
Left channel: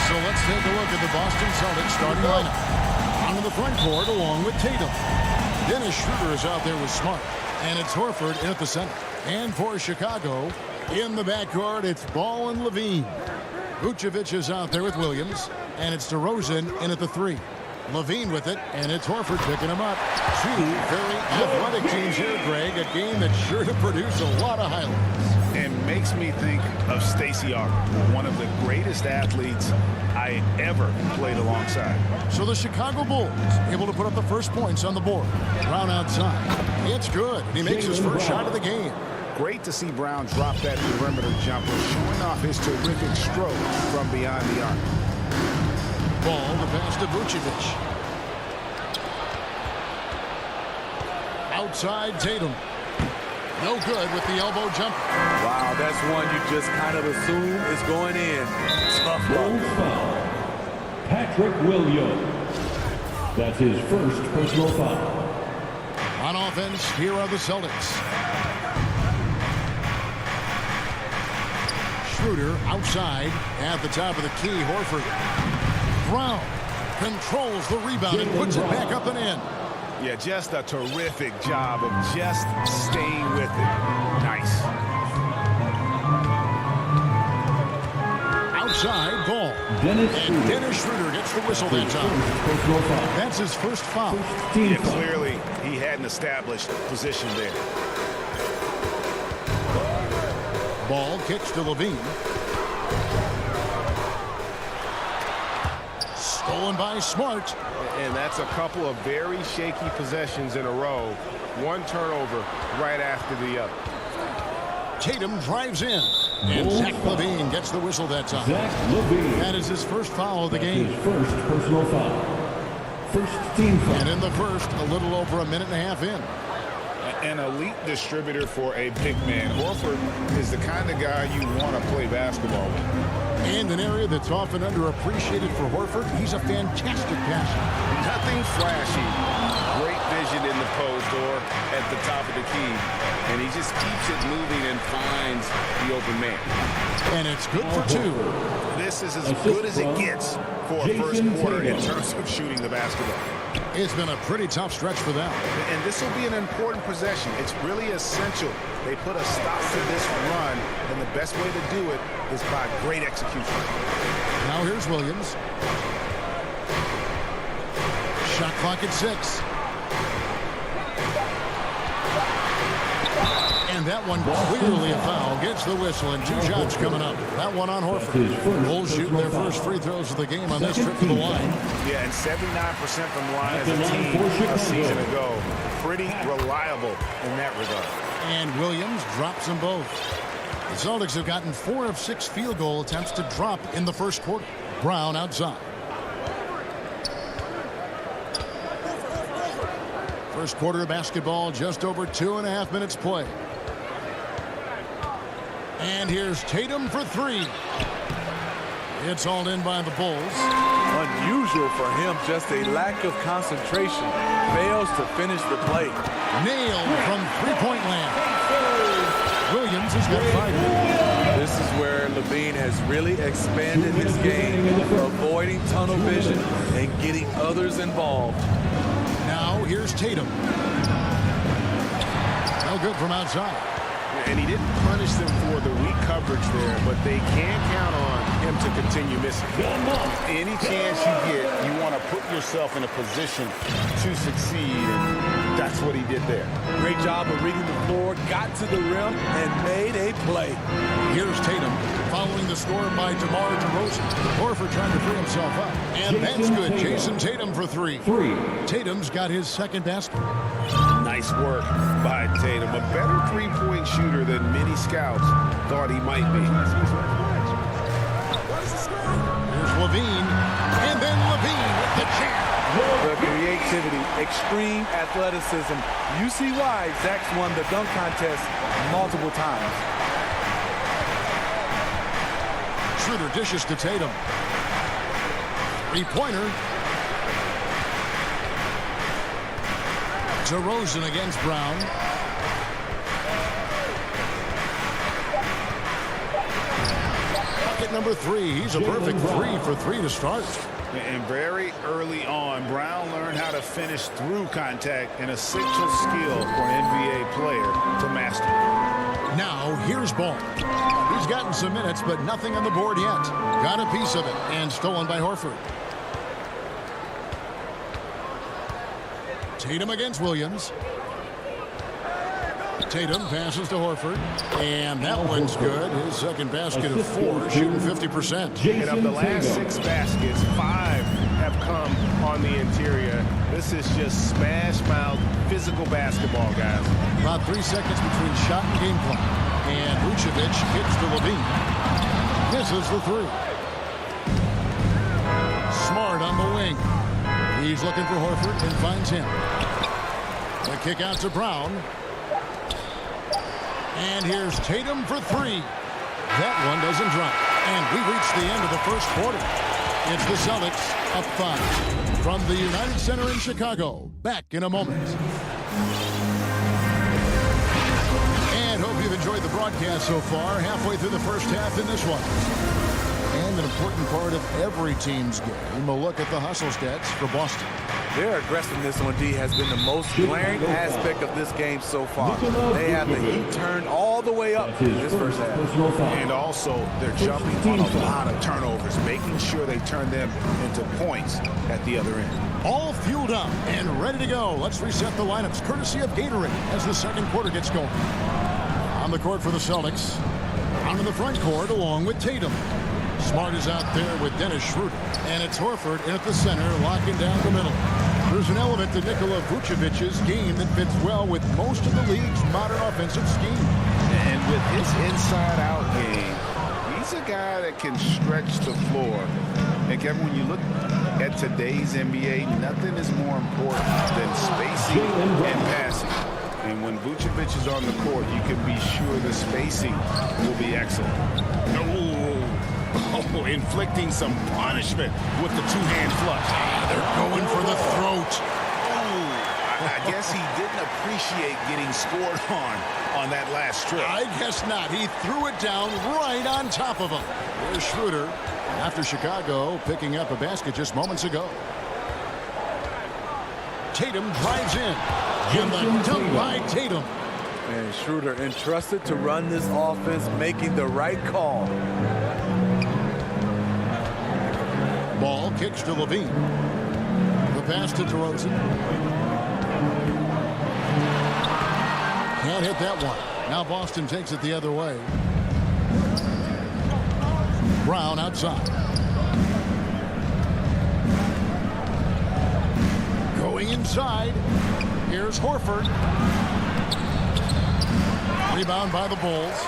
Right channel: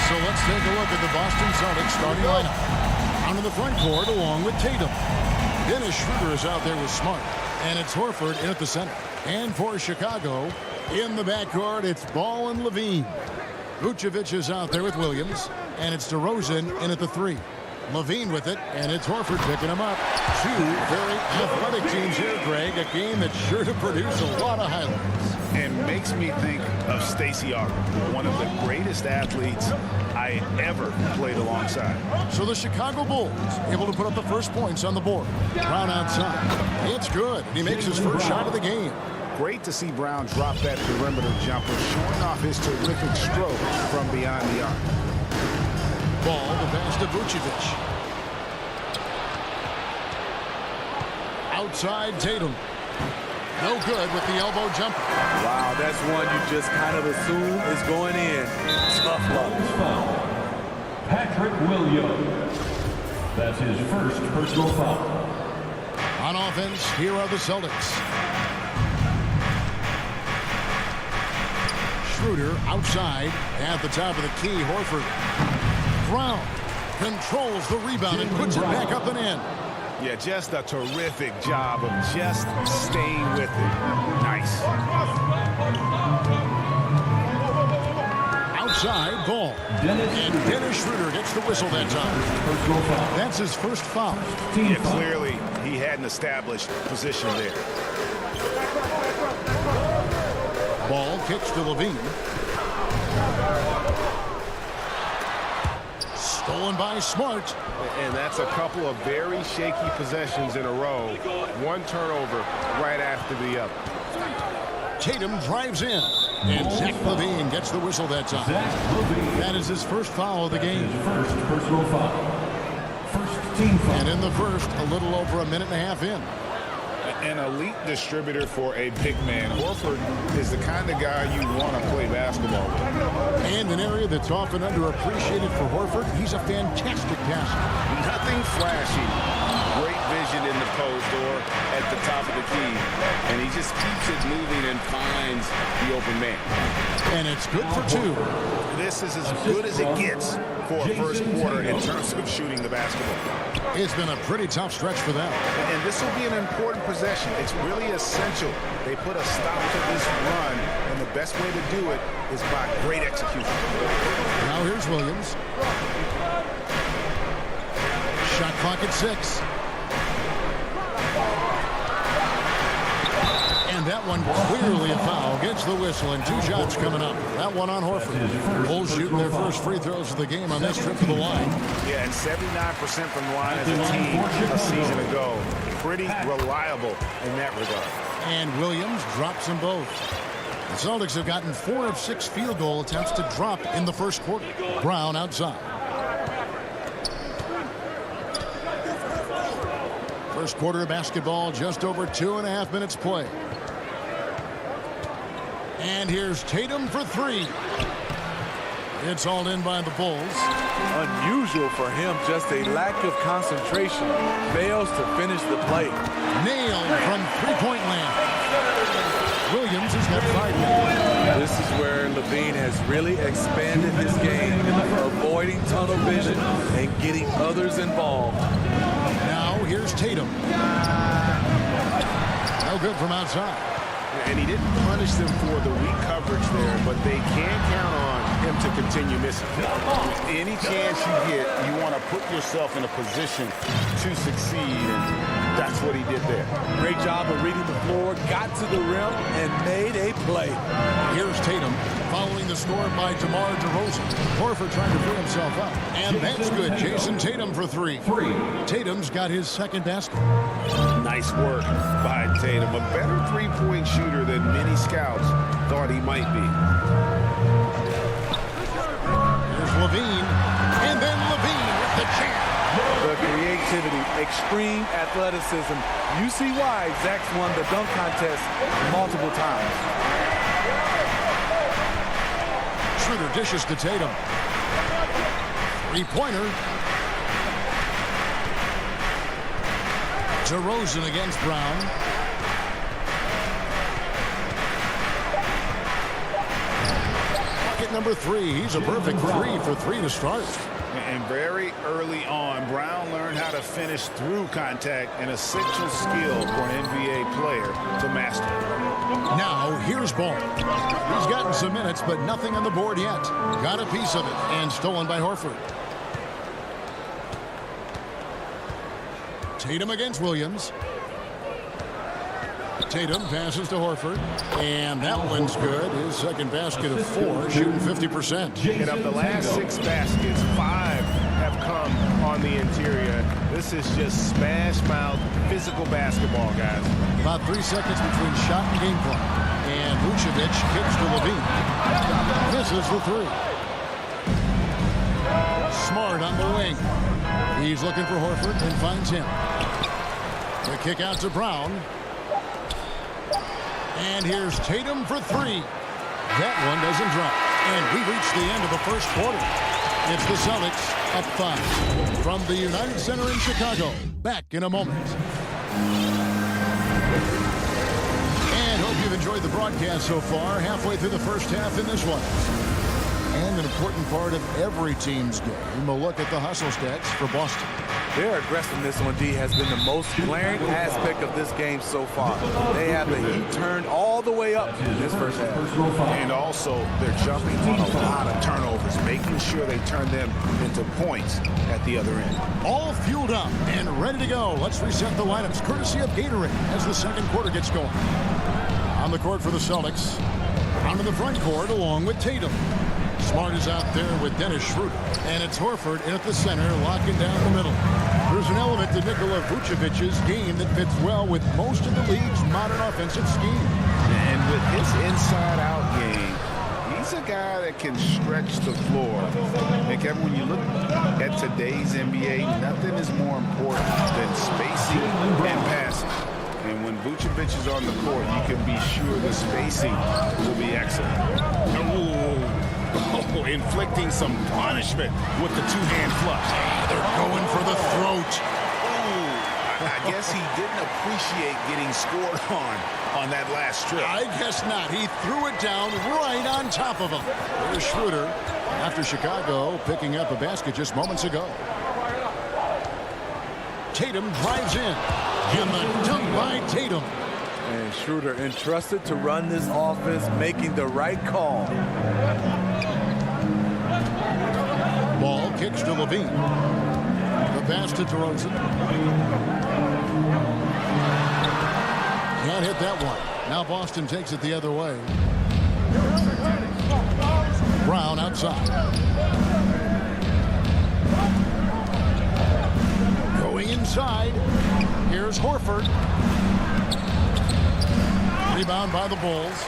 So let's take a look at the Boston Celtics starting lineup. Onto the front court along with Tatum. Dennis Schroeder is out there with Smart. And it's Horford in at the center. And for Chicago, in the backcourt, it's Ball and Levine. Vucevic is out there with Williams. And it's DeRozan in at the 3. Levine with it, and it's Horford picking him up. Two very athletic teams here, Greg. A game that's sure to produce a lot of highlights. And makes me think of Stacey Auger, one of the greatest athletes I ever played alongside. So the Chicago Bulls able to put up the first points on the board. Brown outside. It's good, and he makes his first shot of the game. Great to see Brown drop that perimeter jumper, showing off his terrific stroke from beyond the arc. Ball to pass to Vucevic. Outside Tatum. No good with the elbow jumper. Wow, that's one you just kind of assume is going in. Tough luck. Foul. Patrick Williams. That's his first personal foul. On offense, here are the Celtics. Schroeder outside at the top of the key. Horford. Brown controls the rebound and puts it back up and in. Yeah, just a terrific job of just staying with it. Nice. Outside ball. Dennis Schroeder gets the whistle that time. That's his first foul. Yeah, clearly he hadn't established position there. Ball kicks to Levine. Stolen by Smart. And that's a couple of very shaky possessions in a row. One turnover right after the other. Tatum drives in. And Zach LaVine gets the whistle that time. Zach LaVine. That is his first foul of the game. His first personal foul. First team foul. And in the first, a little over a minute and a half in. An elite distributor for a big man. Horford is the kind of guy you want to play basketball with. And an area that's often underappreciated for Horford, he's a fantastic passer. Nothing flashy. Great vision in the post or at the top of the key. And he just keeps it moving and finds the open man. And it's good for two. This is as good as it gets for a first quarter in terms of shooting the basketball. It's been a pretty tough stretch for them. And this will be an important possession. It's really essential. They put a stop to this run, and the best way to do it is by great execution. Now here's Williams. Shot clock at 6. And that one clearly a foul. Gets the whistle, and 2 shots coming up. That one on Horford. Bulls shooting their first free throws of the game on this trip to the line. Yeah, and 79% from the line as a team a season ago. Pretty reliable in that regard. And Williams drops them both. The Celtics have gotten 4 of 6 field goal attempts to drop in the first quarter. Brown outside. First quarter of basketball, just over 2.5 minutes play. And here's Tatum for 3. It's all in by the Bulls. Unusual for him, just a lack of concentration. Fails to finish the play. Nailed from three-point land. Williams has got 5 minutes. This is where Levine has really expanded his game, avoiding tunnel vision and getting others involved. Now here's Tatum. No good from outside. And he didn't punish them for the weak coverage there, but they can count on him to continue missing. Any chance you get, you want to put yourself in a position to succeed, and that's what he did there. Great job of reading the floor, got to the rim, and made a play. Here's Tatum following the score by DeMar DeRozan. Horford trying to free himself up. And that's good. Jason Tatum for 3. Tatum's got his second basket. Nice work by Tatum. A better three-point shooter than many scouts thought he might be. Here's Levine. And then Levine with the jam. The creativity, extreme athleticism. You see why Zach's won the dunk contest multiple times. Schroeder dishes to Tatum. Three-pointer. DeRozan against Brown. number 3. He's a perfect 3 for 3 to start. And very early on, Brown learned how to finish through contact, an essential skill for an NBA player to master. Now, here's Ball. He's gotten some minutes, but nothing on the board yet. Got a piece of it, and stolen by Horford. Tatum against Williams. Tatum passes to Horford, and that one's good. His second basket of 4, shooting 50%. And of the last 6 baskets, 5 have come on the interior. This is just smash-mouth physical basketball, guys. About 3 seconds between shot and game clock. And Vucevic kicks to Levine. Misses the 3. Smart on the wing. He's looking for Horford and finds him. The kick out to Brown. And here's Tatum for 3. That one doesn't drop. And we reach the end of the first quarter. It's the Celtics up 5. From the United Center in Chicago. Back in a moment. And hope you've enjoyed the broadcast so far. Halfway through the first half in this one. And an important part of every team's game, a look at the hustle stats for Boston. Their aggressiveness on D has been the most glaring aspect of this game so far. They have the heat turned all the way up in this first half. And also, they're jumping on a lot of turnovers, making sure they turn them into points at the other end. All fueled up and ready to go. Let's reset the lineups, courtesy of Gatorade, as the second quarter gets going. On the court for the Celtics. Onto the front court along with Tatum. Smart is out there with Dennis Schroeder. And it's Horford in at the center, locking down the middle. There's an element to Nikola Vucevic's game that fits well with most of the league's modern offensive scheme. And with his inside-out game, he's a guy that can stretch the floor. And Kevin, when you look at today's NBA, nothing is more important than spacing and passing. And when Vucevic is on the court, you can be sure the spacing will be excellent. Oh, inflicting some punishment with the two-hand flush. They're going for the throat. I guess he didn't appreciate getting scored on that last strip. I guess not. He threw it down right on top of him. There's Schroeder after Chicago picking up a basket just moments ago. Tatum drives in. And the dunk by Tatum. And Schroeder entrusted to run this offense, making the right call. Ball kicks to Levine. The pass to DeRozan. Can't hit that one. Now Boston takes it the other way. Brown outside. Going inside. Here's Horford. Rebound by the Bulls.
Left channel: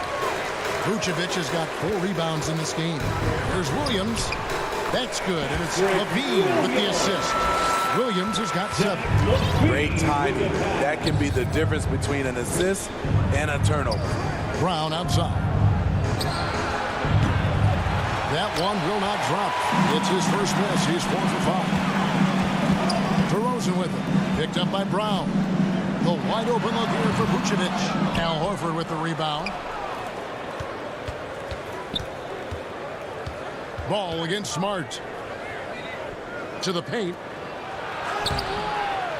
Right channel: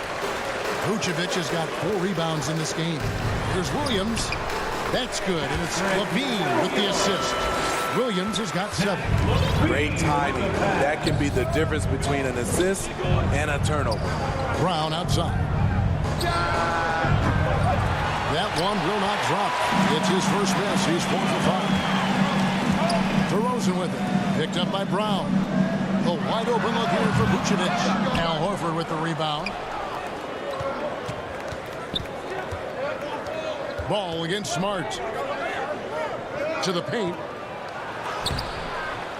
Vucevic has got 4 rebounds in this game. Here's Williams. That's good, and it's Levine with the assist. Williams has got 7. Great timing. That can be the difference between an assist and a turnover. Brown outside. That one will not drop. It's his first miss. He's 4 for 5. DeRozan with it. Picked up by Brown. The wide open look here for Vucevic. Al Horford with the rebound. Ball against Smart. To the paint.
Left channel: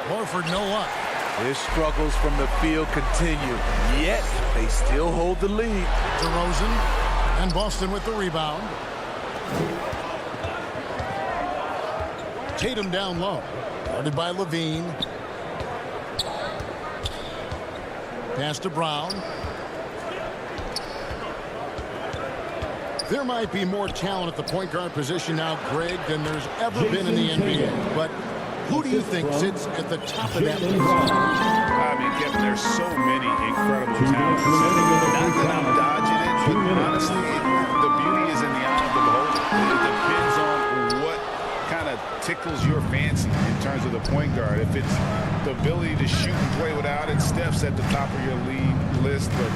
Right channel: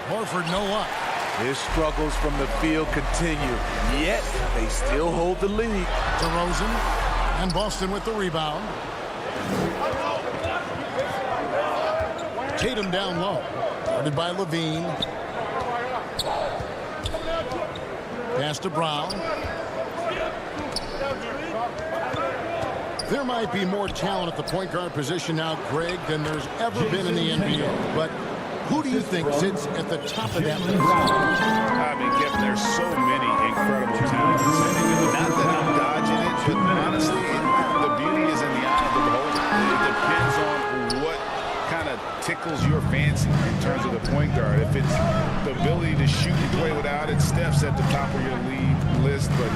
Horford no luck. His struggles from the field continue, yet they still hold the lead. DeRozan and Boston with the rebound. Tatum down low. Guarded by Levine. Pass to Brown. There might be more talent at the point guard position now, Greg, than there's ever been in the NBA. But who do you think sits at the top of that list? I mean, Kevin, there's so many incredible talents. Not that I'm dodging it, but honestly, the beauty is in the eye of the beholder. It depends on what kind of tickles your fancy in terms of the point guard. If it's the ability to shoot and play without it, Steph's at the top of your league list. But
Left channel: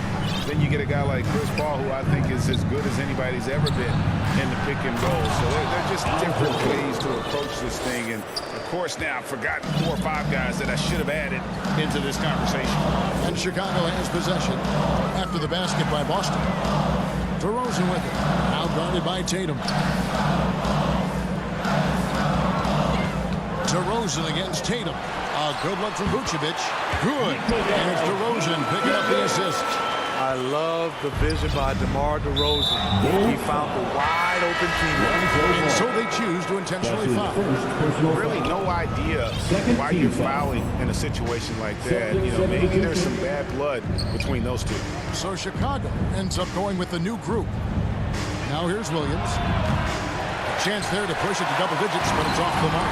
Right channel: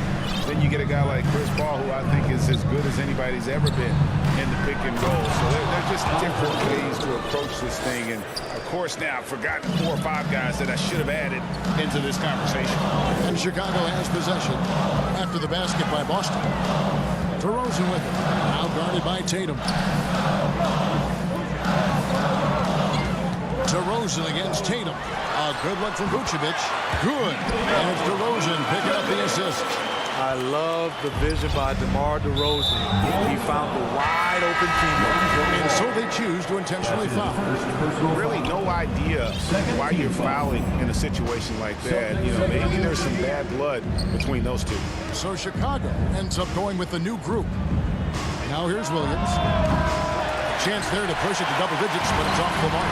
then you get a guy like Chris Paul, who I think is as good as anybody's ever been in the pick and roll. So they're just different ways to approach this thing. And, of course, now I've forgotten 4 or 5 guys that I should have added into this conversation. And Chicago has possession after the basket by Boston. DeRozan with it. Now guarded by Tatum. DeRozan against Tatum. A good look from Vucevic. Good. And it's DeRozan picking up the assist. I love the vision by DeMar DeRozan. He found the wide open teammate. And so they choose to intentionally foul. Really no idea why you're fouling in a situation like that. You know, maybe there's some bad blood between those two. So Chicago ends up going with the new group. Now here's Williams. A chance there to push it to double digits, but it's off the mark.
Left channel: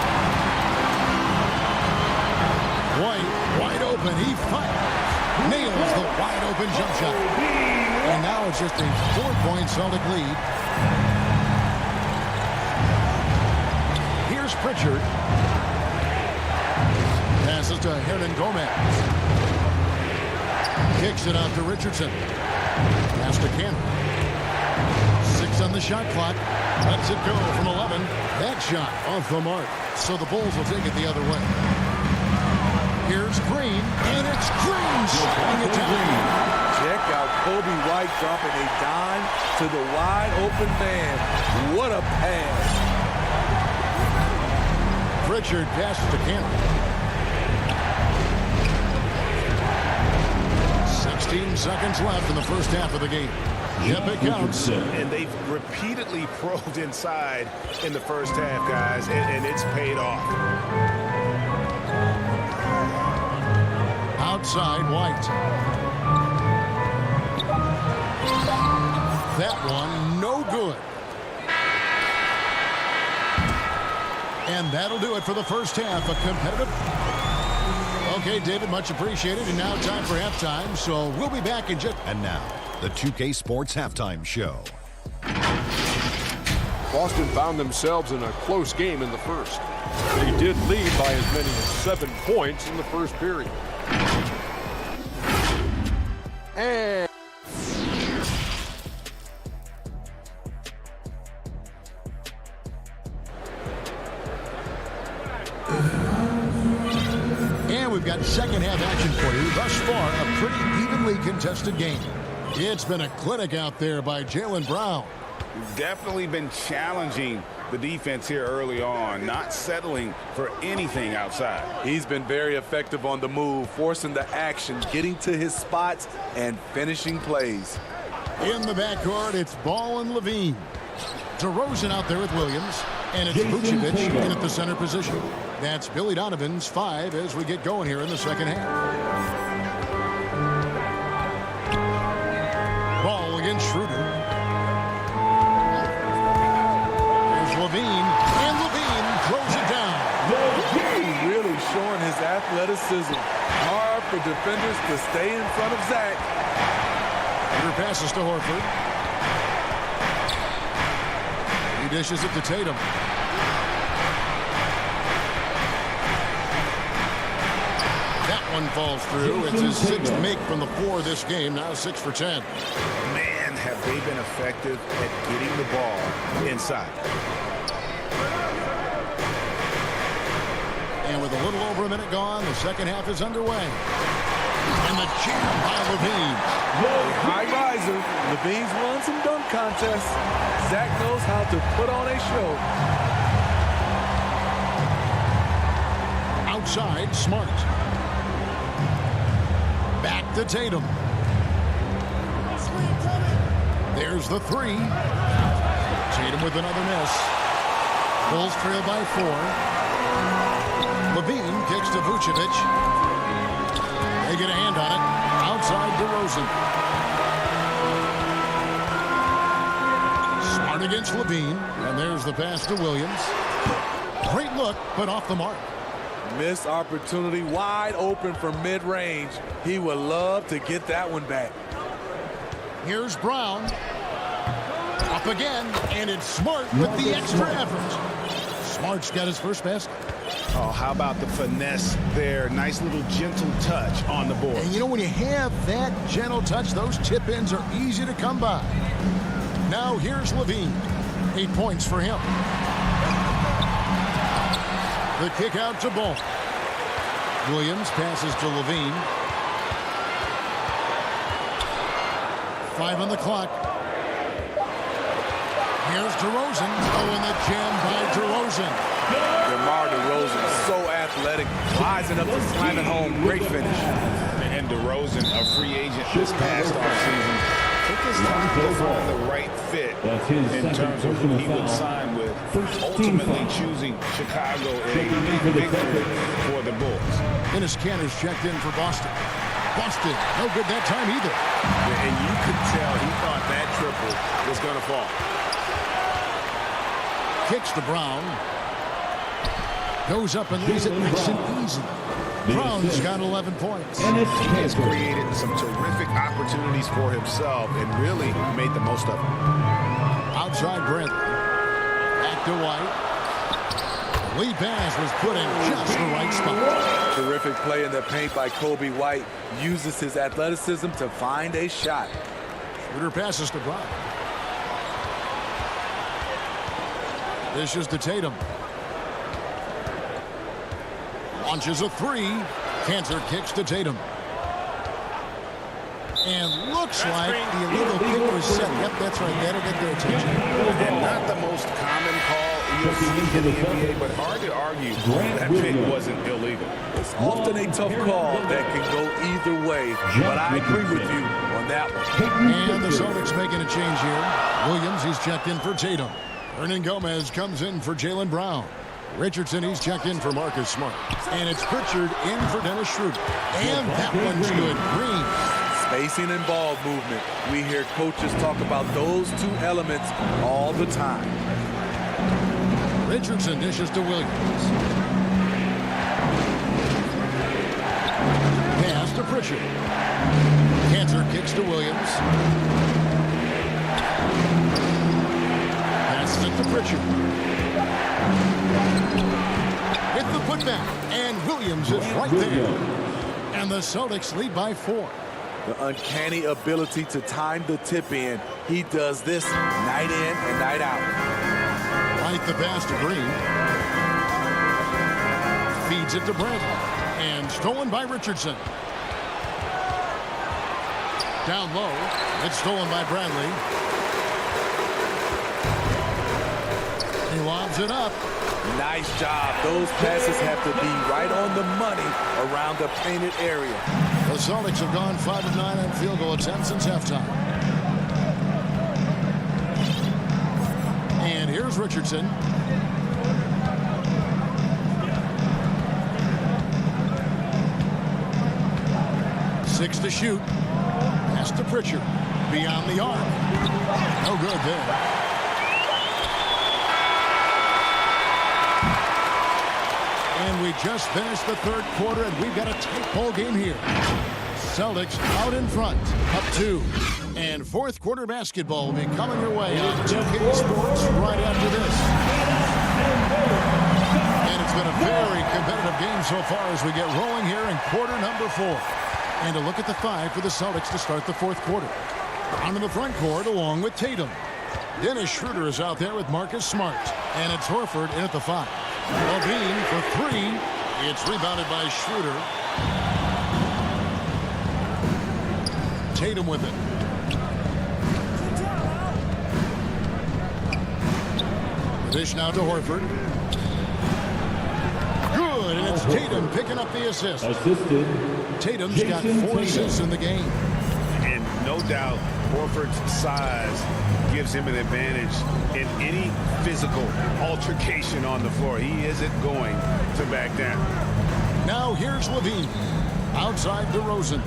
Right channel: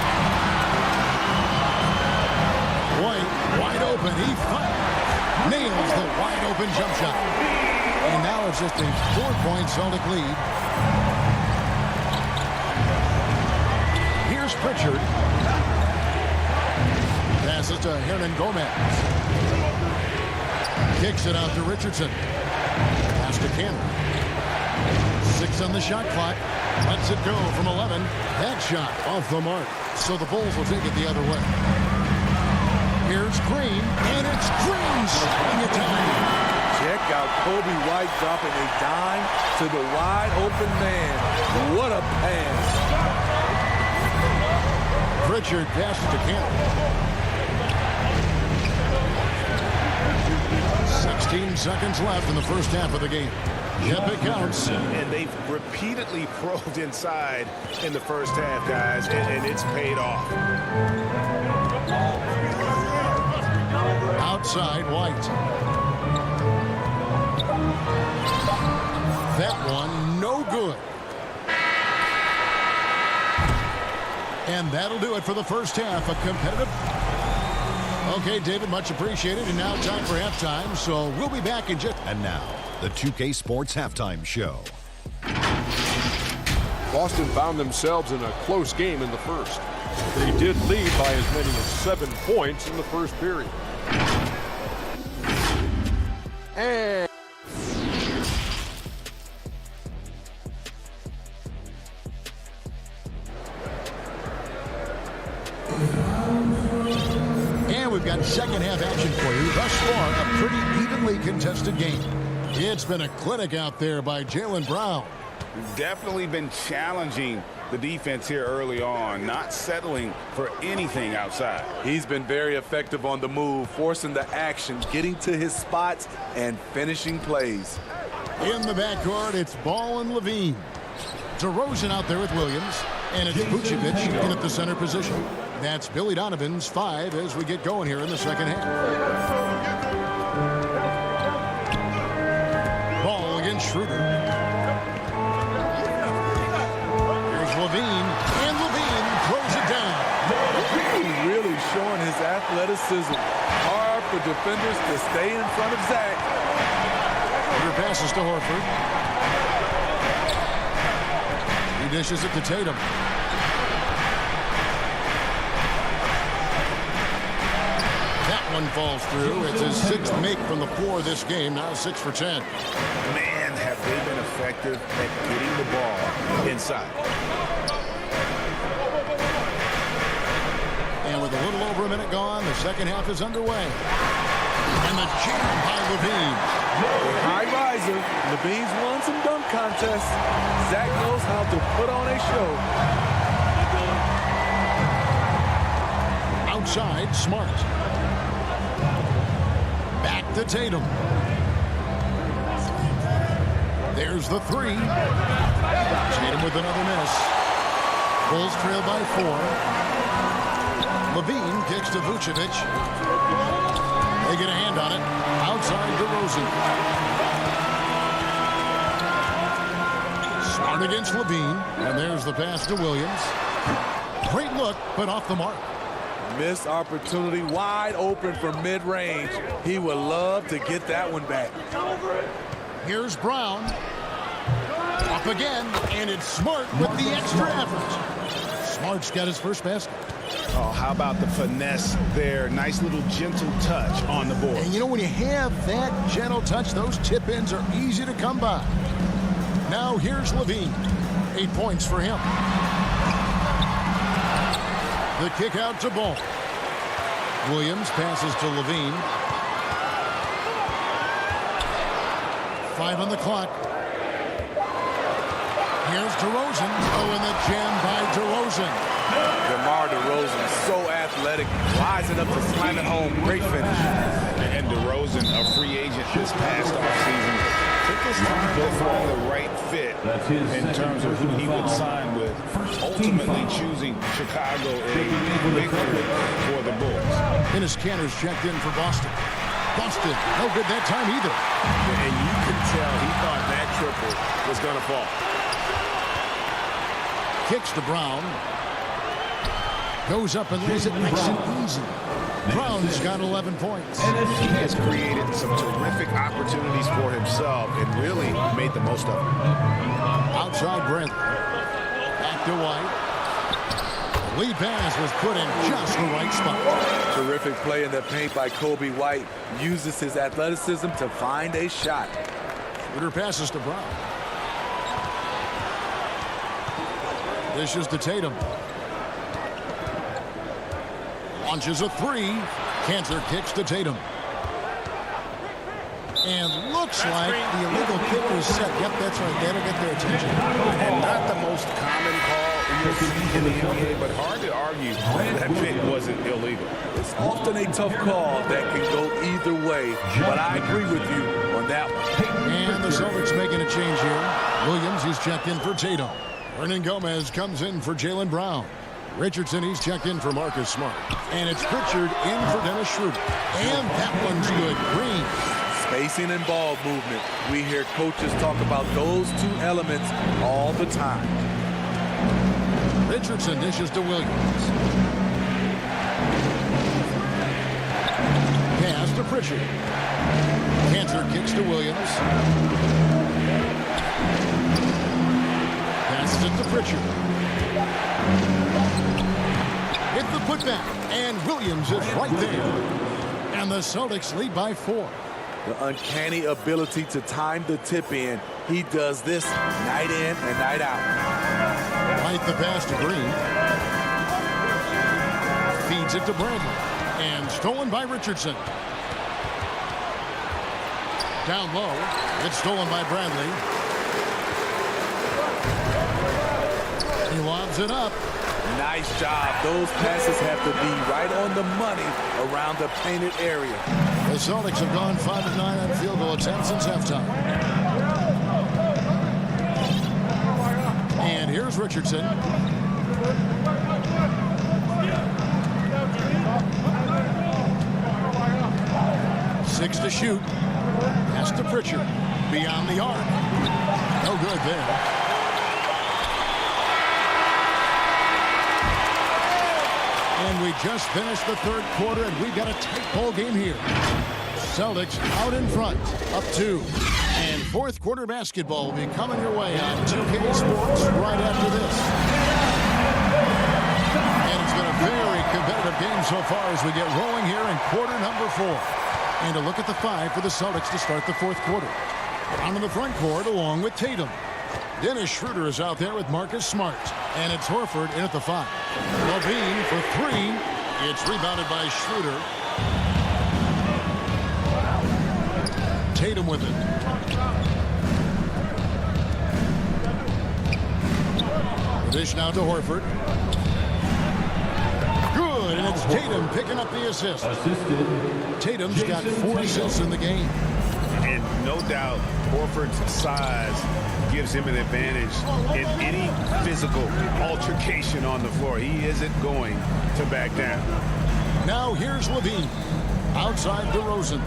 White, wide open. He fires. Nails the wide open jump shot. And now it's just a 4-point Celtic lead. Here's Pritchard. Passes to Hernan Gomez. Kicks it out to Richardson. Pass to Canner. 6 on the shot clock. Lets it go from 11. That shot off the mark. So the Bulls will take it the other way. Here's Green, and it's Green scoring it down. Check out Kobe White dropping a dime to the wide open man. What a pass. Pritchard passes to Cannon. 16 seconds left in the first half of the game. Yep, it counts. And they've repeatedly probed inside in the first half, guys, and it's paid off. Outside, White. That one, no good. And that'll do it for the first half. A competitive... Okay, David, much appreciated. And now time for halftime, so we'll be back in just... And now, the 2K Sports Halftime Show. Boston found themselves in a close game in the first. They did lead by as many as 7 points in the first period. And we've got second half action for you. Thus far, a pretty evenly contested game. It's been a clinic out there by Jaylen Brown. Definitely been challenging the defense here early on, not settling for anything outside. He's been very effective on the move, forcing the action, getting to his spots, and finishing plays. In the backcourt, it's Ball and Levine. DeRozan out there with Williams, and it's Vucevic in at the center position. That's Billy Donovan's 5 as we get going here in the second half. Ball against Schroeder. Levine, and Levine throws it down. Ooh, really showing his athleticism. Hard for defenders to stay in front of Zach. Peter passes to Horford. He dishes it to Tatum. That one falls through. It's his 6th make from the floor this game. Now 6 for 10. Man, have they been effective at getting the ball inside. And with a little over a minute gone, the second half is underway. And the jam by Levine. A high riser. Levine's won some dunk contests. Zach knows how to put on a show. Outside, Smart. Back to Tatum. There's the 3. Tatum with another miss. Bulls trail by 4. Levine kicks to Vucevic. They get a hand on it. Outside DeRozan. Smart against Levine. And there's the pass to Williams. Great look, but off the mark. Missed opportunity, wide open from mid-range. He would love to get that one back. Here's Brown. Up again, and it's Smart with the extra effort. Smart's got his first basket. Oh, how about the finesse there? Nice little gentle touch on the board. And you know, when you have that gentle touch, those tip-ins are easy to come by. Now here's Levine. 8 points for him. The kick out to Ball. Williams passes to Levine. 5 on the clock. Here's DeRozan. Oh, and the jam by DeRozan. DeMar DeRozan is so athletic, rising up to slam it home. Great finish. And DeRozan, a free agent this past offseason, took his time to find the right fit in terms of who he would sign with, ultimately choosing Chicago a victory for the Bulls. Dennis Cantor's checked in for Boston. Boston, no good that time either. And you could tell he thought that triple was going to fall. Kicks to Brown. Goes up and lays it nice and easy. Brown's got 11 points. He has created some terrific opportunities for himself and really made the most of them. Outside Bradley. Back to White. The lead pass was put in just the right spot. Terrific play in the paint by Kobe White. Uses his athleticism to find a shot. Schroeder passes to Brown. Dishes to Tatum. Launches a three. Cantor kicks to Tatum. And looks like the illegal kick was set. Yep, that's right. That'll get their attention. And not the most common call you'll see in the NBA, but hard to argue that pick wasn't illegal. It's often a tough call that can go either way, but I agree with you on that one. And the Celtics making a change here. Williams, he's checked in for Tatum. Hernan Gomez comes in for Jaylen Brown. Richardson, he's checked in for Marcus Smart. And it's Pritchard in for Dennis Schroeder. And that one's good. Green. Spacing and ball movement. We hear coaches talk about those two elements all the time. Richardson dishes to Williams. Pass to Pritchard. Cantor kicks to Williams. Passes it to Pritchard. With the putback, and Williams is right there. And the Celtics lead by 4. The uncanny ability to time the tip in. He does this night in and night out. Right the pass to Green. Feeds it to Bradley. And stolen by Richardson. Down low. It's stolen by Bradley. He lobs it up. Nice job. Those passes have to be right on the money around the painted area. The Celtics have gone 5 of 9 on field goal attempts since halftime. And here's Richardson. Six to shoot. Pass to Pritchard. Beyond the arc. No good there. And we just finished the third quarter, and we've got a tight ball game here. Celtics out in front, up 2. And fourth quarter basketball will be coming your way on 2K Sports right after this. And it's been a very competitive game so far as we get rolling here in quarter number 4. And a look at the 5 for the Celtics to start the fourth quarter. On in the front court along with Tatum. Dennis Schroeder is out there with Marcus Smart. And it's Horford in at the 5. Levine for 3. It's rebounded by Schroeder. Tatum with it. The dish now to Horford. Good, and it's Tatum picking up the assist. Tatum's got 4 assists in the game. And no doubt, Horford's size gives him an advantage in any physical altercation on the floor. He isn't going to back down. Now here's Levine. Outside DeRozan.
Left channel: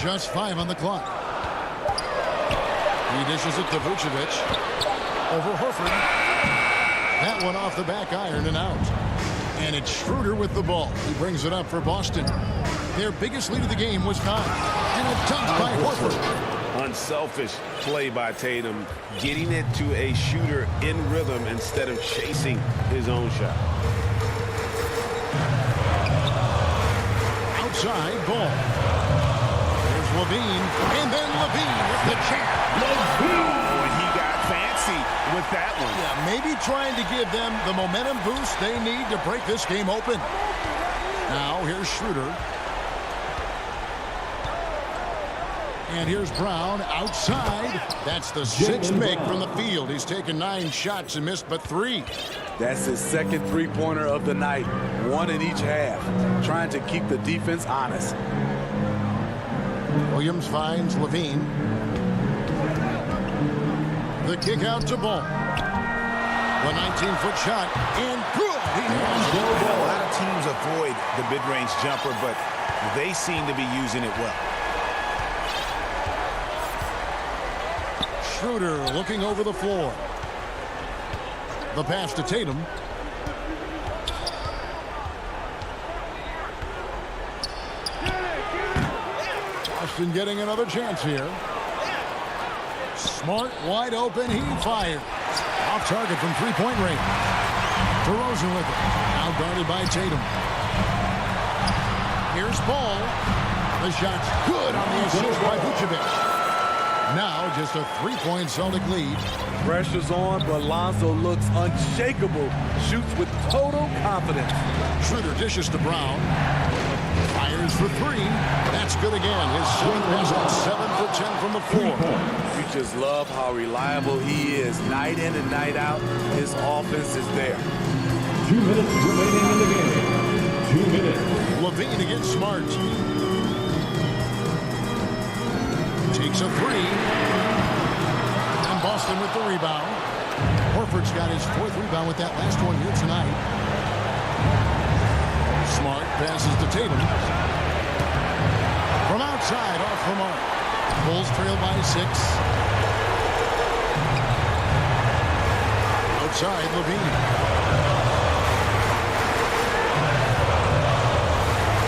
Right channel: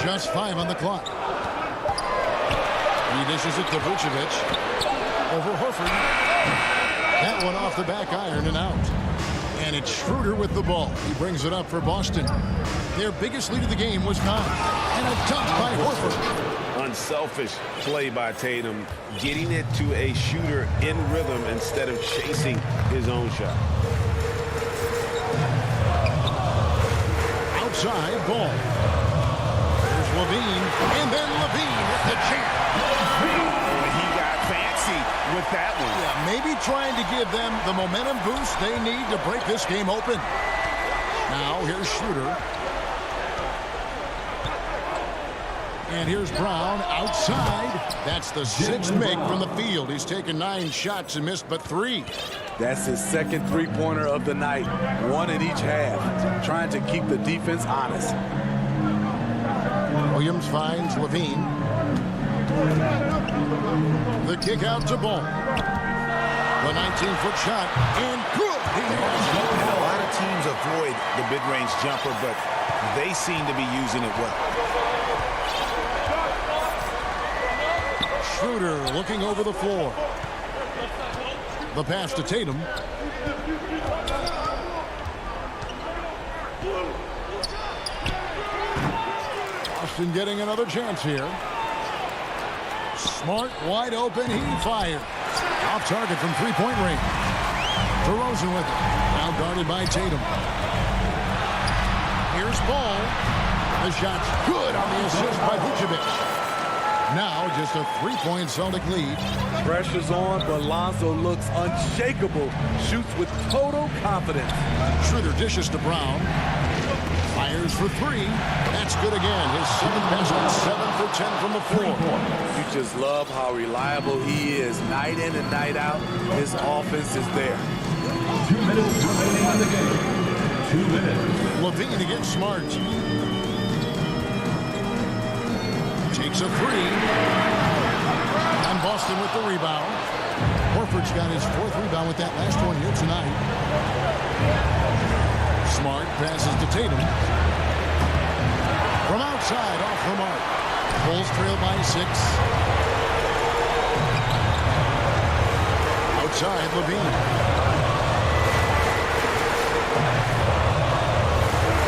Just 5 on the clock. He dishes it to Vucevic. Over Horford. That one off the back iron and out. And it's Schroeder with the ball. He brings it up for Boston. Their biggest lead of the game was 9. And a dunk by Horford. Unselfish play by Tatum, getting it to a shooter in rhythm instead of chasing his own shot. Outside ball. There's Levine, and then Levine with the jam. Oh, and he got fancy with that one. Yeah, maybe trying to give them the momentum boost they need to break this game open. Now here's Schroeder. And here's Brown outside. That's the sixth make from the field. He's taken 9 shots and missed but 3. That's his second three-pointer of the night. 1 in each half. Trying to keep the defense honest. Williams finds Levine. The kick out to Ball. The 19-foot shot, and good. He nails it. And a lot of teams avoid the mid-range jumper, but they seem to be using it well. Schroeder looking over the floor. The pass to Tatum. Boston getting another chance here. Smart, wide open, he fires. Off target from three-point range. DeRozan with it. Now guarded by Tatum. Here's Ball. The shot's good on the assist by Vucevic. Now just a 3-point Celtic lead. Pressure's on, but Lonzo looks unshakable. Shoots with total confidence. Schroeder dishes to Brown. Fires for 3. That's good again. His 7th basket, 7 for 10 from the floor. You just love how reliable he is night in and night out. His offense is there. 2 minutes remaining in the game. 2 minutes. Levine against Smart. Takes a 3. And Boston with the rebound. Horford's got his 4th rebound with that last one here tonight. Smart passes to Tatum. From outside, off the mark. Bulls trail by 6. Outside, Levine.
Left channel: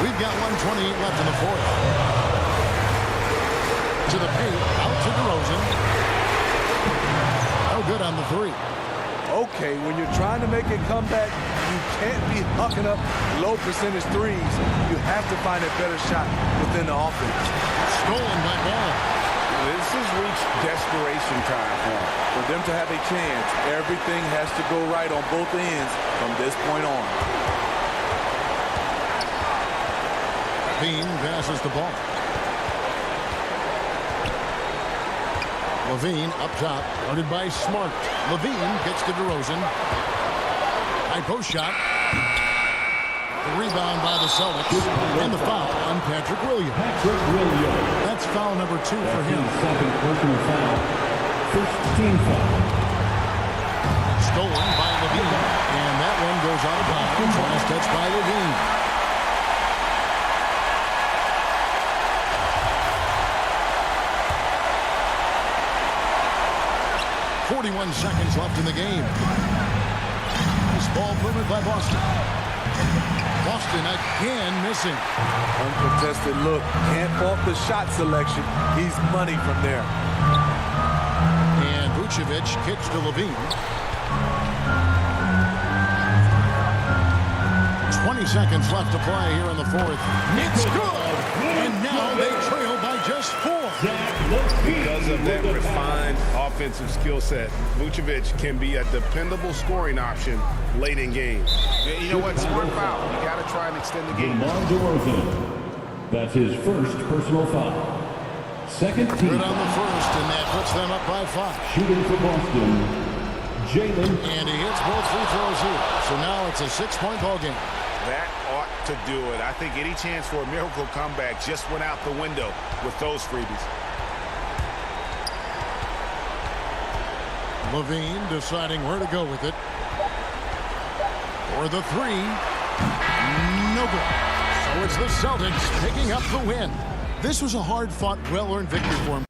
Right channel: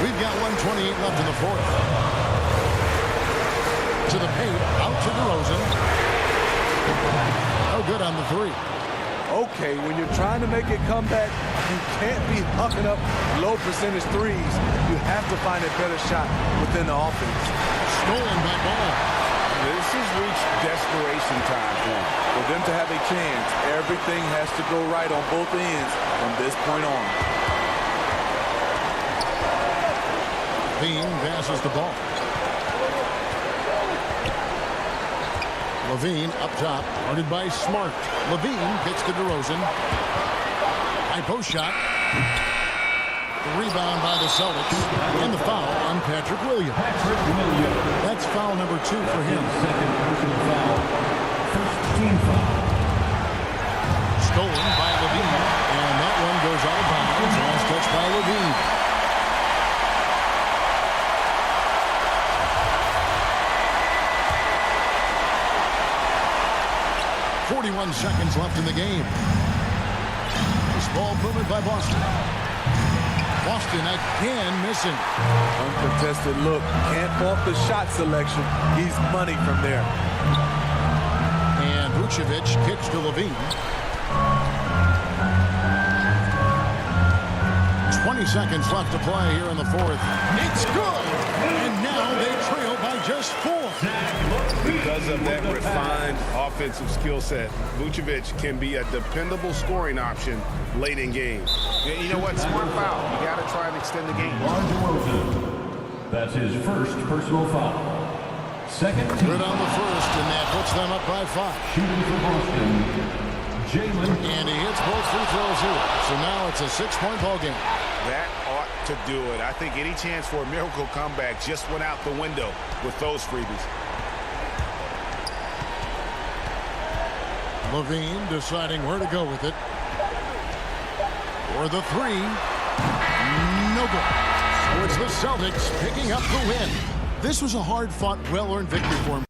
We've got 1:28 left in the 4th. To the paint, out to DeRozan. Oh, good on the 3. Okay, when you're trying to make it come back, you can't be hucking up low percentage threes. You have to find a better shot within the offense. Stolen by Ball. This has reached desperation time for him. For them to have a chance, everything has to go right on both ends from this point on. Bean passes the ball. Levine up top, guarded by Smart. Levine gets to DeRozan. High post shot. The rebound by the Celtics. And the foul on Patrick Williams. That's foul number 2 for him. Second personal foul. First team foul. Stolen by Levine. And that one goes out of bounds. Last touch by Levine. .41 seconds left in the game. Nice ball movement by Boston. Boston again missing. Uncontested look. Can't fault the shot selection. He's money from there. And Vucevic kicks to Levine. 20 seconds left to play here in the 4th. It's good! And now they trail by just 4. Because of that refined offensive skill set, Vucevic can be a dependable scoring option late in games. You know what? Smart foul. You got to try and extend the game. DeRozan. That's his first personal foul. Second team. Good on the first, and that puts them up by 5. Shooting for Boston, Jalen. And he hits both free throws here. So now it's a 6-point ball game. That ought to do it. I think any chance for a miracle comeback just went out the window with those freebies. Levine deciding where to go with it. For the 3. No good. So it's the Celtics picking up the win. This was a hard-fought, well-earned victory for him.